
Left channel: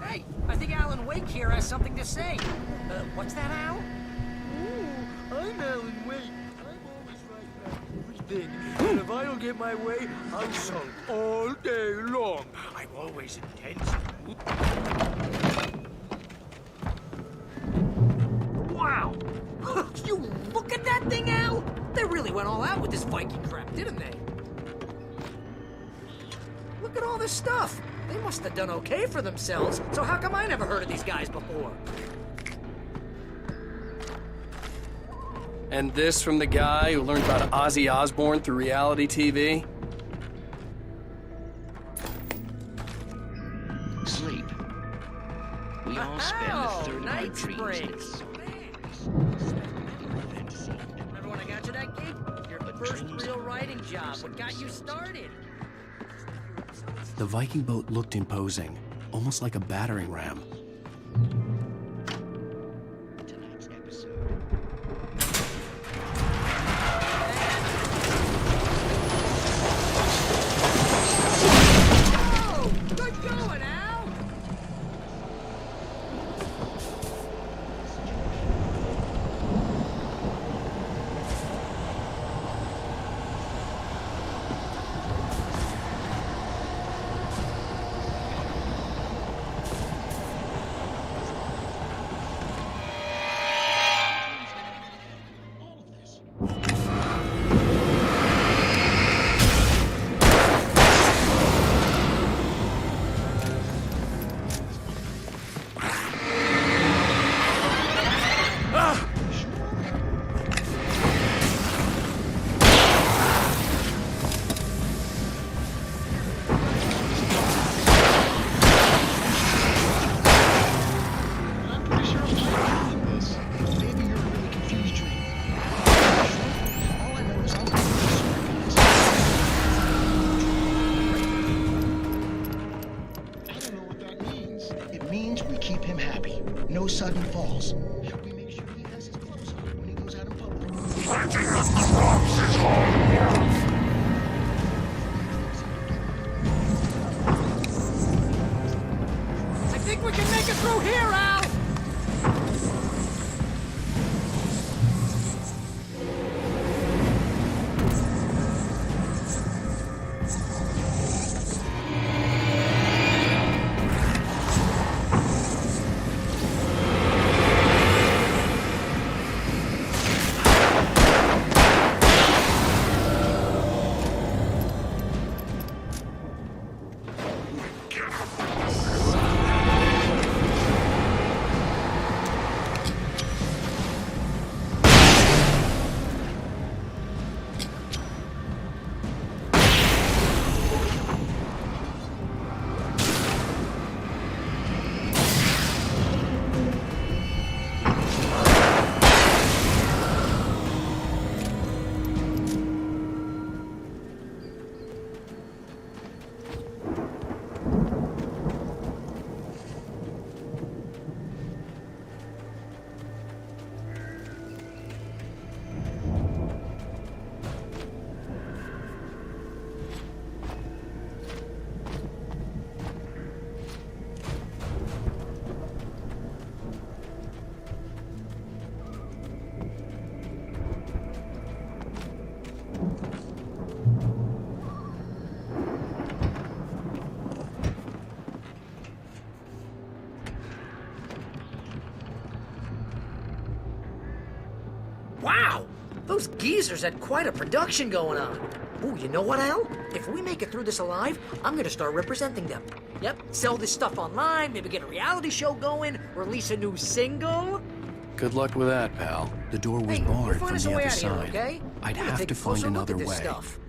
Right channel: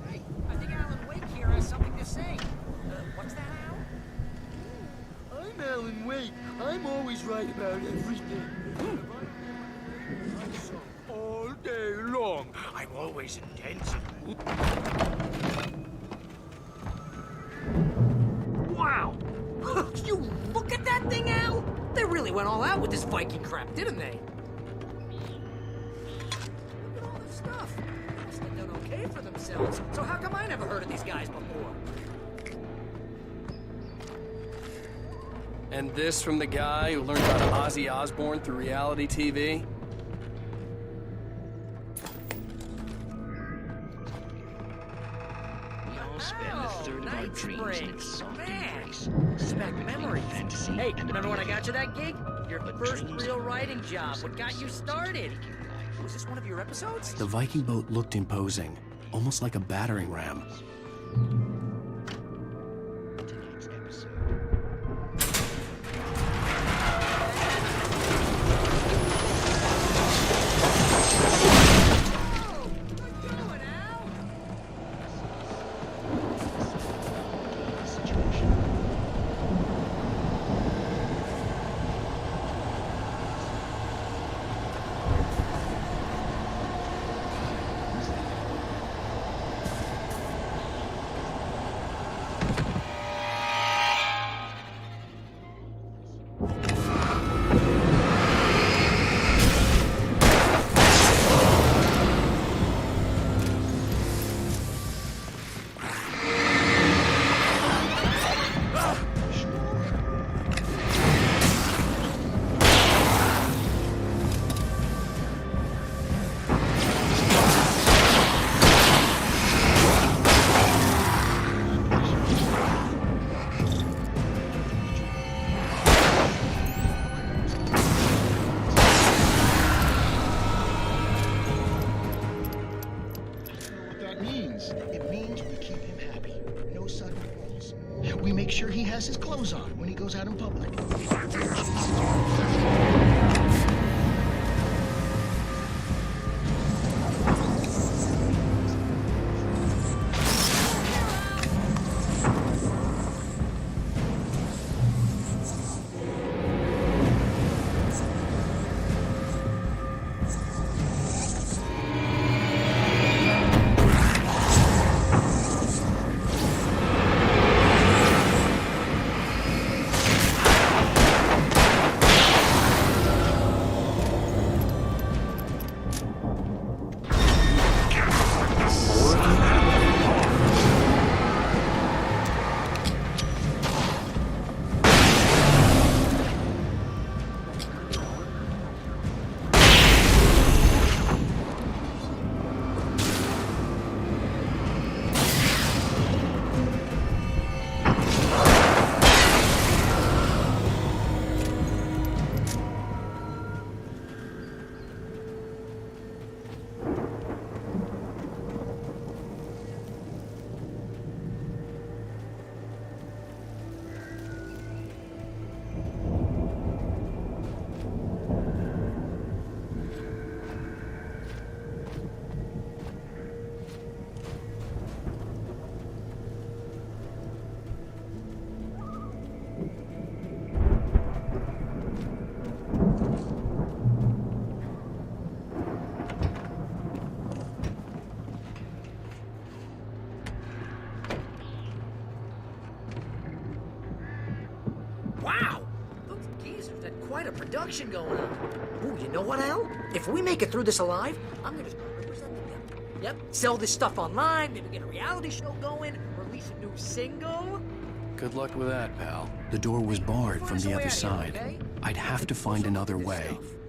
Hey, I think Alan Wake here has something to say. What's that, Al? I'm always right about everything. And if I don't get my way, I'm sunk all day long. Look at all this stuff. They must have done okay for themselves. So how come I never heard of these guys before? And this from the guy who learned about Ozzy Osbourne through reality TV? Sleep. We all spend Night Springs. Man, this is back between memories. fantasy Hey, and remember when I got you that gig? Your first real writing job that got you started. Was this one of your episodes? The Viking boat looked imposing, almost like a battering ram. tonight's episode. Oh, good going, Al. It means we keep him happy. No sudden falls. We make sure he has his clothes on when he goes out in public. Plenty of crops is hard work. I think we can make it through here, Al. Wow! Those geezers had quite a production going on. Ooh, you know what, Al? If we make it through this alive, I'm gonna start representing them. Yep, maybe get a reality show going, release a new single. Good luck with that, pal. The door was barred from the other side. Okay? I'd have to find another way. Stuff.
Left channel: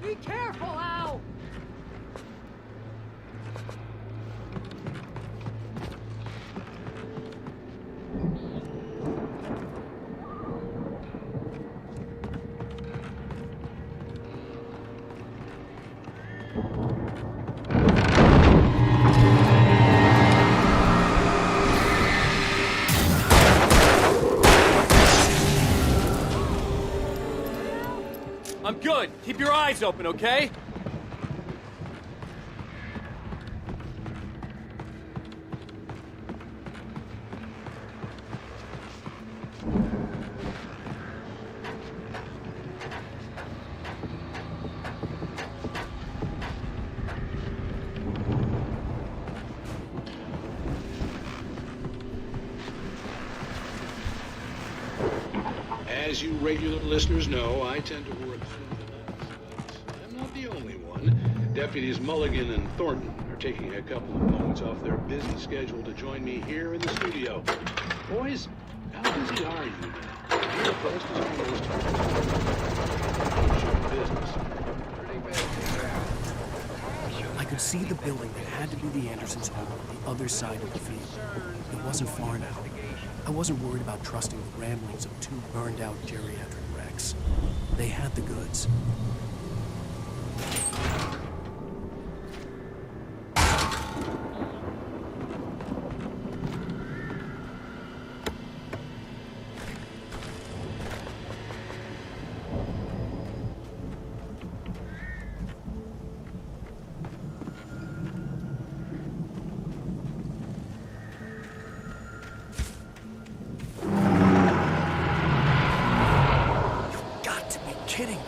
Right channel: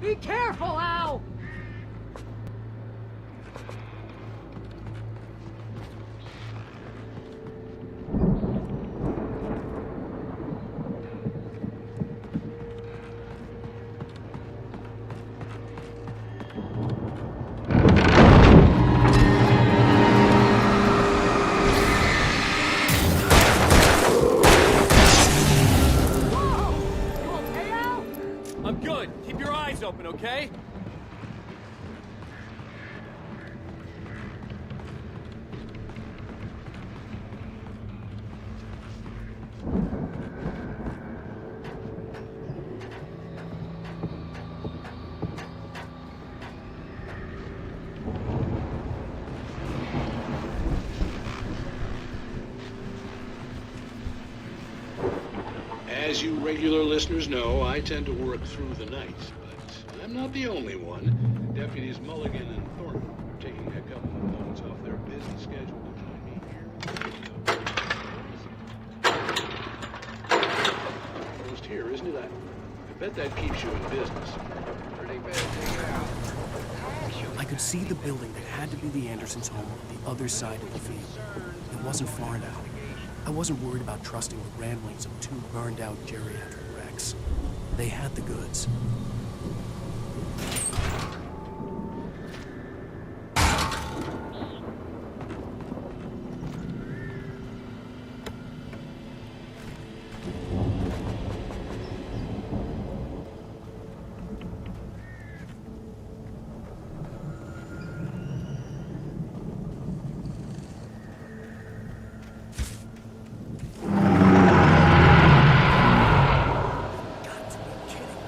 Be careful, Al! I'm good. Keep your eyes open, okay? As you regularly... I tend to work through the nights, but I'm not the only one. Deputies Mulligan and Thornton are taking a couple of moments off their busy schedule to join me here in the studio. Boys, how's it going? I could see the building that had to be the Andersons' home on the other side of the field. It wasn't far now. I wasn't worried about trusting the ramblings of two burned-out geriatric wrecks. They had the goods. Kidding me.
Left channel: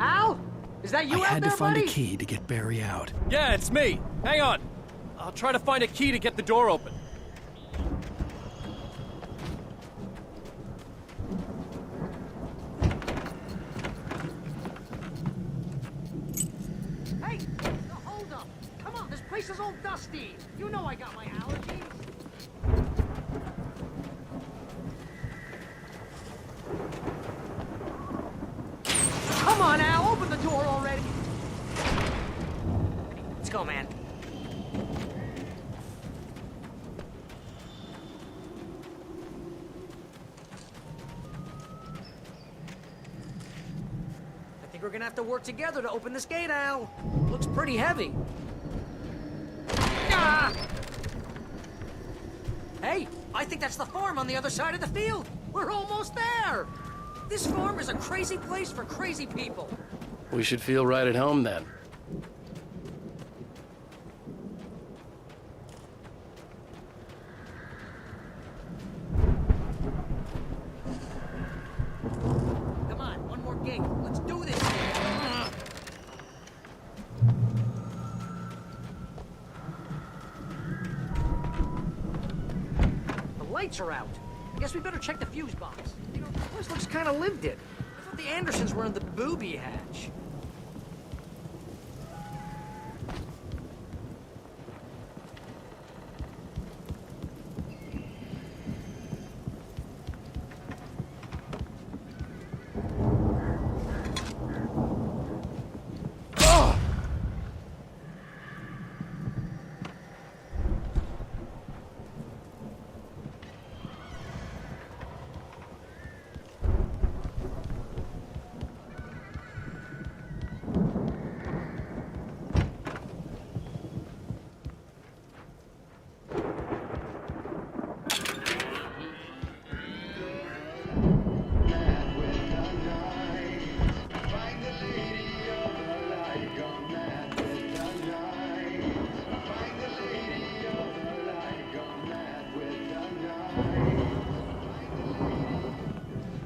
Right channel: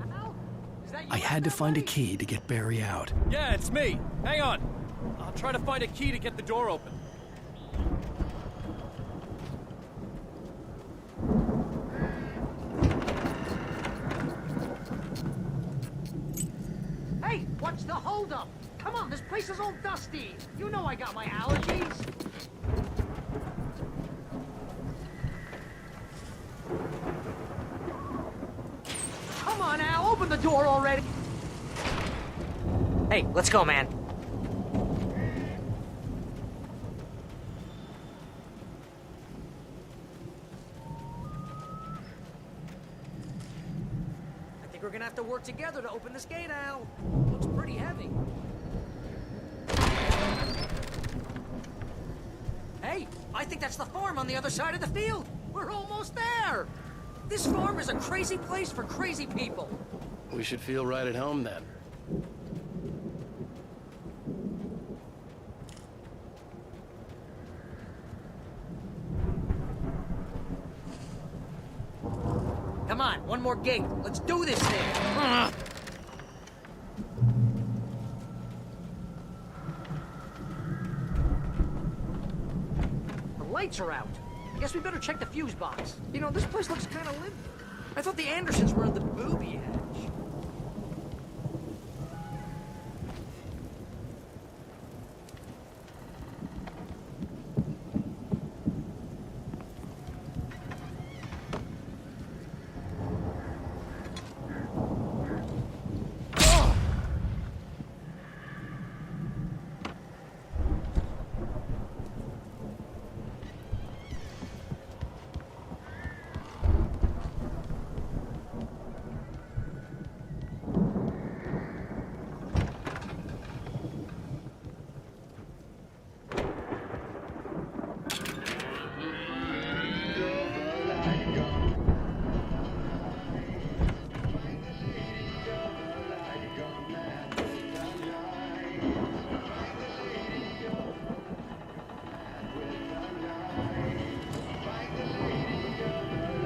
Al? Is that you I had to find buddy? a key to get Barry out. Yeah, it's me. Hang on. I'll try to find a key to get the door open. Hey, what's the holdup? Come on, this place is all dust. You know I got my allergies. Come on, Al, open the door already. Hey, let's go, man. gonna have to work together to open this gate, Al. Looks pretty heavy. Ah! Hey, I think that's the farm on the other side of the field. We're almost there. We should feel right at home then. Come on, one more gate. Let's do this thing. Fuse box. You know, this place looks kind of lived in. I thought the booby hatch.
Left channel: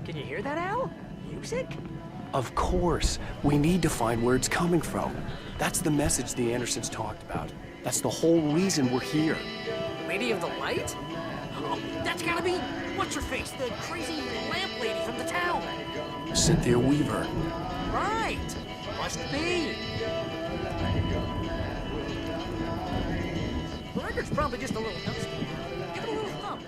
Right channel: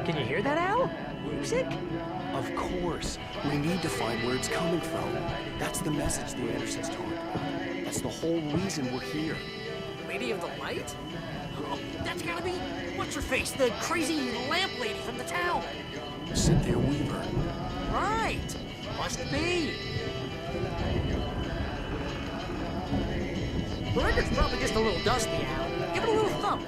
Can you hear that, Al? Music? Of course. We need to find where it's coming from. That's the message the Andersons talked about. That's the whole reason we're here. Lady of the Light? Oh, that's gotta be... What's-her-face? The crazy lamp lady from the town. Cynthia Weaver. Right. Must be. The record's probably just a little dusty, Al. Give it a little thump.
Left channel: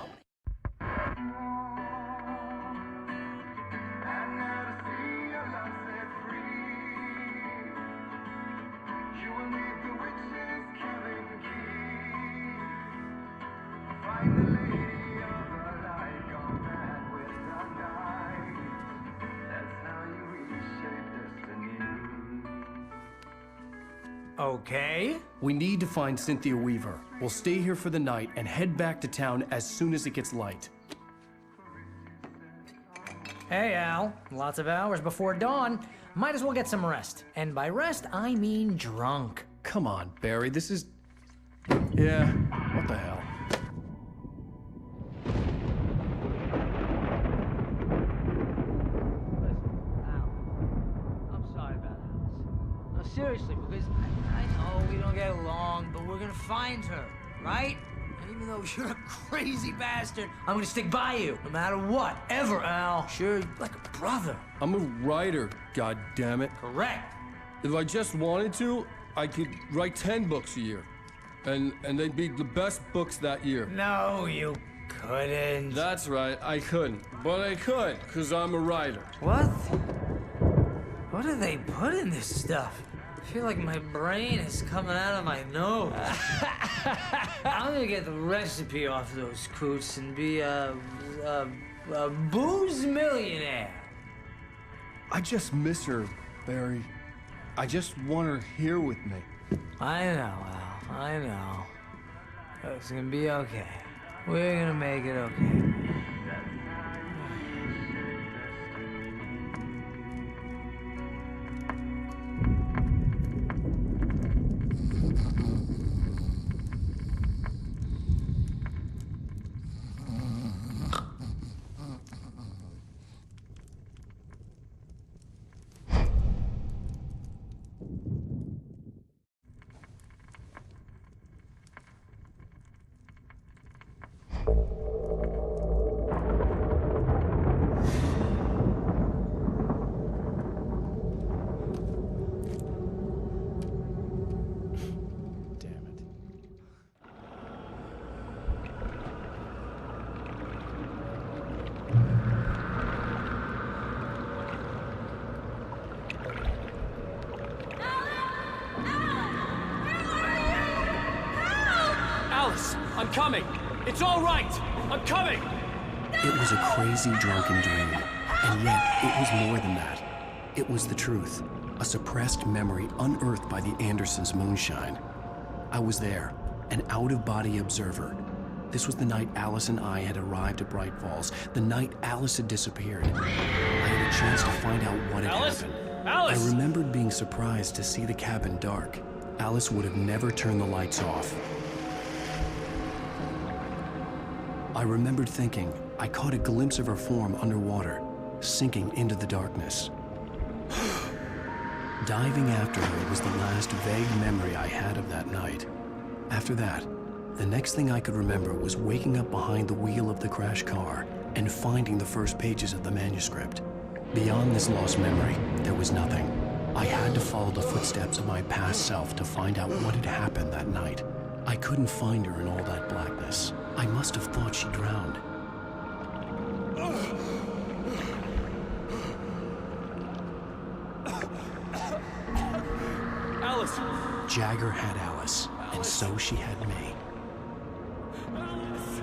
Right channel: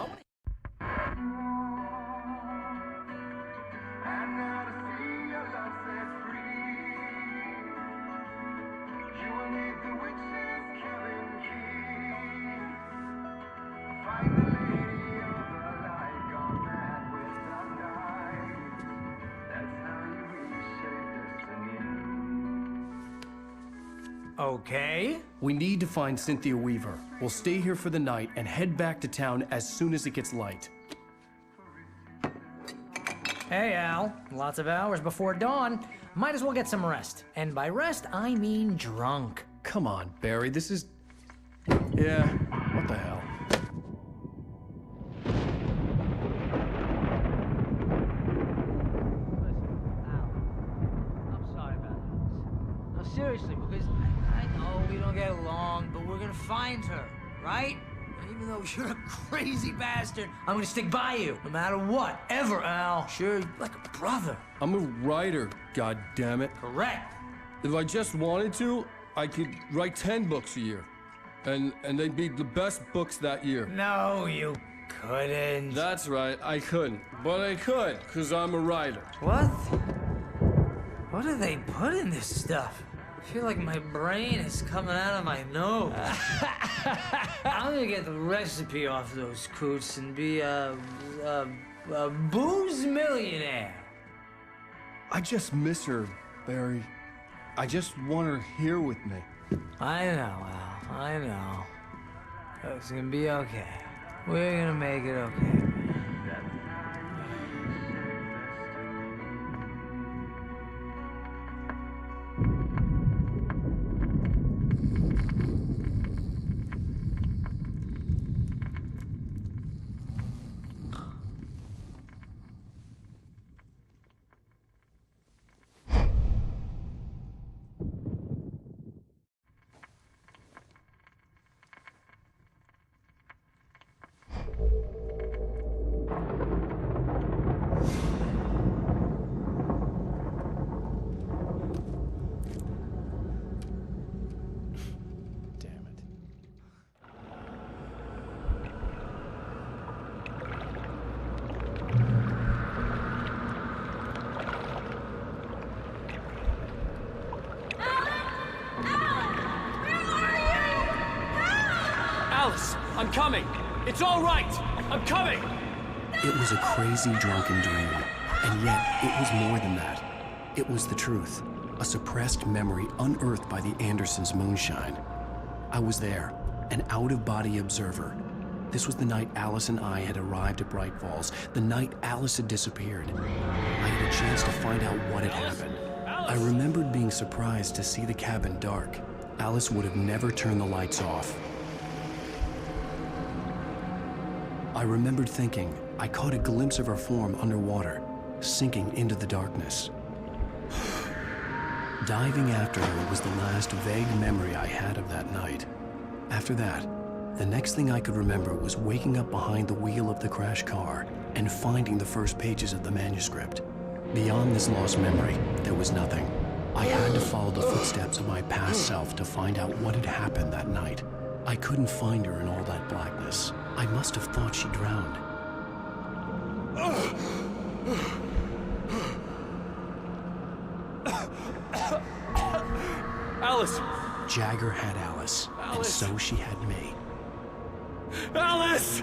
Okay. We need to find Cynthia Weaver. We'll stay here for the night and head back to town as soon as it gets light. Hey, Al. Lots of hours before dawn. Might as well get some rest. And by rest, I mean drunk. Come on, Barry, this is... Yeah, what the hell? Seriously, because I know we don't get along, but we're gonna find her, right? And even though you're a crazy bastard, I'm gonna stick by you, no matter what, ever, Al. Sure, like a brother. I'm a writer, goddammit. Correct. If I just wanted to, I could write 10 books a year. And they'd be the best books that year. No, you couldn't. That's right, I couldn't. But I could, because I'm a writer. What? What do they put in this stuff? I feel like my brain is coming out of my nose. I'm gonna get the recipe off those coots and be a booze millionaire. I just miss her, Barry. I just want her here with me. I know, Al. I know. It's gonna be okay. We're gonna make it okay. It was a crazy drunken dream, and yet it was more than that. It was the truth. a suppressed memory unearthed by the Andersons' moonshine. I was there, an out-of-body observer. This was the night Alice and I had arrived at Bright Falls, the night Alice had disappeared. I had a chance to find out what had happened. I remembered being surprised to see the cabin dark. Alice would have never turned the lights off. I remembered thinking I caught a glimpse of her form underwater, sinking into the darkness. Diving after her was the last vague memory I had of that night. After that, the next thing I could remember was waking up behind the wheel of the crashed car and finding the first pages of the manuscript. Beyond this lost memory, there was nothing. I had to follow the footsteps of my past self to find out what had happened that night. I couldn't find her in all that blackness. I must have thought she drowned. Alice! Jagger had Alice, and so she had me. Alice!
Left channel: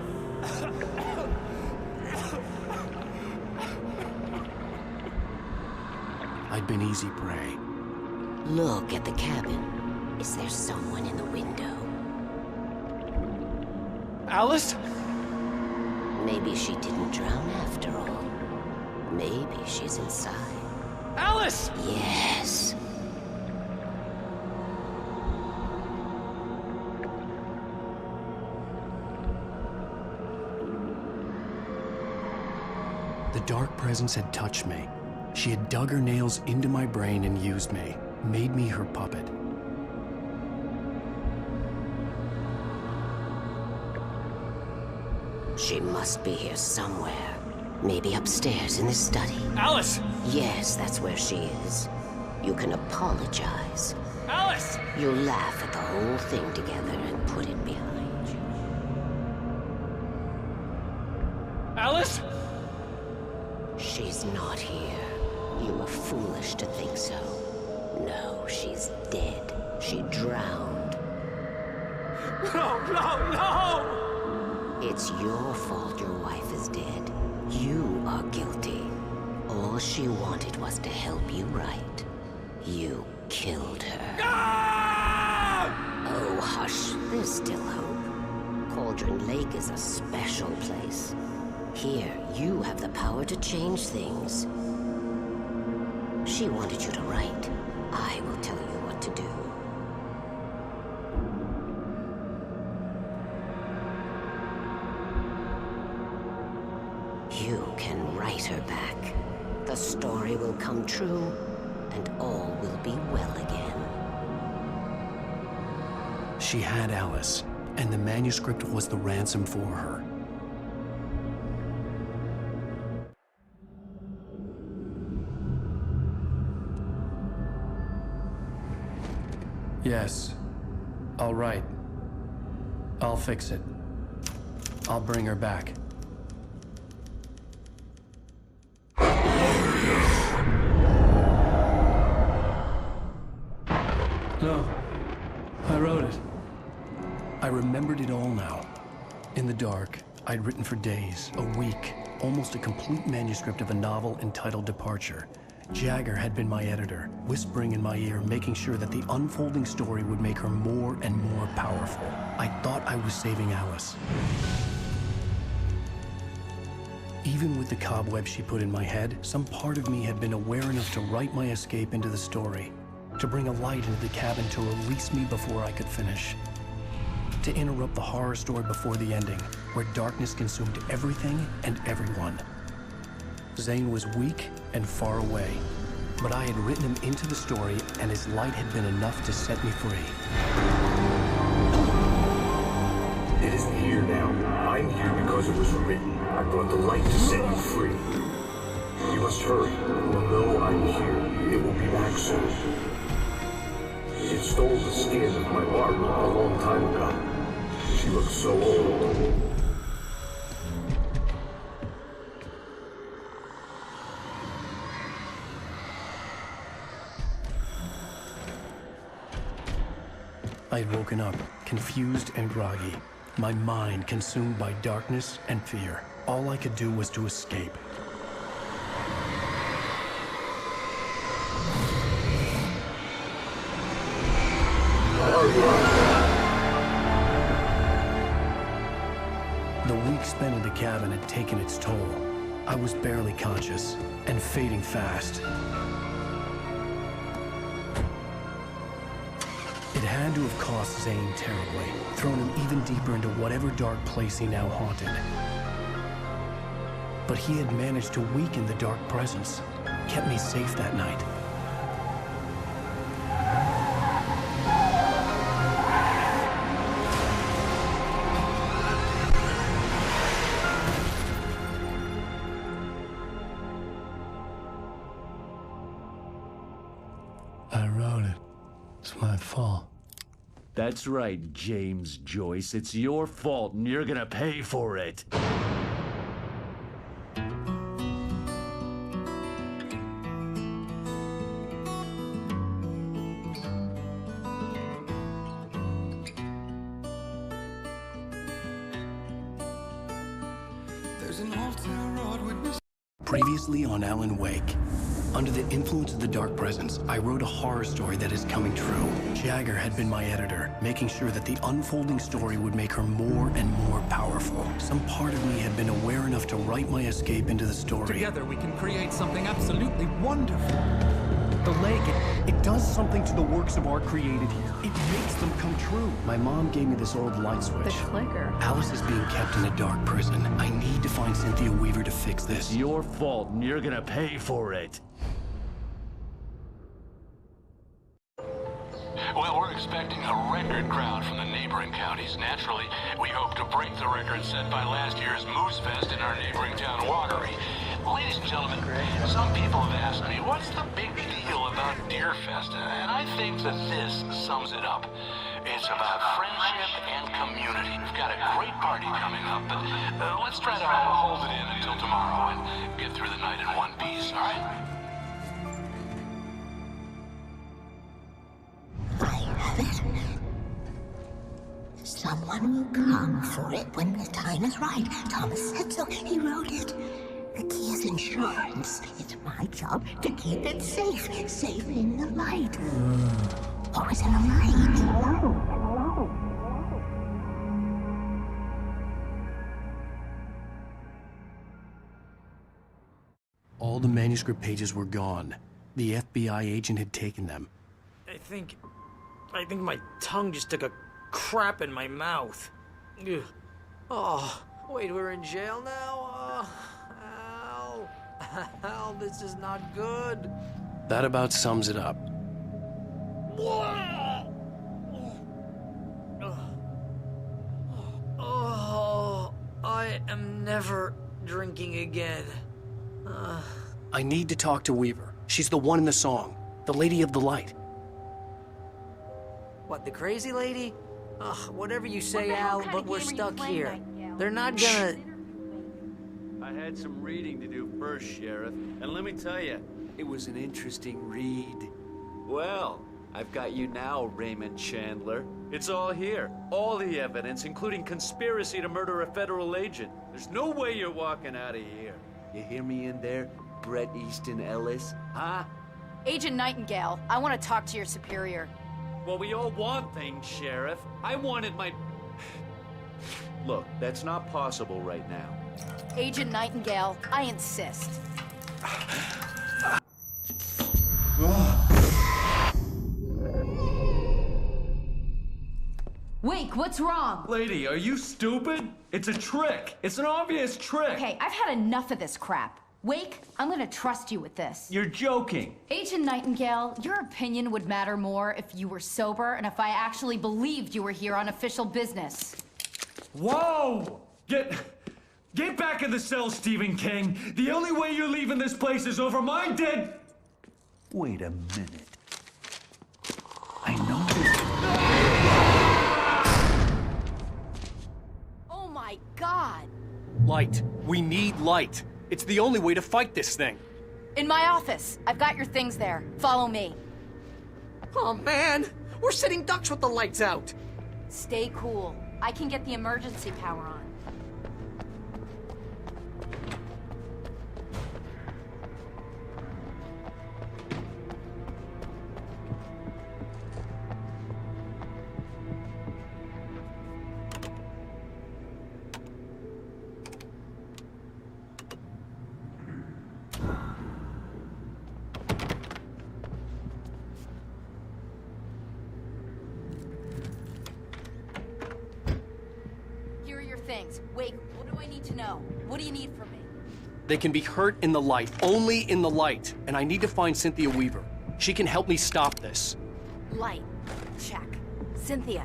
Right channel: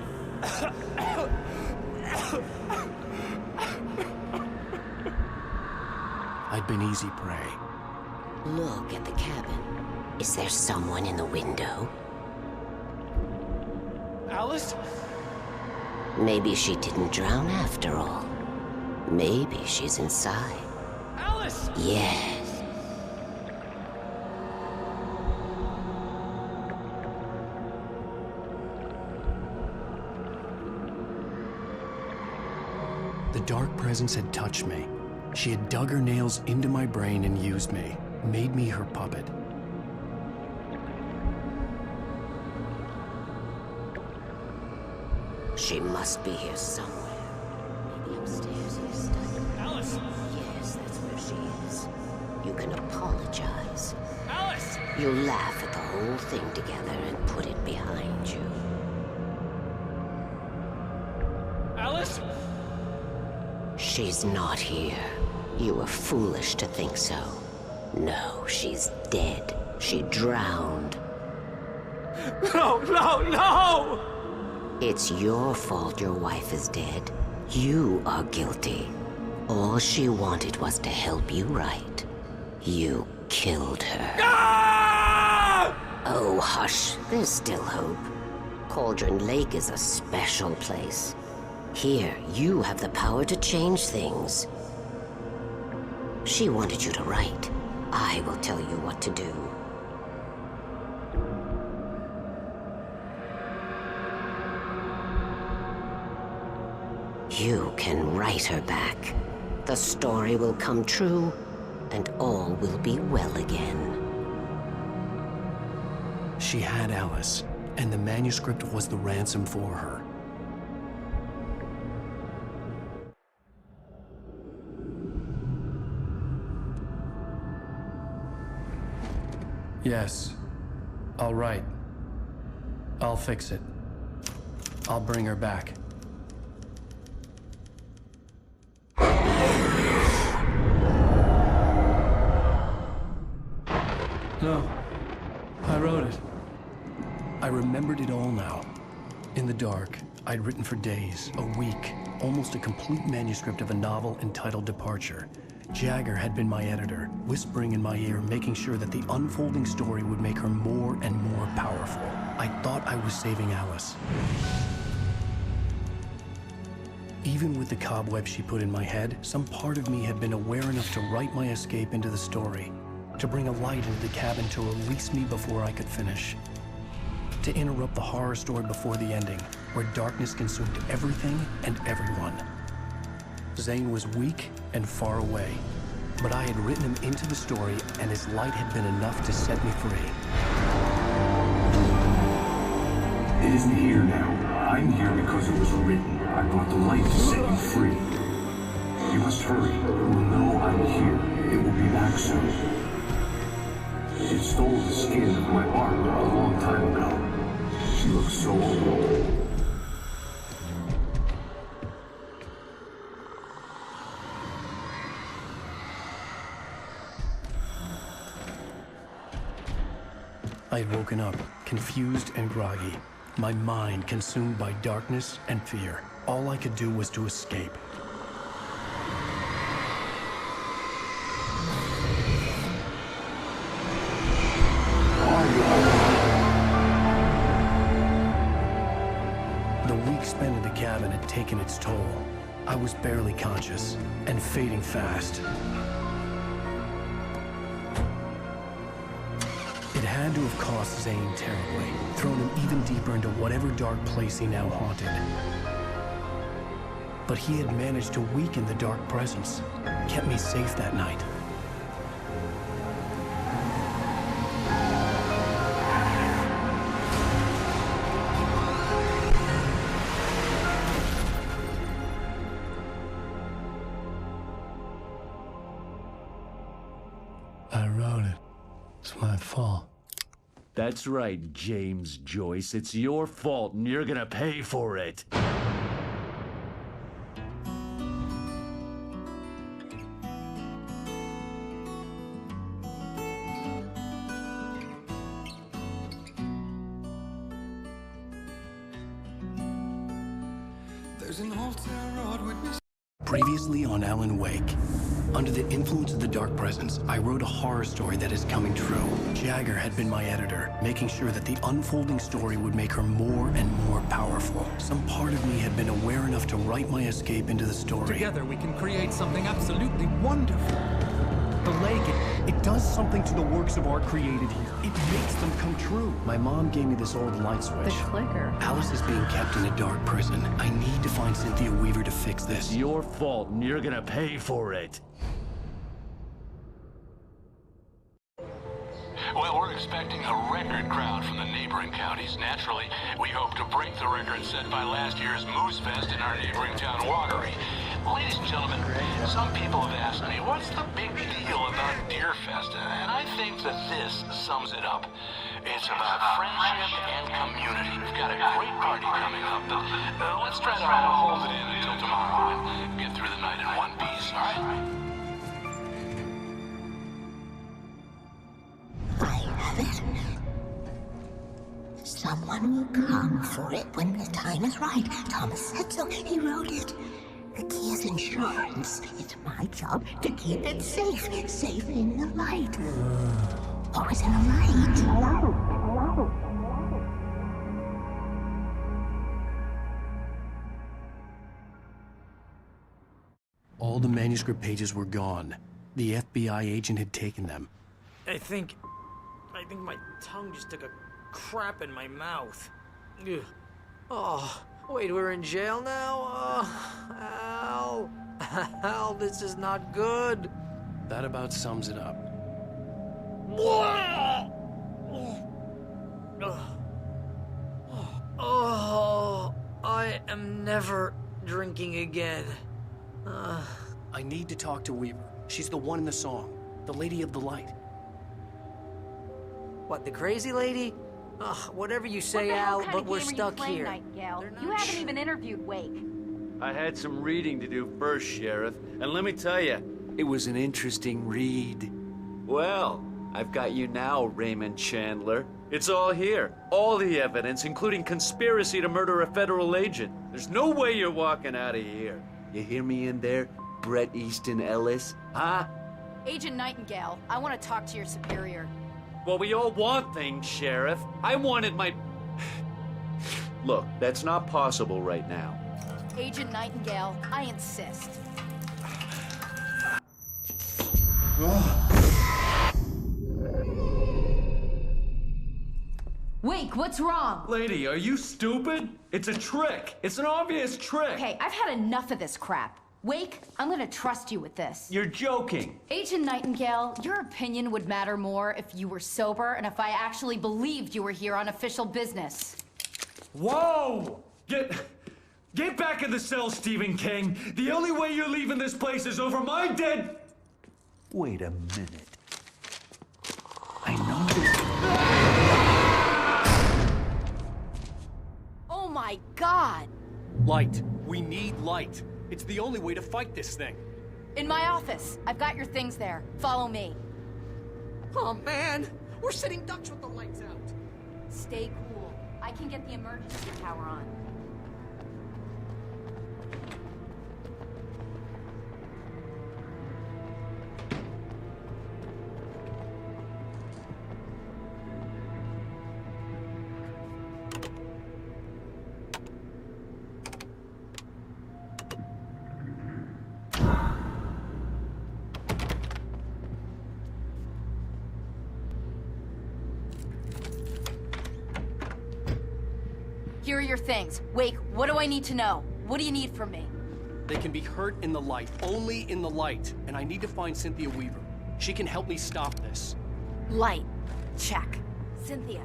I'd been easy prey. Look at the cabin. Is there someone in the window? Alice? Maybe she didn't drown after all. Maybe she's inside. Alice! Yes. The dark presence had touched me. She had dug her nails into my brain and used me, made me her puppet. She's here somewhere. Maybe upstairs in the study. Alice! Yes, that's where she is. You can apologize. Alice! Behind you. Alice? She's not here. You were foolish to think so. No, she's dead. She drowned. No, no, no! It's your fault your wife is dead. You are guilty. All she wanted was to help you right. You killed her. Ah! Oh, hush. There's still hope. Cauldron Lake is a special place. Here, you have the power to change things. She wanted you to write. I will tell you what to do. You can write her back. The story will come true, and all will be well again. She had Alice, and the manuscript was the ransom for her. Yes. I'll write. I'll fix it. I'll bring her back. No. I wrote it. I remembered it all now. In the dark, I'd written for days, a week, almost a complete manuscript of a novel entitled Departure. Jagger had been my editor, whispering in my ear, making sure that the unfolding story would make her more and more powerful. I thought I was saving Alice. Even with the cobweb she put in my head, some part of me had been aware enough to write my escape into the story, to bring a light into the cabin to release me before I could finish, to interrupt the horror story before the ending, where darkness consumed everything and everyone. Zane was weak and far away, but I had written him into the story, and his light had been enough to set me free. It isn't here now. I'm here because it was written. I brought the light to set you free. You must hurry. It will know I'm here. It will be back soon. It stole the skin of my Barbara a long time ago. She looks so old. I had woken up, confused and groggy, my mind consumed by darkness and fear. All I could do was to escape. The week spent in the cabin had taken its toll. I was barely conscious, and fading fast. It had to have cost Zane terribly, thrown him even deeper into whatever dark place he now haunted. But he had managed to weaken the dark presence, kept me safe that night. I wrote it. It's my fault. That's right, James Joyce. It's your fault, and you're gonna pay for it. There's an old town road with Previously on Alan Wake. Under the influence of the dark presence, I wrote a horror story that is coming true. Jagger had been my editor, making sure that the unfolding story would make her more and more powerful. Some part of me had been aware enough to write my escape into the story. Together we can create something absolutely wonderful. The lake, it does something to the works of art created here. It makes them come true. My mom gave me this old light switch. The clicker. Alice is being kept in a dark prison. I need to find Cynthia Weaver to fix this. It's your fault, and you're gonna pay for it. Well, we're expecting a record crowd from the neighboring counties. Naturally, we hope to break the record set by last year's Moose Fest in our neighboring town, Watery. Ladies and gentlemen, some people have asked me, what's the big deal about Deer Fest? And I think that this sums it up. It's about friendship and community. We've got a great party coming up, but let's try to hold it in until tomorrow and get through the night in one piece, all right? Someone will come for it when the time is right. Thomas said so. He wrote it. The key is insurance. It's my job to keep it safe. Safe in the light. Always in the light. All the manuscript pages were gone. The FBI agent had taken them. I think my tongue just took a crap in my mouth. Ugh. Oh, wait, we're in jail now? Oh, Al, this is not good. That about sums it up. Oh, I am never drinking again. I need to talk to Weaver. She's the one in the song. The Lady of the Light. What, the crazy lady? Ugh, whatever you say, Al, but we're stuck here. They're not gonna... even interviewed Wake. I had some reading to do first, Sheriff, and let me tell you, it was an interesting read. Well, I've got you now, Raymond Chandler. It's all here. All the evidence, including conspiracy to murder a federal agent. There's no way you're walking out of here. You hear me in there, Bret Easton Ellis? Huh? Agent Nightingale, I want to talk to your superior. Well, we all want things, Sheriff. I wanted my... Look, that's not possible right now. Agent Nightingale, I insist. Wake, what's wrong? Lady, are you stupid? It's a trick. It's an obvious trick. Okay, I've had enough of this crap. Wake, I'm gonna trust you with this. You're joking. Agent Nightingale, your opinion would matter more if you were sober and if I actually believed you were here on official business. Whoa! Get back in the cell, Stephen King. The only way you're leaving this place is over my dead... Wait a minute. I know this... Oh my God! Light. We need light. It's the only way to fight this thing. In my office. I've got your things there. Follow me. Oh man, we're sitting ducks with the lights out. Stay cool. I can get the emergency power on. Here are your things. Wake, what do I need to know? What do you need from me? They can be hurt in the light, only in the light. And I need to find Cynthia Weaver. She can help me stop this. Light. Check. Cynthia.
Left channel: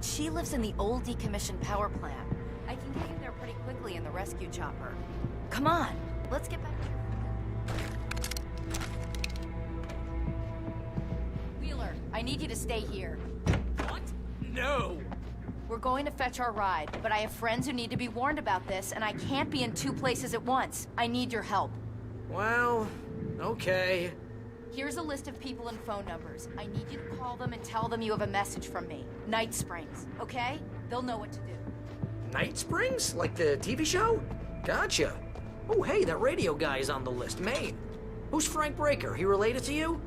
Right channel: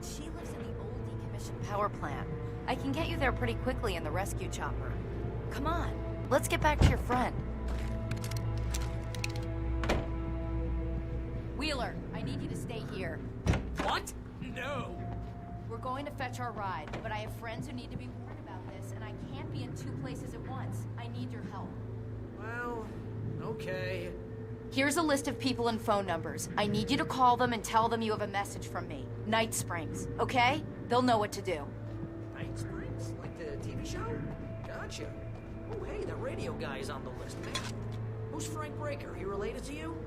She lives in the old decommissioned power plant. I can get you there pretty quickly in the rescue chopper. Come on, let's get back to your friend. Wheeler, I need you to stay here. What? No! We're going to fetch our ride, but I have friends who need to be warned about this, and I can't be in 2 places at once. I need your help. Well, okay. Here's a list of people and phone numbers. I need you to call them and tell them you have a message from Night Springs, okay? They'll know what to do. Night Springs? Like the TV show? Gotcha. Oh, hey, that radio guy is on the list. Maine. Who's Frank Breaker? He related to you?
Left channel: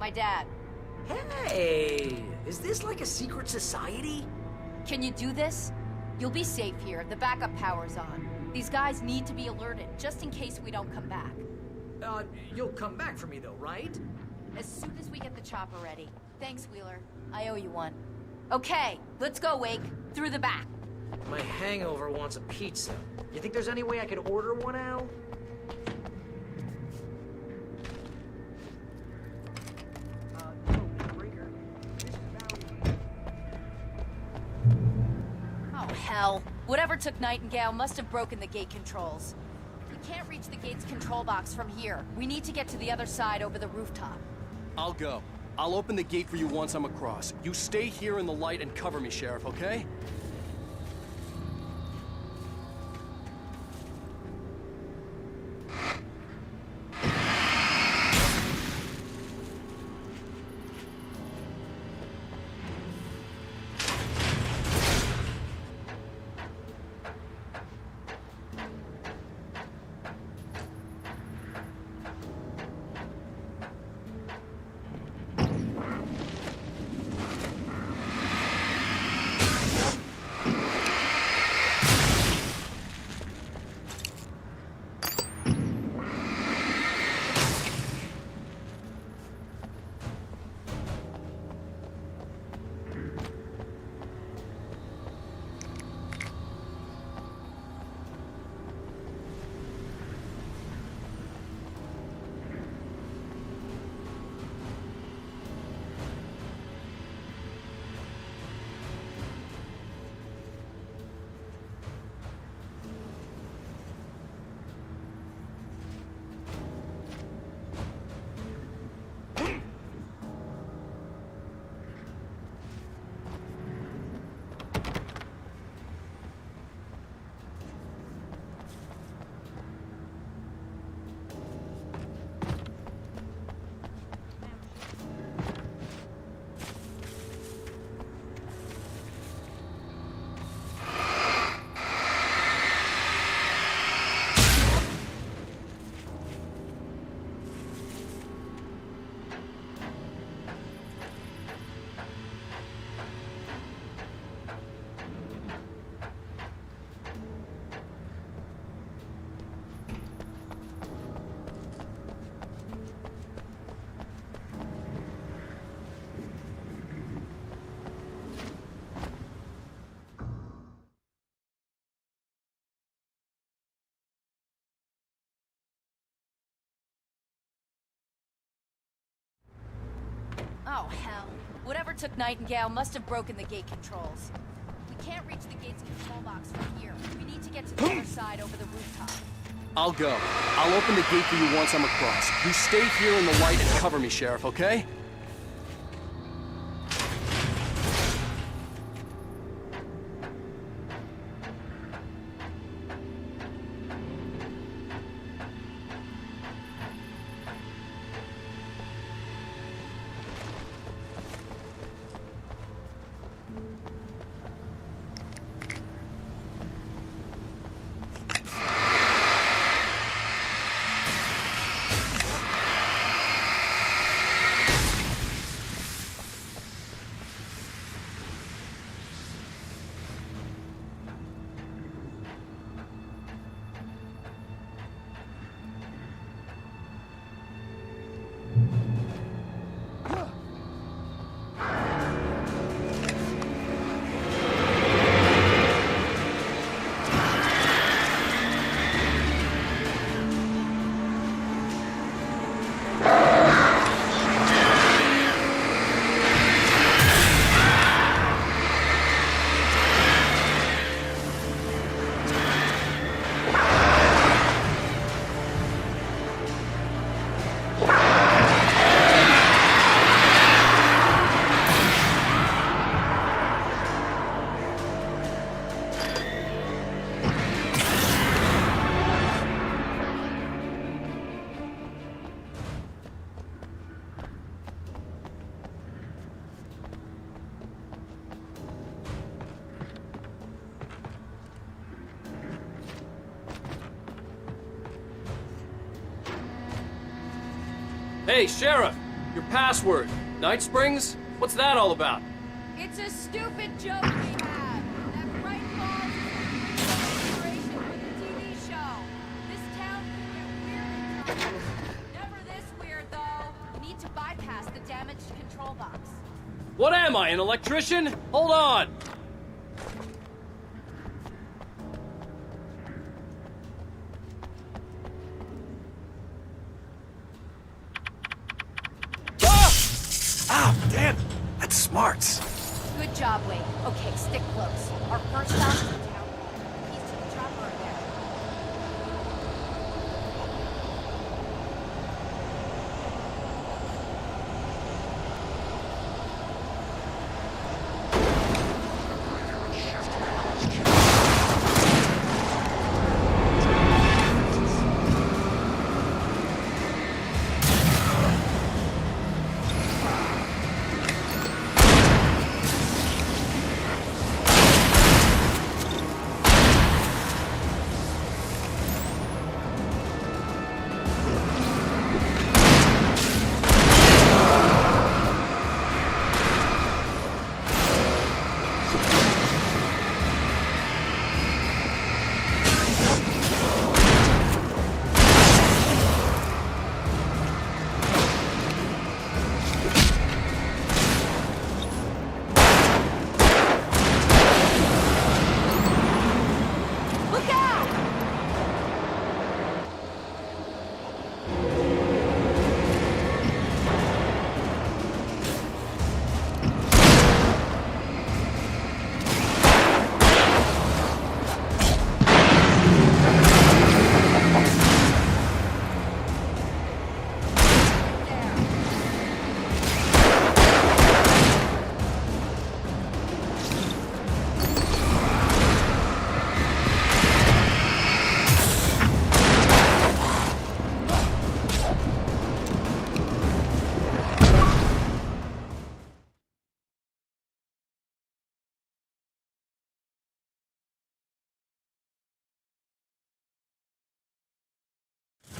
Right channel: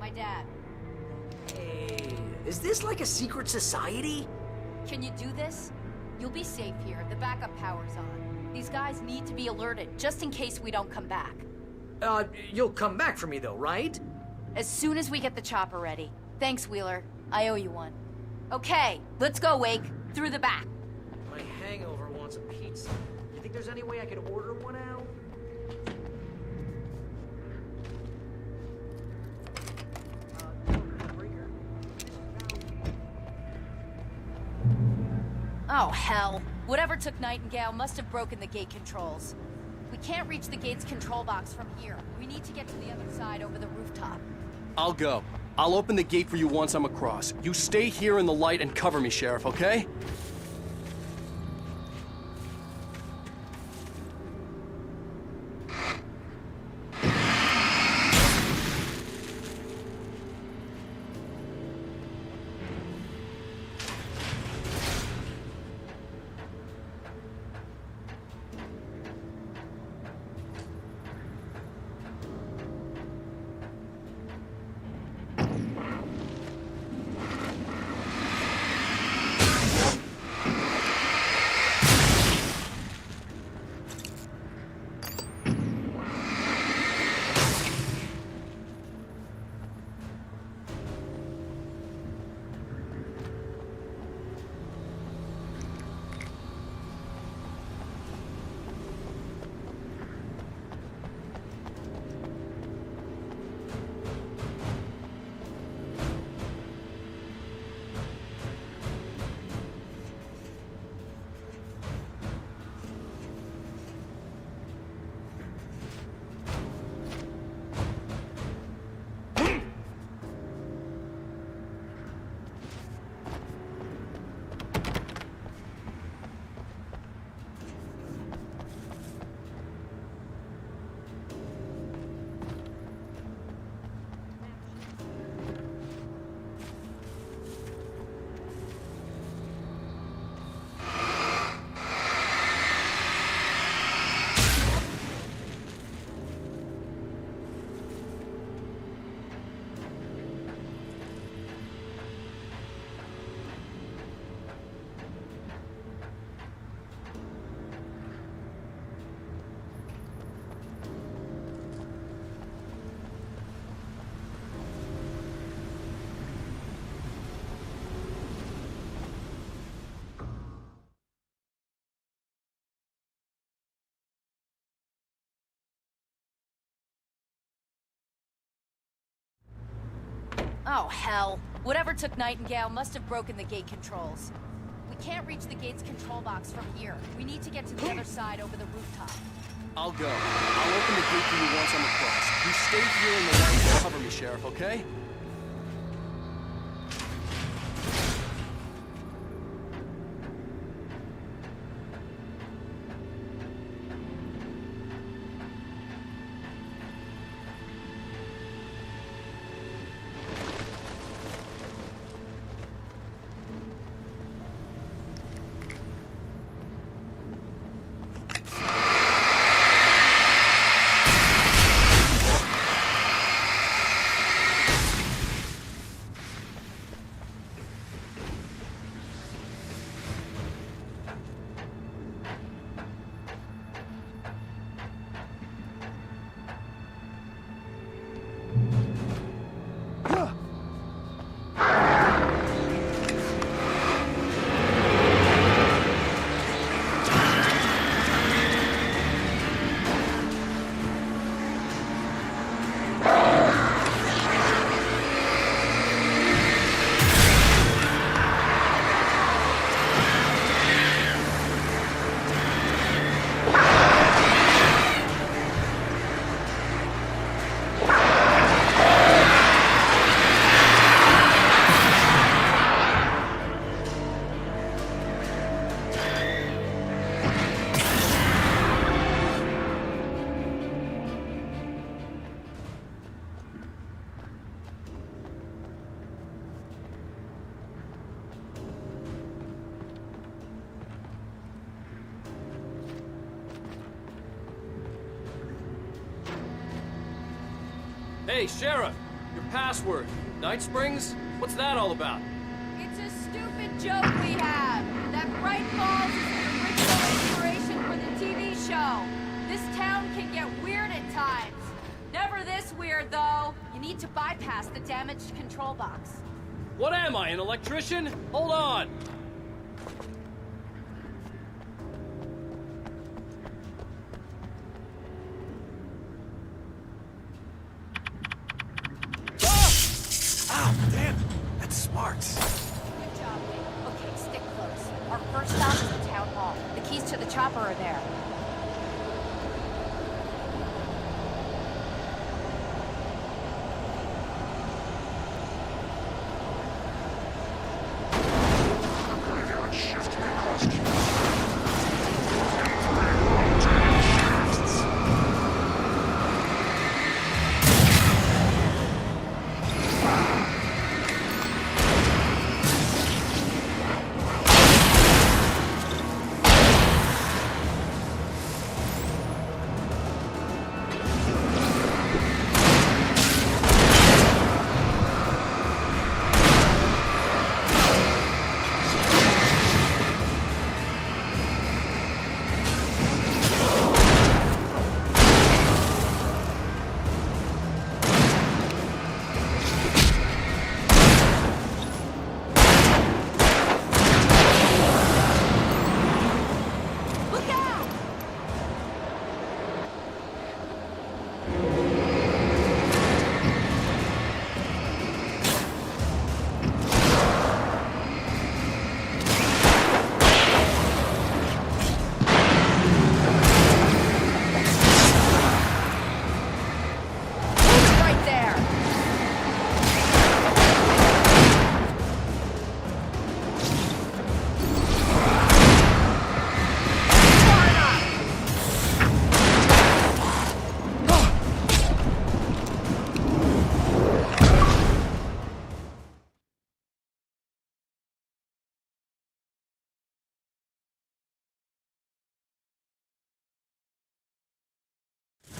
My dad. Hey, is this like a secret society? Can you do this? You'll be safe here. The backup power's on. These guys need to be alerted, just in case we don't come back. You'll come back for me though, right? As soon as we get the chopper ready. Thanks, Wheeler. I owe you one. Okay, let's go, Wake. Through the back. My hangover wants a pizza. You think there's any way I could order one, Al? Oh, hell. Whoever took Nightingale must have broken the gate controls. We can't reach the gate's control box from here. We need to get to the other side over the rooftop. I'll go. I'll open the gate for you once I'm across. You stay here in the light and cover me, Sheriff, okay? Oh, hell. Whatever took Nightingale must have broken the gate controls. We can't reach the gate's control box from here. We need to get to the other side. I'll go. I'll open the gate for you once I'm across. You stay here in the light and cover me, Sheriff, okay? Hey, Sheriff! Your password. Night Springs? What's that all about? It's a stupid joke we have. That Bright Falls is the original inspiration for the TV show. This town can get weird at times. Never this weird, though. You need to bypass the damaged control box. What am I, an electrician? Hold on! Ah, damn! That's smart. Good job, Wade. Okay, stick close. Town Hall. The keys to the chopper are there.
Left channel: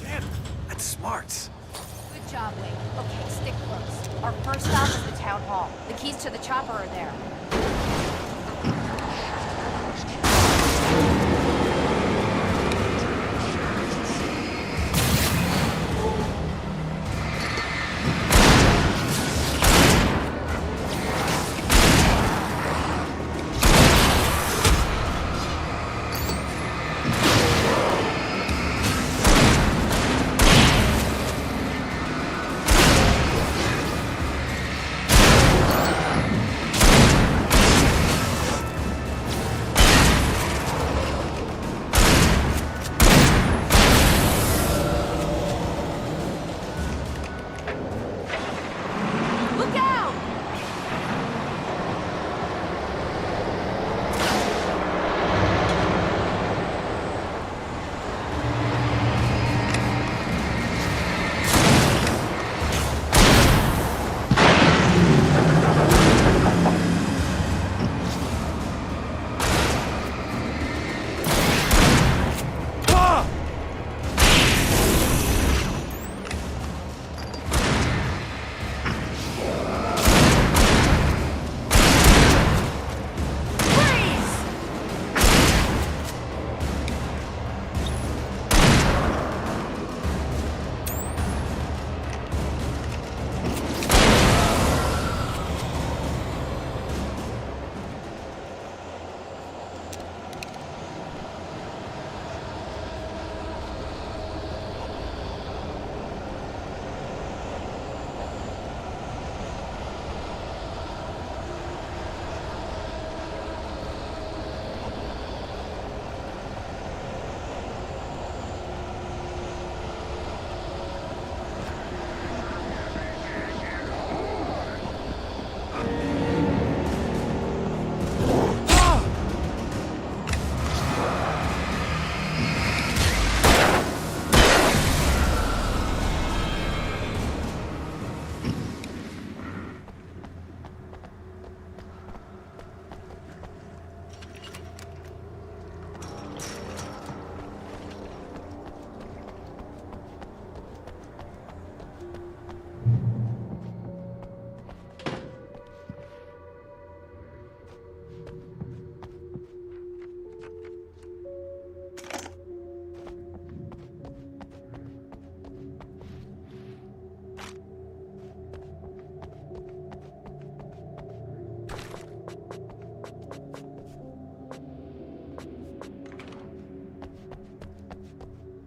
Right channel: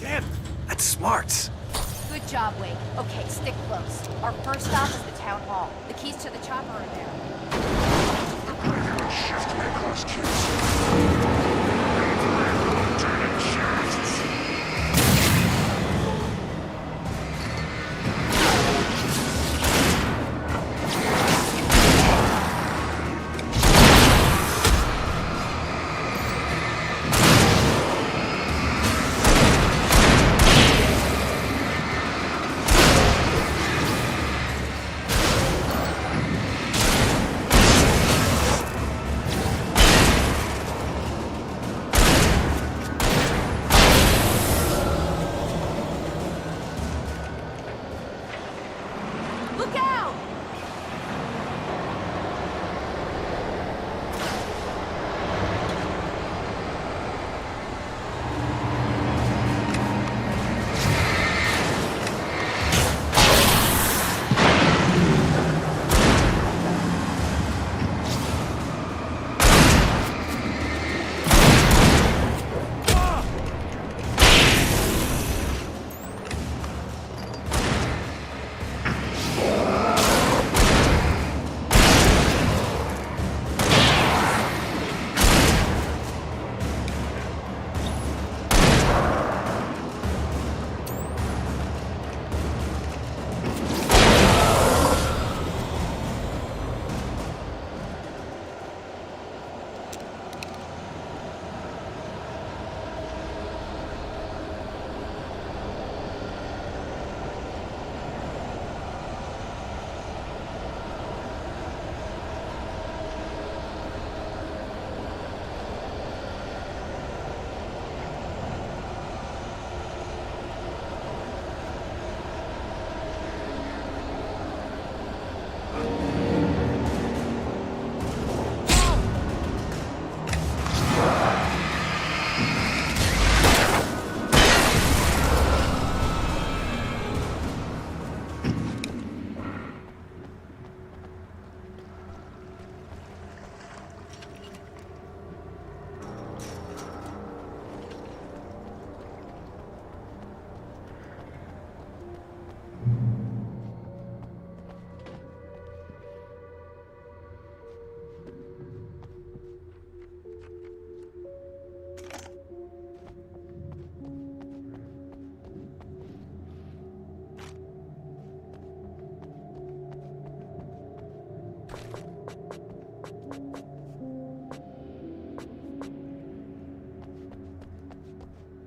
Damn, that's smart. Good job, Wade. Okay, stick close. The keys to the chopper are there.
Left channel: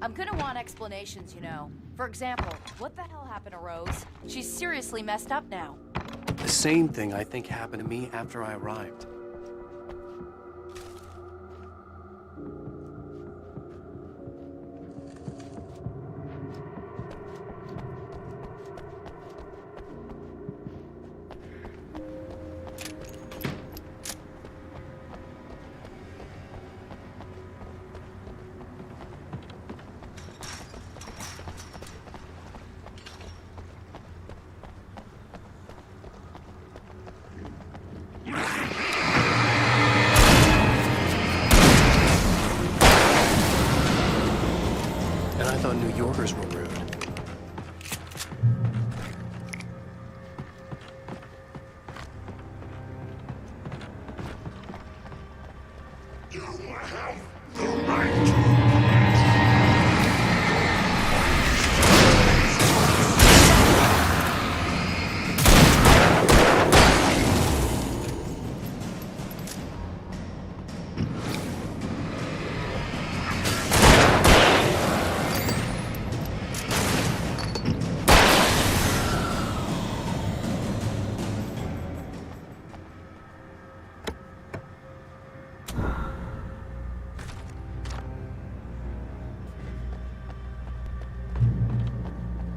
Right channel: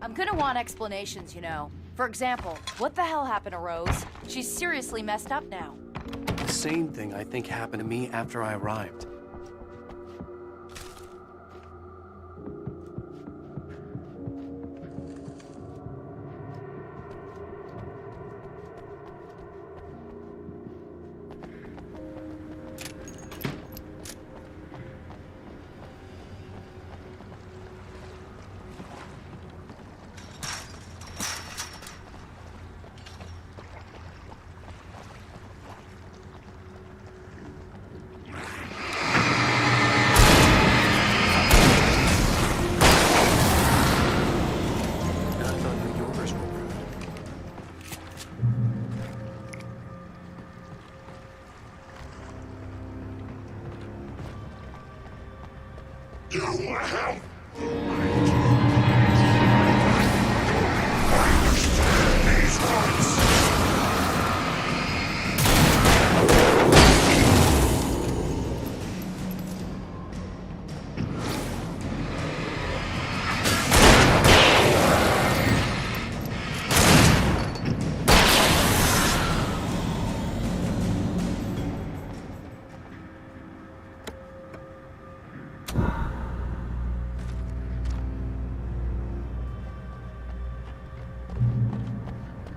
I'm gonna want explanations, you know. For example, what the hell happened to Rose? She's seriously messed up now. The same thing I think happened to me after I arrived. And I thought New Yorkers were rude. You have the right.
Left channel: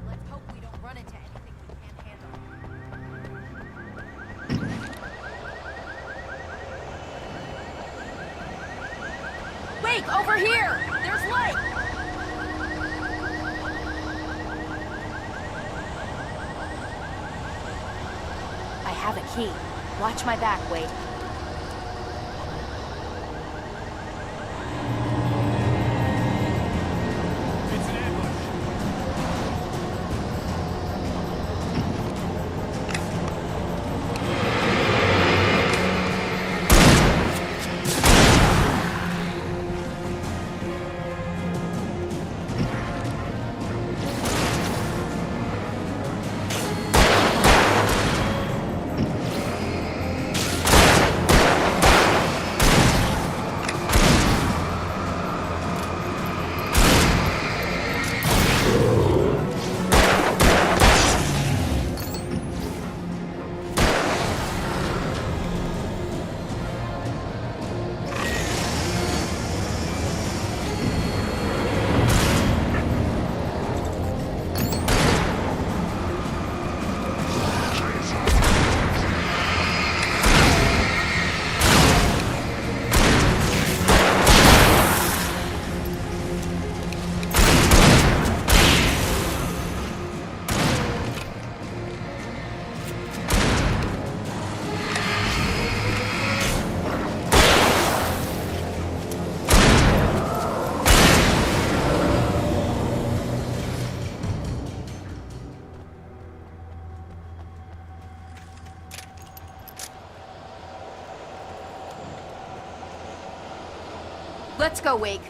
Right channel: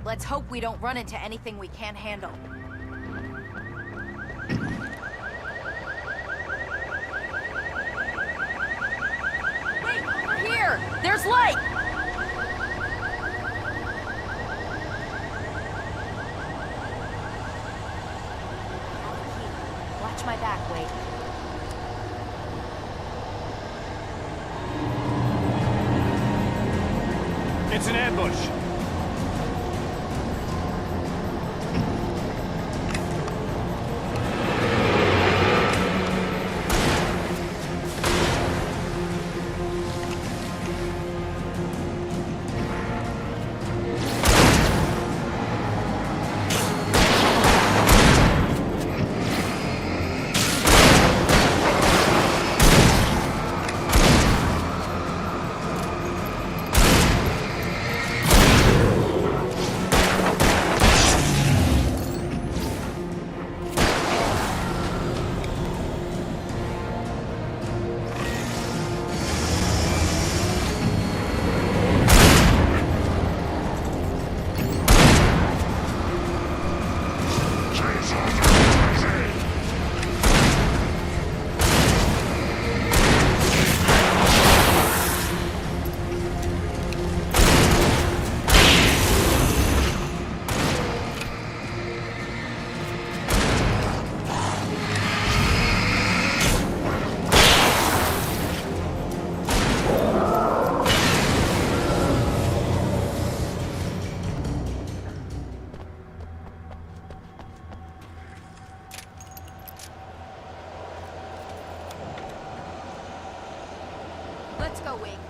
Let's hope we don't run into anything we can't handle. Wait, over here! There's light! I have a key. Watch my back, Wade. It's an ambush. Let's go, Wake.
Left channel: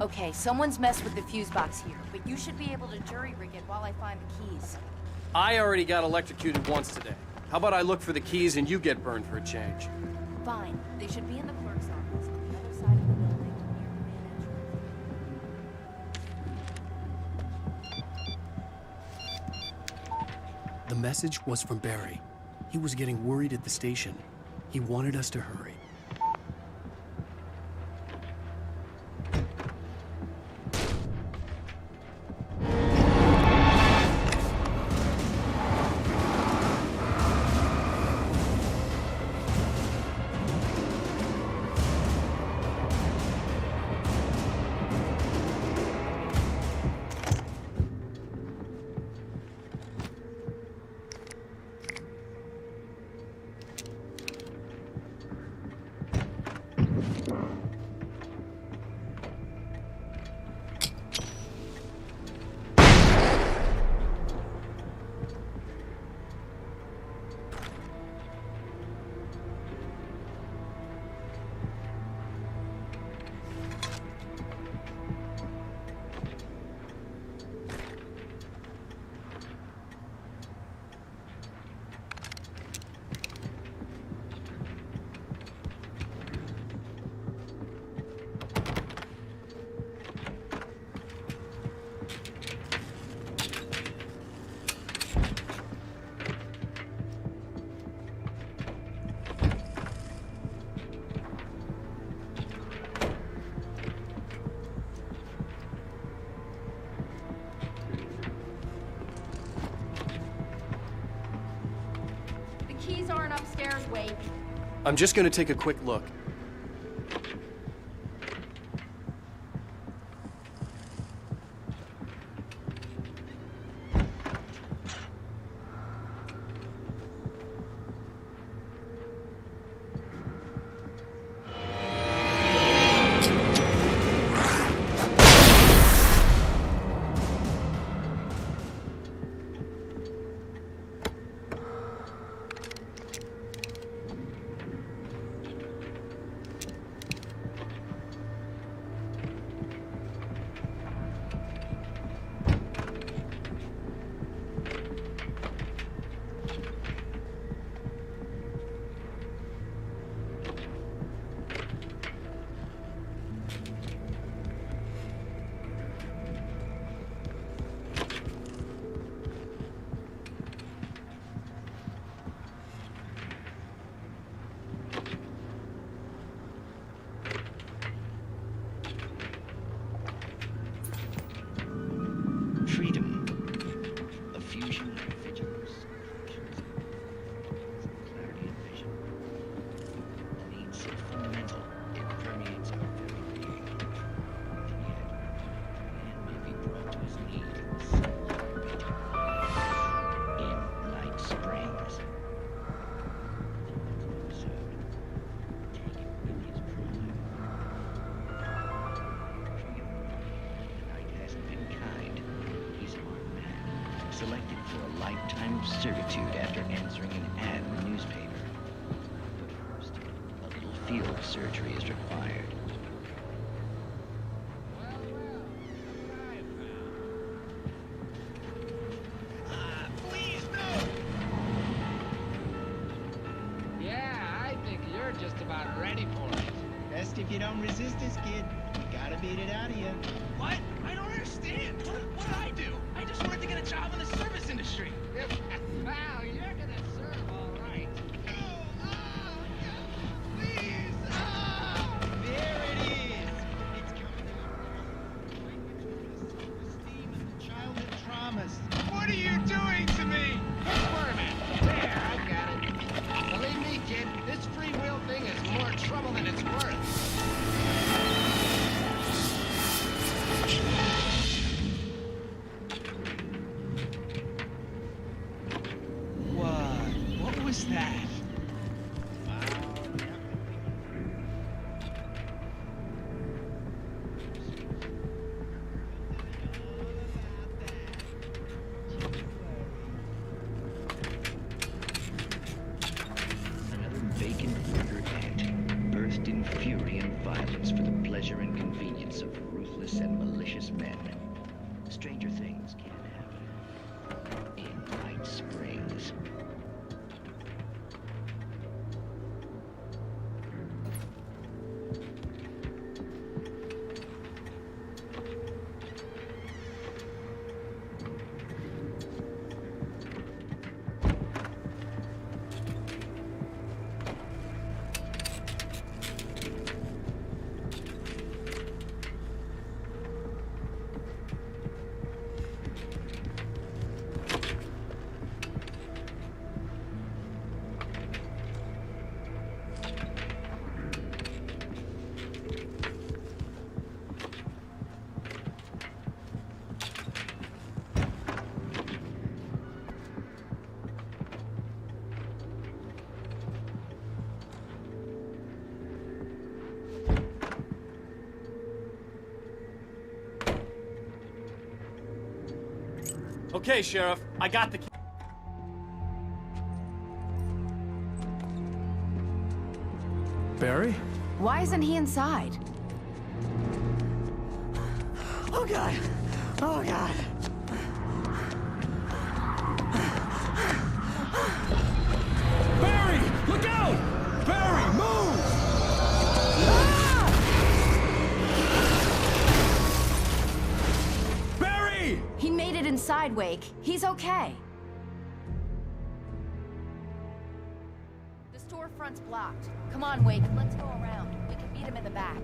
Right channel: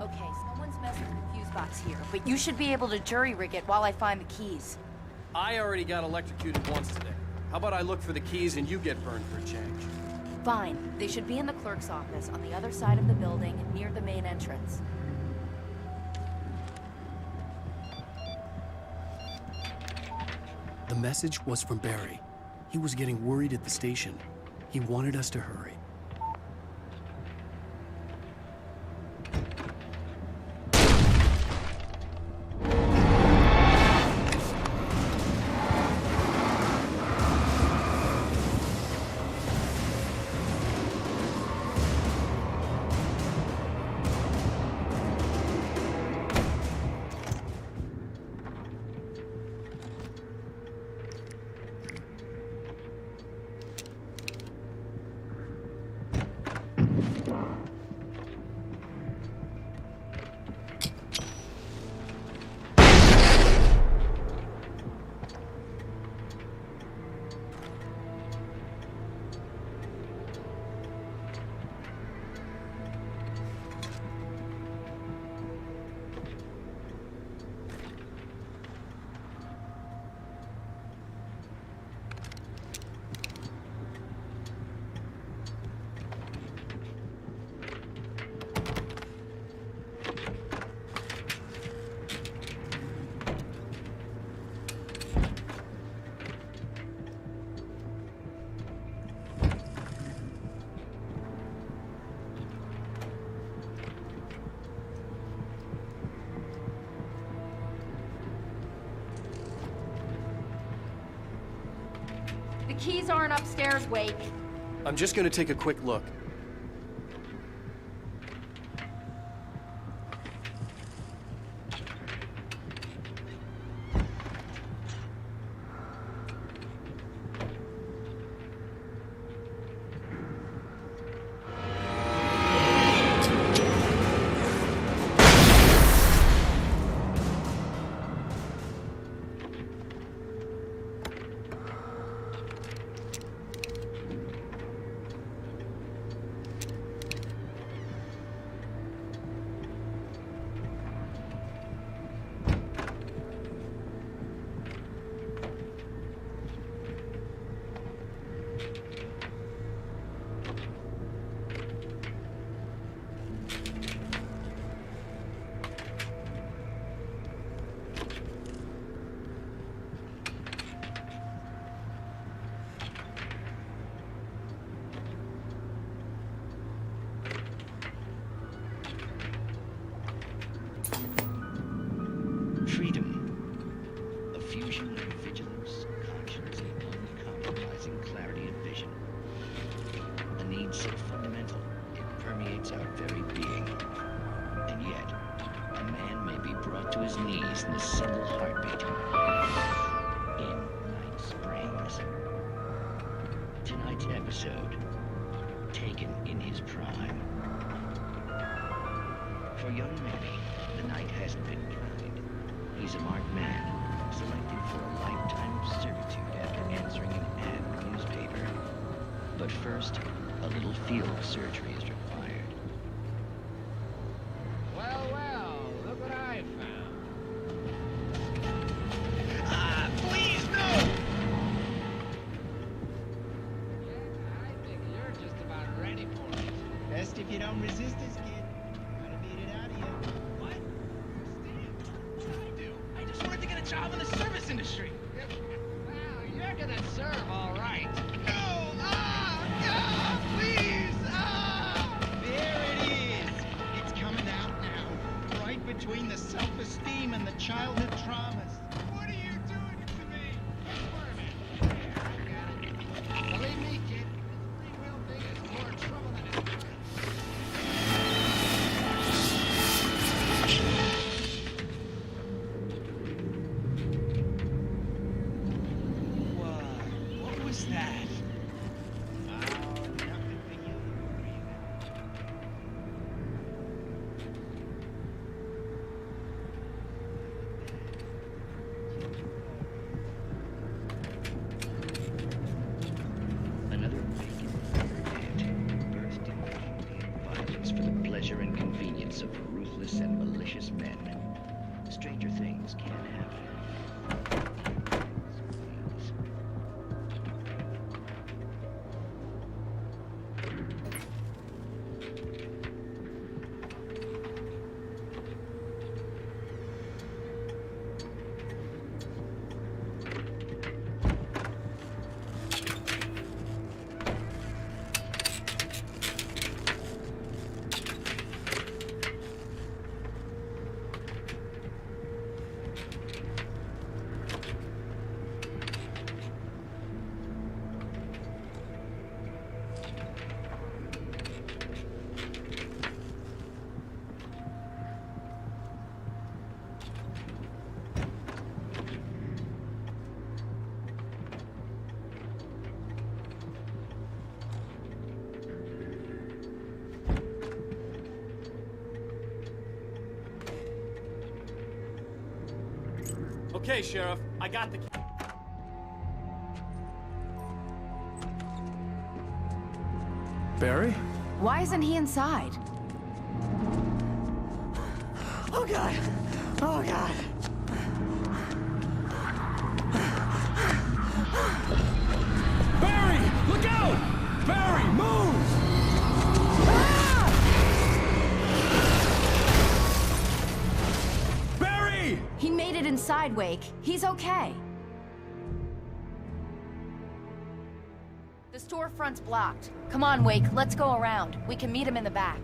Okay, someone's messed with the fuse box here, but you should be able to jury-rig it while I find the keys. I already got electrocuted once today. How about I look for the keys and you get burned for a change? Fine. They should be in the clerk's office on the other side of the building, near the main entrance. The message was from Barry. He was getting worried at the station. He wanted us to hurry. keys aren't upstairs, Wake. I'm just gonna take a quick look. To his knees in a single heartbeat. Tonight's episode, taken in his prime. For young Manny, the night hasn't been kind. He's a marked man, selected for a lifetime of servitude after answering an ad in the newspaper. But first, a little look what I found. please, no! Yeah, I think you're just about ready for it. You don't resist this, kid. Gotta beat it out of you. What? I don't understand. What'd I do? I just wanted to go over the service industry. Wow, you're gonna serve all right. No! Please! It's coming out now. Right between the self-esteem and the childhood traumas. What are you doing to me? Squirming. There, I got it. See me, kid. This free-will thing is more trouble than it's worth. What was that? Another vacant murder ant burst in fury and violence. Things can happen. Night Springs. Okay, Sheriff, I got the... Barry? Why isn't he inside? Oh, God. Oh, God. Barry! Look out! Barry, move! Barry! He made it inside, Wake. He's okay. The storefront's blocked. Come on, Wake, let's go around. We can meet him in the back.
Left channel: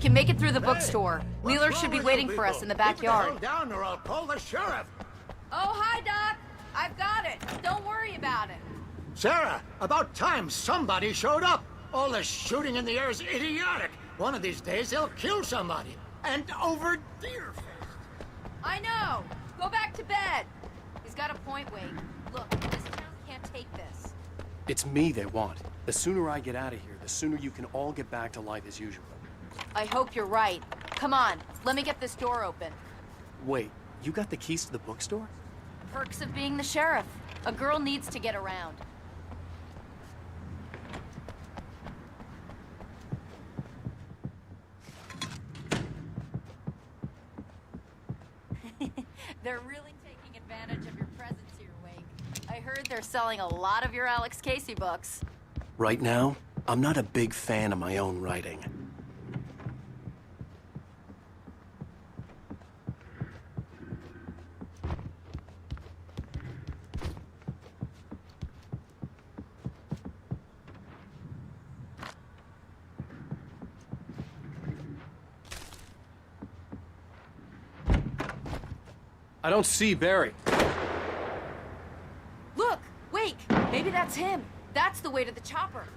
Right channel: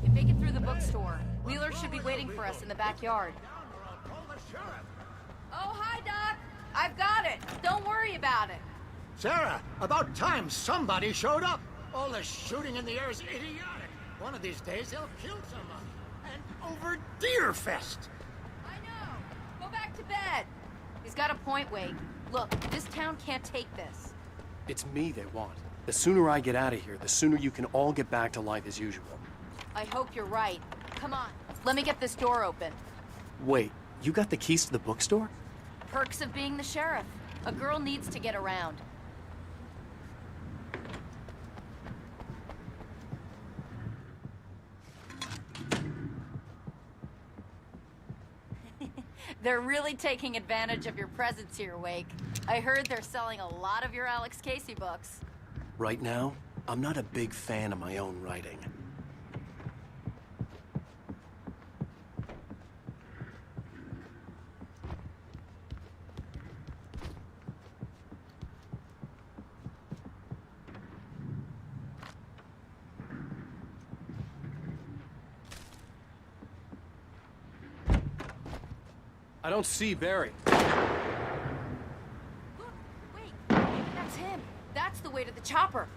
can make it through the bookstore. Wheeler should be waiting for us in the Keep the hell backyard. down or I'll call the sheriff. Oh, hi, Doc. I've got it. Don't worry about it. Sarah, about time somebody showed up. All the shooting in the air is idiotic. One of these days they'll kill somebody. And over Deerfest. I know. Go back to bed. He's got a point, Wade. Look, this town can't take this. It's me they want. The sooner I get out of here, the sooner you can all get back to life as usual. I hope you're right. Come on. Let's get this door open. Wait, you got the keys to the bookstore? Perks of being the sheriff. A girl needs to get around. They're really taking advantage of your presence here, Wake. I heard they're selling a lot of your Alex Casey books. Right now, I'm not a big fan of my own writing. I don't see Barry. Look! Wake! Maybe that's him. That's the way to the chopper.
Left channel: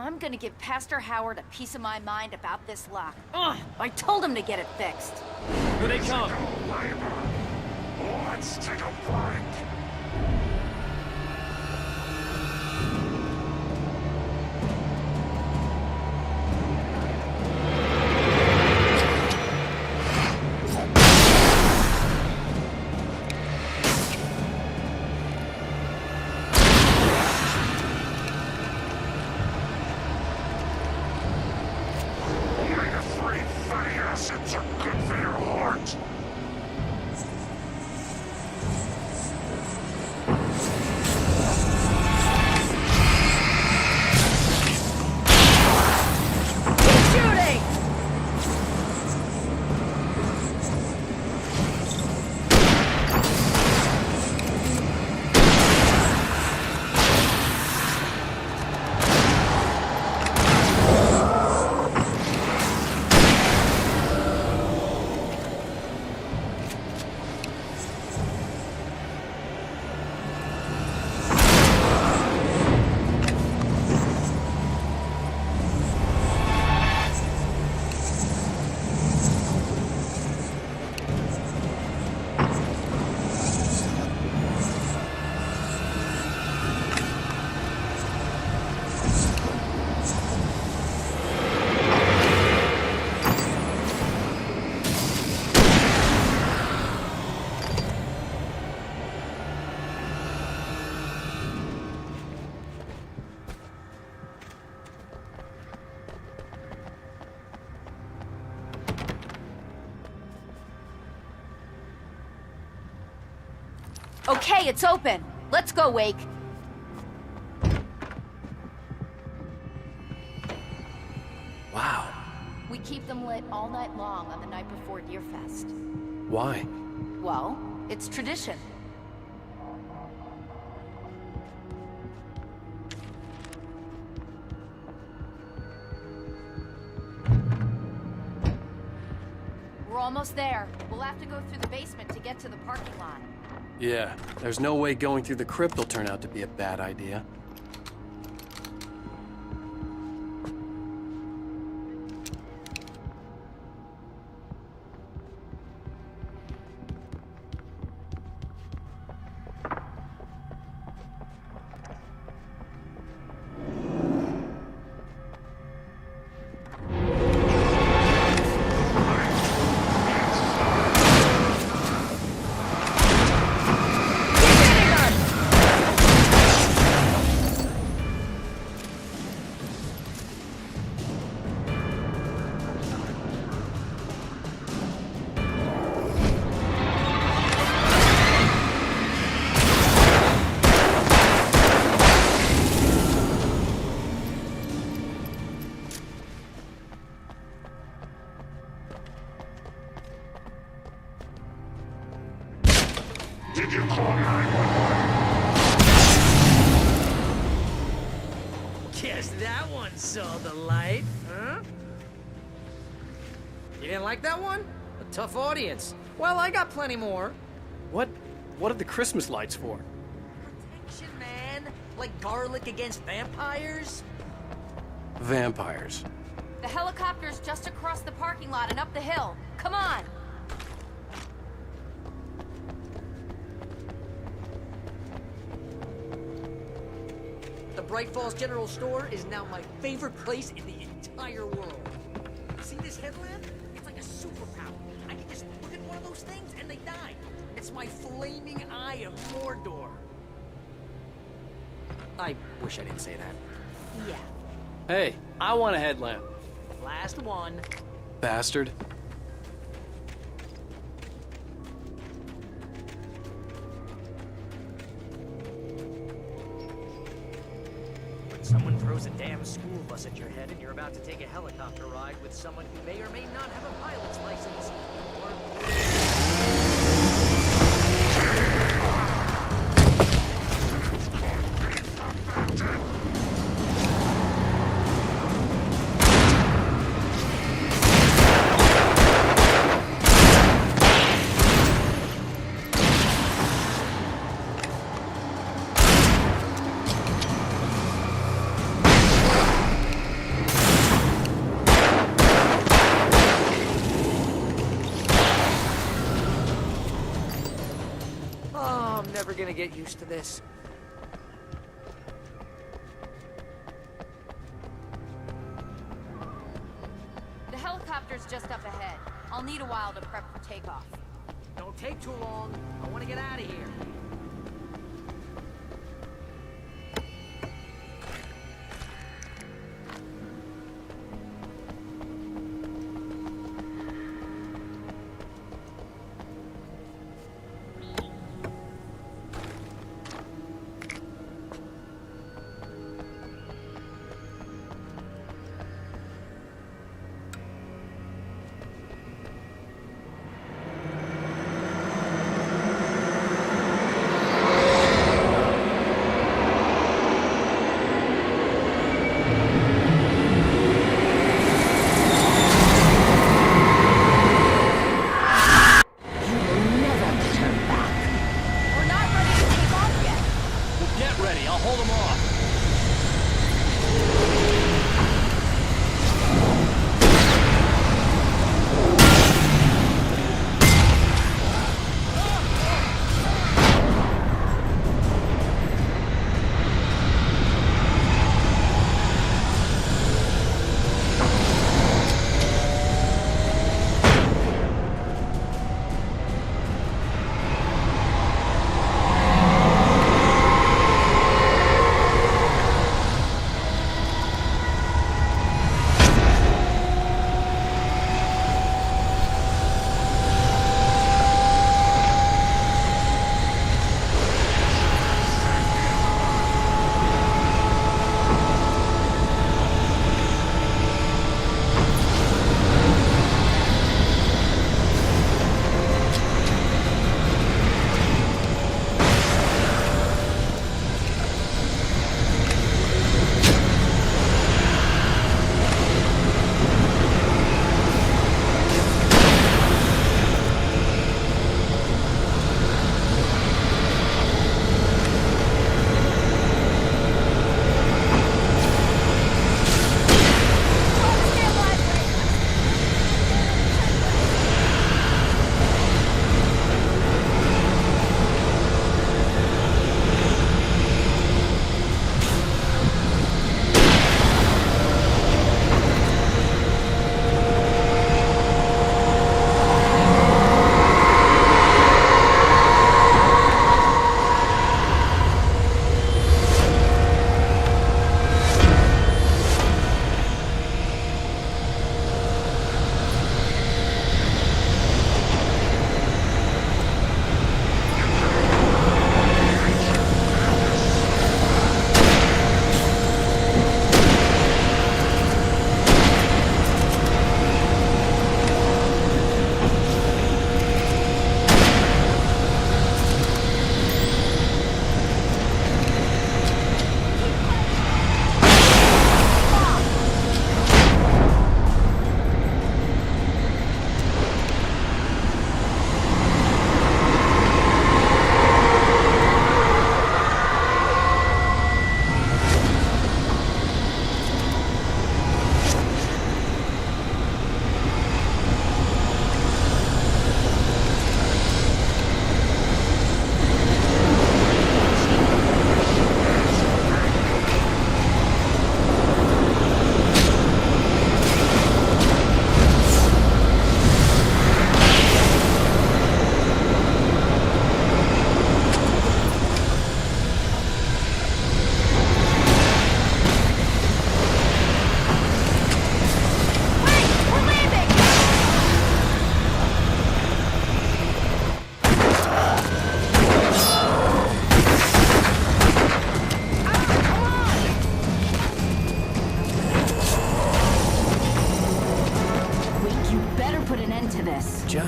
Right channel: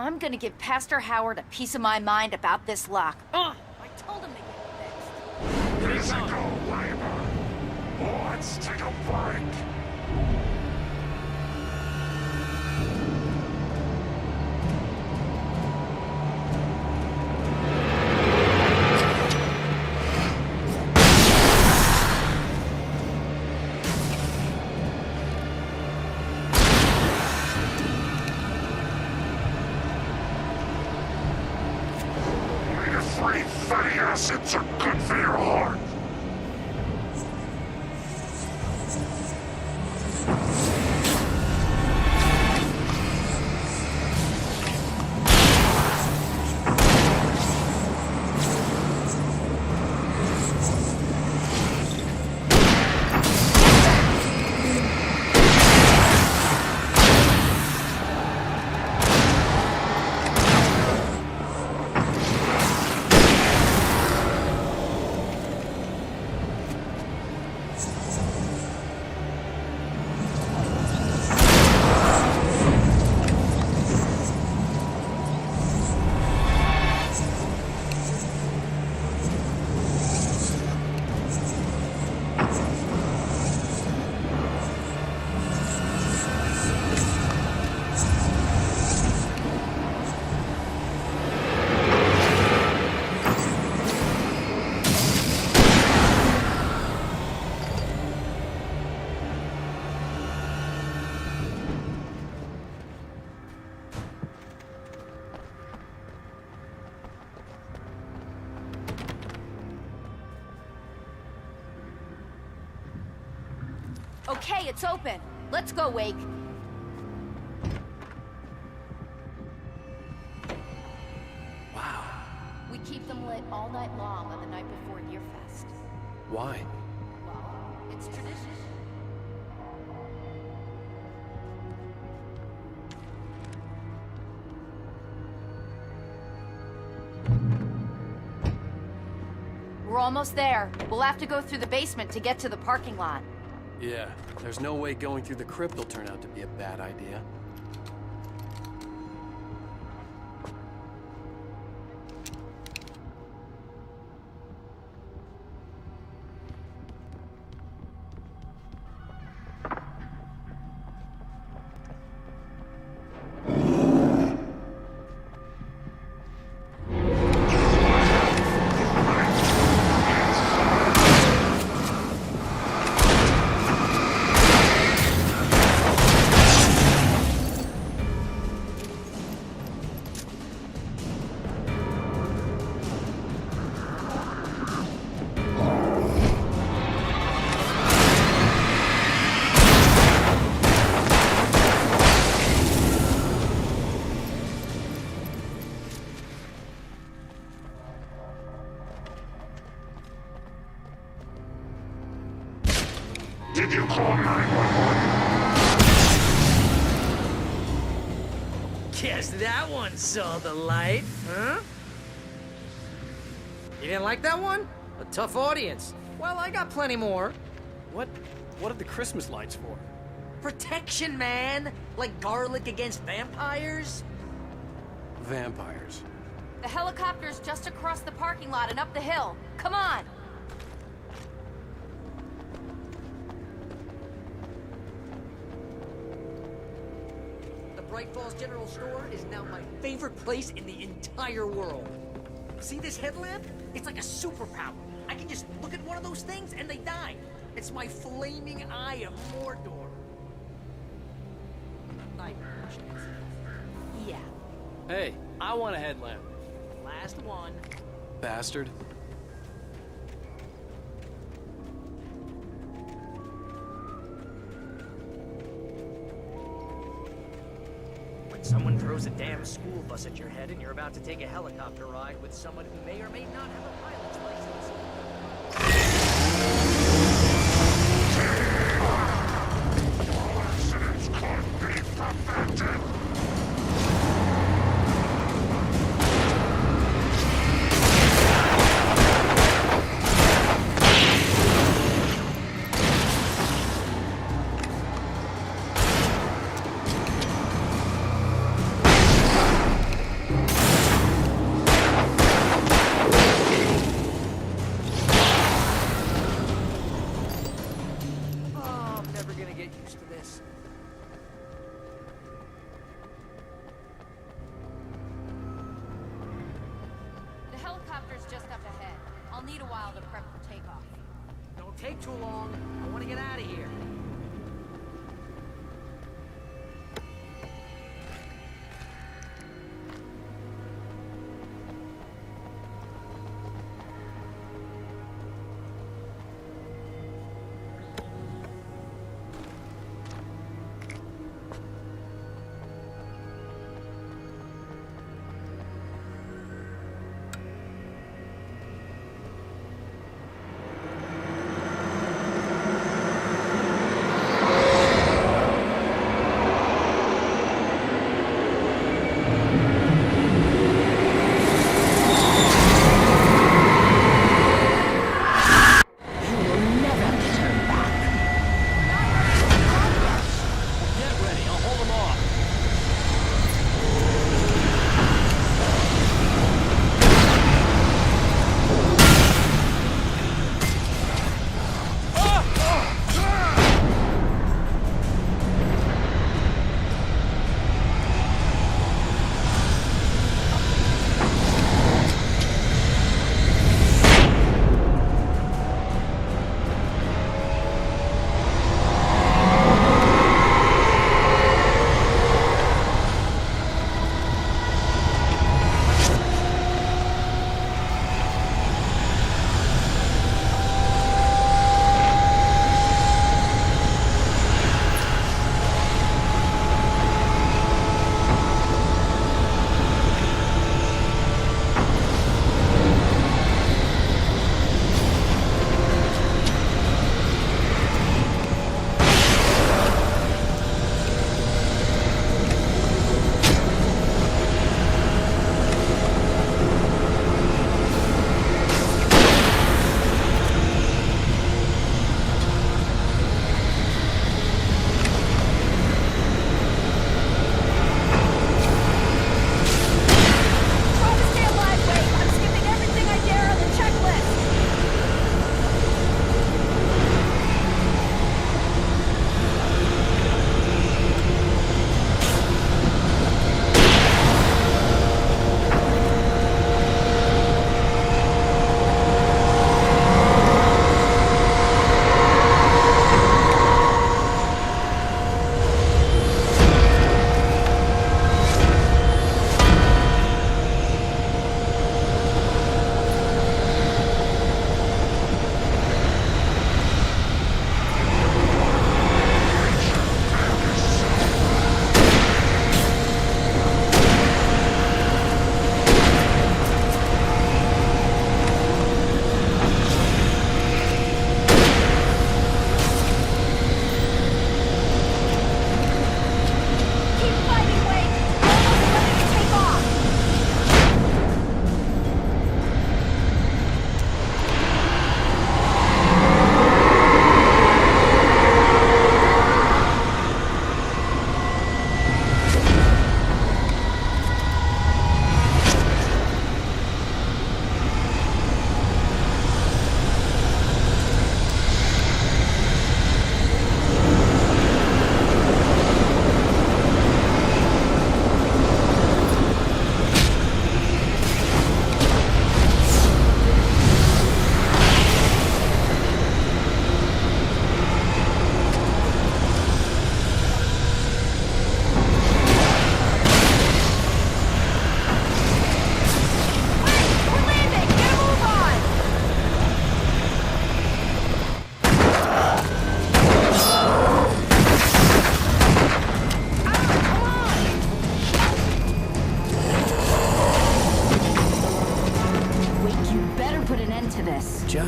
I'm gonna give Pastor Howard a piece of my mind about this lock. Ugh! I told him to get it fixed. Physical labor. Let's take a break. Omega-3 fatty acids are good for your heart. Okay, it's open. Let's go, Wake. Wow. We keep them lit all night long on the night before Deerfest. Why? Well, it's tradition. We're almost there. We'll have to go through the basement to get to the parking lot. Yeah, there's no way going through the crypt will turn out to be a bad idea. Did you call 911? Guess that one saw the light, huh? You didn't like that one? A tough audience. Well, I got plenty more. What are the Christmas lights for? Protection, man! Like garlic against vampires? Vampires. The Bright Falls General Store is now my favorite place in the entire world. See this headlamp? It's like a superpower. I can just look at one of those things and they die. It's my flaming eye car door. I wish I didn't say that. Hey, I want a headlamp. Last one. Bastard. Get used to this. The helicopter's just up ahead. I'll need a while to prep for takeoff. Get ready, I'll hold them off.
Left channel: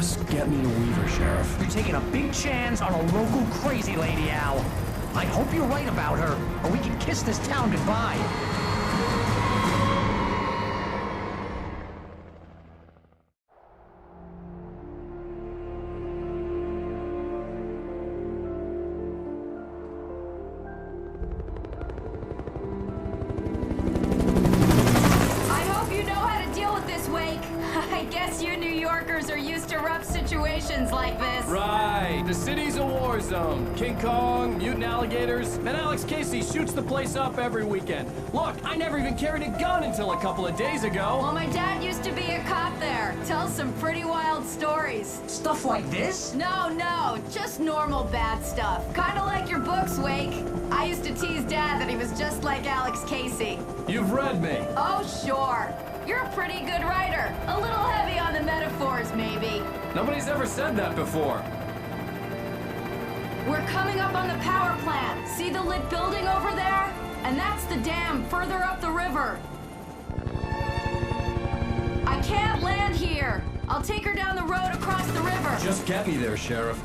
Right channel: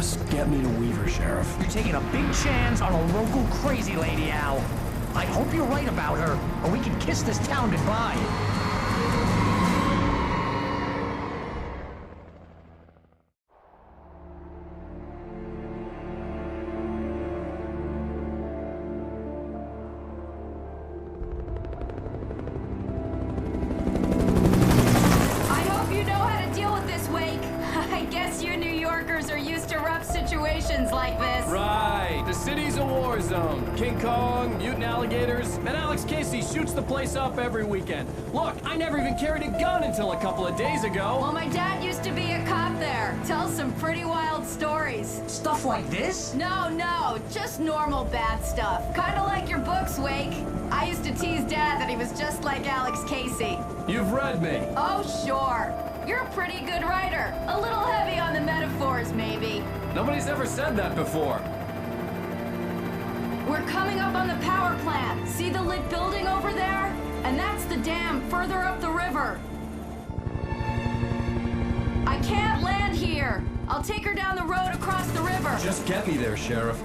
Just get me to Weaver, Sheriff. You're taking a big chance on a local crazy lady, Al. I hope you're right about her, or we can kiss this town goodbye. Like this. Right. The city's a war zone. King Kong, mutant alligators, and Alex Casey shoots the place up every weekend. Look, I never even carried a gun until a couple of days ago. Well, my dad used to be a cop there. Tells some pretty wild stories. Stuff like this? No, just normal bad stuff. Kinda like your books, Wake. I used to tease Dad that he was just like Alex Casey. You've read me. Oh, sure. You're a pretty good writer. A little heavy on the metaphors, maybe. Nobody's ever said that before. We're coming up on the power plant. See the lit building over there? And that's the dam further up the river. I can't land here. I'll take her down the road across the river. Just get me there, Sheriff.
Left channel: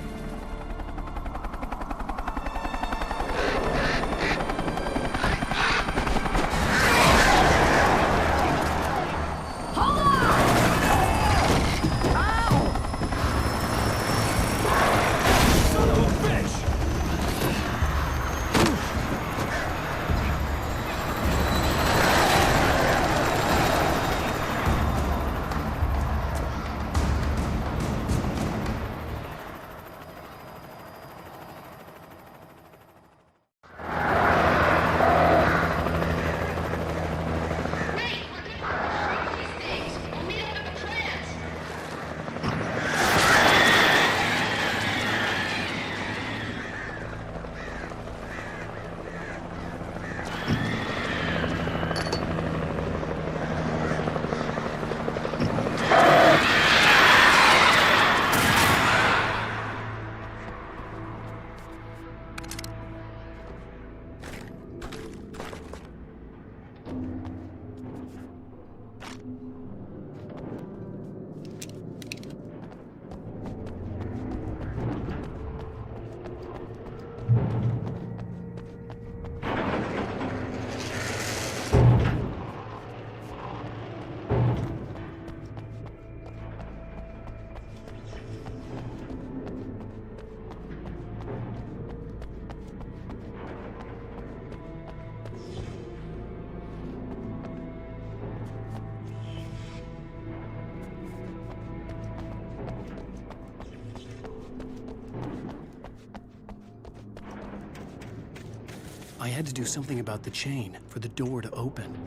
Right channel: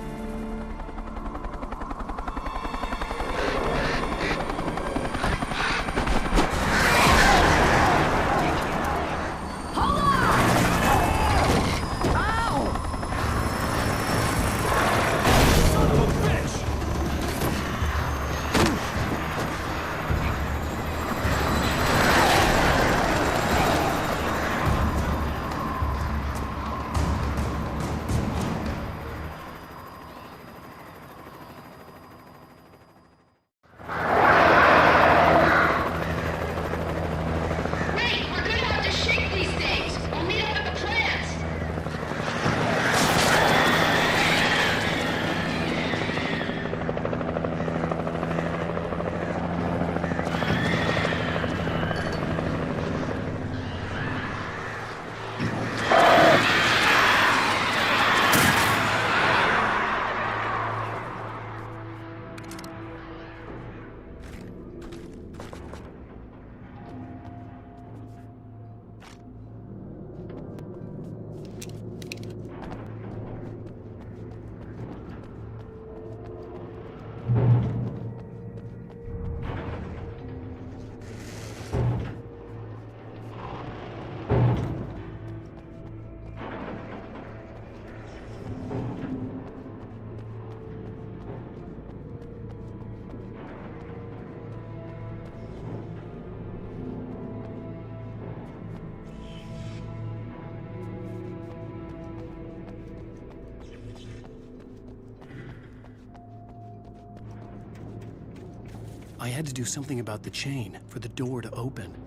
I had to do something about the chain for the door to open.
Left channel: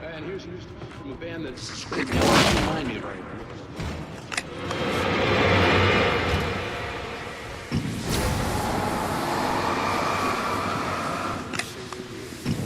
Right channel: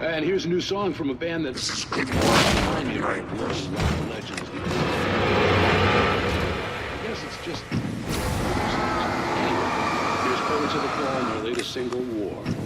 And here's a new song from a band that... I guess it's just... The latest single war.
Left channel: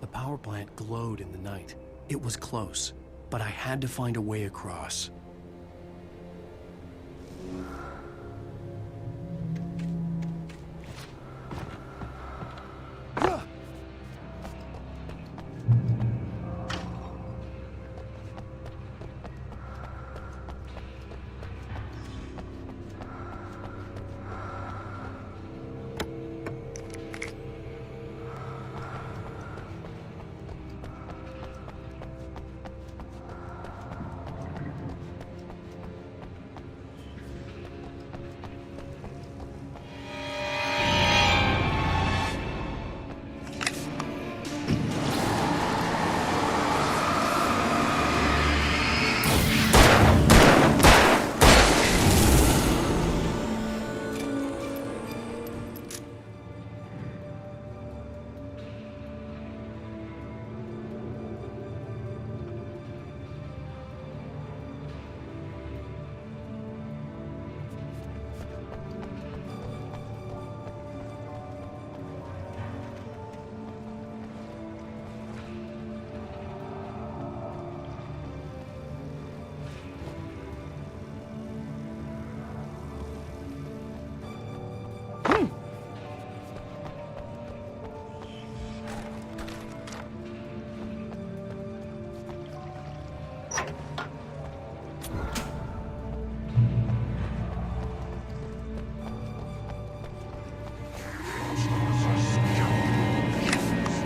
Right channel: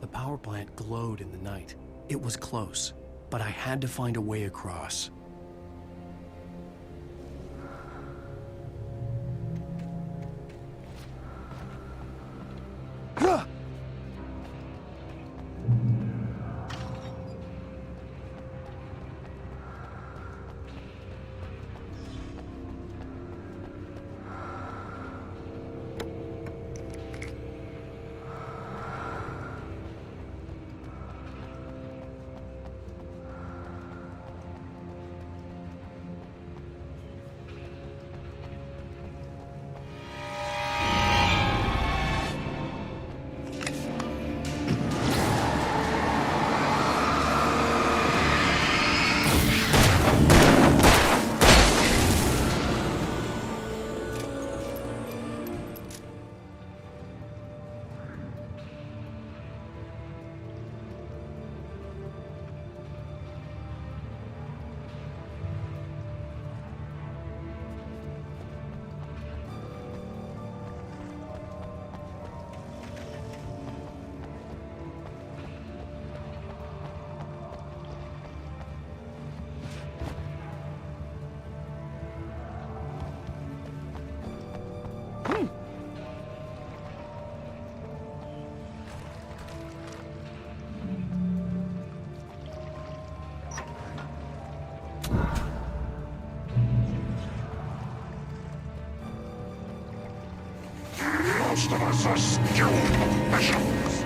The power plant glowed in the night. It was close, but I had to find a way across. Most of us are skilled professionals.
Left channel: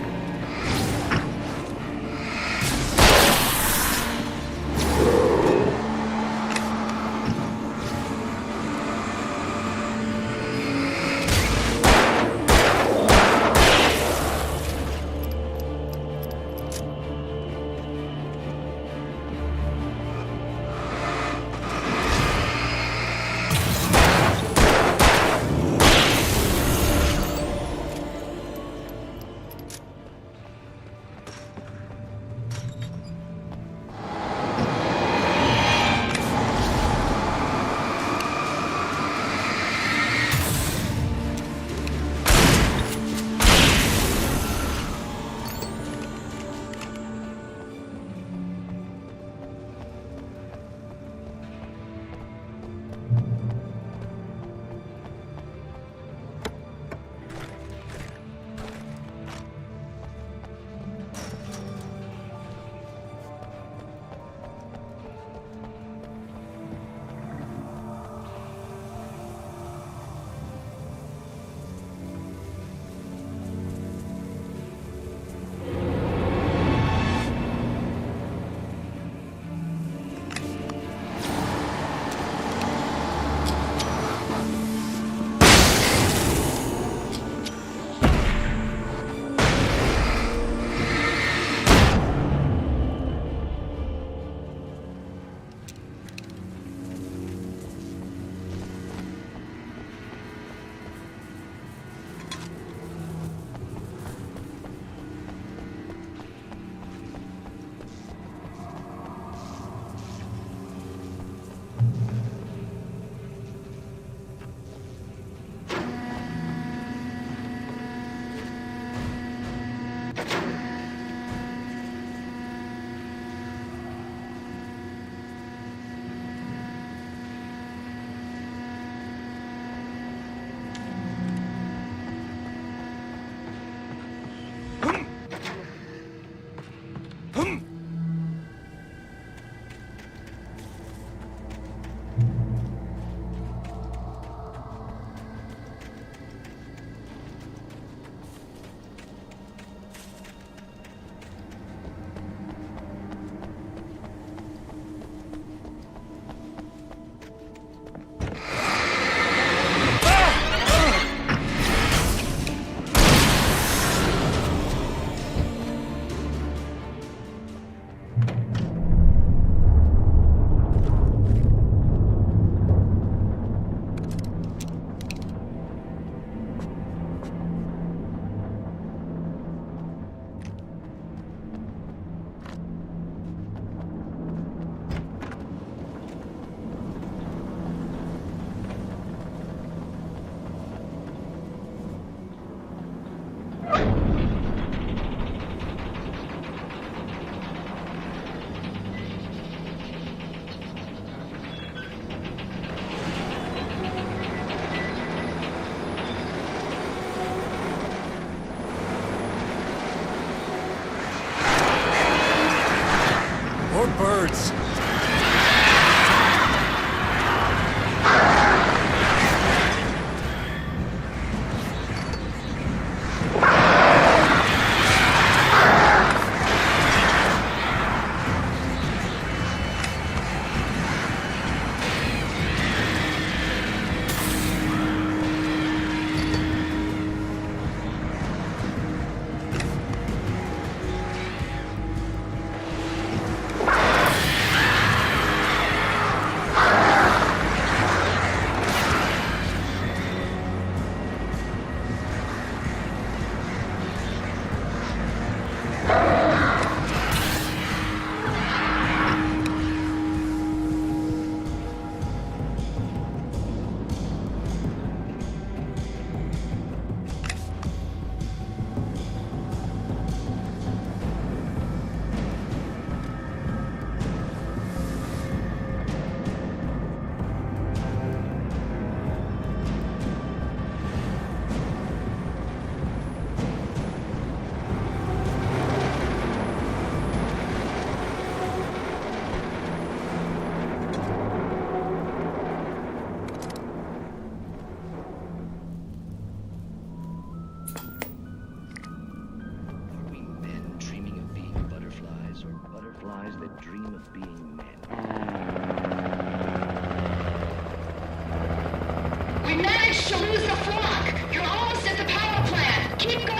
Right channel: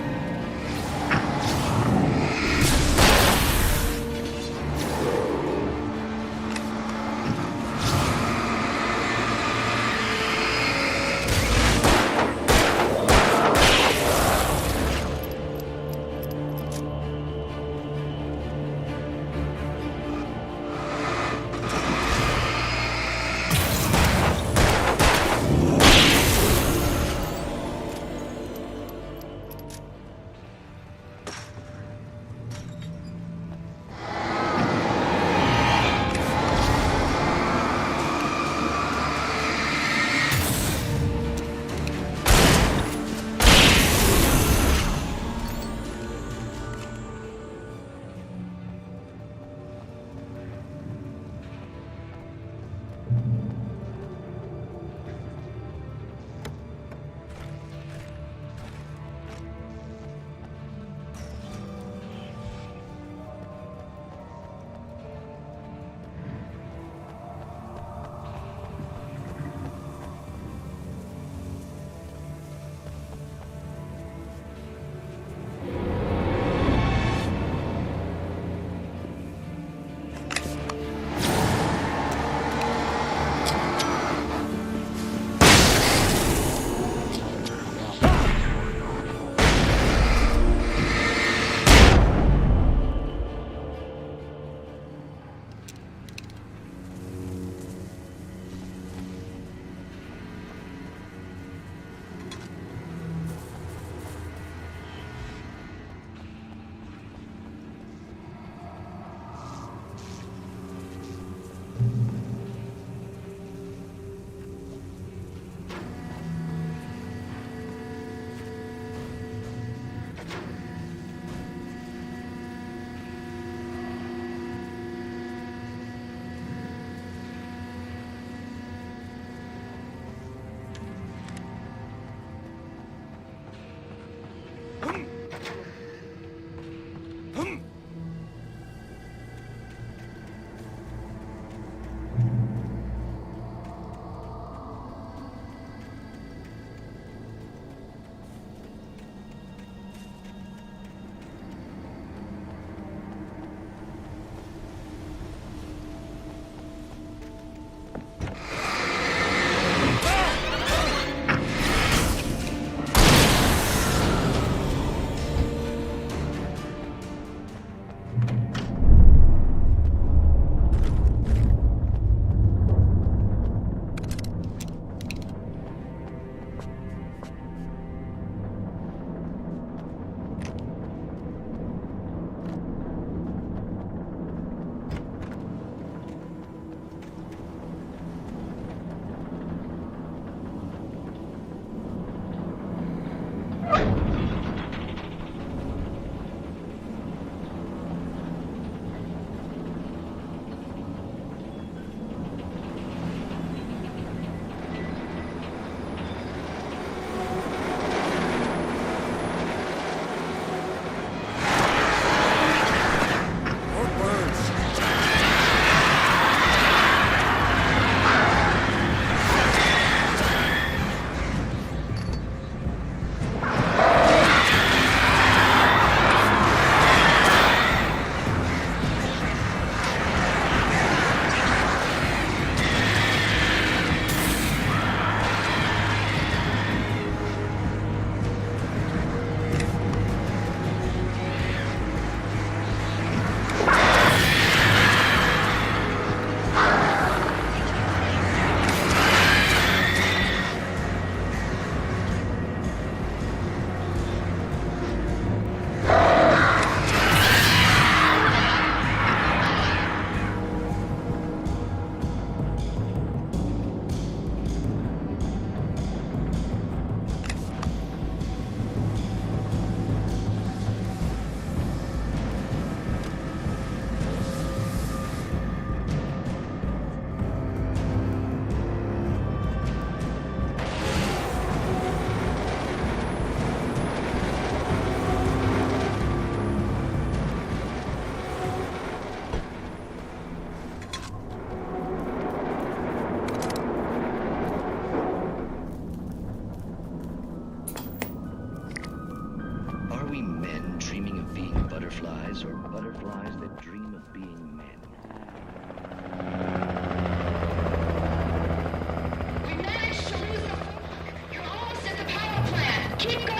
to lose the flock. You're almost at the power plant. Keep going.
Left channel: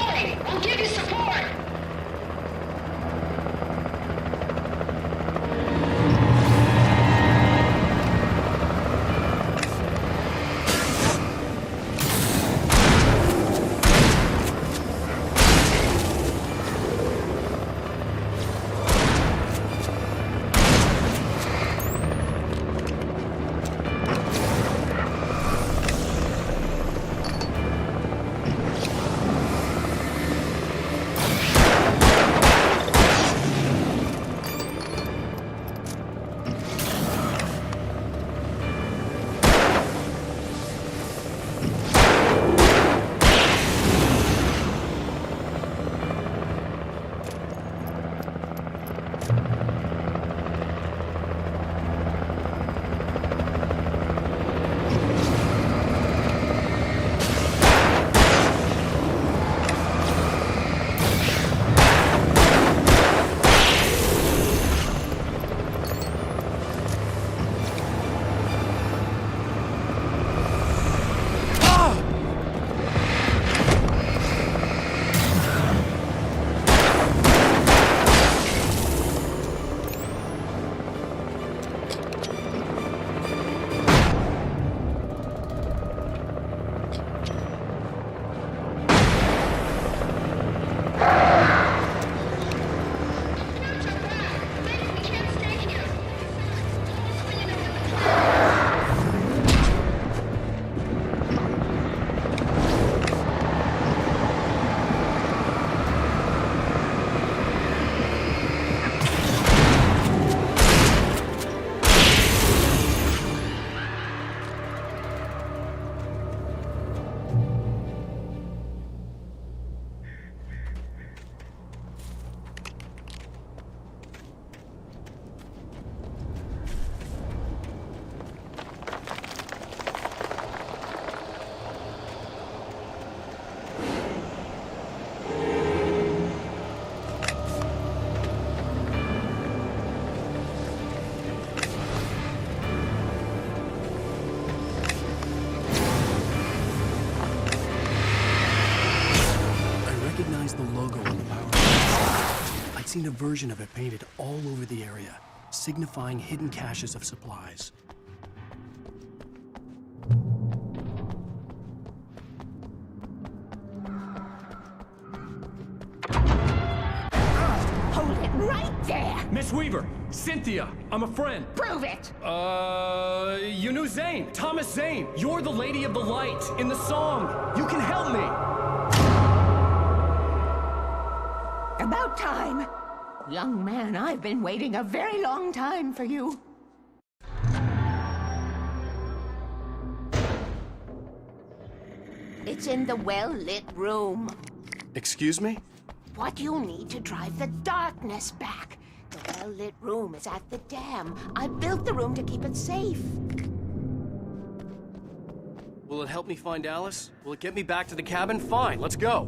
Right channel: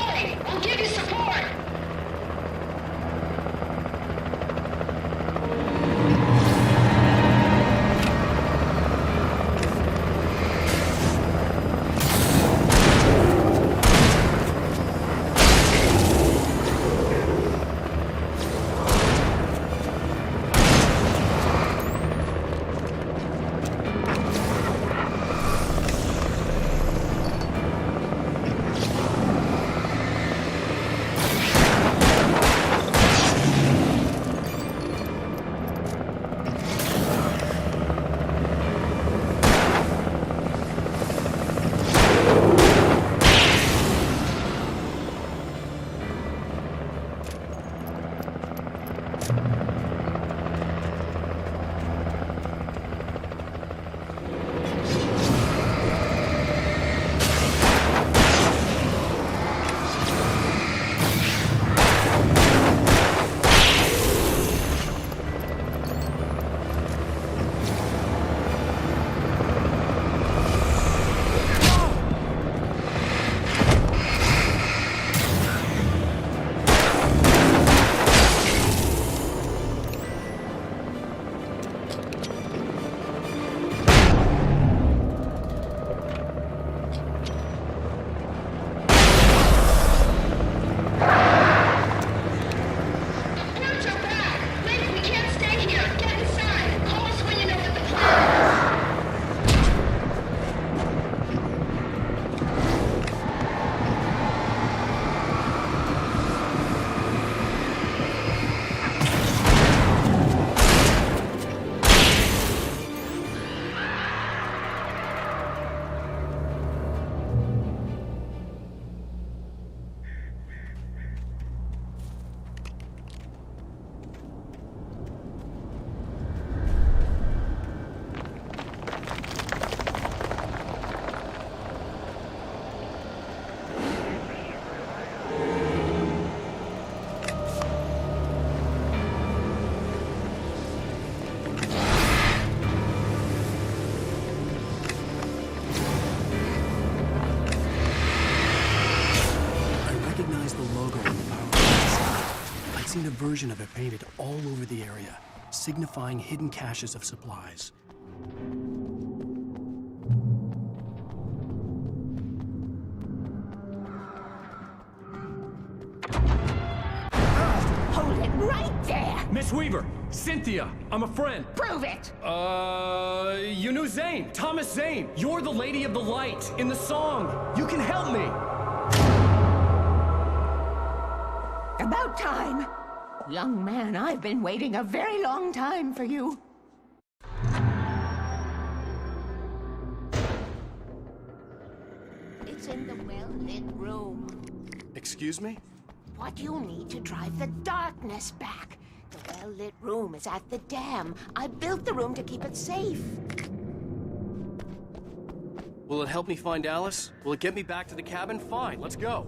The logo on the power plant. I'd seen a version of it painted all over the area, signifying hidden caches of supplies. Hold it right there! Miss Weaver! Cynthia! I'm a friend! Prove it! You knew Zane! Thomas Zane! You're the Lady of the Light in the song! You can help me! About time! Young man, I've been waiting a very long time for you. It's in the well-lit room. Excuse me? What you'll need to drive the darkness back. Well-lit rooms off the dam. I've dug them into the safe. Will it help me find Alice? Will it get me back to the cabin? Fine, let's go.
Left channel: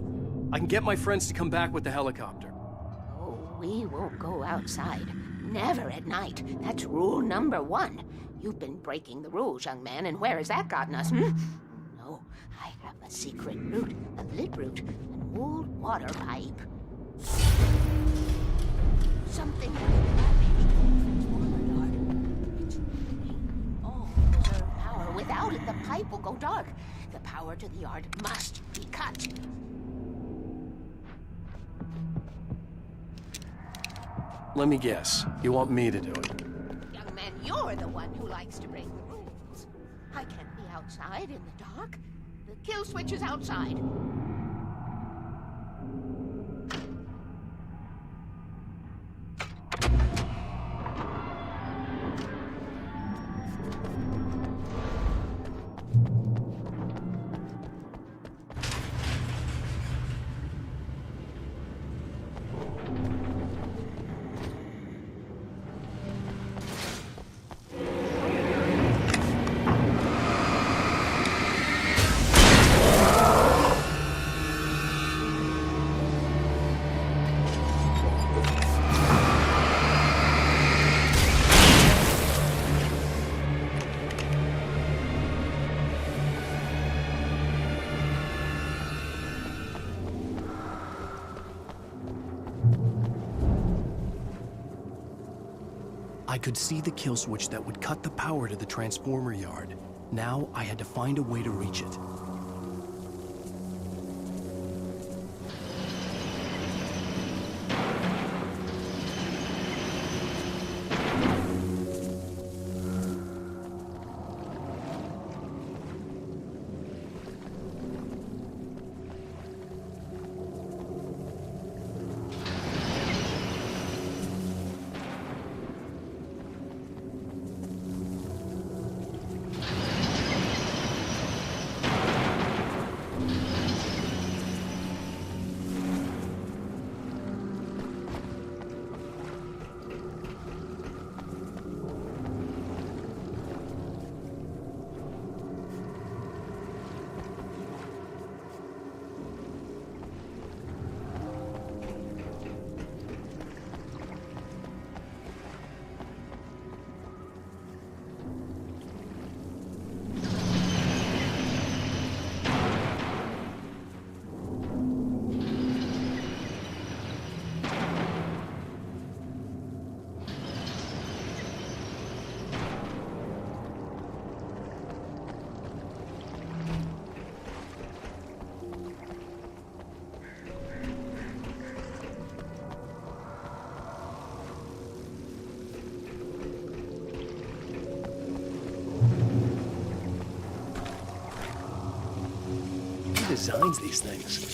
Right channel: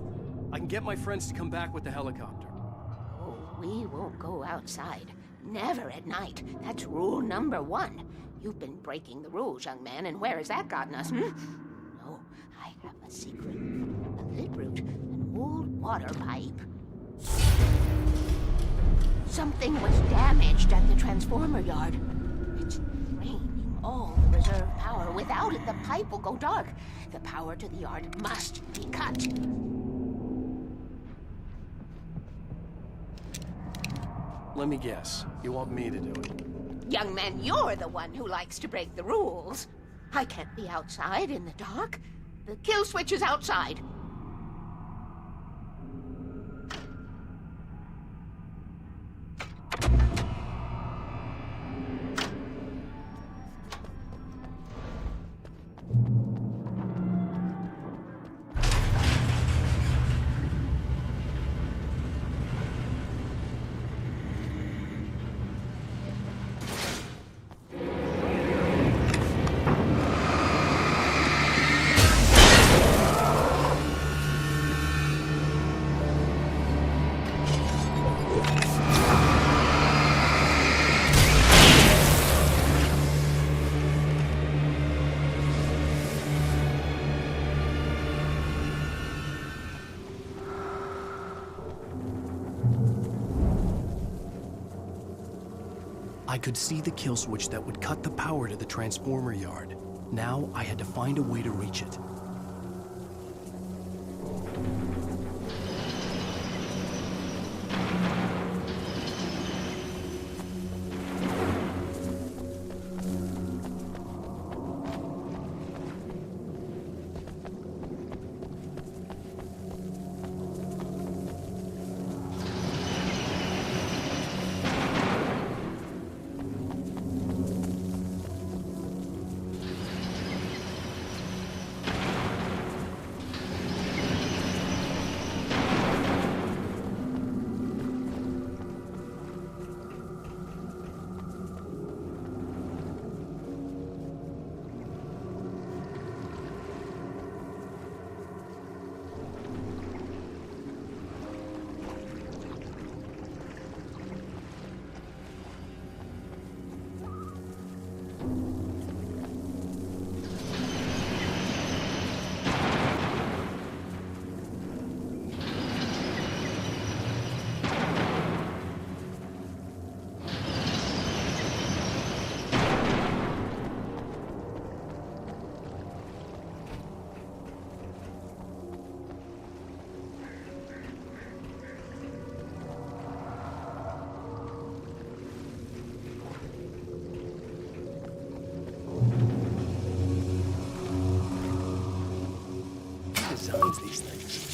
I can get my friends to come back with the helicopter. Oh, we won't go outside. Never at night. That's rule number 1. You've been breaking the rules, young man, and where has that gotten us, hmm? No, I have a secret route. A lit route. Something was damaged at the transformer yard. It's draining all reserve power. Without it, the pipe will go dark. The power to the yard must be cut. Let me guess. You want me to do it? Young man, you're the one who likes to break the rules. I can't be outside in the dark. The kill switch is outside. I could see the kill switch that would cut the power to the transformer yard. Now I had to find a way to reach it. Who designs these things?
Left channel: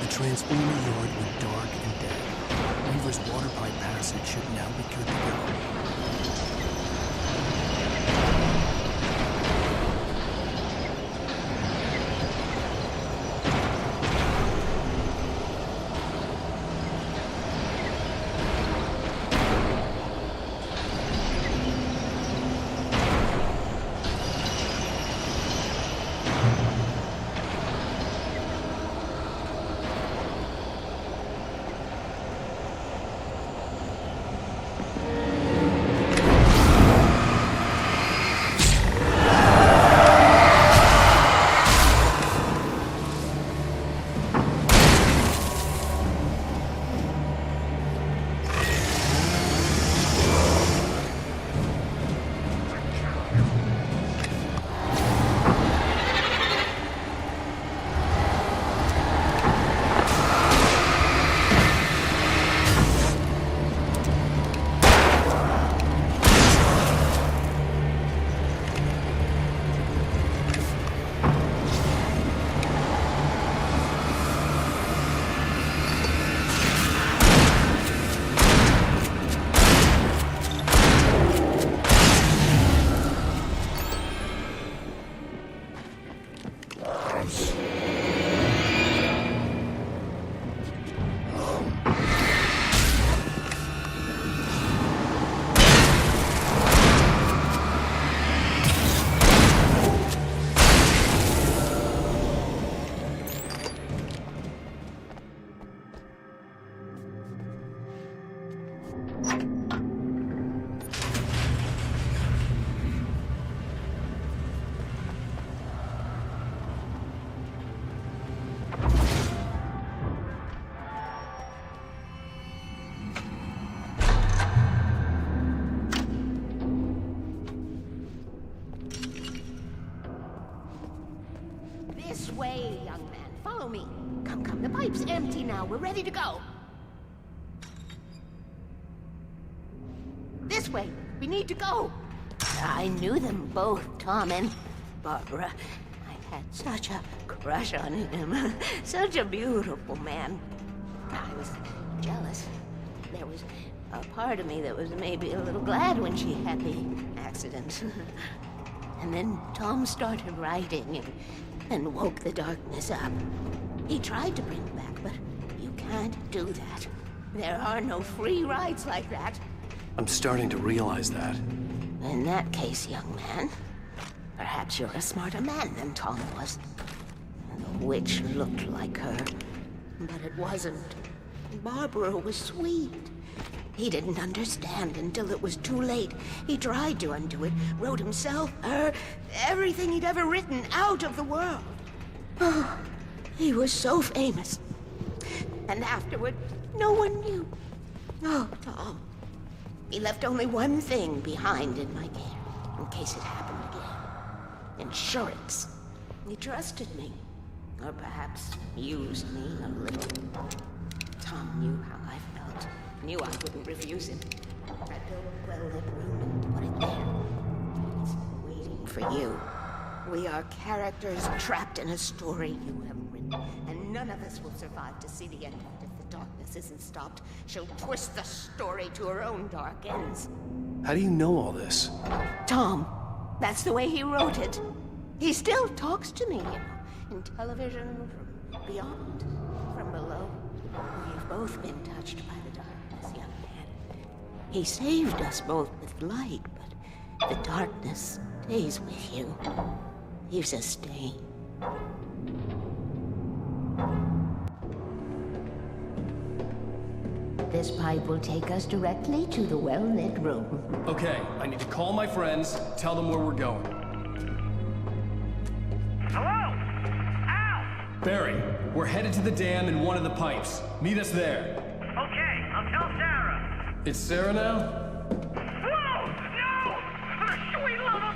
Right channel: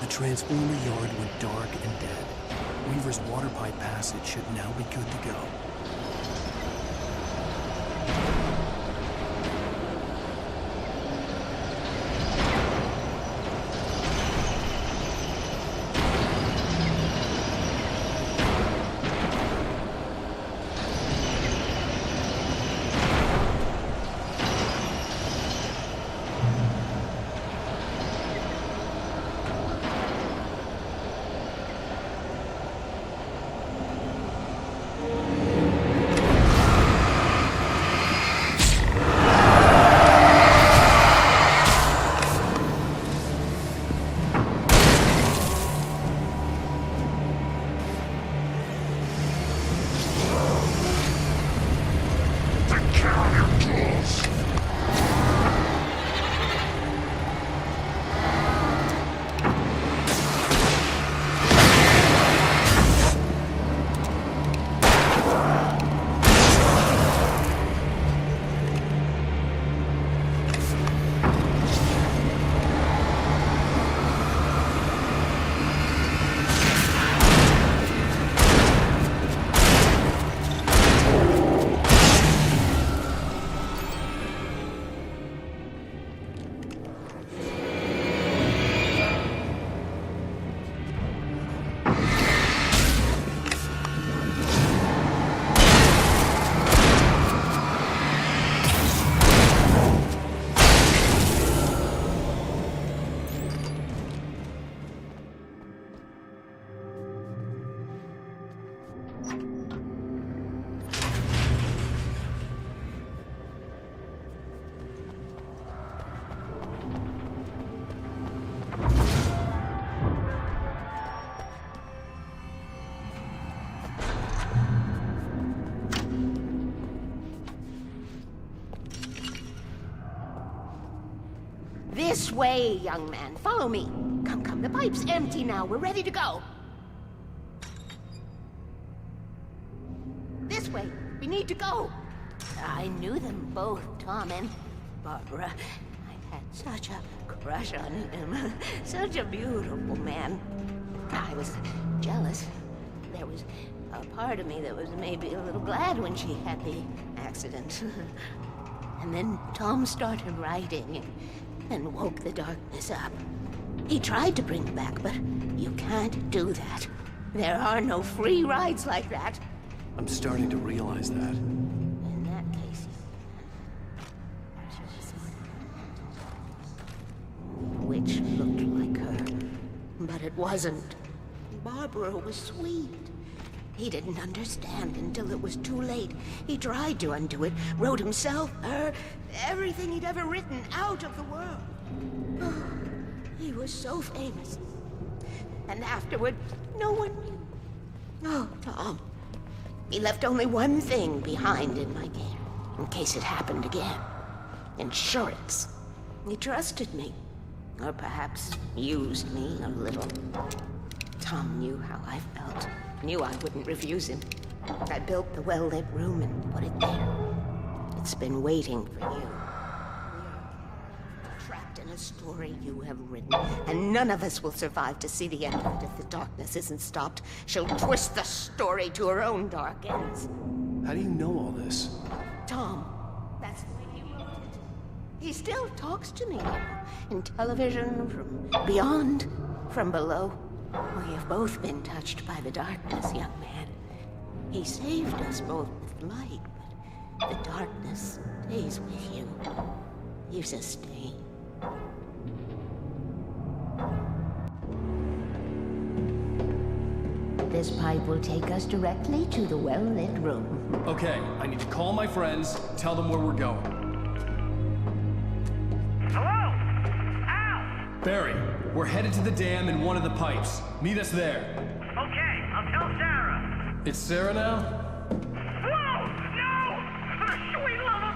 The transformer yard went dark and dead. Weaver's water pipe passage should now be good to go. This way, young man. Follow me. Come, come. The pipe's empty now. We're ready to go. This way. We need to go. I knew them both, Tom and Barbara. I had such a crush on him. Such a beautiful man. I was jealous. There was a part of me that was maybe a little glad when she had the accident. And then Tom started writing and woke the darkness up. He tried to bring it back, but you can't do that. There are no free rides like that. I'm starting to realize that. In that case, young man, perhaps you're a smarter man than Tom was. The witch looked like her, but it wasn't. Barbara was sweet. He didn't understand until it was too late. He tried to undo it, wrote himself, her, everything he'd ever written out of the world. Oh, he was so famous. And afterward, no one knew. Oh, he left only one thing behind, in case it happened again. Insurance. He trusted me. Or perhaps used me a little. Tom knew how I felt. Knew I couldn't refuse him. I built the well-lit room and put it there. It's been waiting for you. We are characters trapped in a story you have written, and none of us will survive to see the end of it if the darkness isn't stopped. She'll twist the story to her own dark ends. How do you know all this? Tom, that's the way he wrote it. He still talks to me, you know, in television, from beyond, from below. We've both been touched by the darkness, young man. He saved us both with light, but the darkness stays with you. Leaves a stain. This pipe will take us directly to the well-lit room. Okay, I need to call my friends, tell them where we're going. Hello? Al! Barry, we're headed to the dam in one of the pipes. Meet us there. Okay, I'll tell Sarah. It's Sarah now? Whoa! No! For the sweet love of...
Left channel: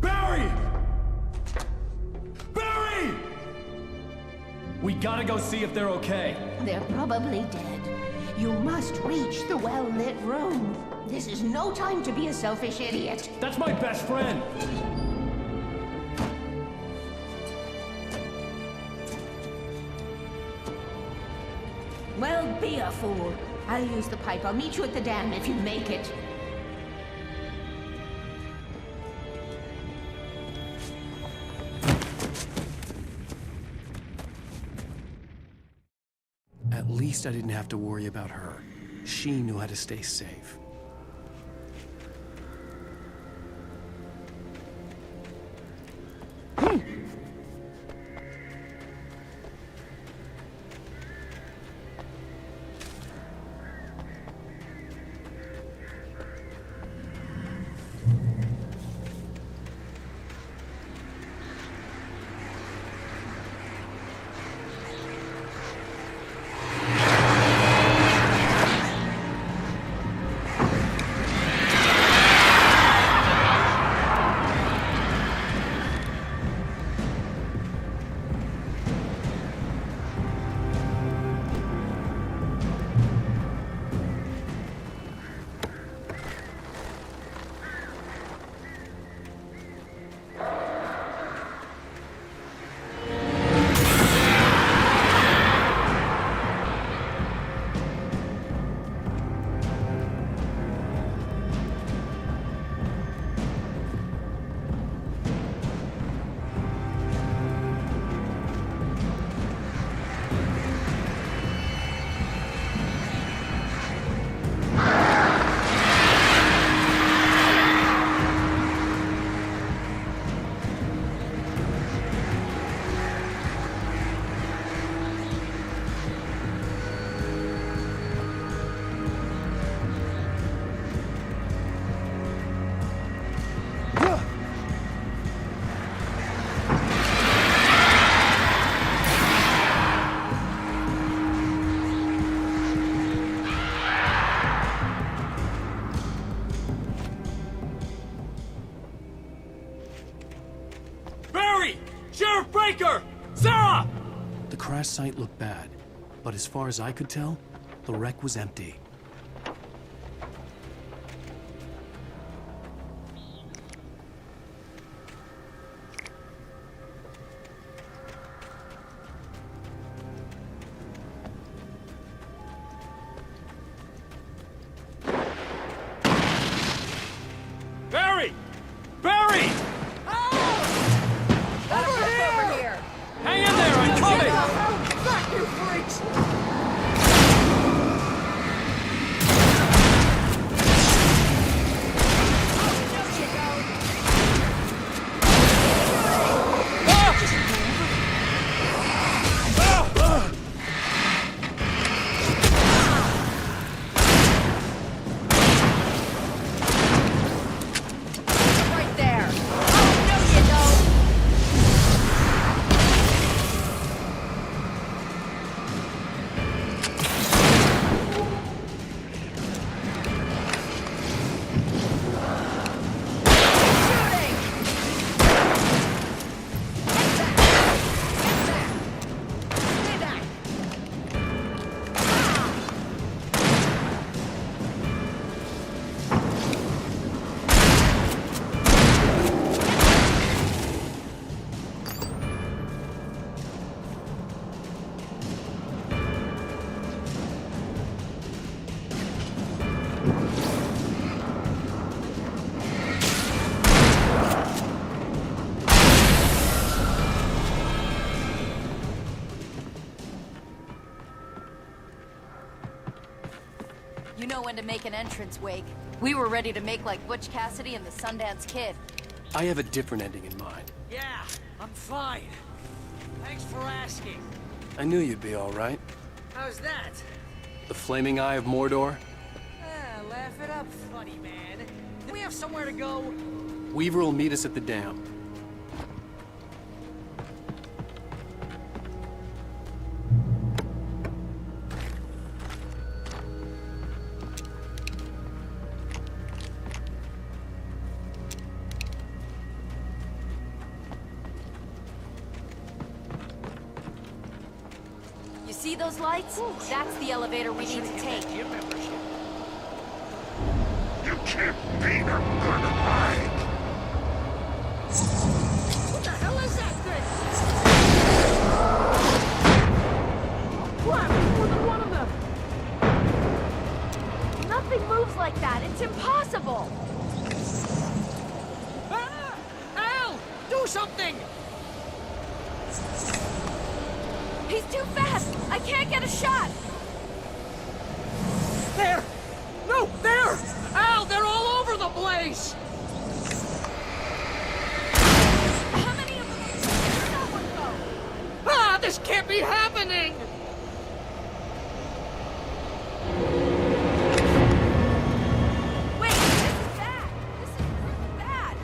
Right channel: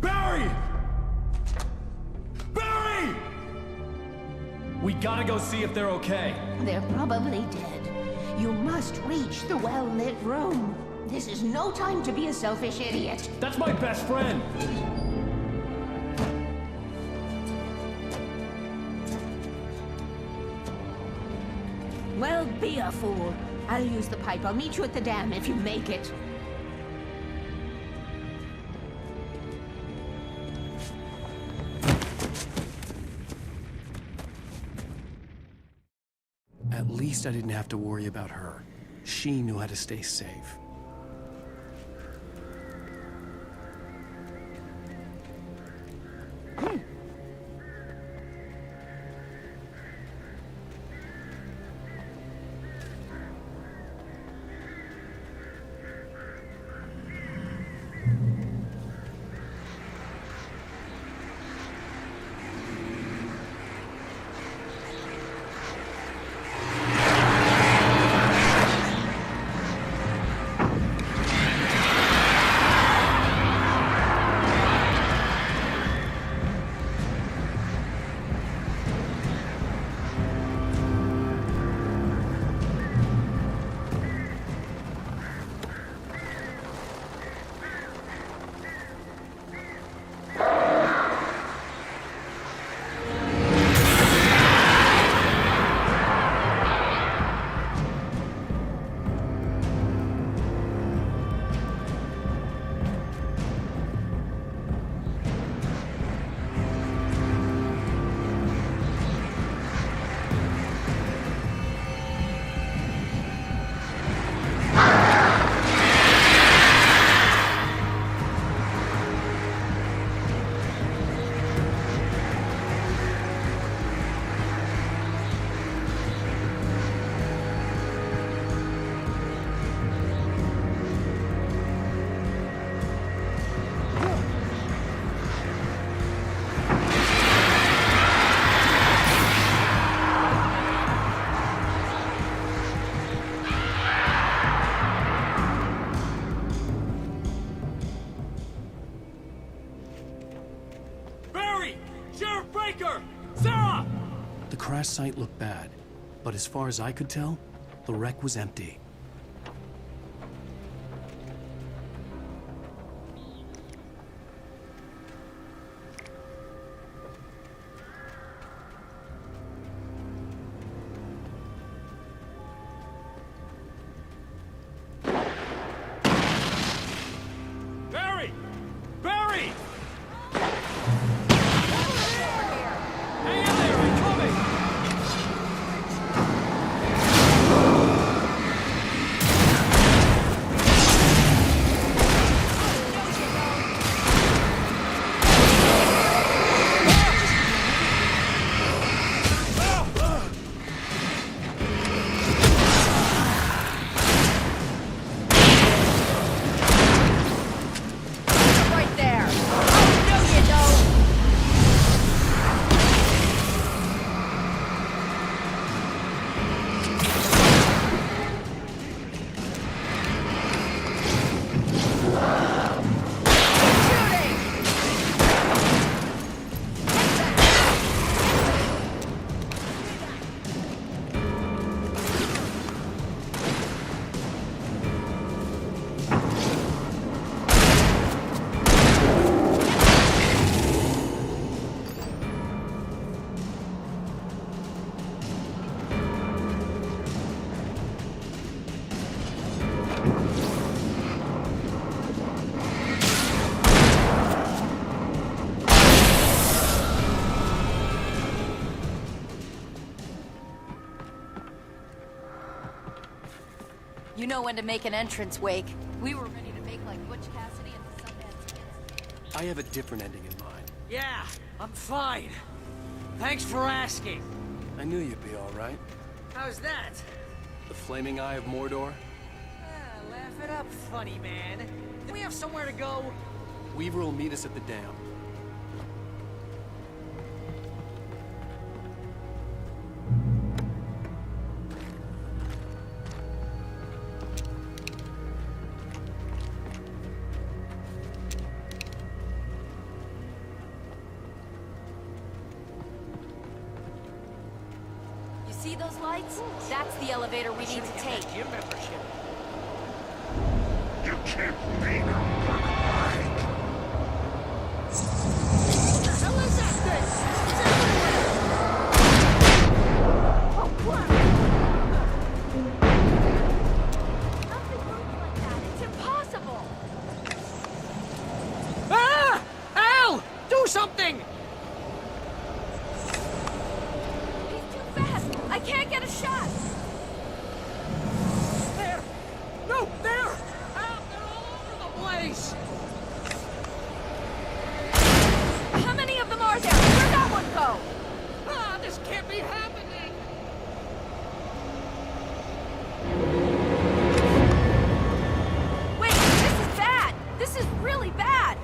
Barry! Barry! We gotta go see if they're okay. They're probably dead. You must reach the well-lit room. This is no time to be a selfish idiot. That's my best friend. Well, be a fool. I'll use the pipe. I'll meet you at the dam if you make it. At least I didn't have to worry about her. She knew how to stay safe. Sarah! The crash site looked bad, but as far as I could tell, the wreck was empty. Barry! Barry! Hang in there, I'm coming! You know when to make an entrance, Wake. We were ready to make like Butch Cassidy and the Sundance Kid. I have a different ending in mind. Yeah, I'm fine. Thanks for asking. I knew you'd be all right. The Flaming Eye of Mordor? Weaver will meet us at the dam. You see those lights? You can't beat a good hide. Oh, crap! More than one of them! Nothing moves like that. It's impossible. Ah! Al! Do something! He's too fast. Can't get a shot. There! No, there! Al, they're all over the place! How many of them are there? Where'd that one go? Ah, this can't be happening! This is bad. This is really bad.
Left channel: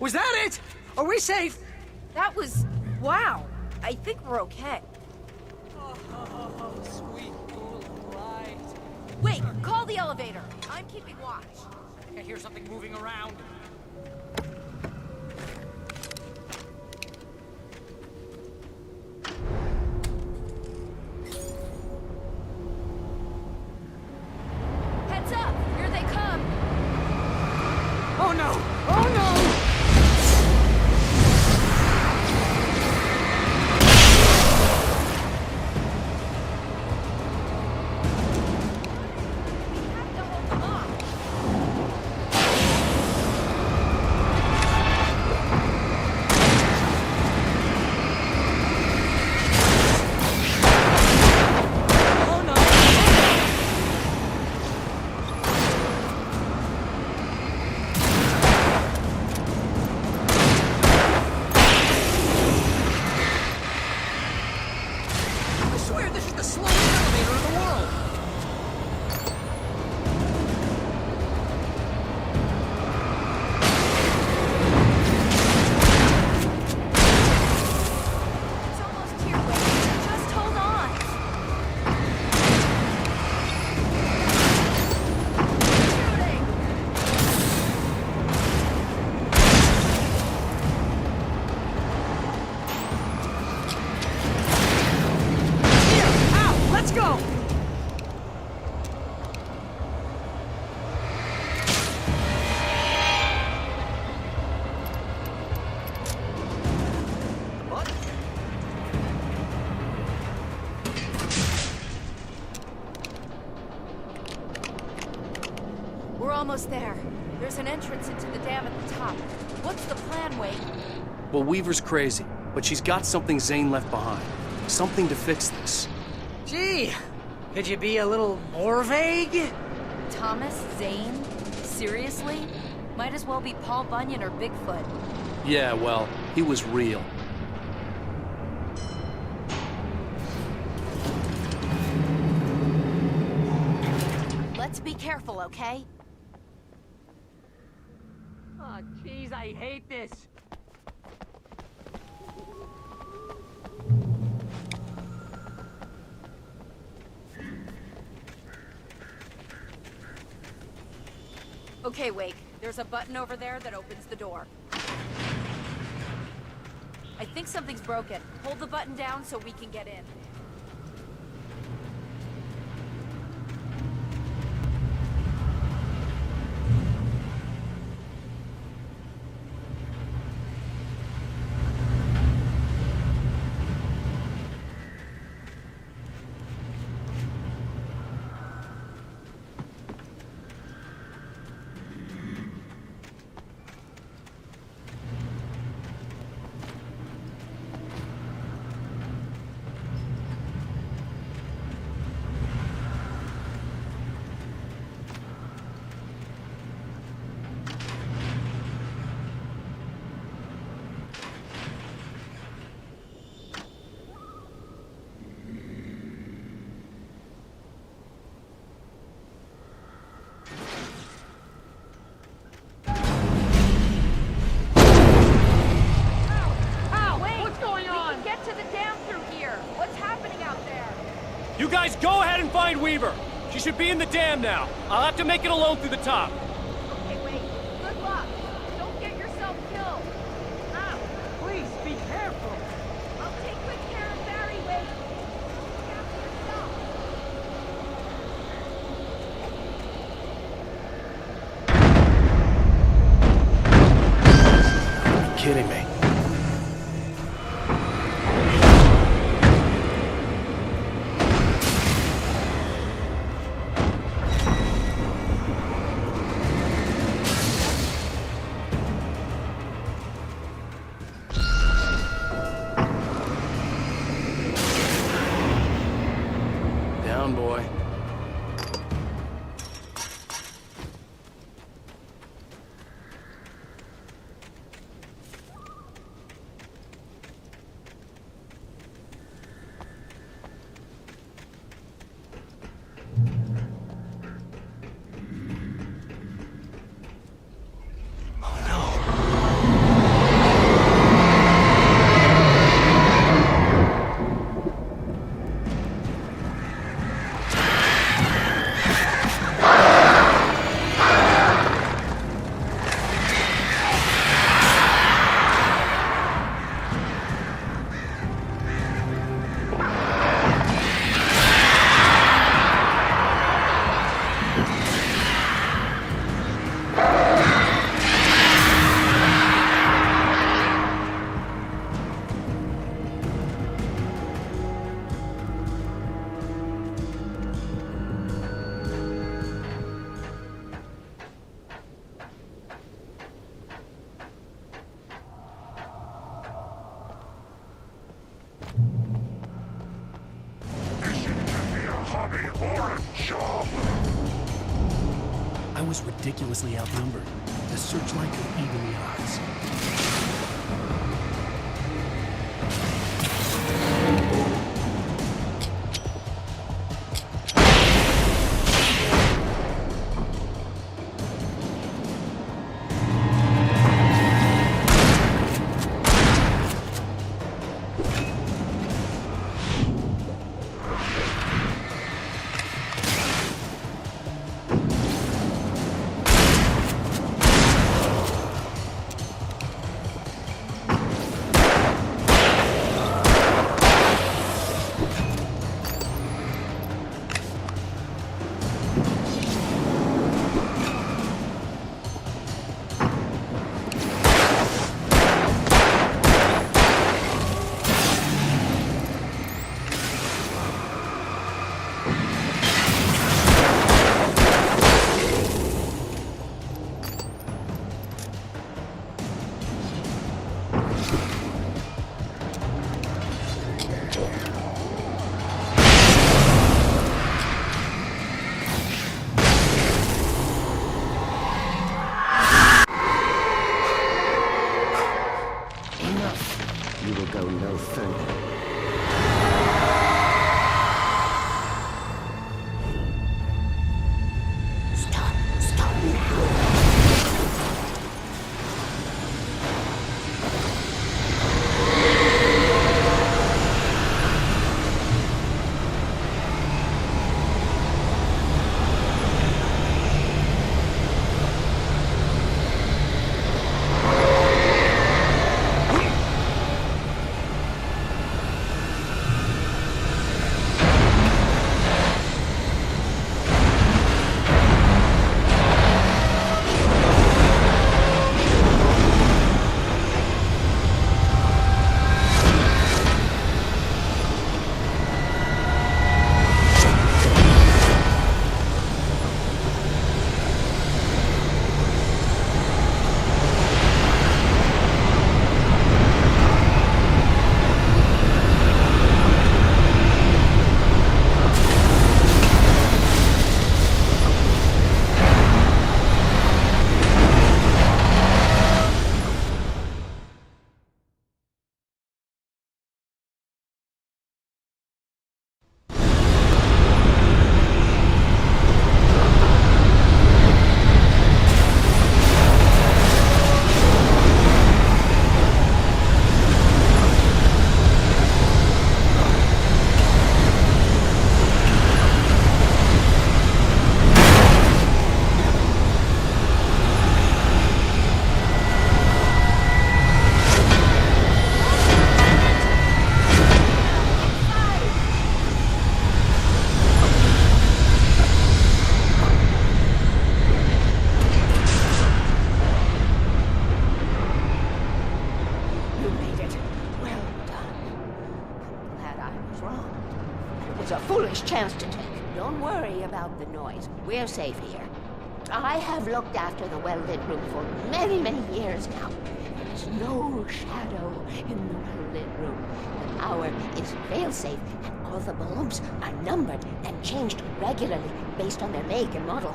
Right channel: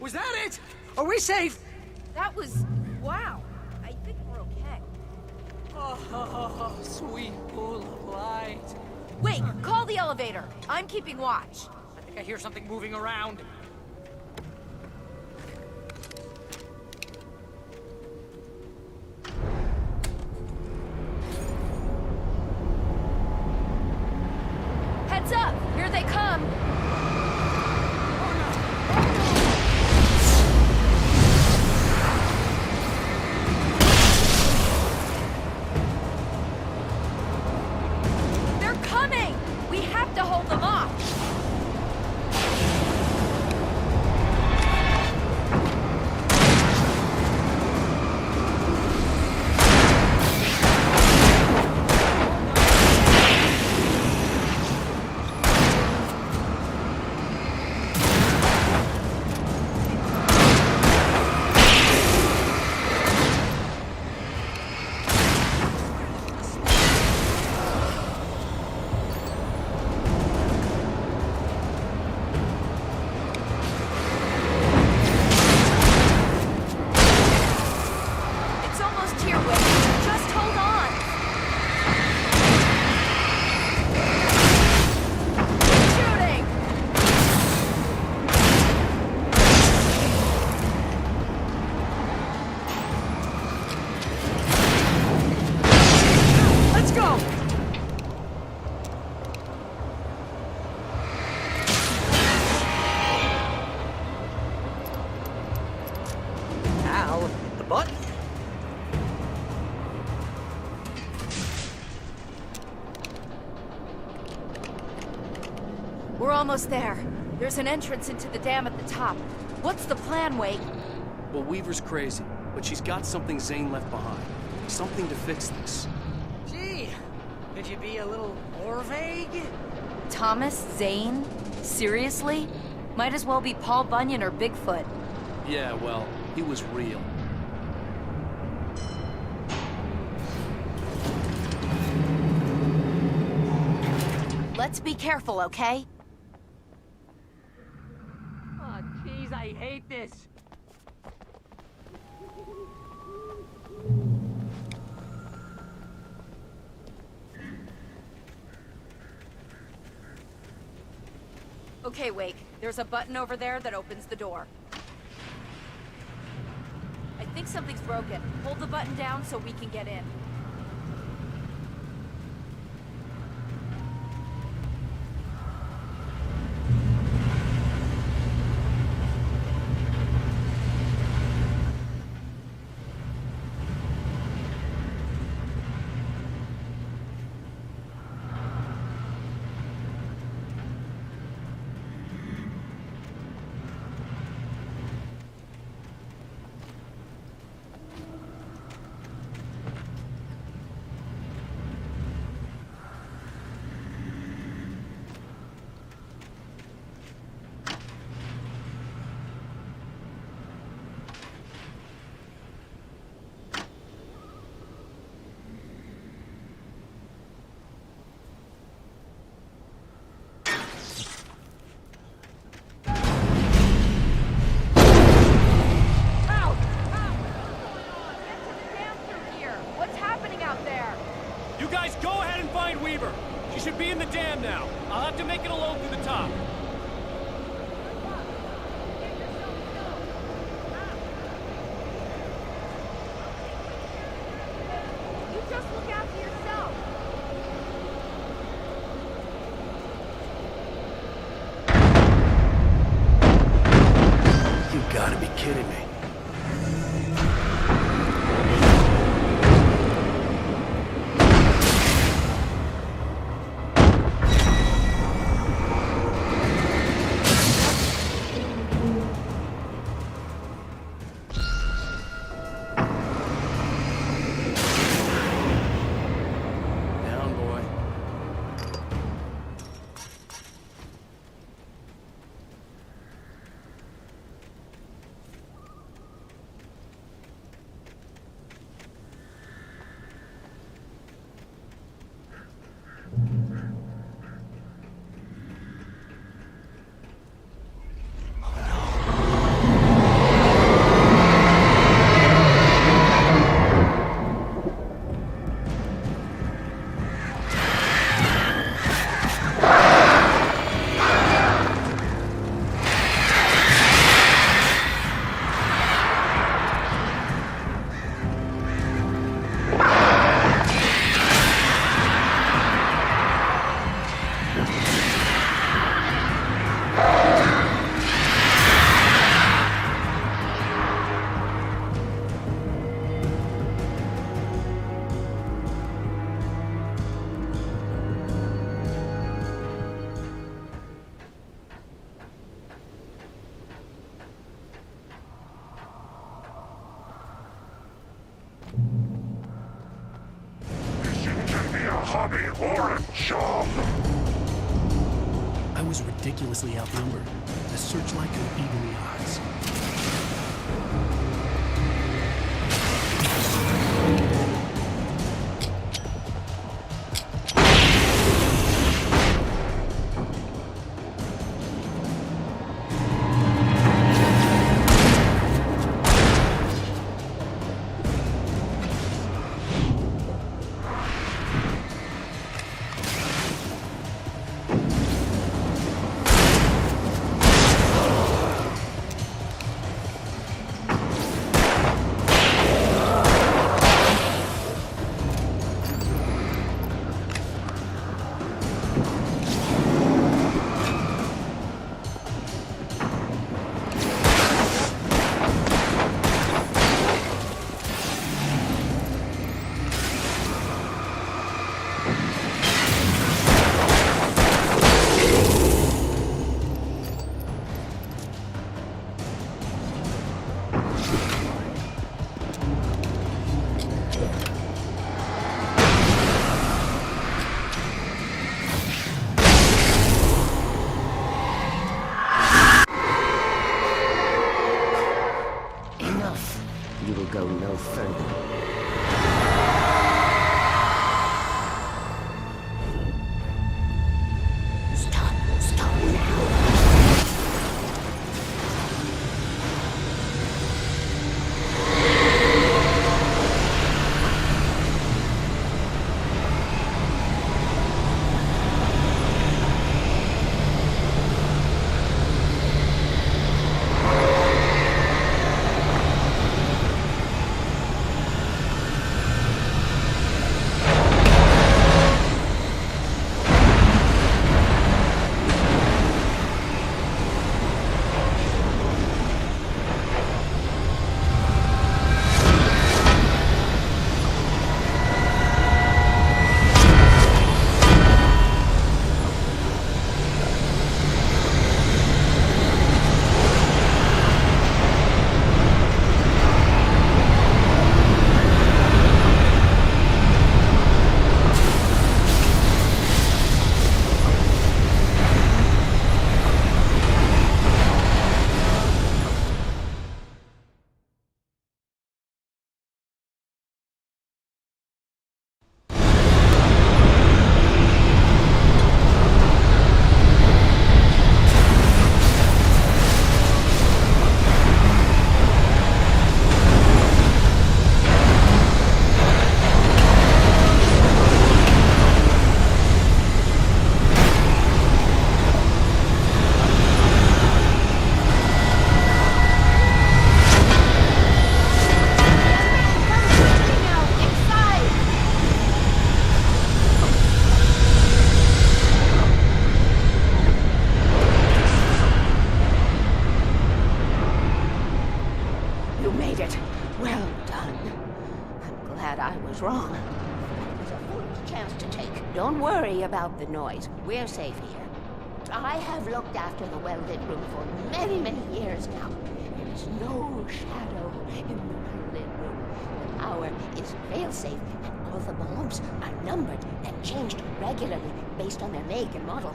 Was that it? That was... wow. I think we're okay. Oh, sweet moonlight. Wait, call the elevator. I'm keeping watch. I hear something moving around. Heads up. Here they come. Oh no! Oh no! They're coming. We have to hold them off. I swear this is the slowest elevator in the world! It's almost here. Trust him. Shooting. Al, the button? We're almost there. There's an entrance into the dam at the top. What's the plan, Wade? Well, Weaver's crazy, but she's got something Zane left behind. Something to fix this. Gee, could you be a little more vague? Thomas Zane? Seriously? Might as well be Paul Bunyan or Bigfoot. Yeah, well, he was real. Let's be careful, okay? Okay, there's a button over there that opens the door. I think something's wrong. We can get in. You guys go ahead and find Weaver. She should be in the dam now. I'll have to make it alone through the top. Okay, wait. Good luck. Don't get yourself killed. Ah, please, be careful. I'll take good care of Barry, Wade. You just look after yourself. You gotta be kidding me. Down, boy. Hobby or a job. I was ridiculously outnumbered. The searchlight could even the odds. You will go no further. Stop now. was a foolish chance to take. Don't worry about the noise. We're safe here. I have looked after the well-lit room for many, many years now. There's no shadow in the well-lit room. The power is fail-safe, and all the bulbs are numbered and changed regularly based on their make and model.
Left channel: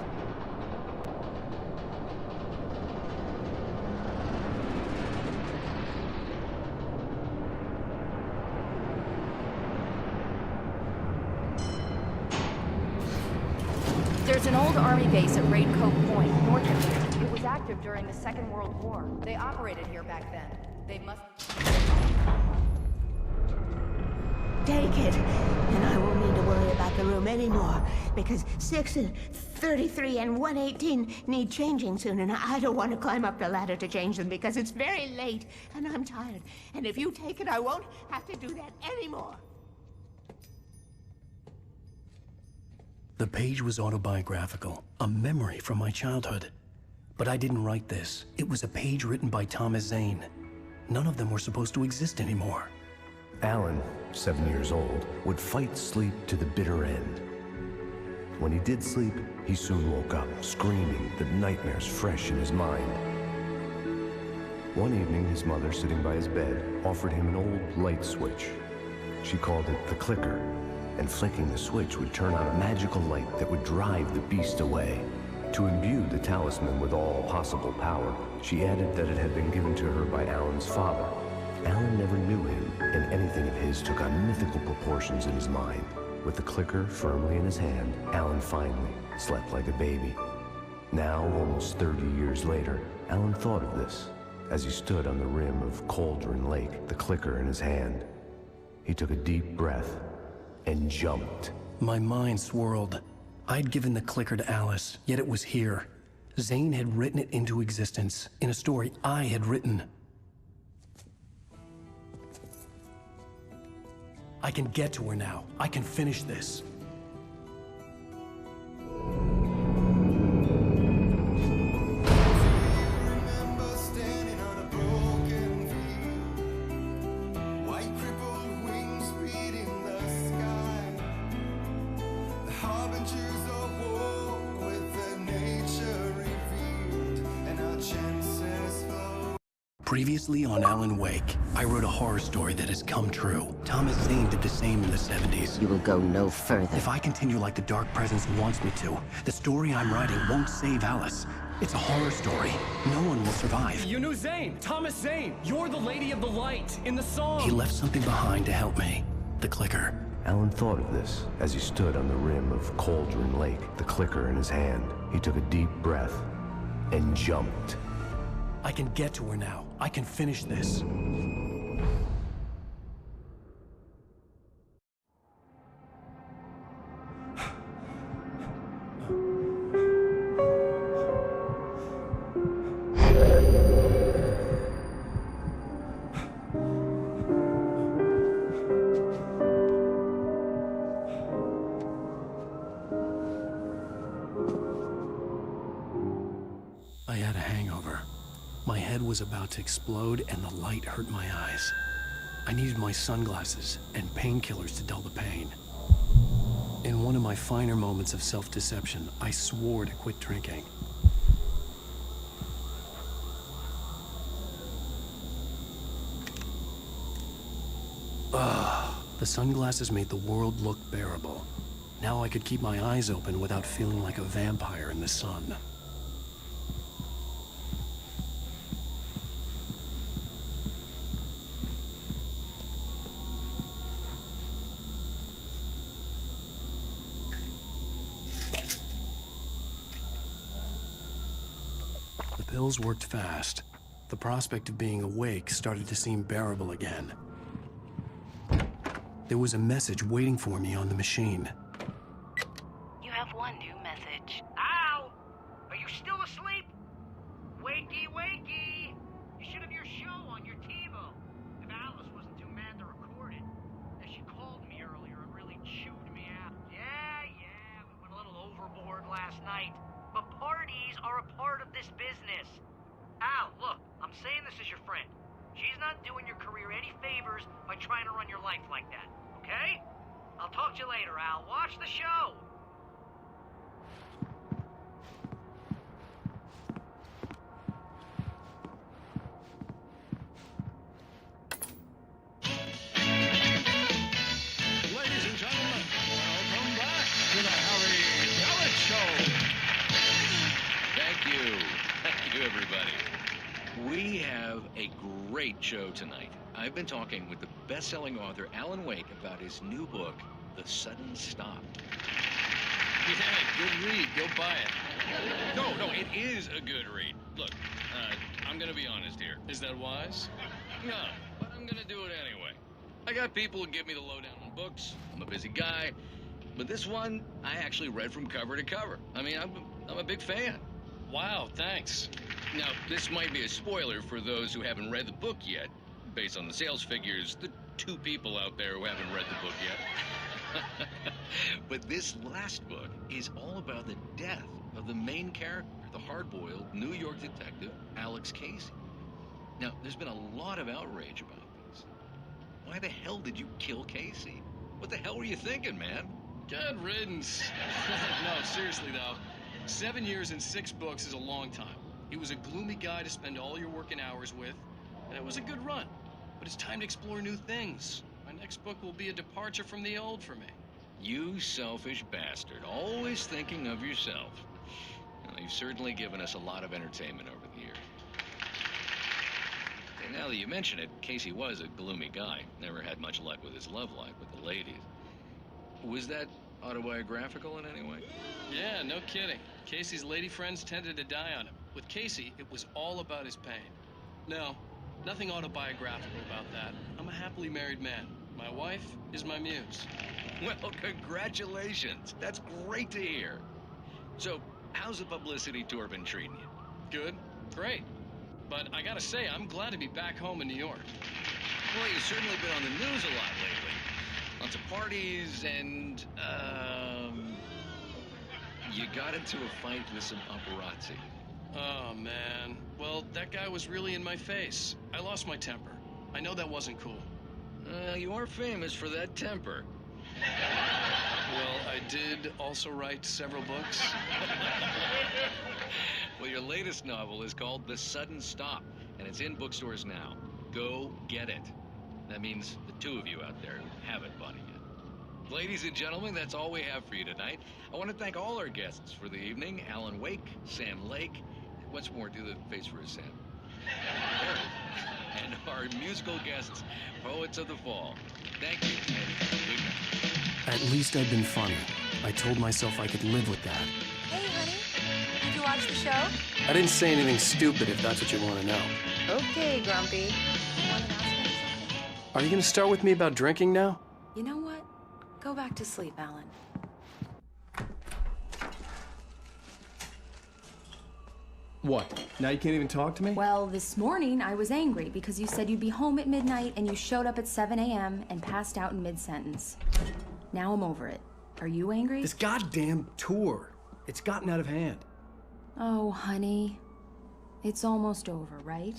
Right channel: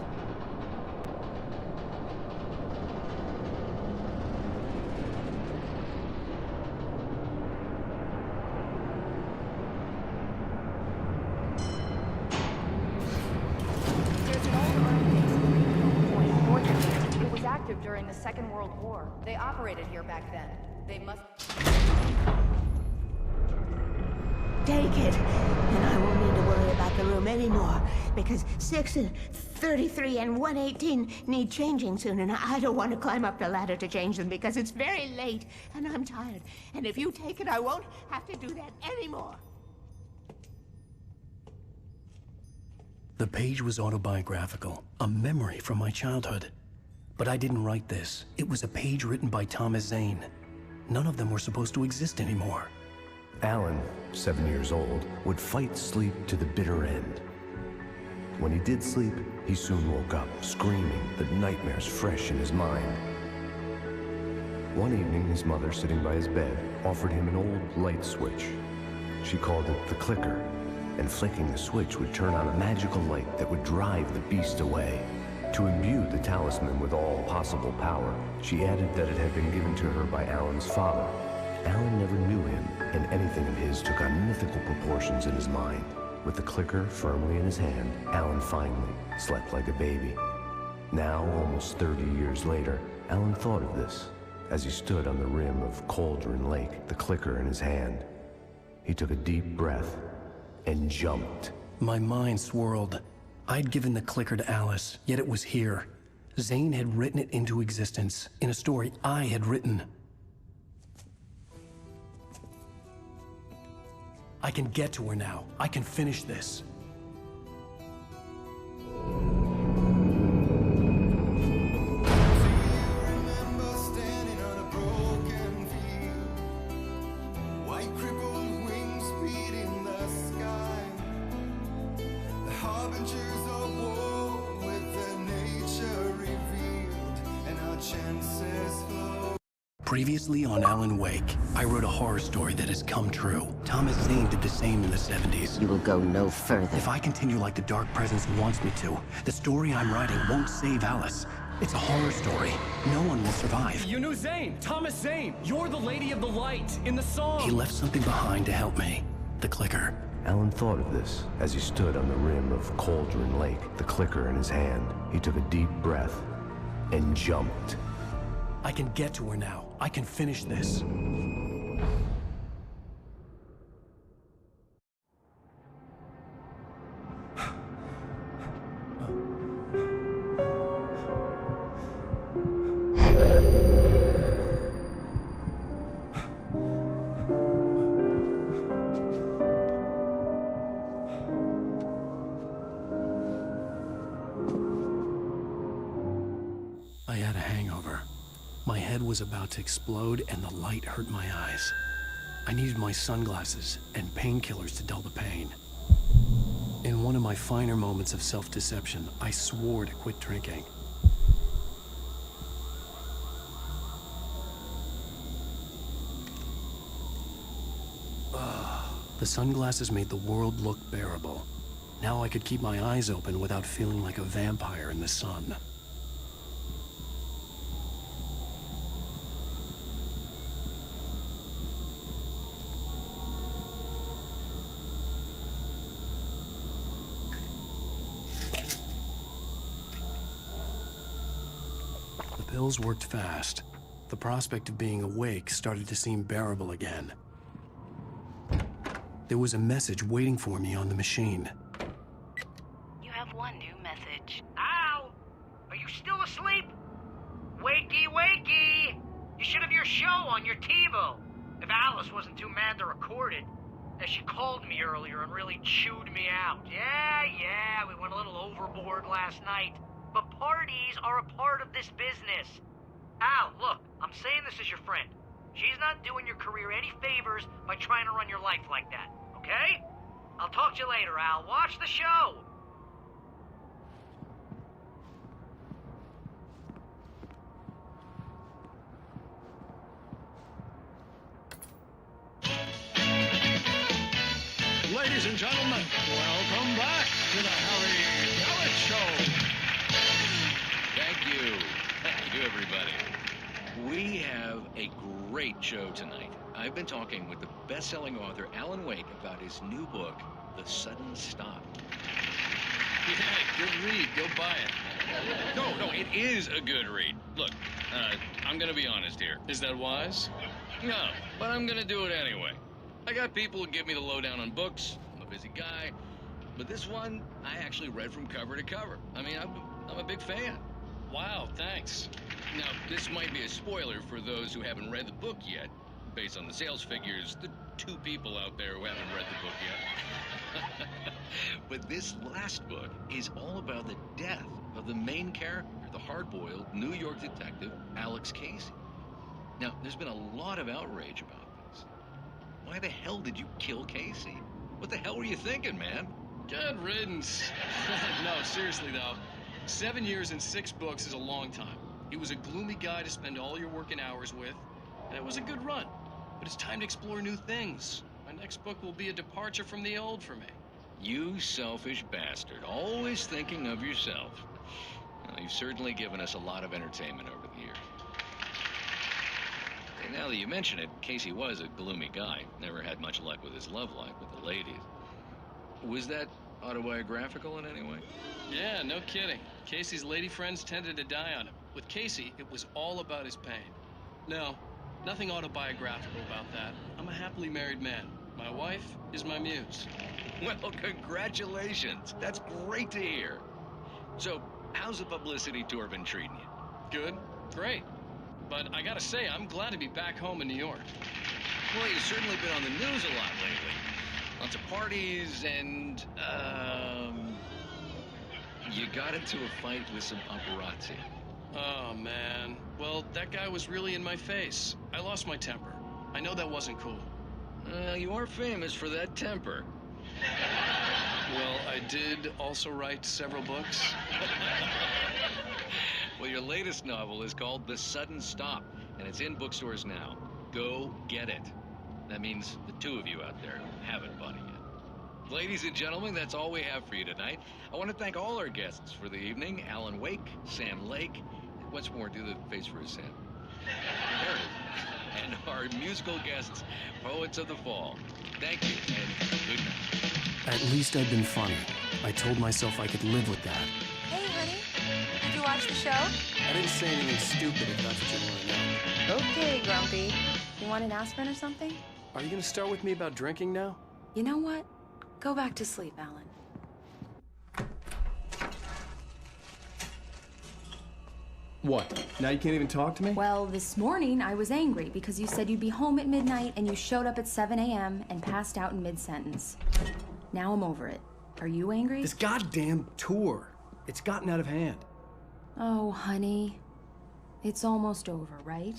There's an old army base at Raincoat. Take it, and I won't need to worry about the room anymore, because 6 and 33 and 118 need changing soon, and I don't want to climb up the ladder to change them because it's very late, and I'm tired. And if you take it, I won't have to do that anymore. The page was autobiographical, a memory from my childhood. But I didn't write this. It was a page written by Thomas Zane. None of them were supposed to exist anymore. Alan, 7 years old, would fight sleep to the bitter end. When he did sleep, he soon woke up, screaming, the nightmares fresh in his mind. One evening, his mother, sitting by his bed, offered him an old light switch. She called it the clicker, and flicking the switch would turn on a magical light that would drive the beast away. To imbue the talisman with all possible power, she added that it had been given to her by Alan's father. Alan never knew him, and anything of his took on mythical proportions in his mind. With the clicker firmly in his hand, Alan finally slept like a baby. Now, almost 30 years later, Alan thought of this as he stood on the rim of Cauldron Lake, the clicker in his hand. He took a deep breath and jumped. My mind swirled. I'd given the clicker to Alice, yet it was here. Zane had written it into existence, in a story I had written. I can get to her now. I can finish this. Previously on Alan Wake, I wrote a horror story that has come true. Thomas Zane did the same in the 70s. You will go no further. If I continue like the Dark Presence wants me to, the story I'm writing won't save Alice. It's a horror story. No one will survive. You knew Zane! Thomas Zane! You're the Lady of the Light in the song! He left something behind to help me. The clicker. Alan thought of this as he stood on the rim of Cauldron Lake, the clicker in his hand. He took a deep breath and jumped. I can get to her now. I can finish this. I had a hangover. My head was about to explode and the light hurt my eyes. I needed my sunglasses and painkillers to dull the pain. In one of my finer moments of self-deception, I swore to quit drinking. The sunglasses made the world look bearable. Now I could keep my eyes open without feeling like a vampire in the sun. The pills worked fast. The prospect of being awake started to seem bearable again. There was a message waiting for me on the machine. You have one new message. Al! Are you still asleep? Wakey, wakey! You should have your show on your TiVo. If Alice wasn't too mad to record it. She called me earlier and really chewed me out. Yeah, we went a little overboard last night. But parties are a part of this business. Al, look, I'm saying this as your friend. She's not doing your career any favors by trying to run your life like that, okay? I'll talk to you later, Al. Watch the show! Ladies and gentlemen, welcome back to the Harry Gallet Show. Thank you. Thank you, everybody. We have a great show tonight. I've been talking with the best-selling author Alan Wake about his new book, The Sudden Stop. Yeah, good read. Go buy it. No, it is a good read. Look, I'm gonna be honest here. Is that wise? No, but I'm gonna do it anyway. I got people who give me the lowdown on books. I'm a busy guy. But this one, I actually read from cover to cover. I mean, I'm a big fan. Wow, thanks. Now, this might be a spoiler for those who haven't read the book yet. Based on the sales figures, the 2 people out there who haven't read the book yet. But this last book is all about the death of the main character, the hard-boiled New York detective, Alex Casey. Now, there's been a lot of outrage about this. Why the hell did you kill Casey? What the hell were you thinking, man? Good riddance. No, seriously, though. 7 years and 6 books is a long time. He was a gloomy guy to spend all your working hours with, and it was a good run. But it's time to explore new things. My next book will be a departure from the old for me. You selfish bastard, always thinking of yourself. Well, you've certainly given us a lot of entertainment over the years. Hey, now that you mention it, Casey was a gloomy guy. Never had much luck with his love life with the ladies. Was that autobiographical in any way? Yeah, no kidding. Casey's lady friends tended to die on him. With Casey, it was all about his pain. No, nothing autobiographical about that. I'm a happily married man. My wife is my muse. Well, congratulations. That's great to hear. So, how's the publicity tour been treating you? Good, great. But I gotta say, I'm glad to be back home in New York. Well, you've certainly been on the news a lot lately. Lots of parties and, you got into a fight with some paparazzi. Oh, man. Well, that guy was really in my face. I lost my temper. I know that wasn't cool. You are famous for that temper. Well, I did also write several books. Well, your latest novel is called The Sudden Stop, and it's in bookstores now. Go get it. That means the 2 of you out there who haven't bought it yet. Ladies and gentlemen, that's all we have for you tonight. I want to thank all our guests for the evening. Alan Wake, Sam Lake. Once more, do the face for his Sam. There it is. And our musical guests, Poets of the Fall. Thank you, and good night. At least I'd been funny. I told myself I could live with that. I didn't say anything stupid, if that's what you want to know. Want to ask him something? Are you going to start with me about drinking now? You know what? Go back to sleep, Alan. What? Now you can't even talk to me? Well, this morning I was angry because you said you'd be home at midnight and you showed up at 7 a.m. and passed out in mid-sentence. Now I'm over it. Are you angry? This goddamn tour. It's gotten out of hand. Oh, honey. It's almost over, right?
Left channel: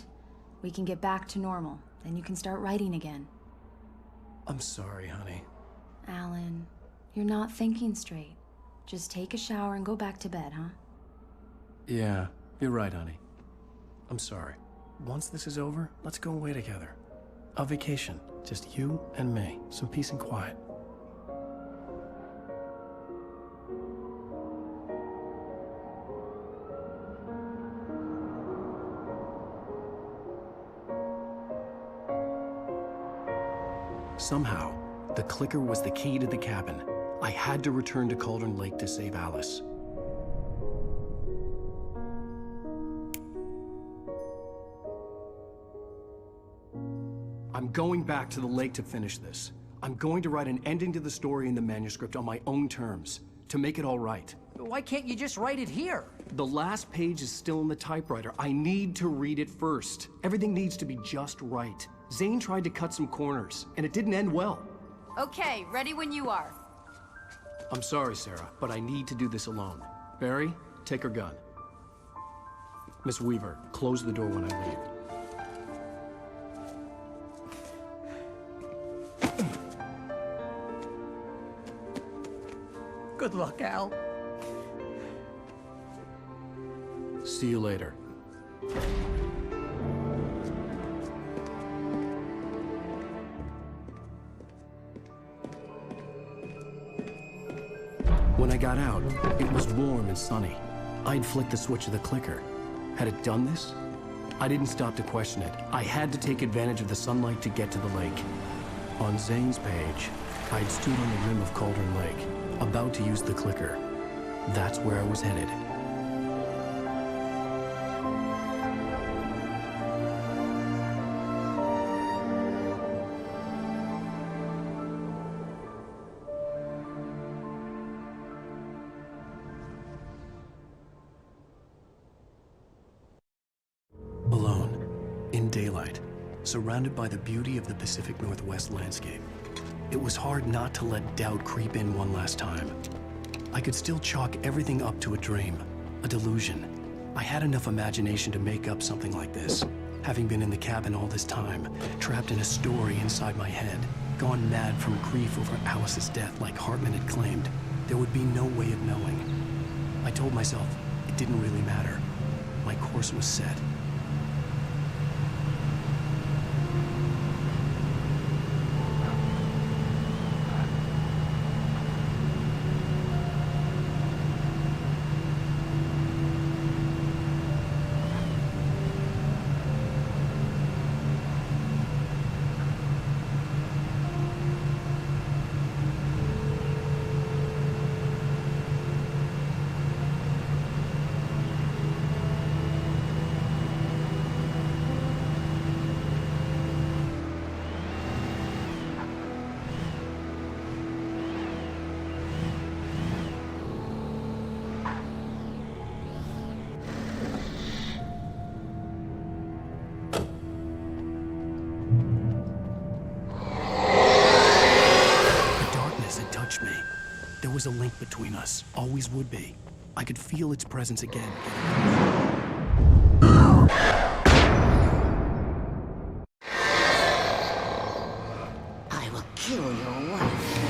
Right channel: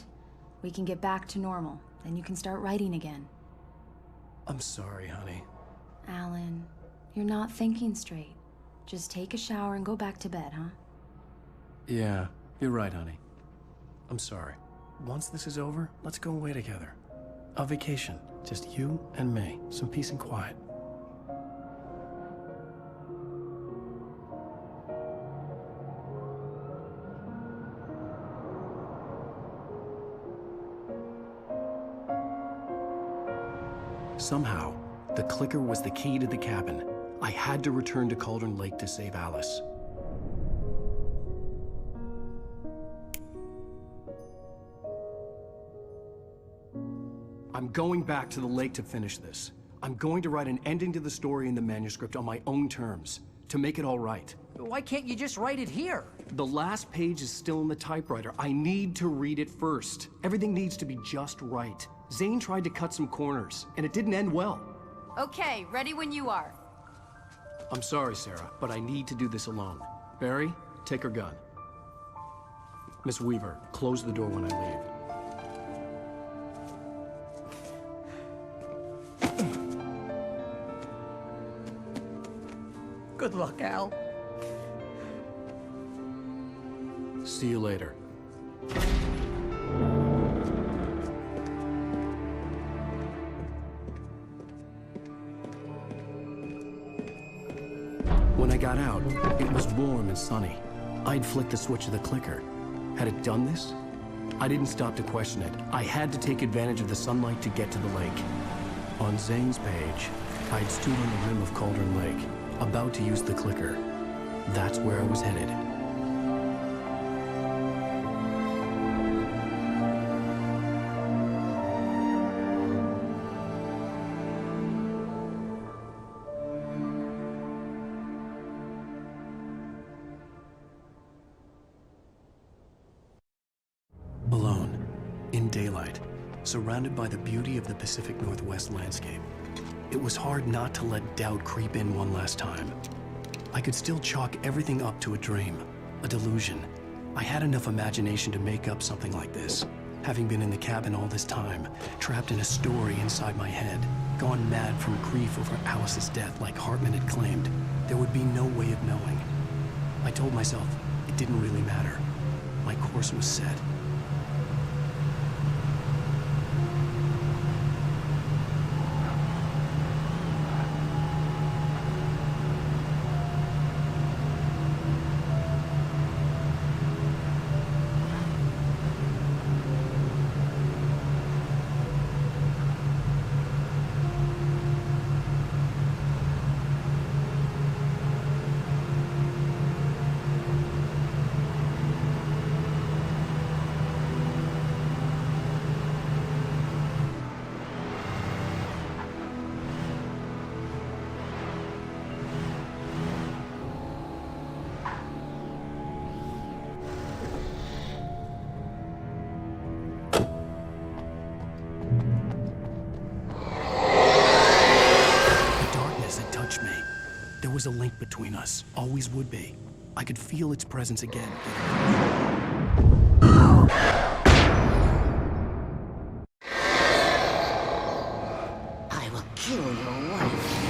We can get back to normal. Then you can start writing again. I'm sorry, honey. Alan, you're not thinking straight. Just take a shower and go back to bed, huh? Yeah, you're right, honey. I'm sorry. Once this is over, let's go away together. A vacation. Just you and me. Some peace and quiet. Somehow, the clicker was the key to the cabin. I had to return to Cauldron Lake to save Alice. I'm going back to the lake to finish this. I'm going to write an ending to the story in the manuscript on my own terms, to make it all right. Why can't you just write it here? The last page is still in the typewriter. I need to read it first. Everything needs to be just right. Zane tried to cut some corners, and it didn't end well. Okay, ready when you are. I'm sorry, Sarah, but I need to do this alone. Barry, take her gun. Miss Weaver, close the door when I leave. Good luck, Al. See you later. When I got out, it was warm and sunny. I'd flicked the switch of the clicker. Had it done this? I didn't stop to question it. I had to take advantage of the sunlight to get to the lake. On Zane's page, I'd stood on the rim of Cauldron Lake, about to use the clicker. That's where I was headed. Alone, in daylight, surrounded by the beauty of the Pacific Northwest landscape, it was hard not to let doubt creep in one last time. I could still chalk everything up to a dream, a delusion. I had enough imagination to make up something like this, having been in the cabin all this time, trapped in a story inside my head, gone mad from grief over Alice's death like Hartman had claimed. There would be no way of knowing. I told myself it didn't really matter. My course was set. There was a link between us, always would be. I could feel its presence again. I will kill your wife.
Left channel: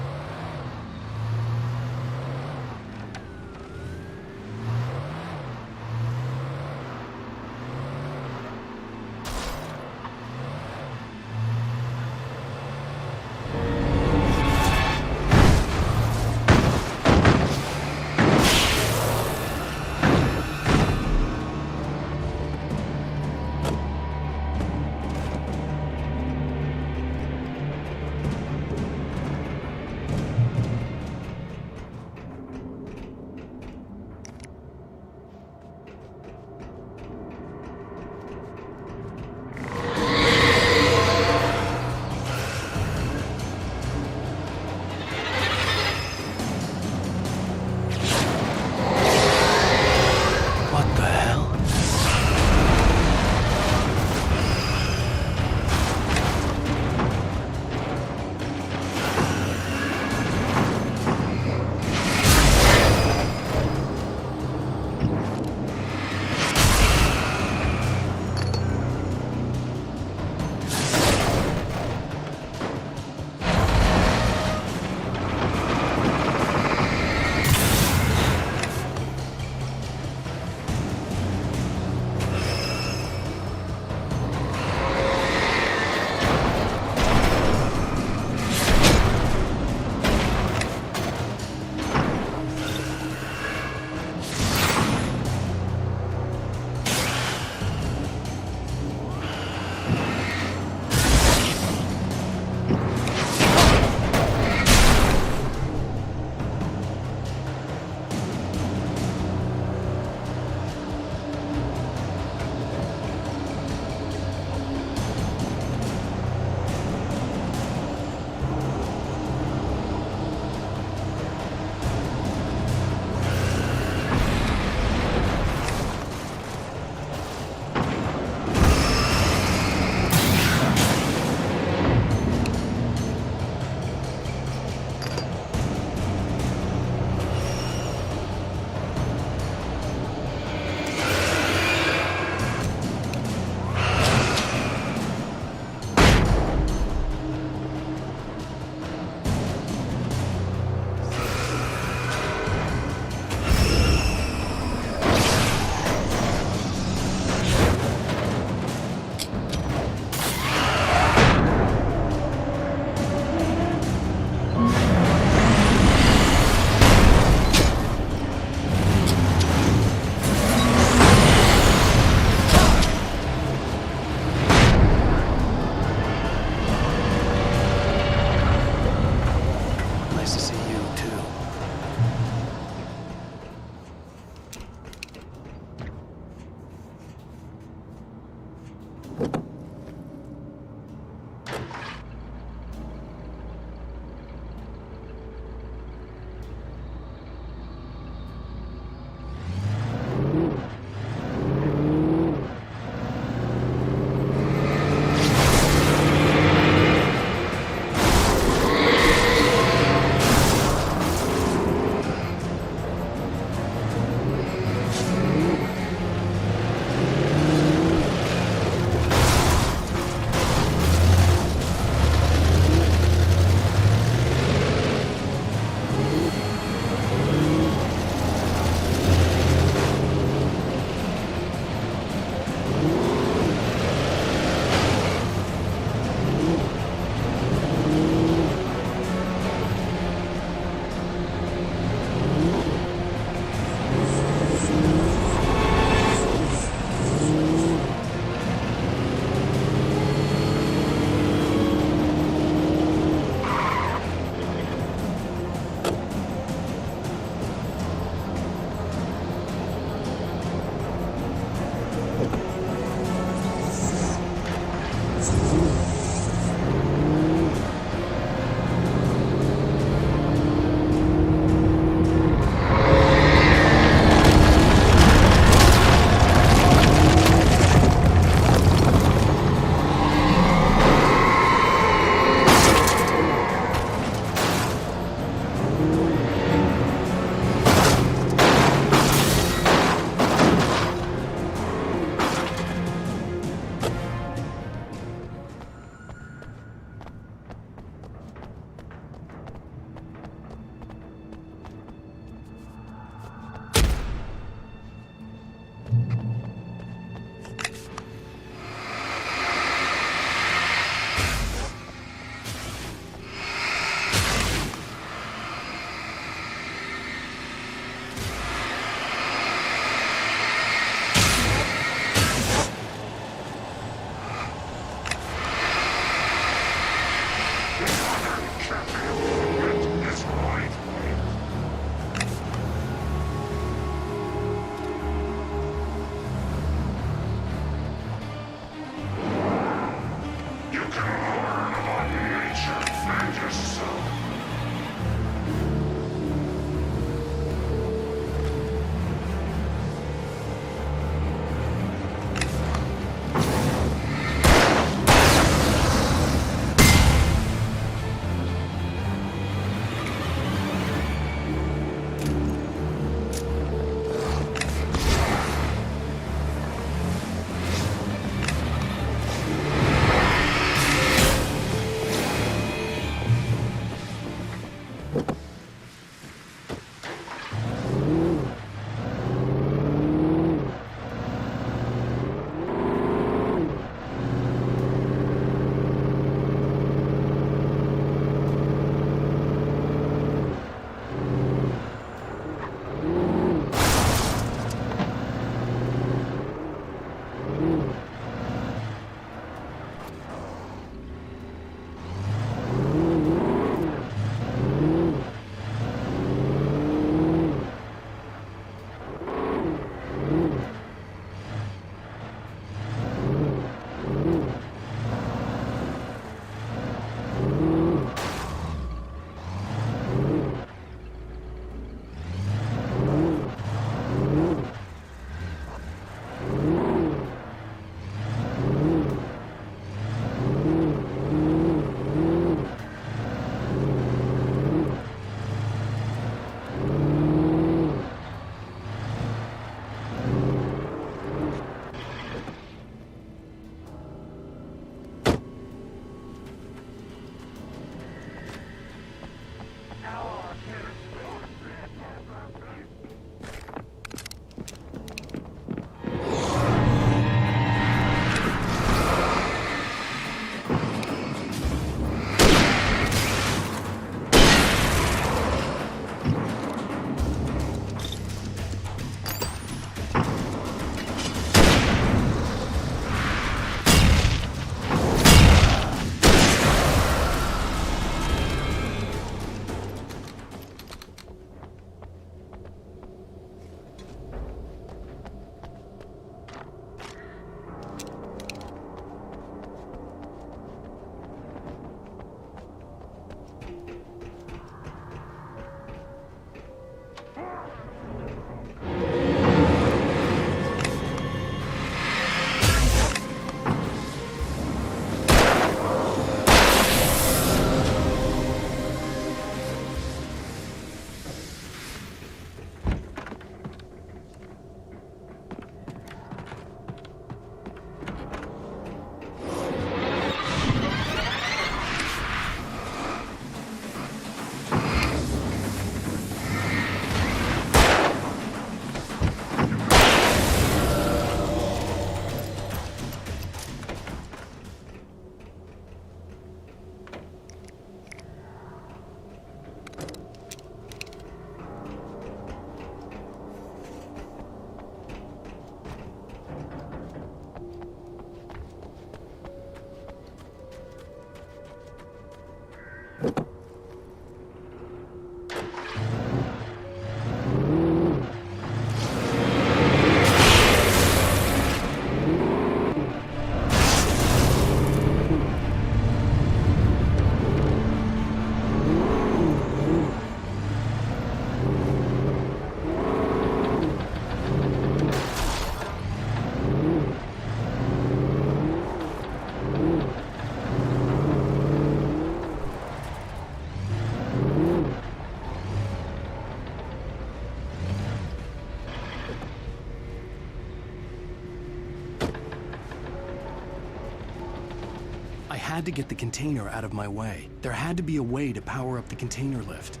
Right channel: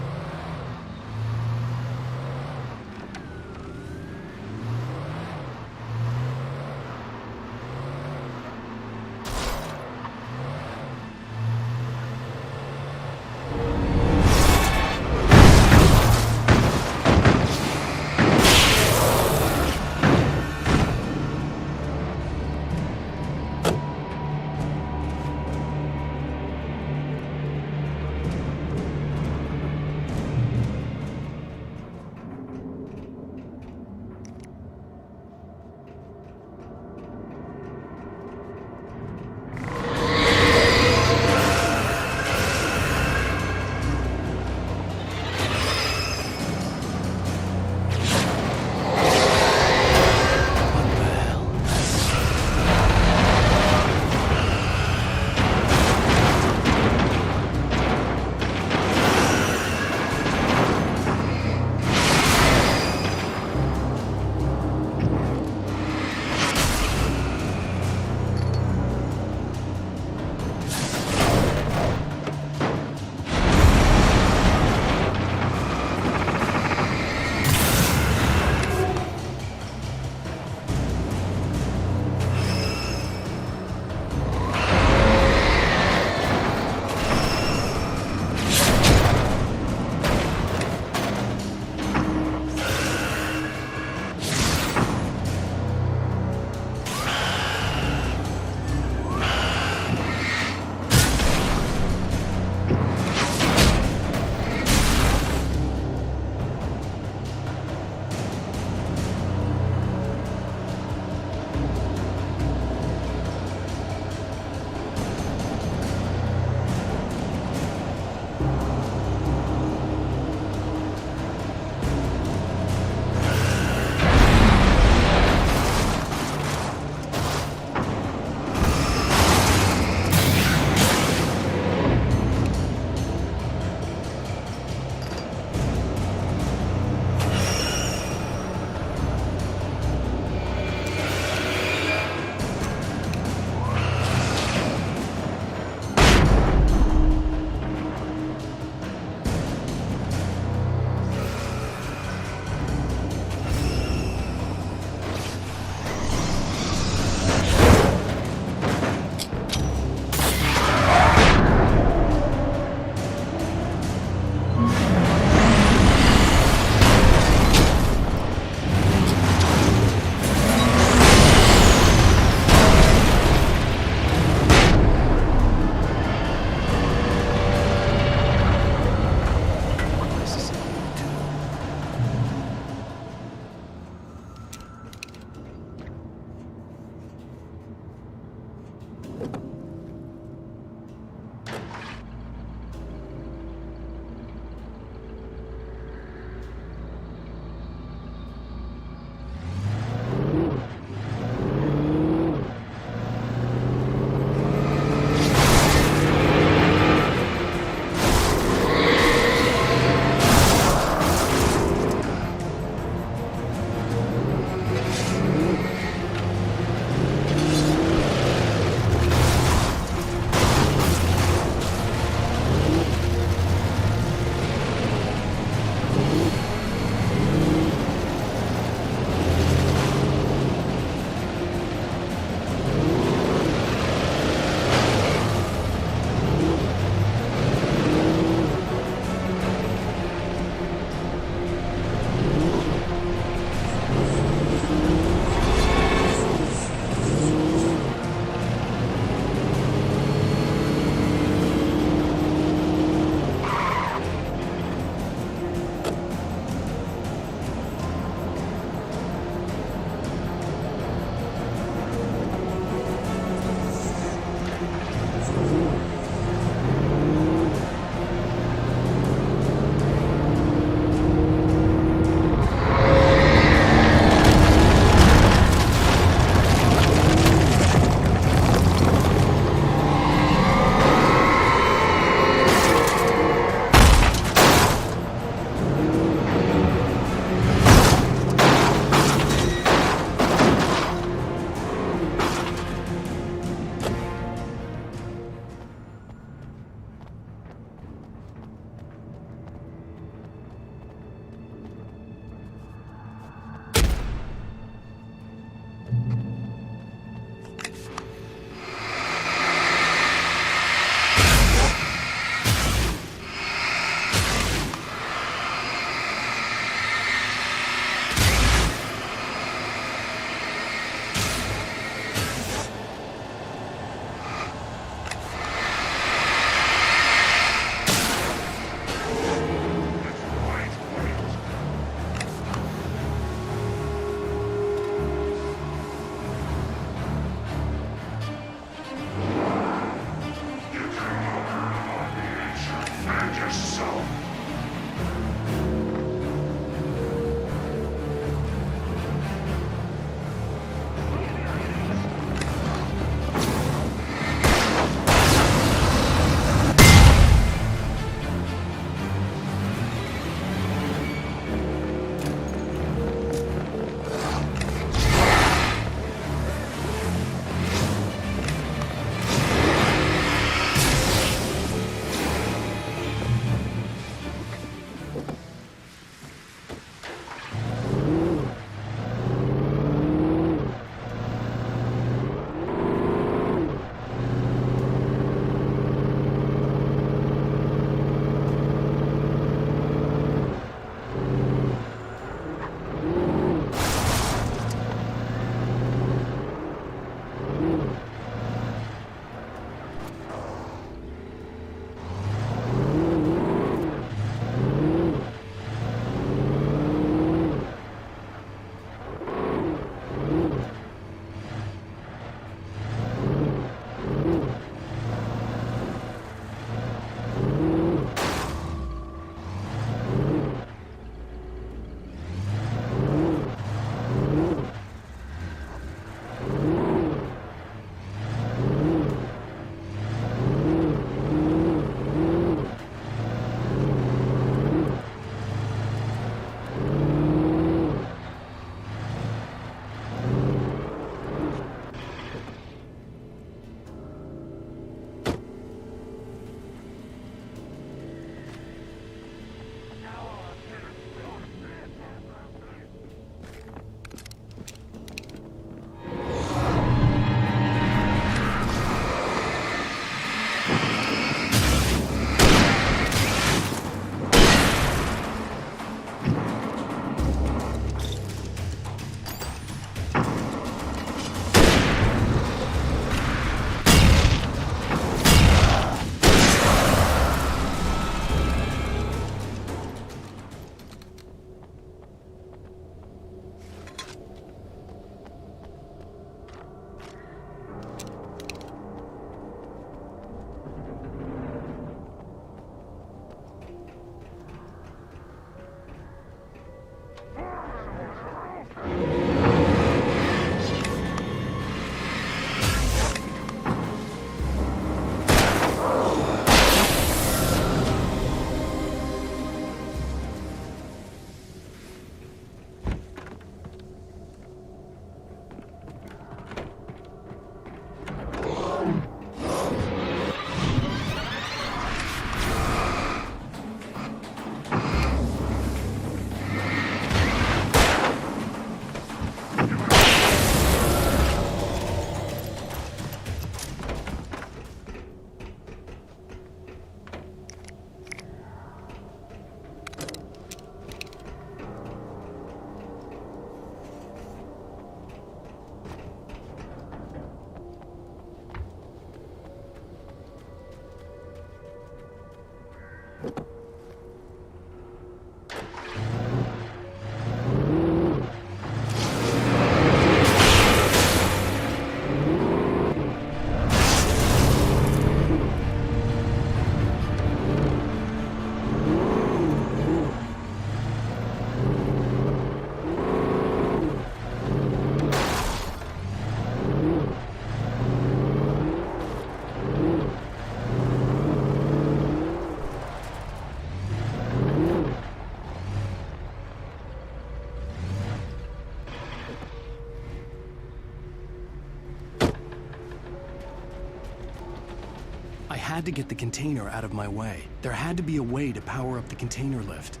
I had to get the container out of my way. There had to be a way to power up the container lift.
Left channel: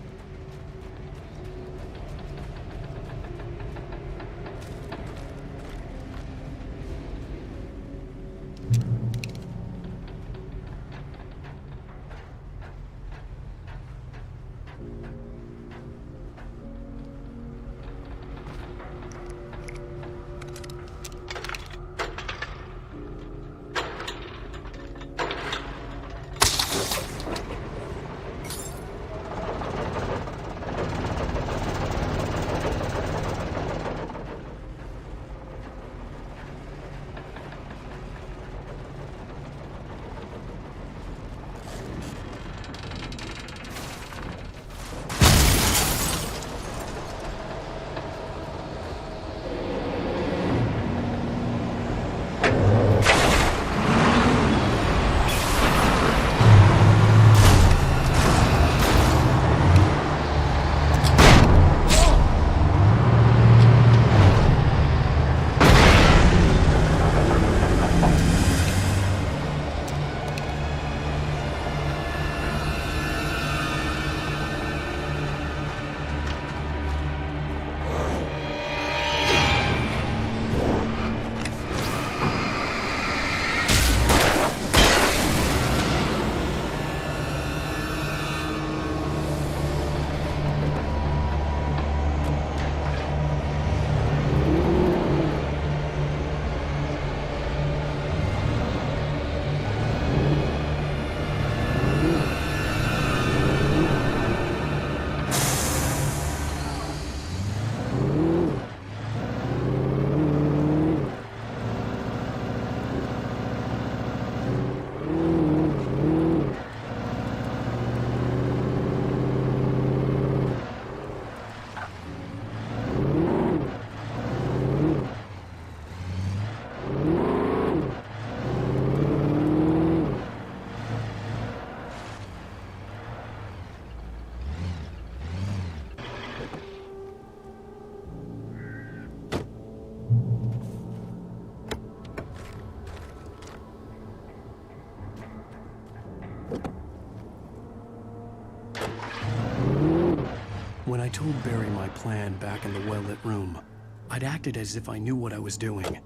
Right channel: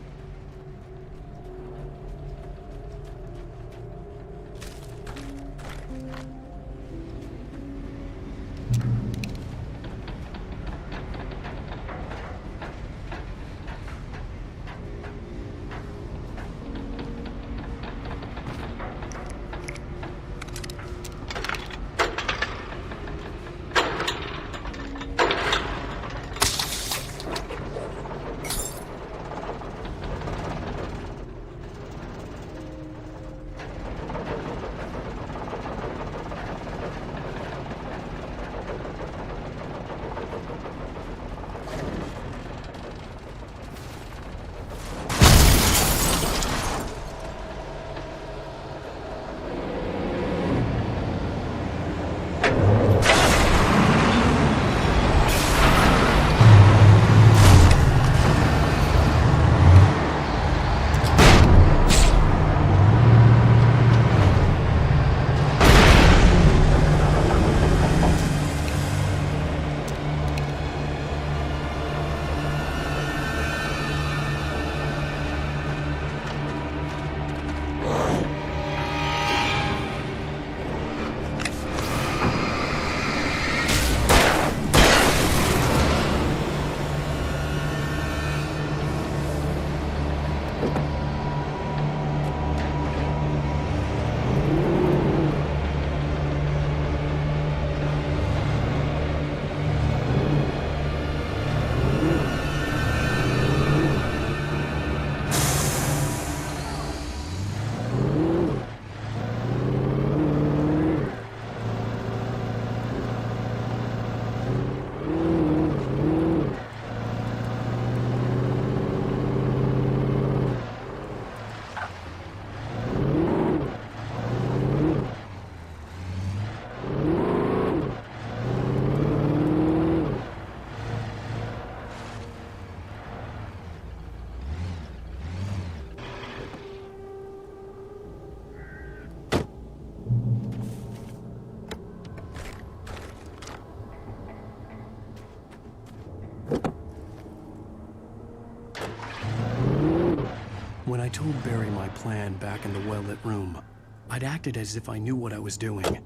I told Barry my plan back in the well-lit room, I'd acted as if I knew what I was doing.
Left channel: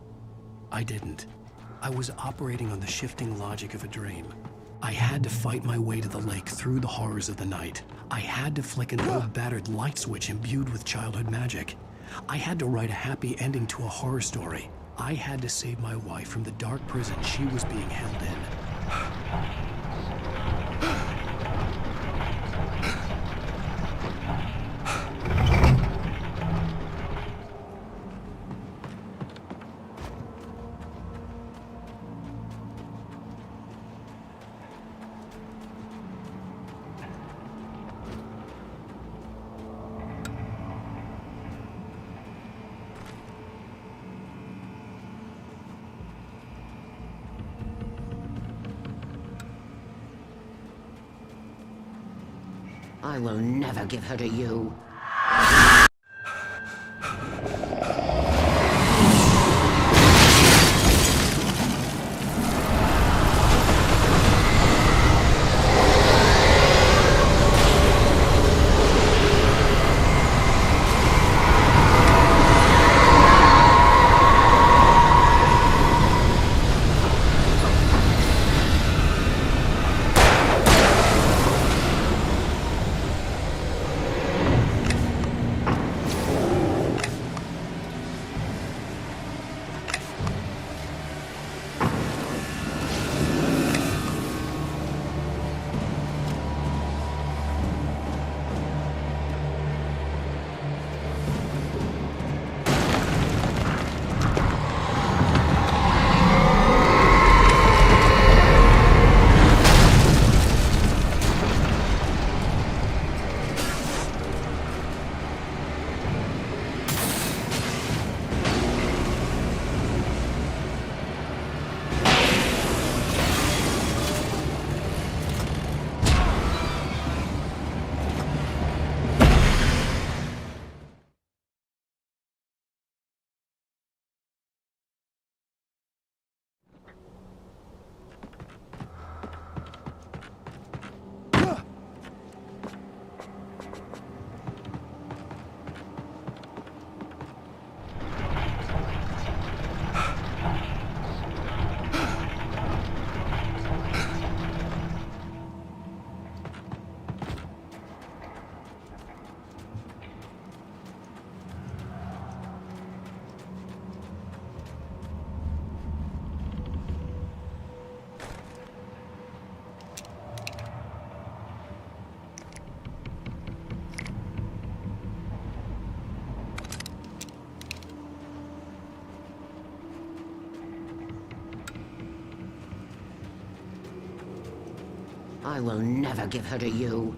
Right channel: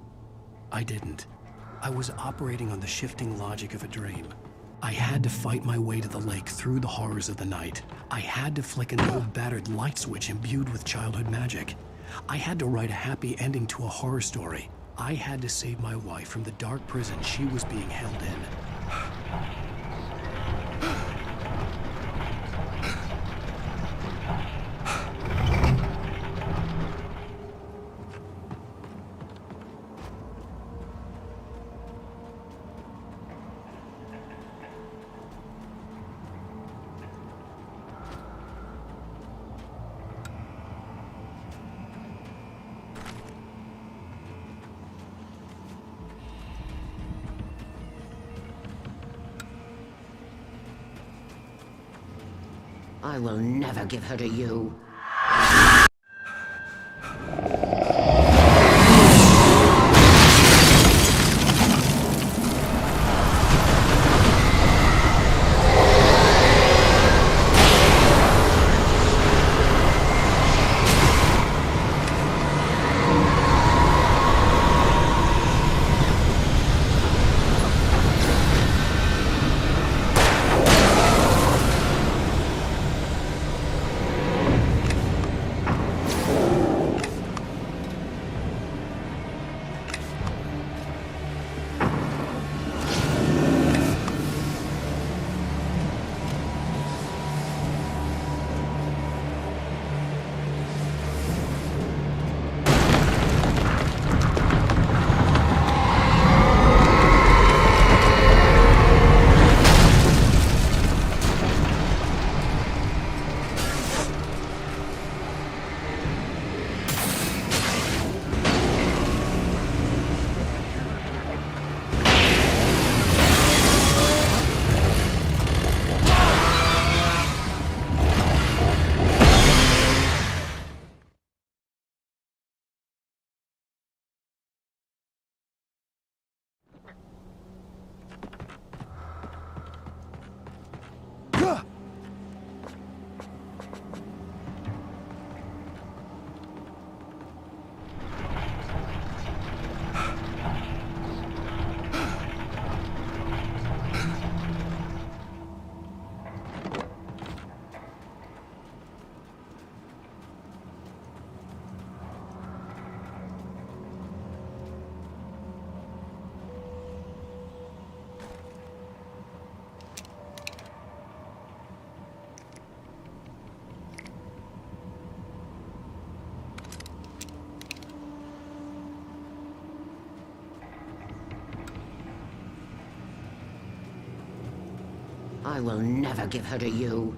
I didn't. I was operating on the shifting logic of a dream. I had to fight my way to the lake through the horrors of the night. I had to flick an old battered light switch imbued with childhood magic. I had to write a happy ending to a horror story. I had to save my wife from the dark prison she was being held in. I will never give her to you. I will never give her to you.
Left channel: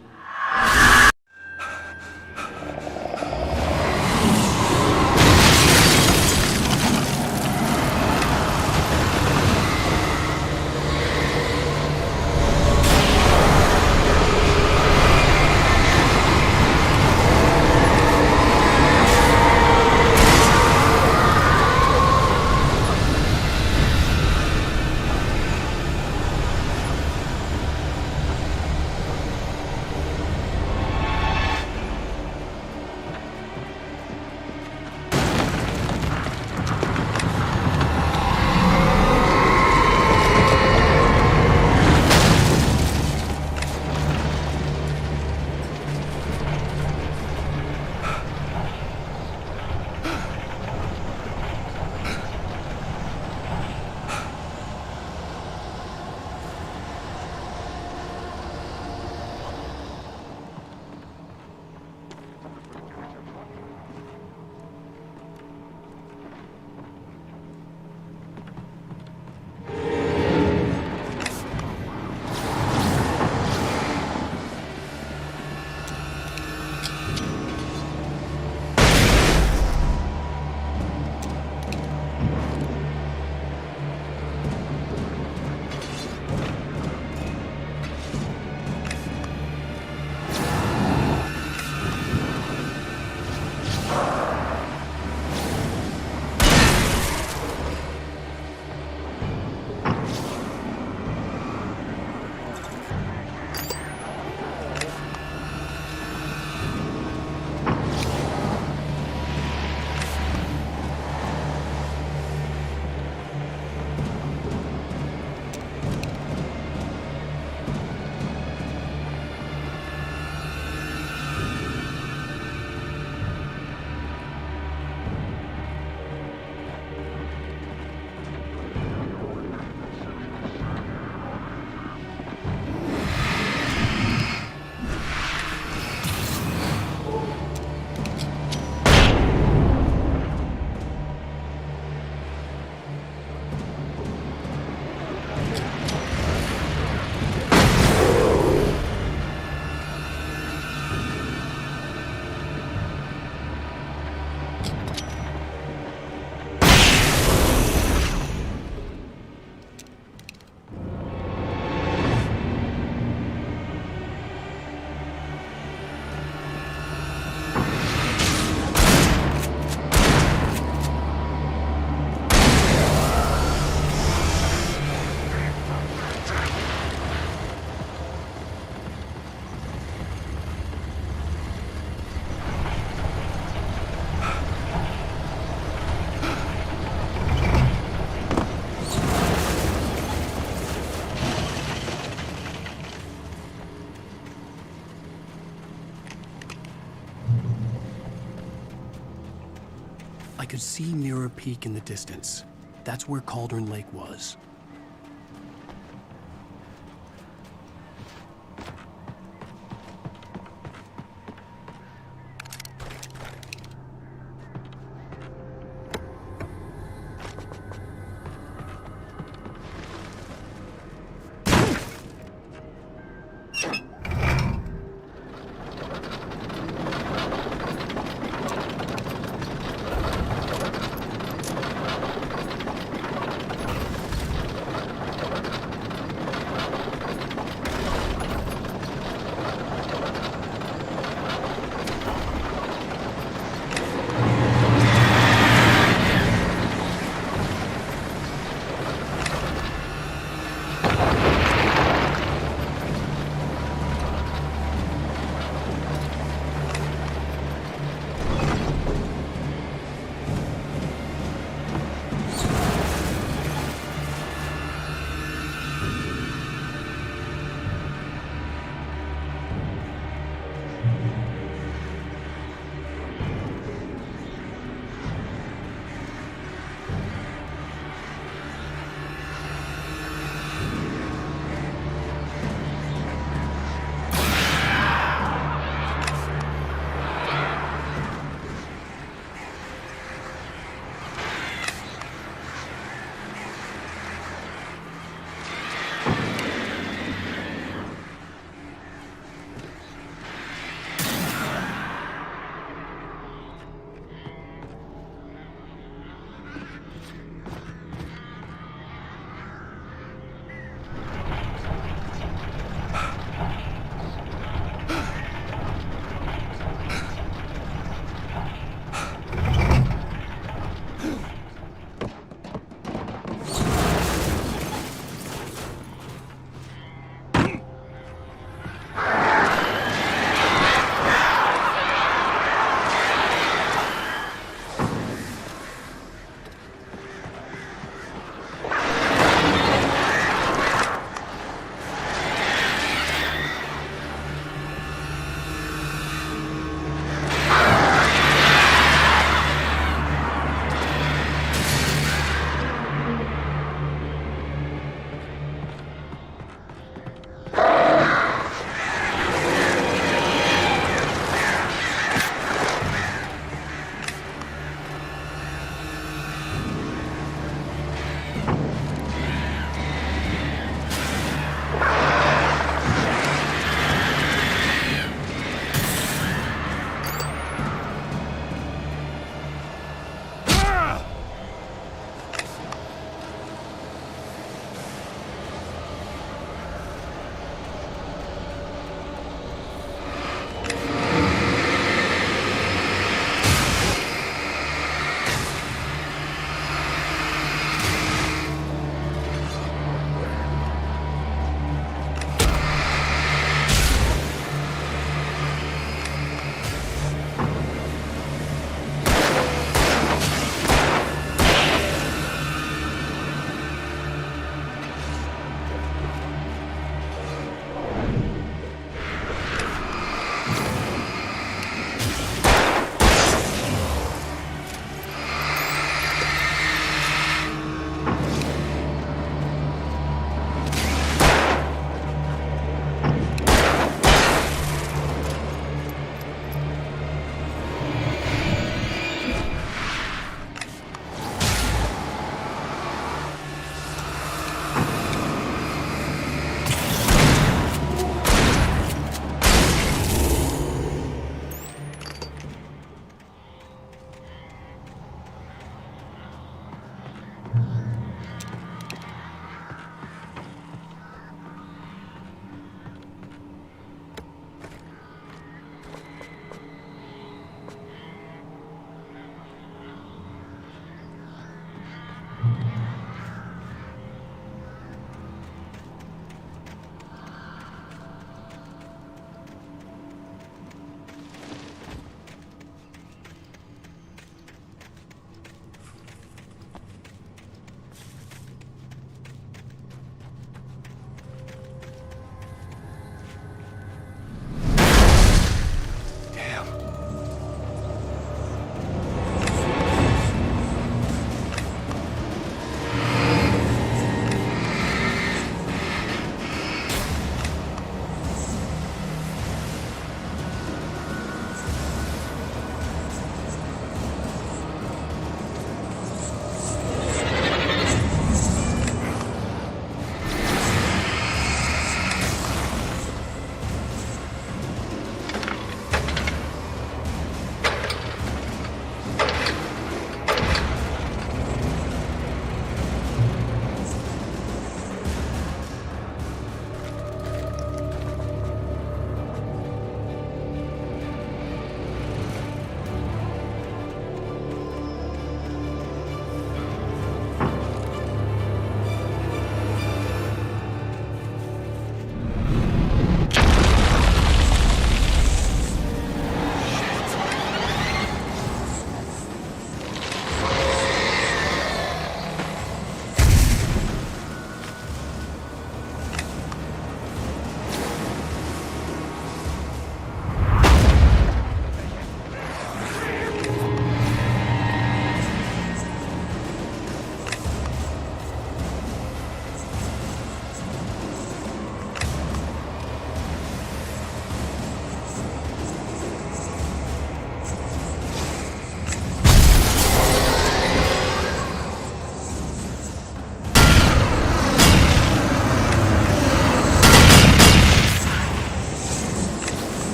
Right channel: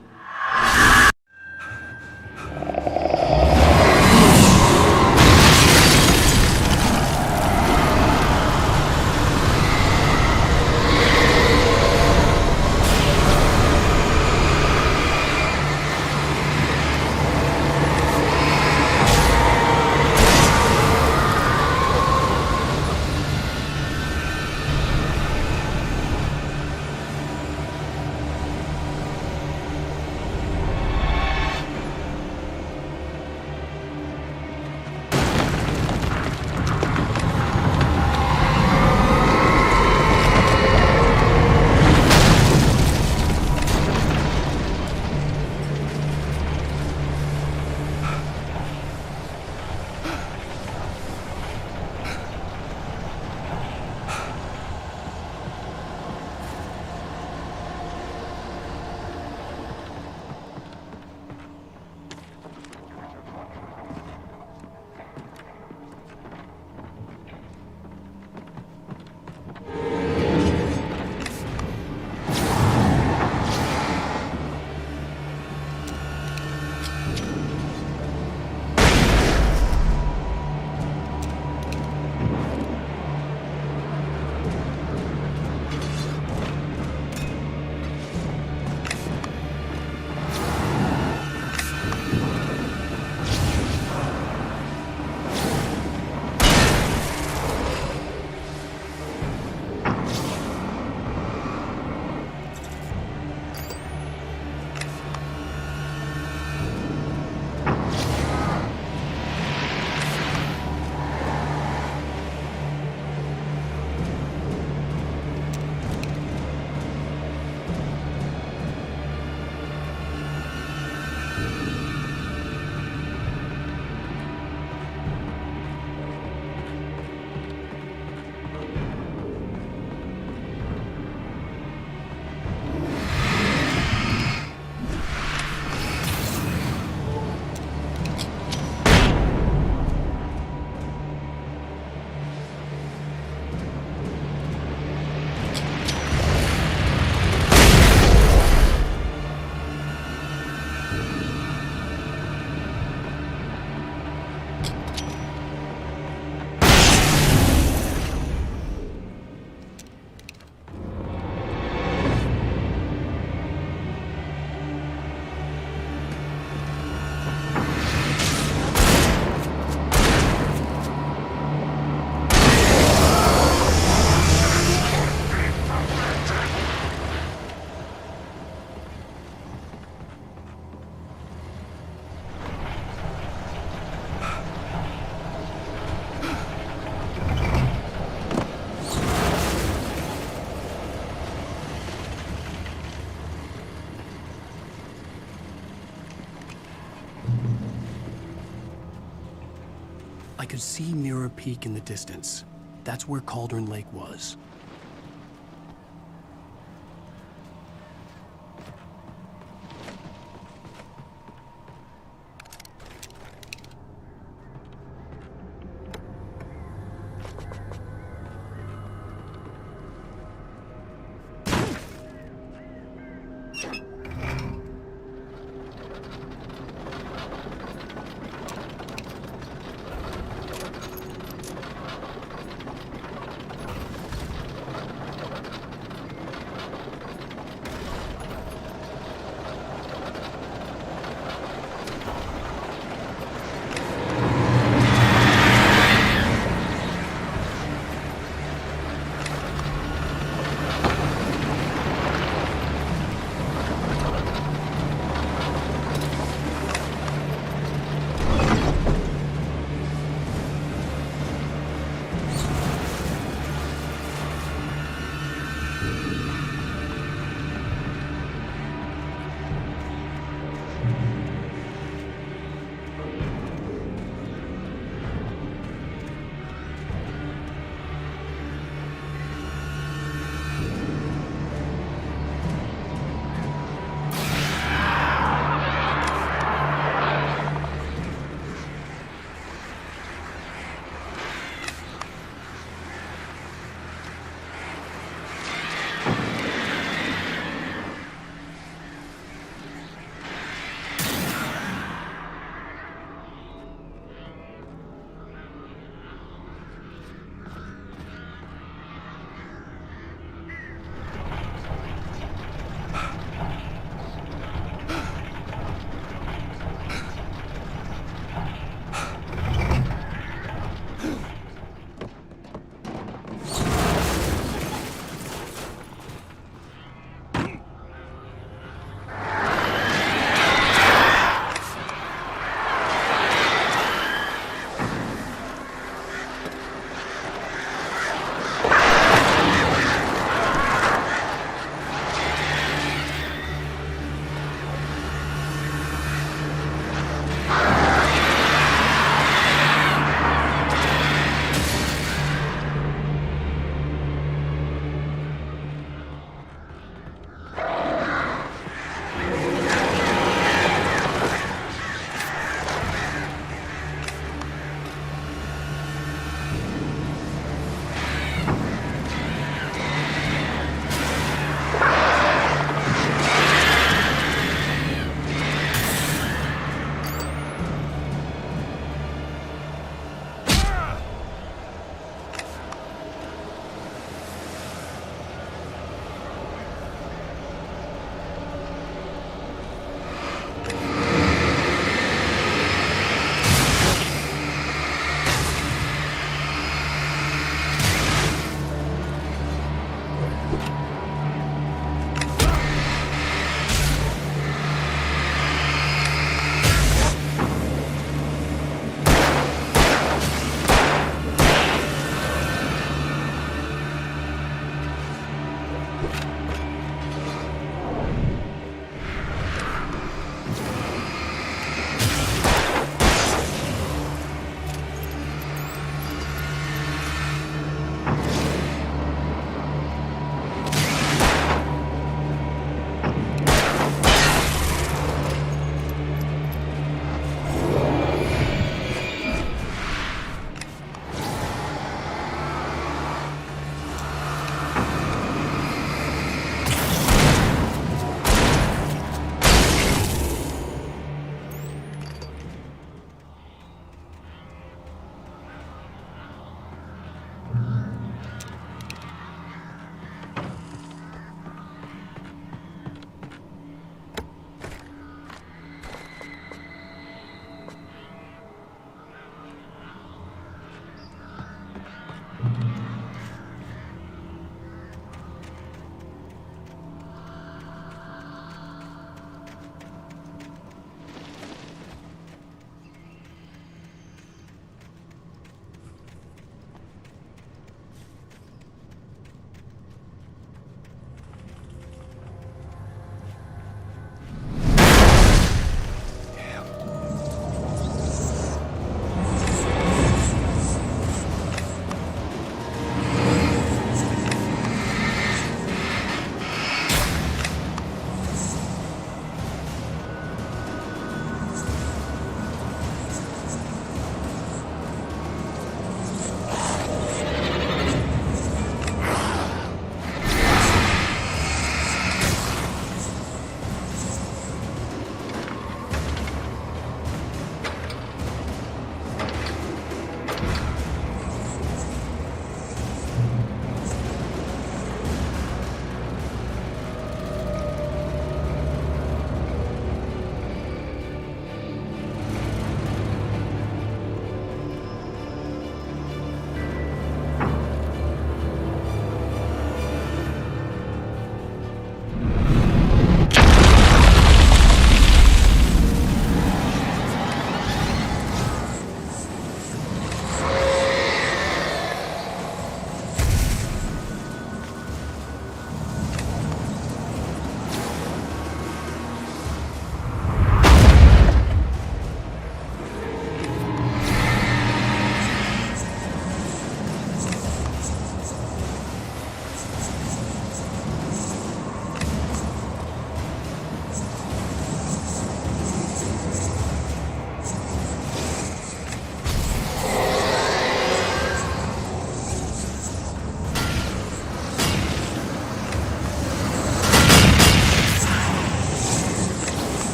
I could see Mirror Peak in the distance. That's where Cauldron Lake was.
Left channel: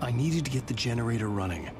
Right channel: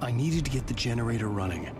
I needed to get the generator running.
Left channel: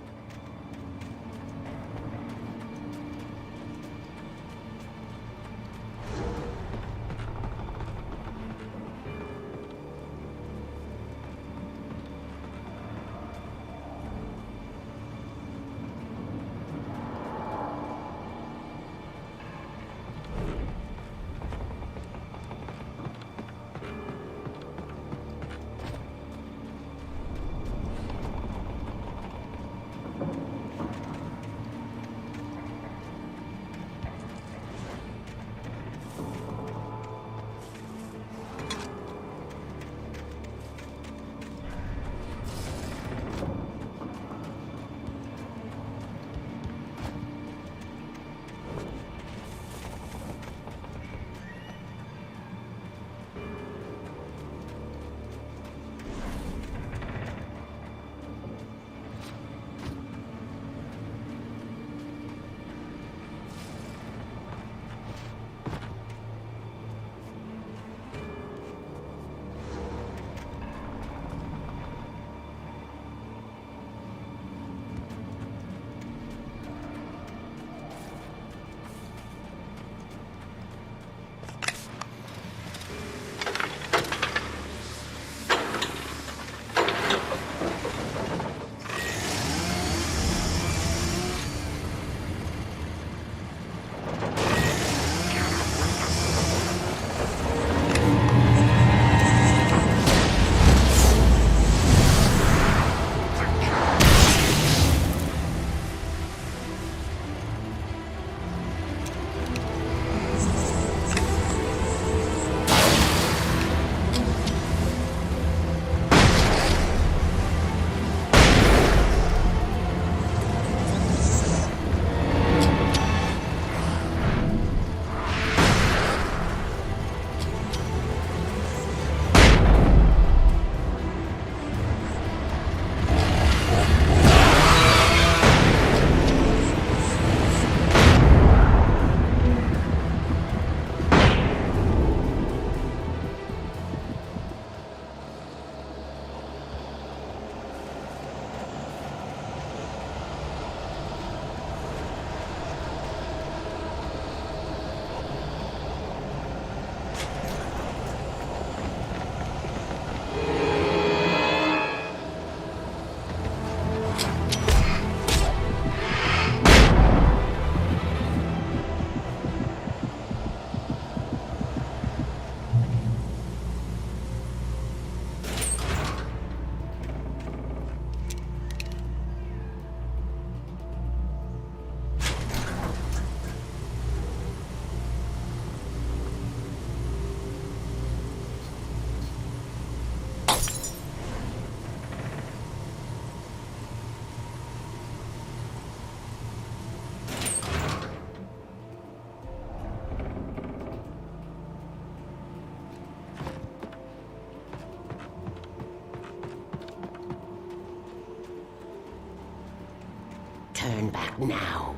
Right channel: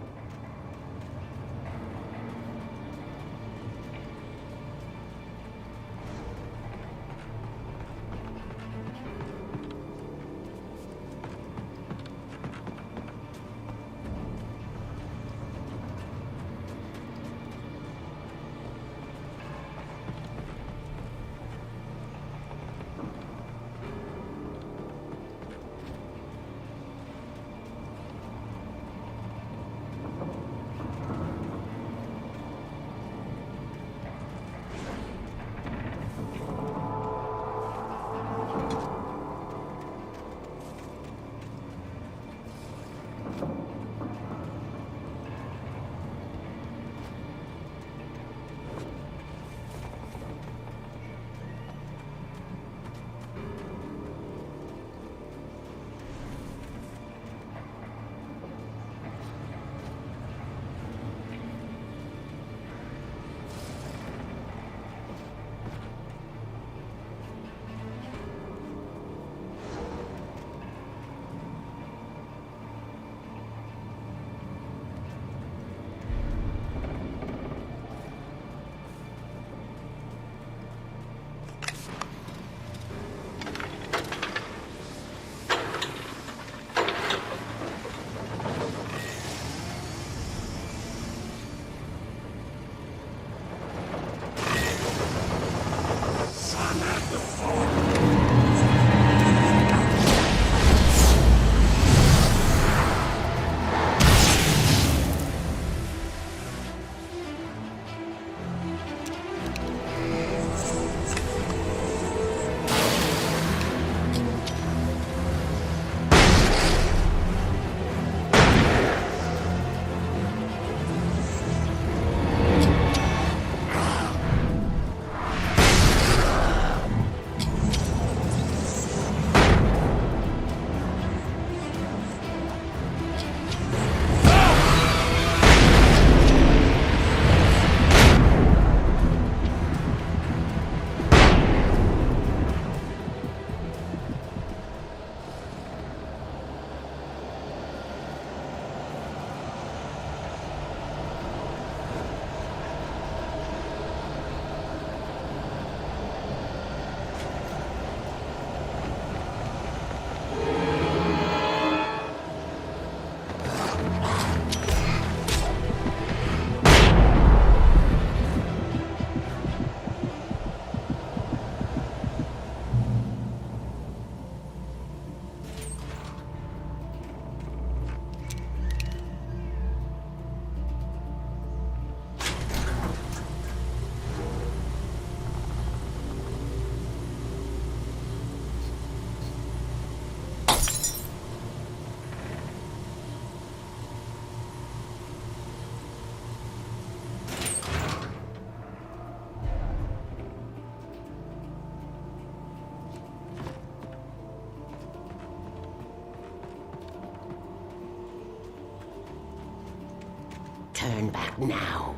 Turn back now.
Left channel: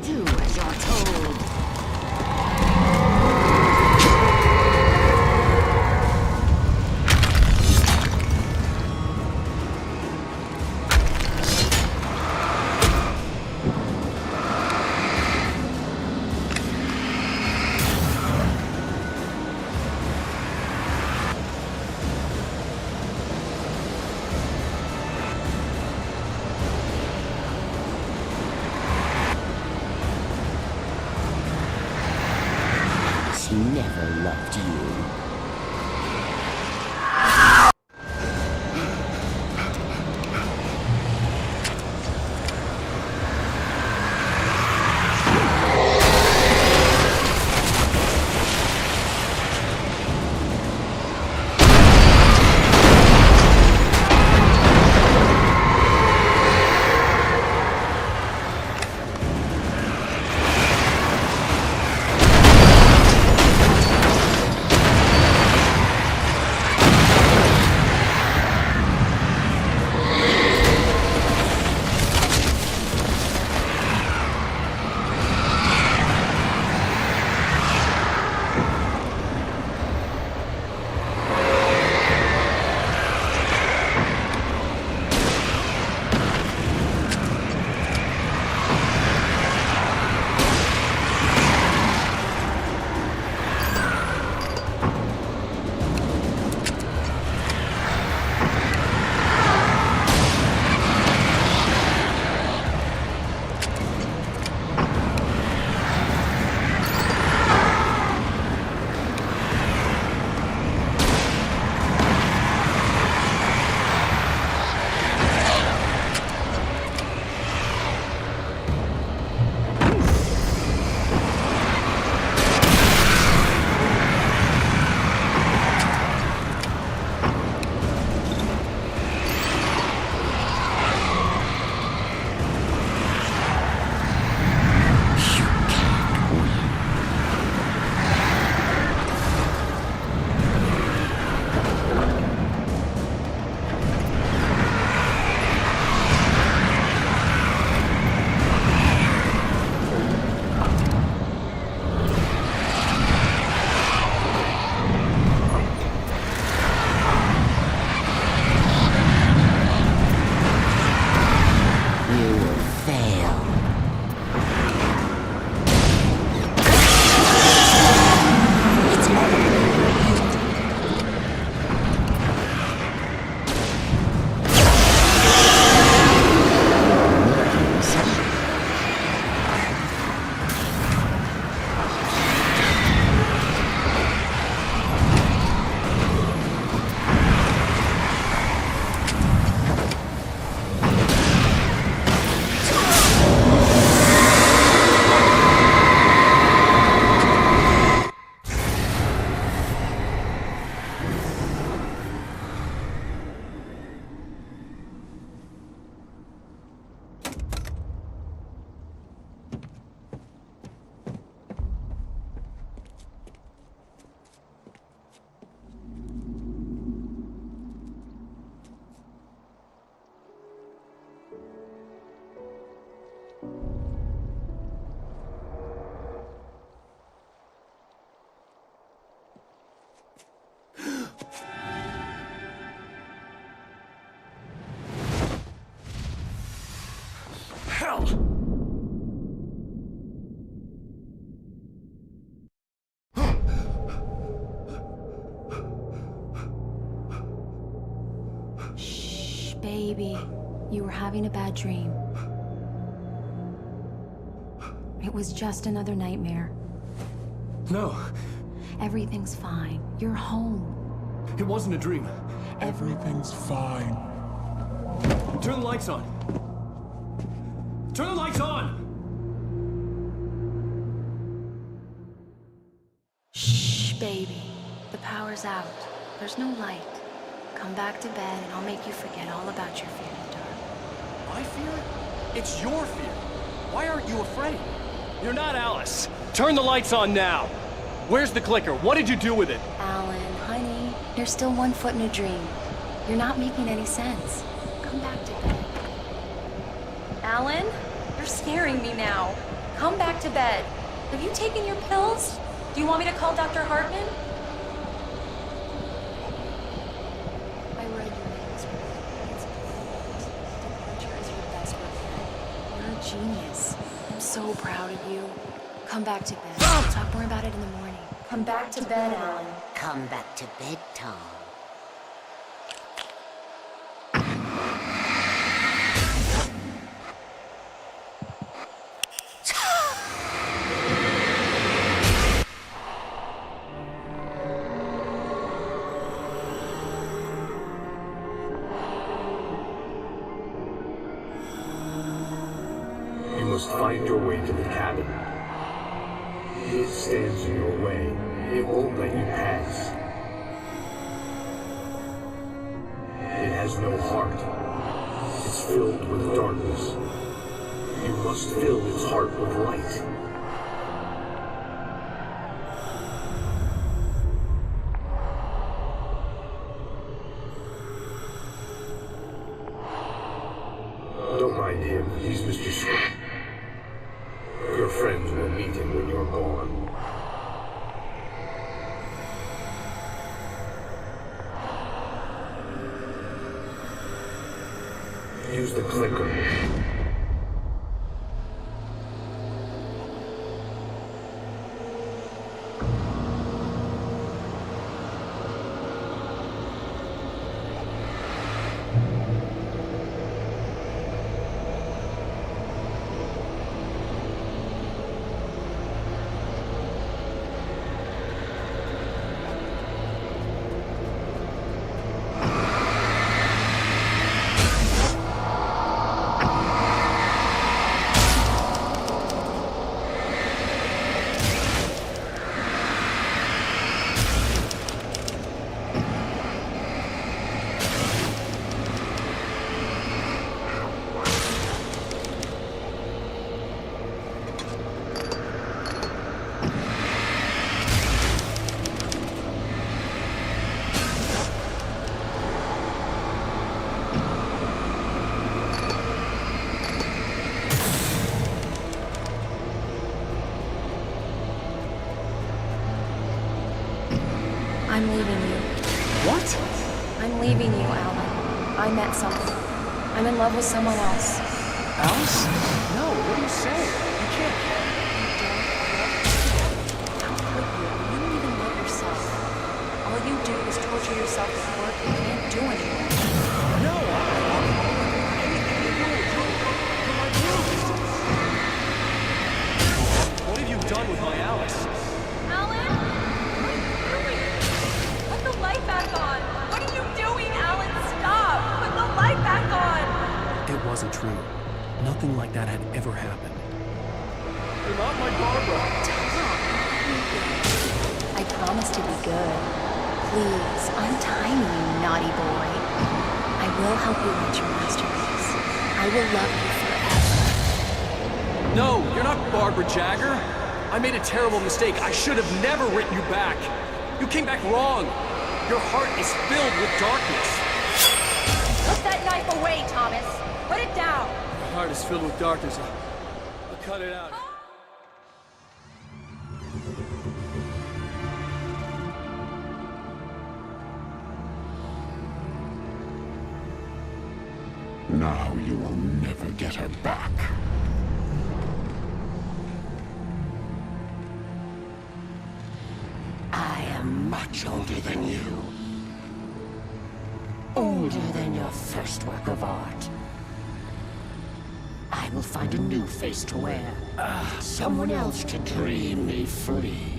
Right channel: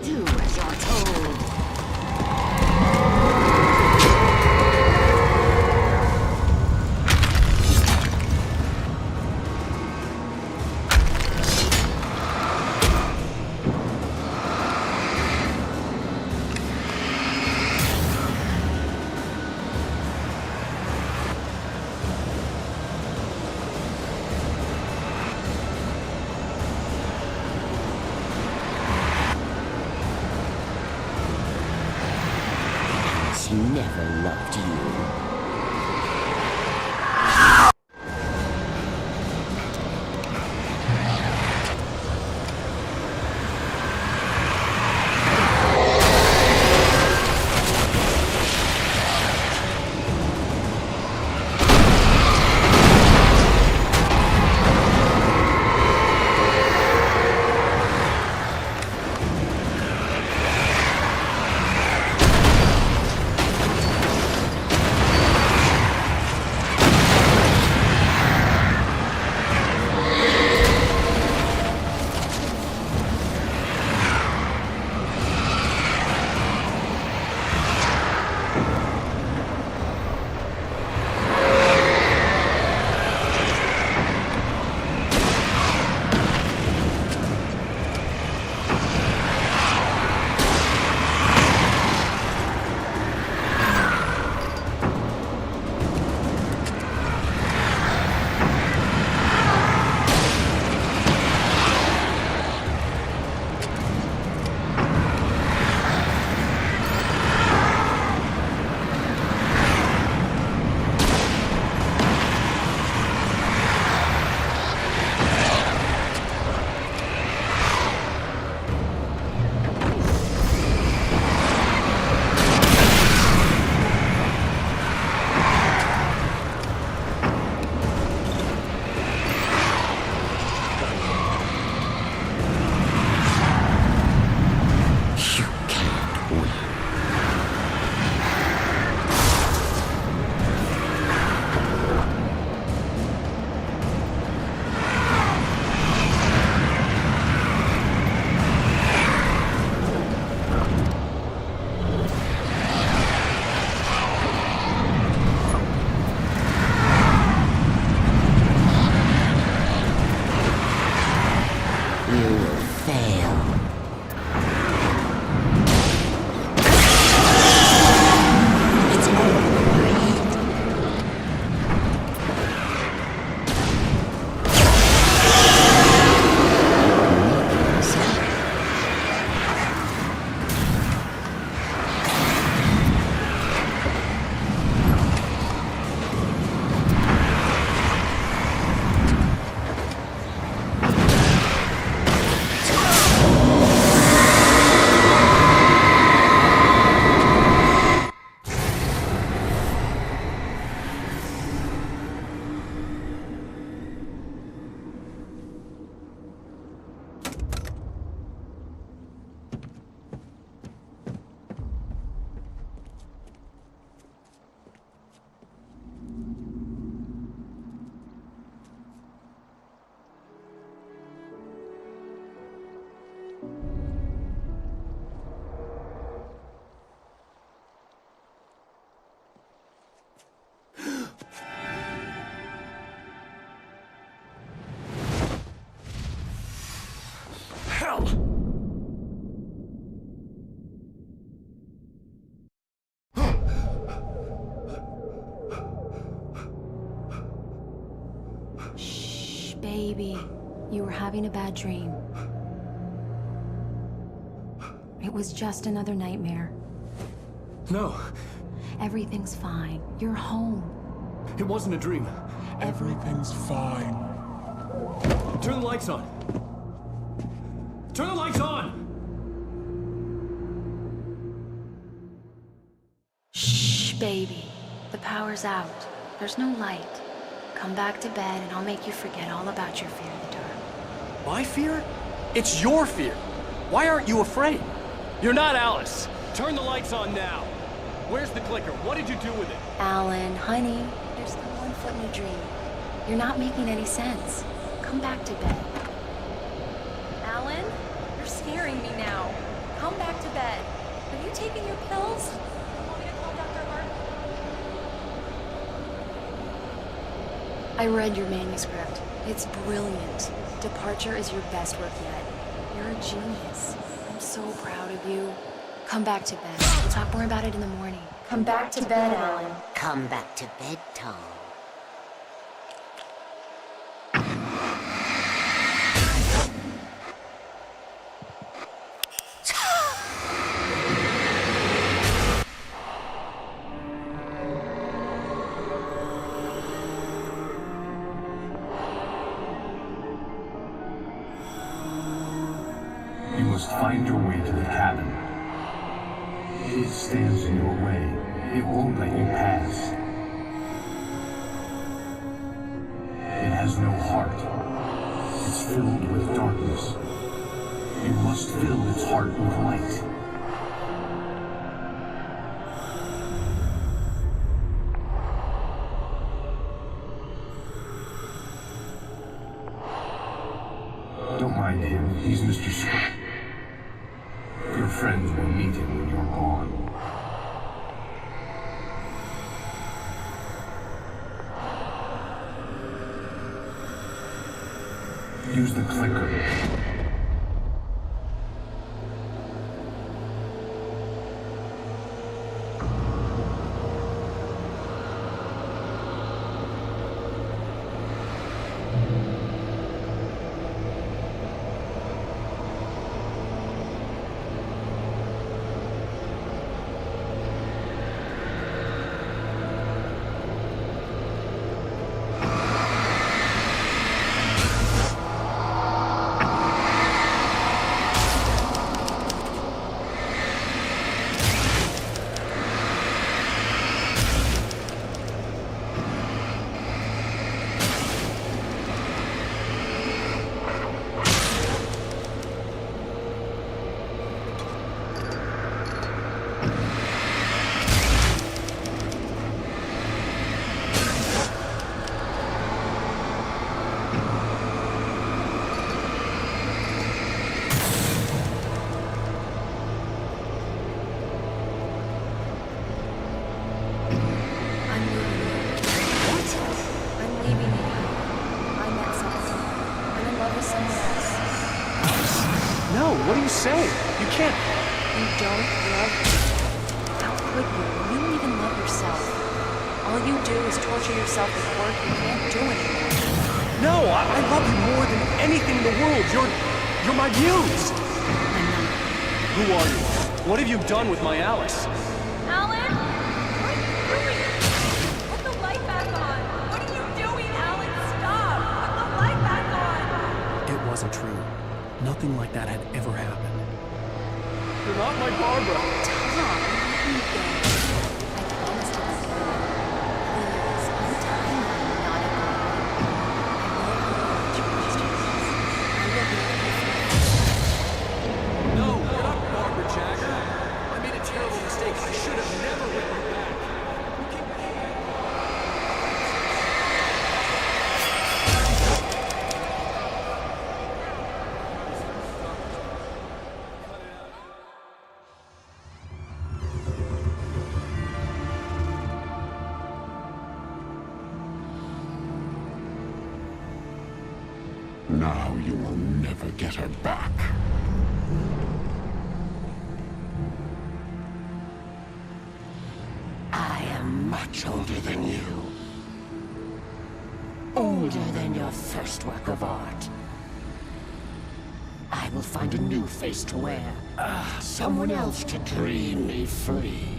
Do as you're told. She never loved you. Shh, baby. You were having a bad dream. It was just another nightmare. No. Everything's fine. You're home. It wasn't a dream. Everything's fine. Turn the lights on. Turn the lights on! Shh, baby. The power's out. There's no light. Come back to bed and I'll make you forget all about your fear in the dark. My fear? It's your fear. Why aren't you afraid? You're not Alice. Turn the lights on now. Where's the clicker? What did you do with it? Alan, honey, you're still 1 foot in a dream. Come back to bed. Alan, you're scaring me now. Come back to bed. Have you taken your pills? Do you want me to call Dr. Hartman? I read your manuscript. It's brilliant. Departure is your best work yet. You're a genius. I'm so proud of you. Come back to bed. We'll talk more about it in the morning. Come back to bed, Alan. Come back to bed, Tom. You must find your way to the cabin. It stands in your way. It won't let you pass. It has no heart. It's filled with darkness. You must fill its heart with light. Don't mind him. He's Mr. Scott. Your friends will meet him when you're gone. Use the clicker. I'm leaving you. What? I'm leaving you, Alan. I met someone. I'm in love with someone else. Alice? No, what are you saying? You can't. You don't love me. How could you when you don't even love yourself? All you do is torture yourself with work you can't do anymore. No, I love you more than anything in the world. You're my muse. Who are you? What have you done with my Alice? Alan? What are you doing? Put the light back on. What are you doing, Alan? Stop. Put the light back on. It wasn't true. Nothing like that had ever happened. You're not my Barbara. Tom, let me go. I promise to be good. Please, I'm tiny, you naughty boy. I will help you write your masterpiece. I will love you forever. No, you're not Barbara Jagger. I made a terrible mistake. I should have never written you back. You came back wrong. Your heart is filled with darkness. Put that knife away, Thomas. Put it down. My heart is filled with darkness. I'll cut it out. Now you will never get her back. I am much older than you. Older older than your first work of art. I will find a new face to wear. Someone else to dream me free.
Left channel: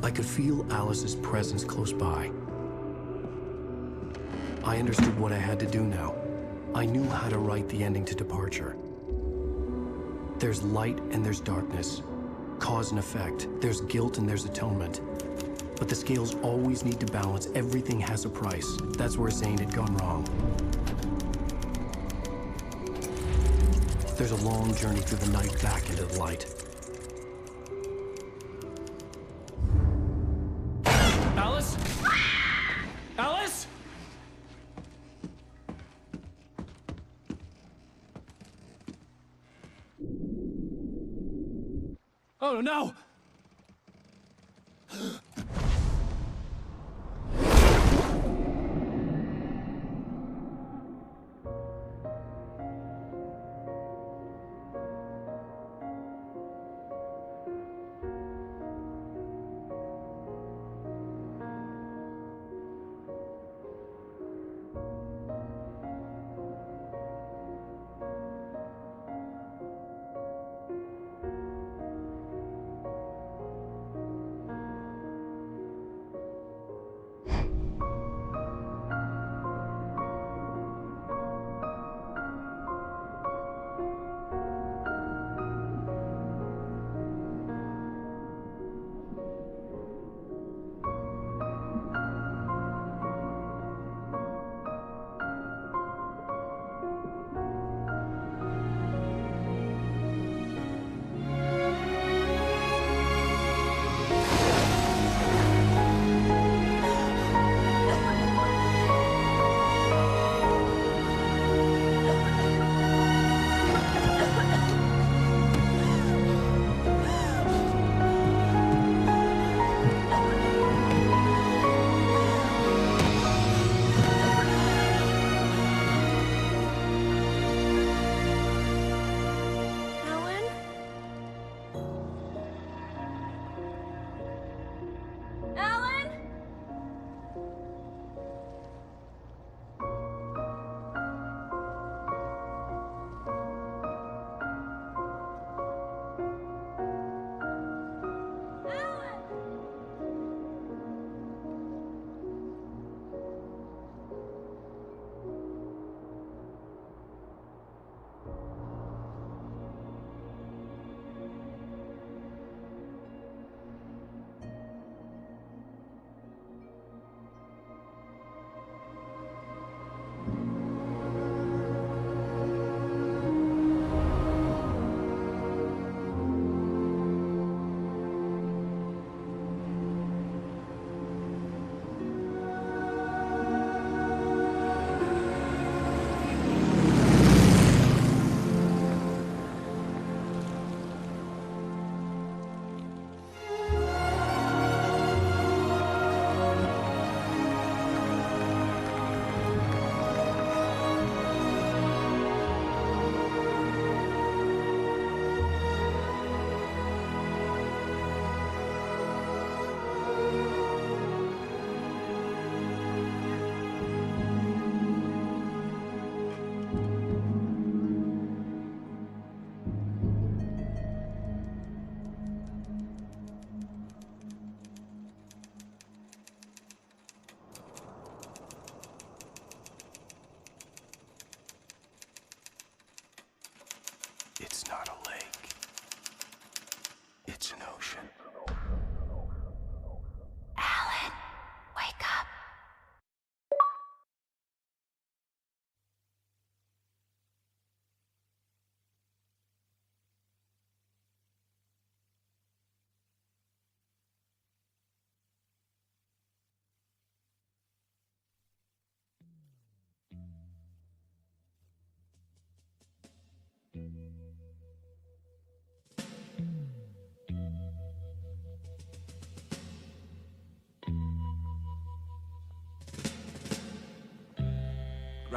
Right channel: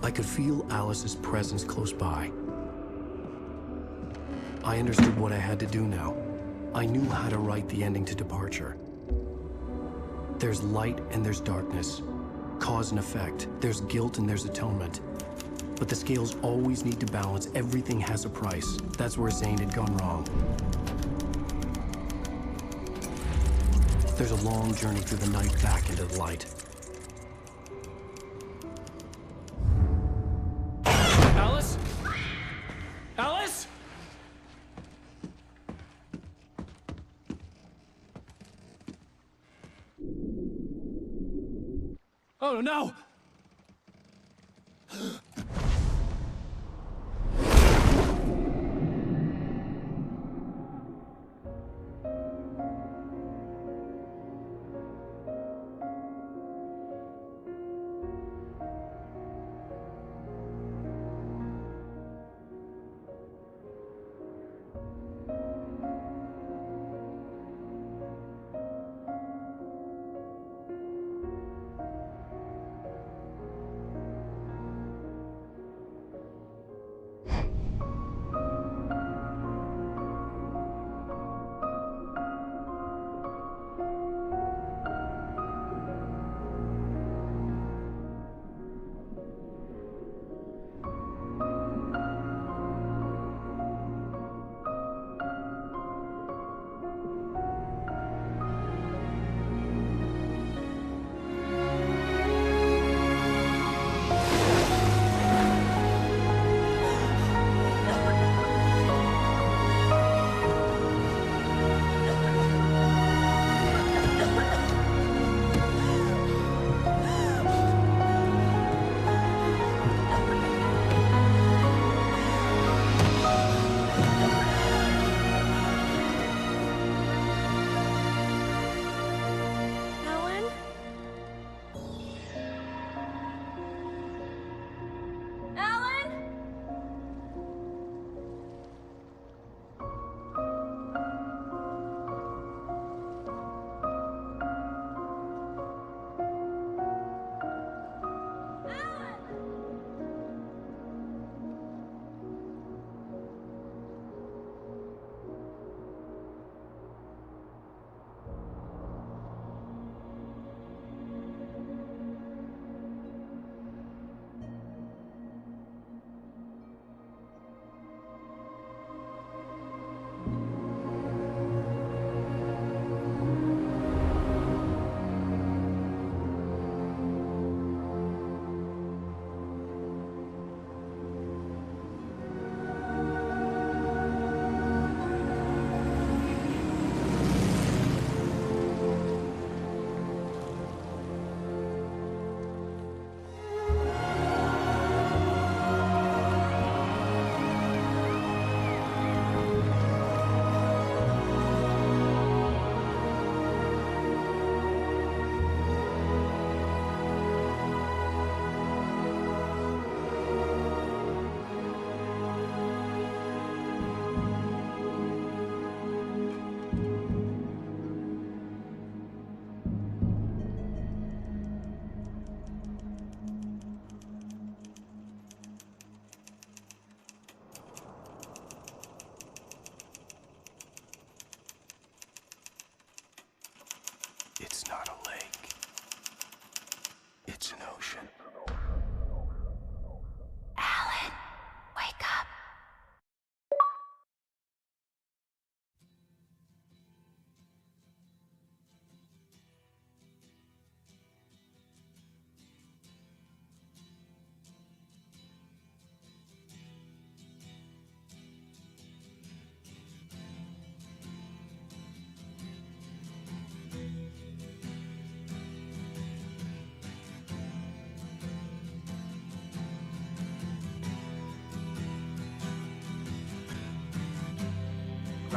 I could feel Alice's presence close by. I understood what I had to do now. I knew how to write the ending to Departure. There's light and there's darkness. Cause and effect. There's guilt and there's atonement. But the scales always need to balance. Everything has a price. That's where Zane had gone wrong. There's a long journey through the night back into the light. Alice? Alice? Oh no!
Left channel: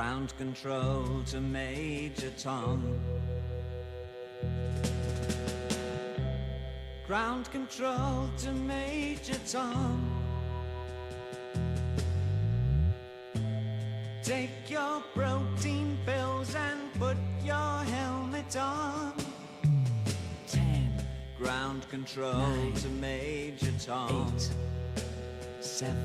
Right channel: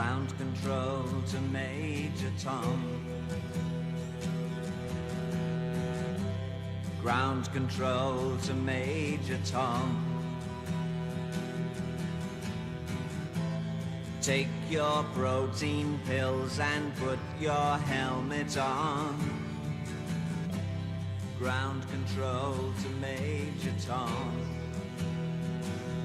Ground control to Major Tom. Ground control to Major Tom. Take your protein pills and put your helmet on. 10. Ground control 9, to Major Tom. 8, 7,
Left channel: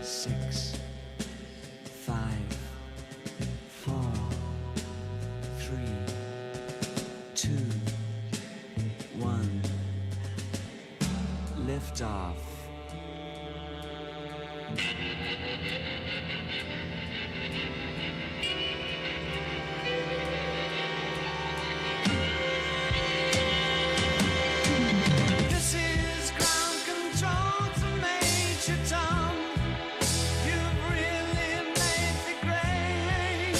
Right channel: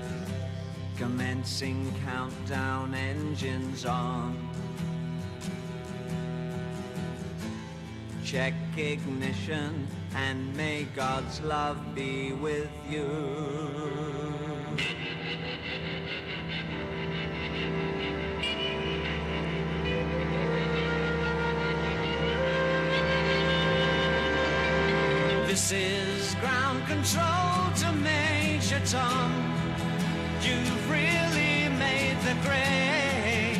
6. Commencing 5, countdown, engines on. 3, 2. Check ignition 1, and may God's love be off with you. This is ground control to Major Tom. You've really made the grade,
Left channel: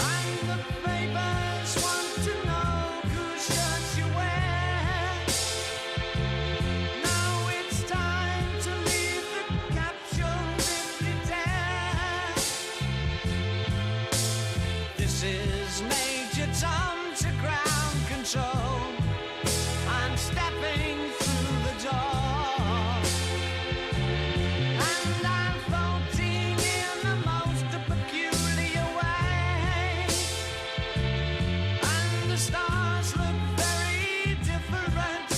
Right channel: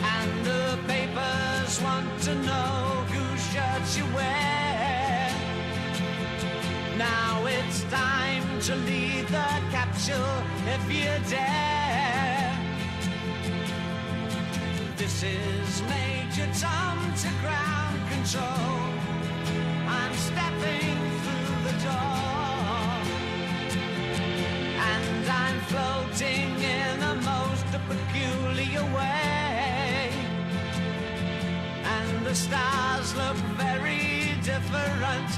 and the papers want to know whose shirts you wear. Now it's time to leave the capsule if you dare. This is Major Tom to ground control. I'm stepping through the door, and I'm floating in a most peculiar way, and the stars look very different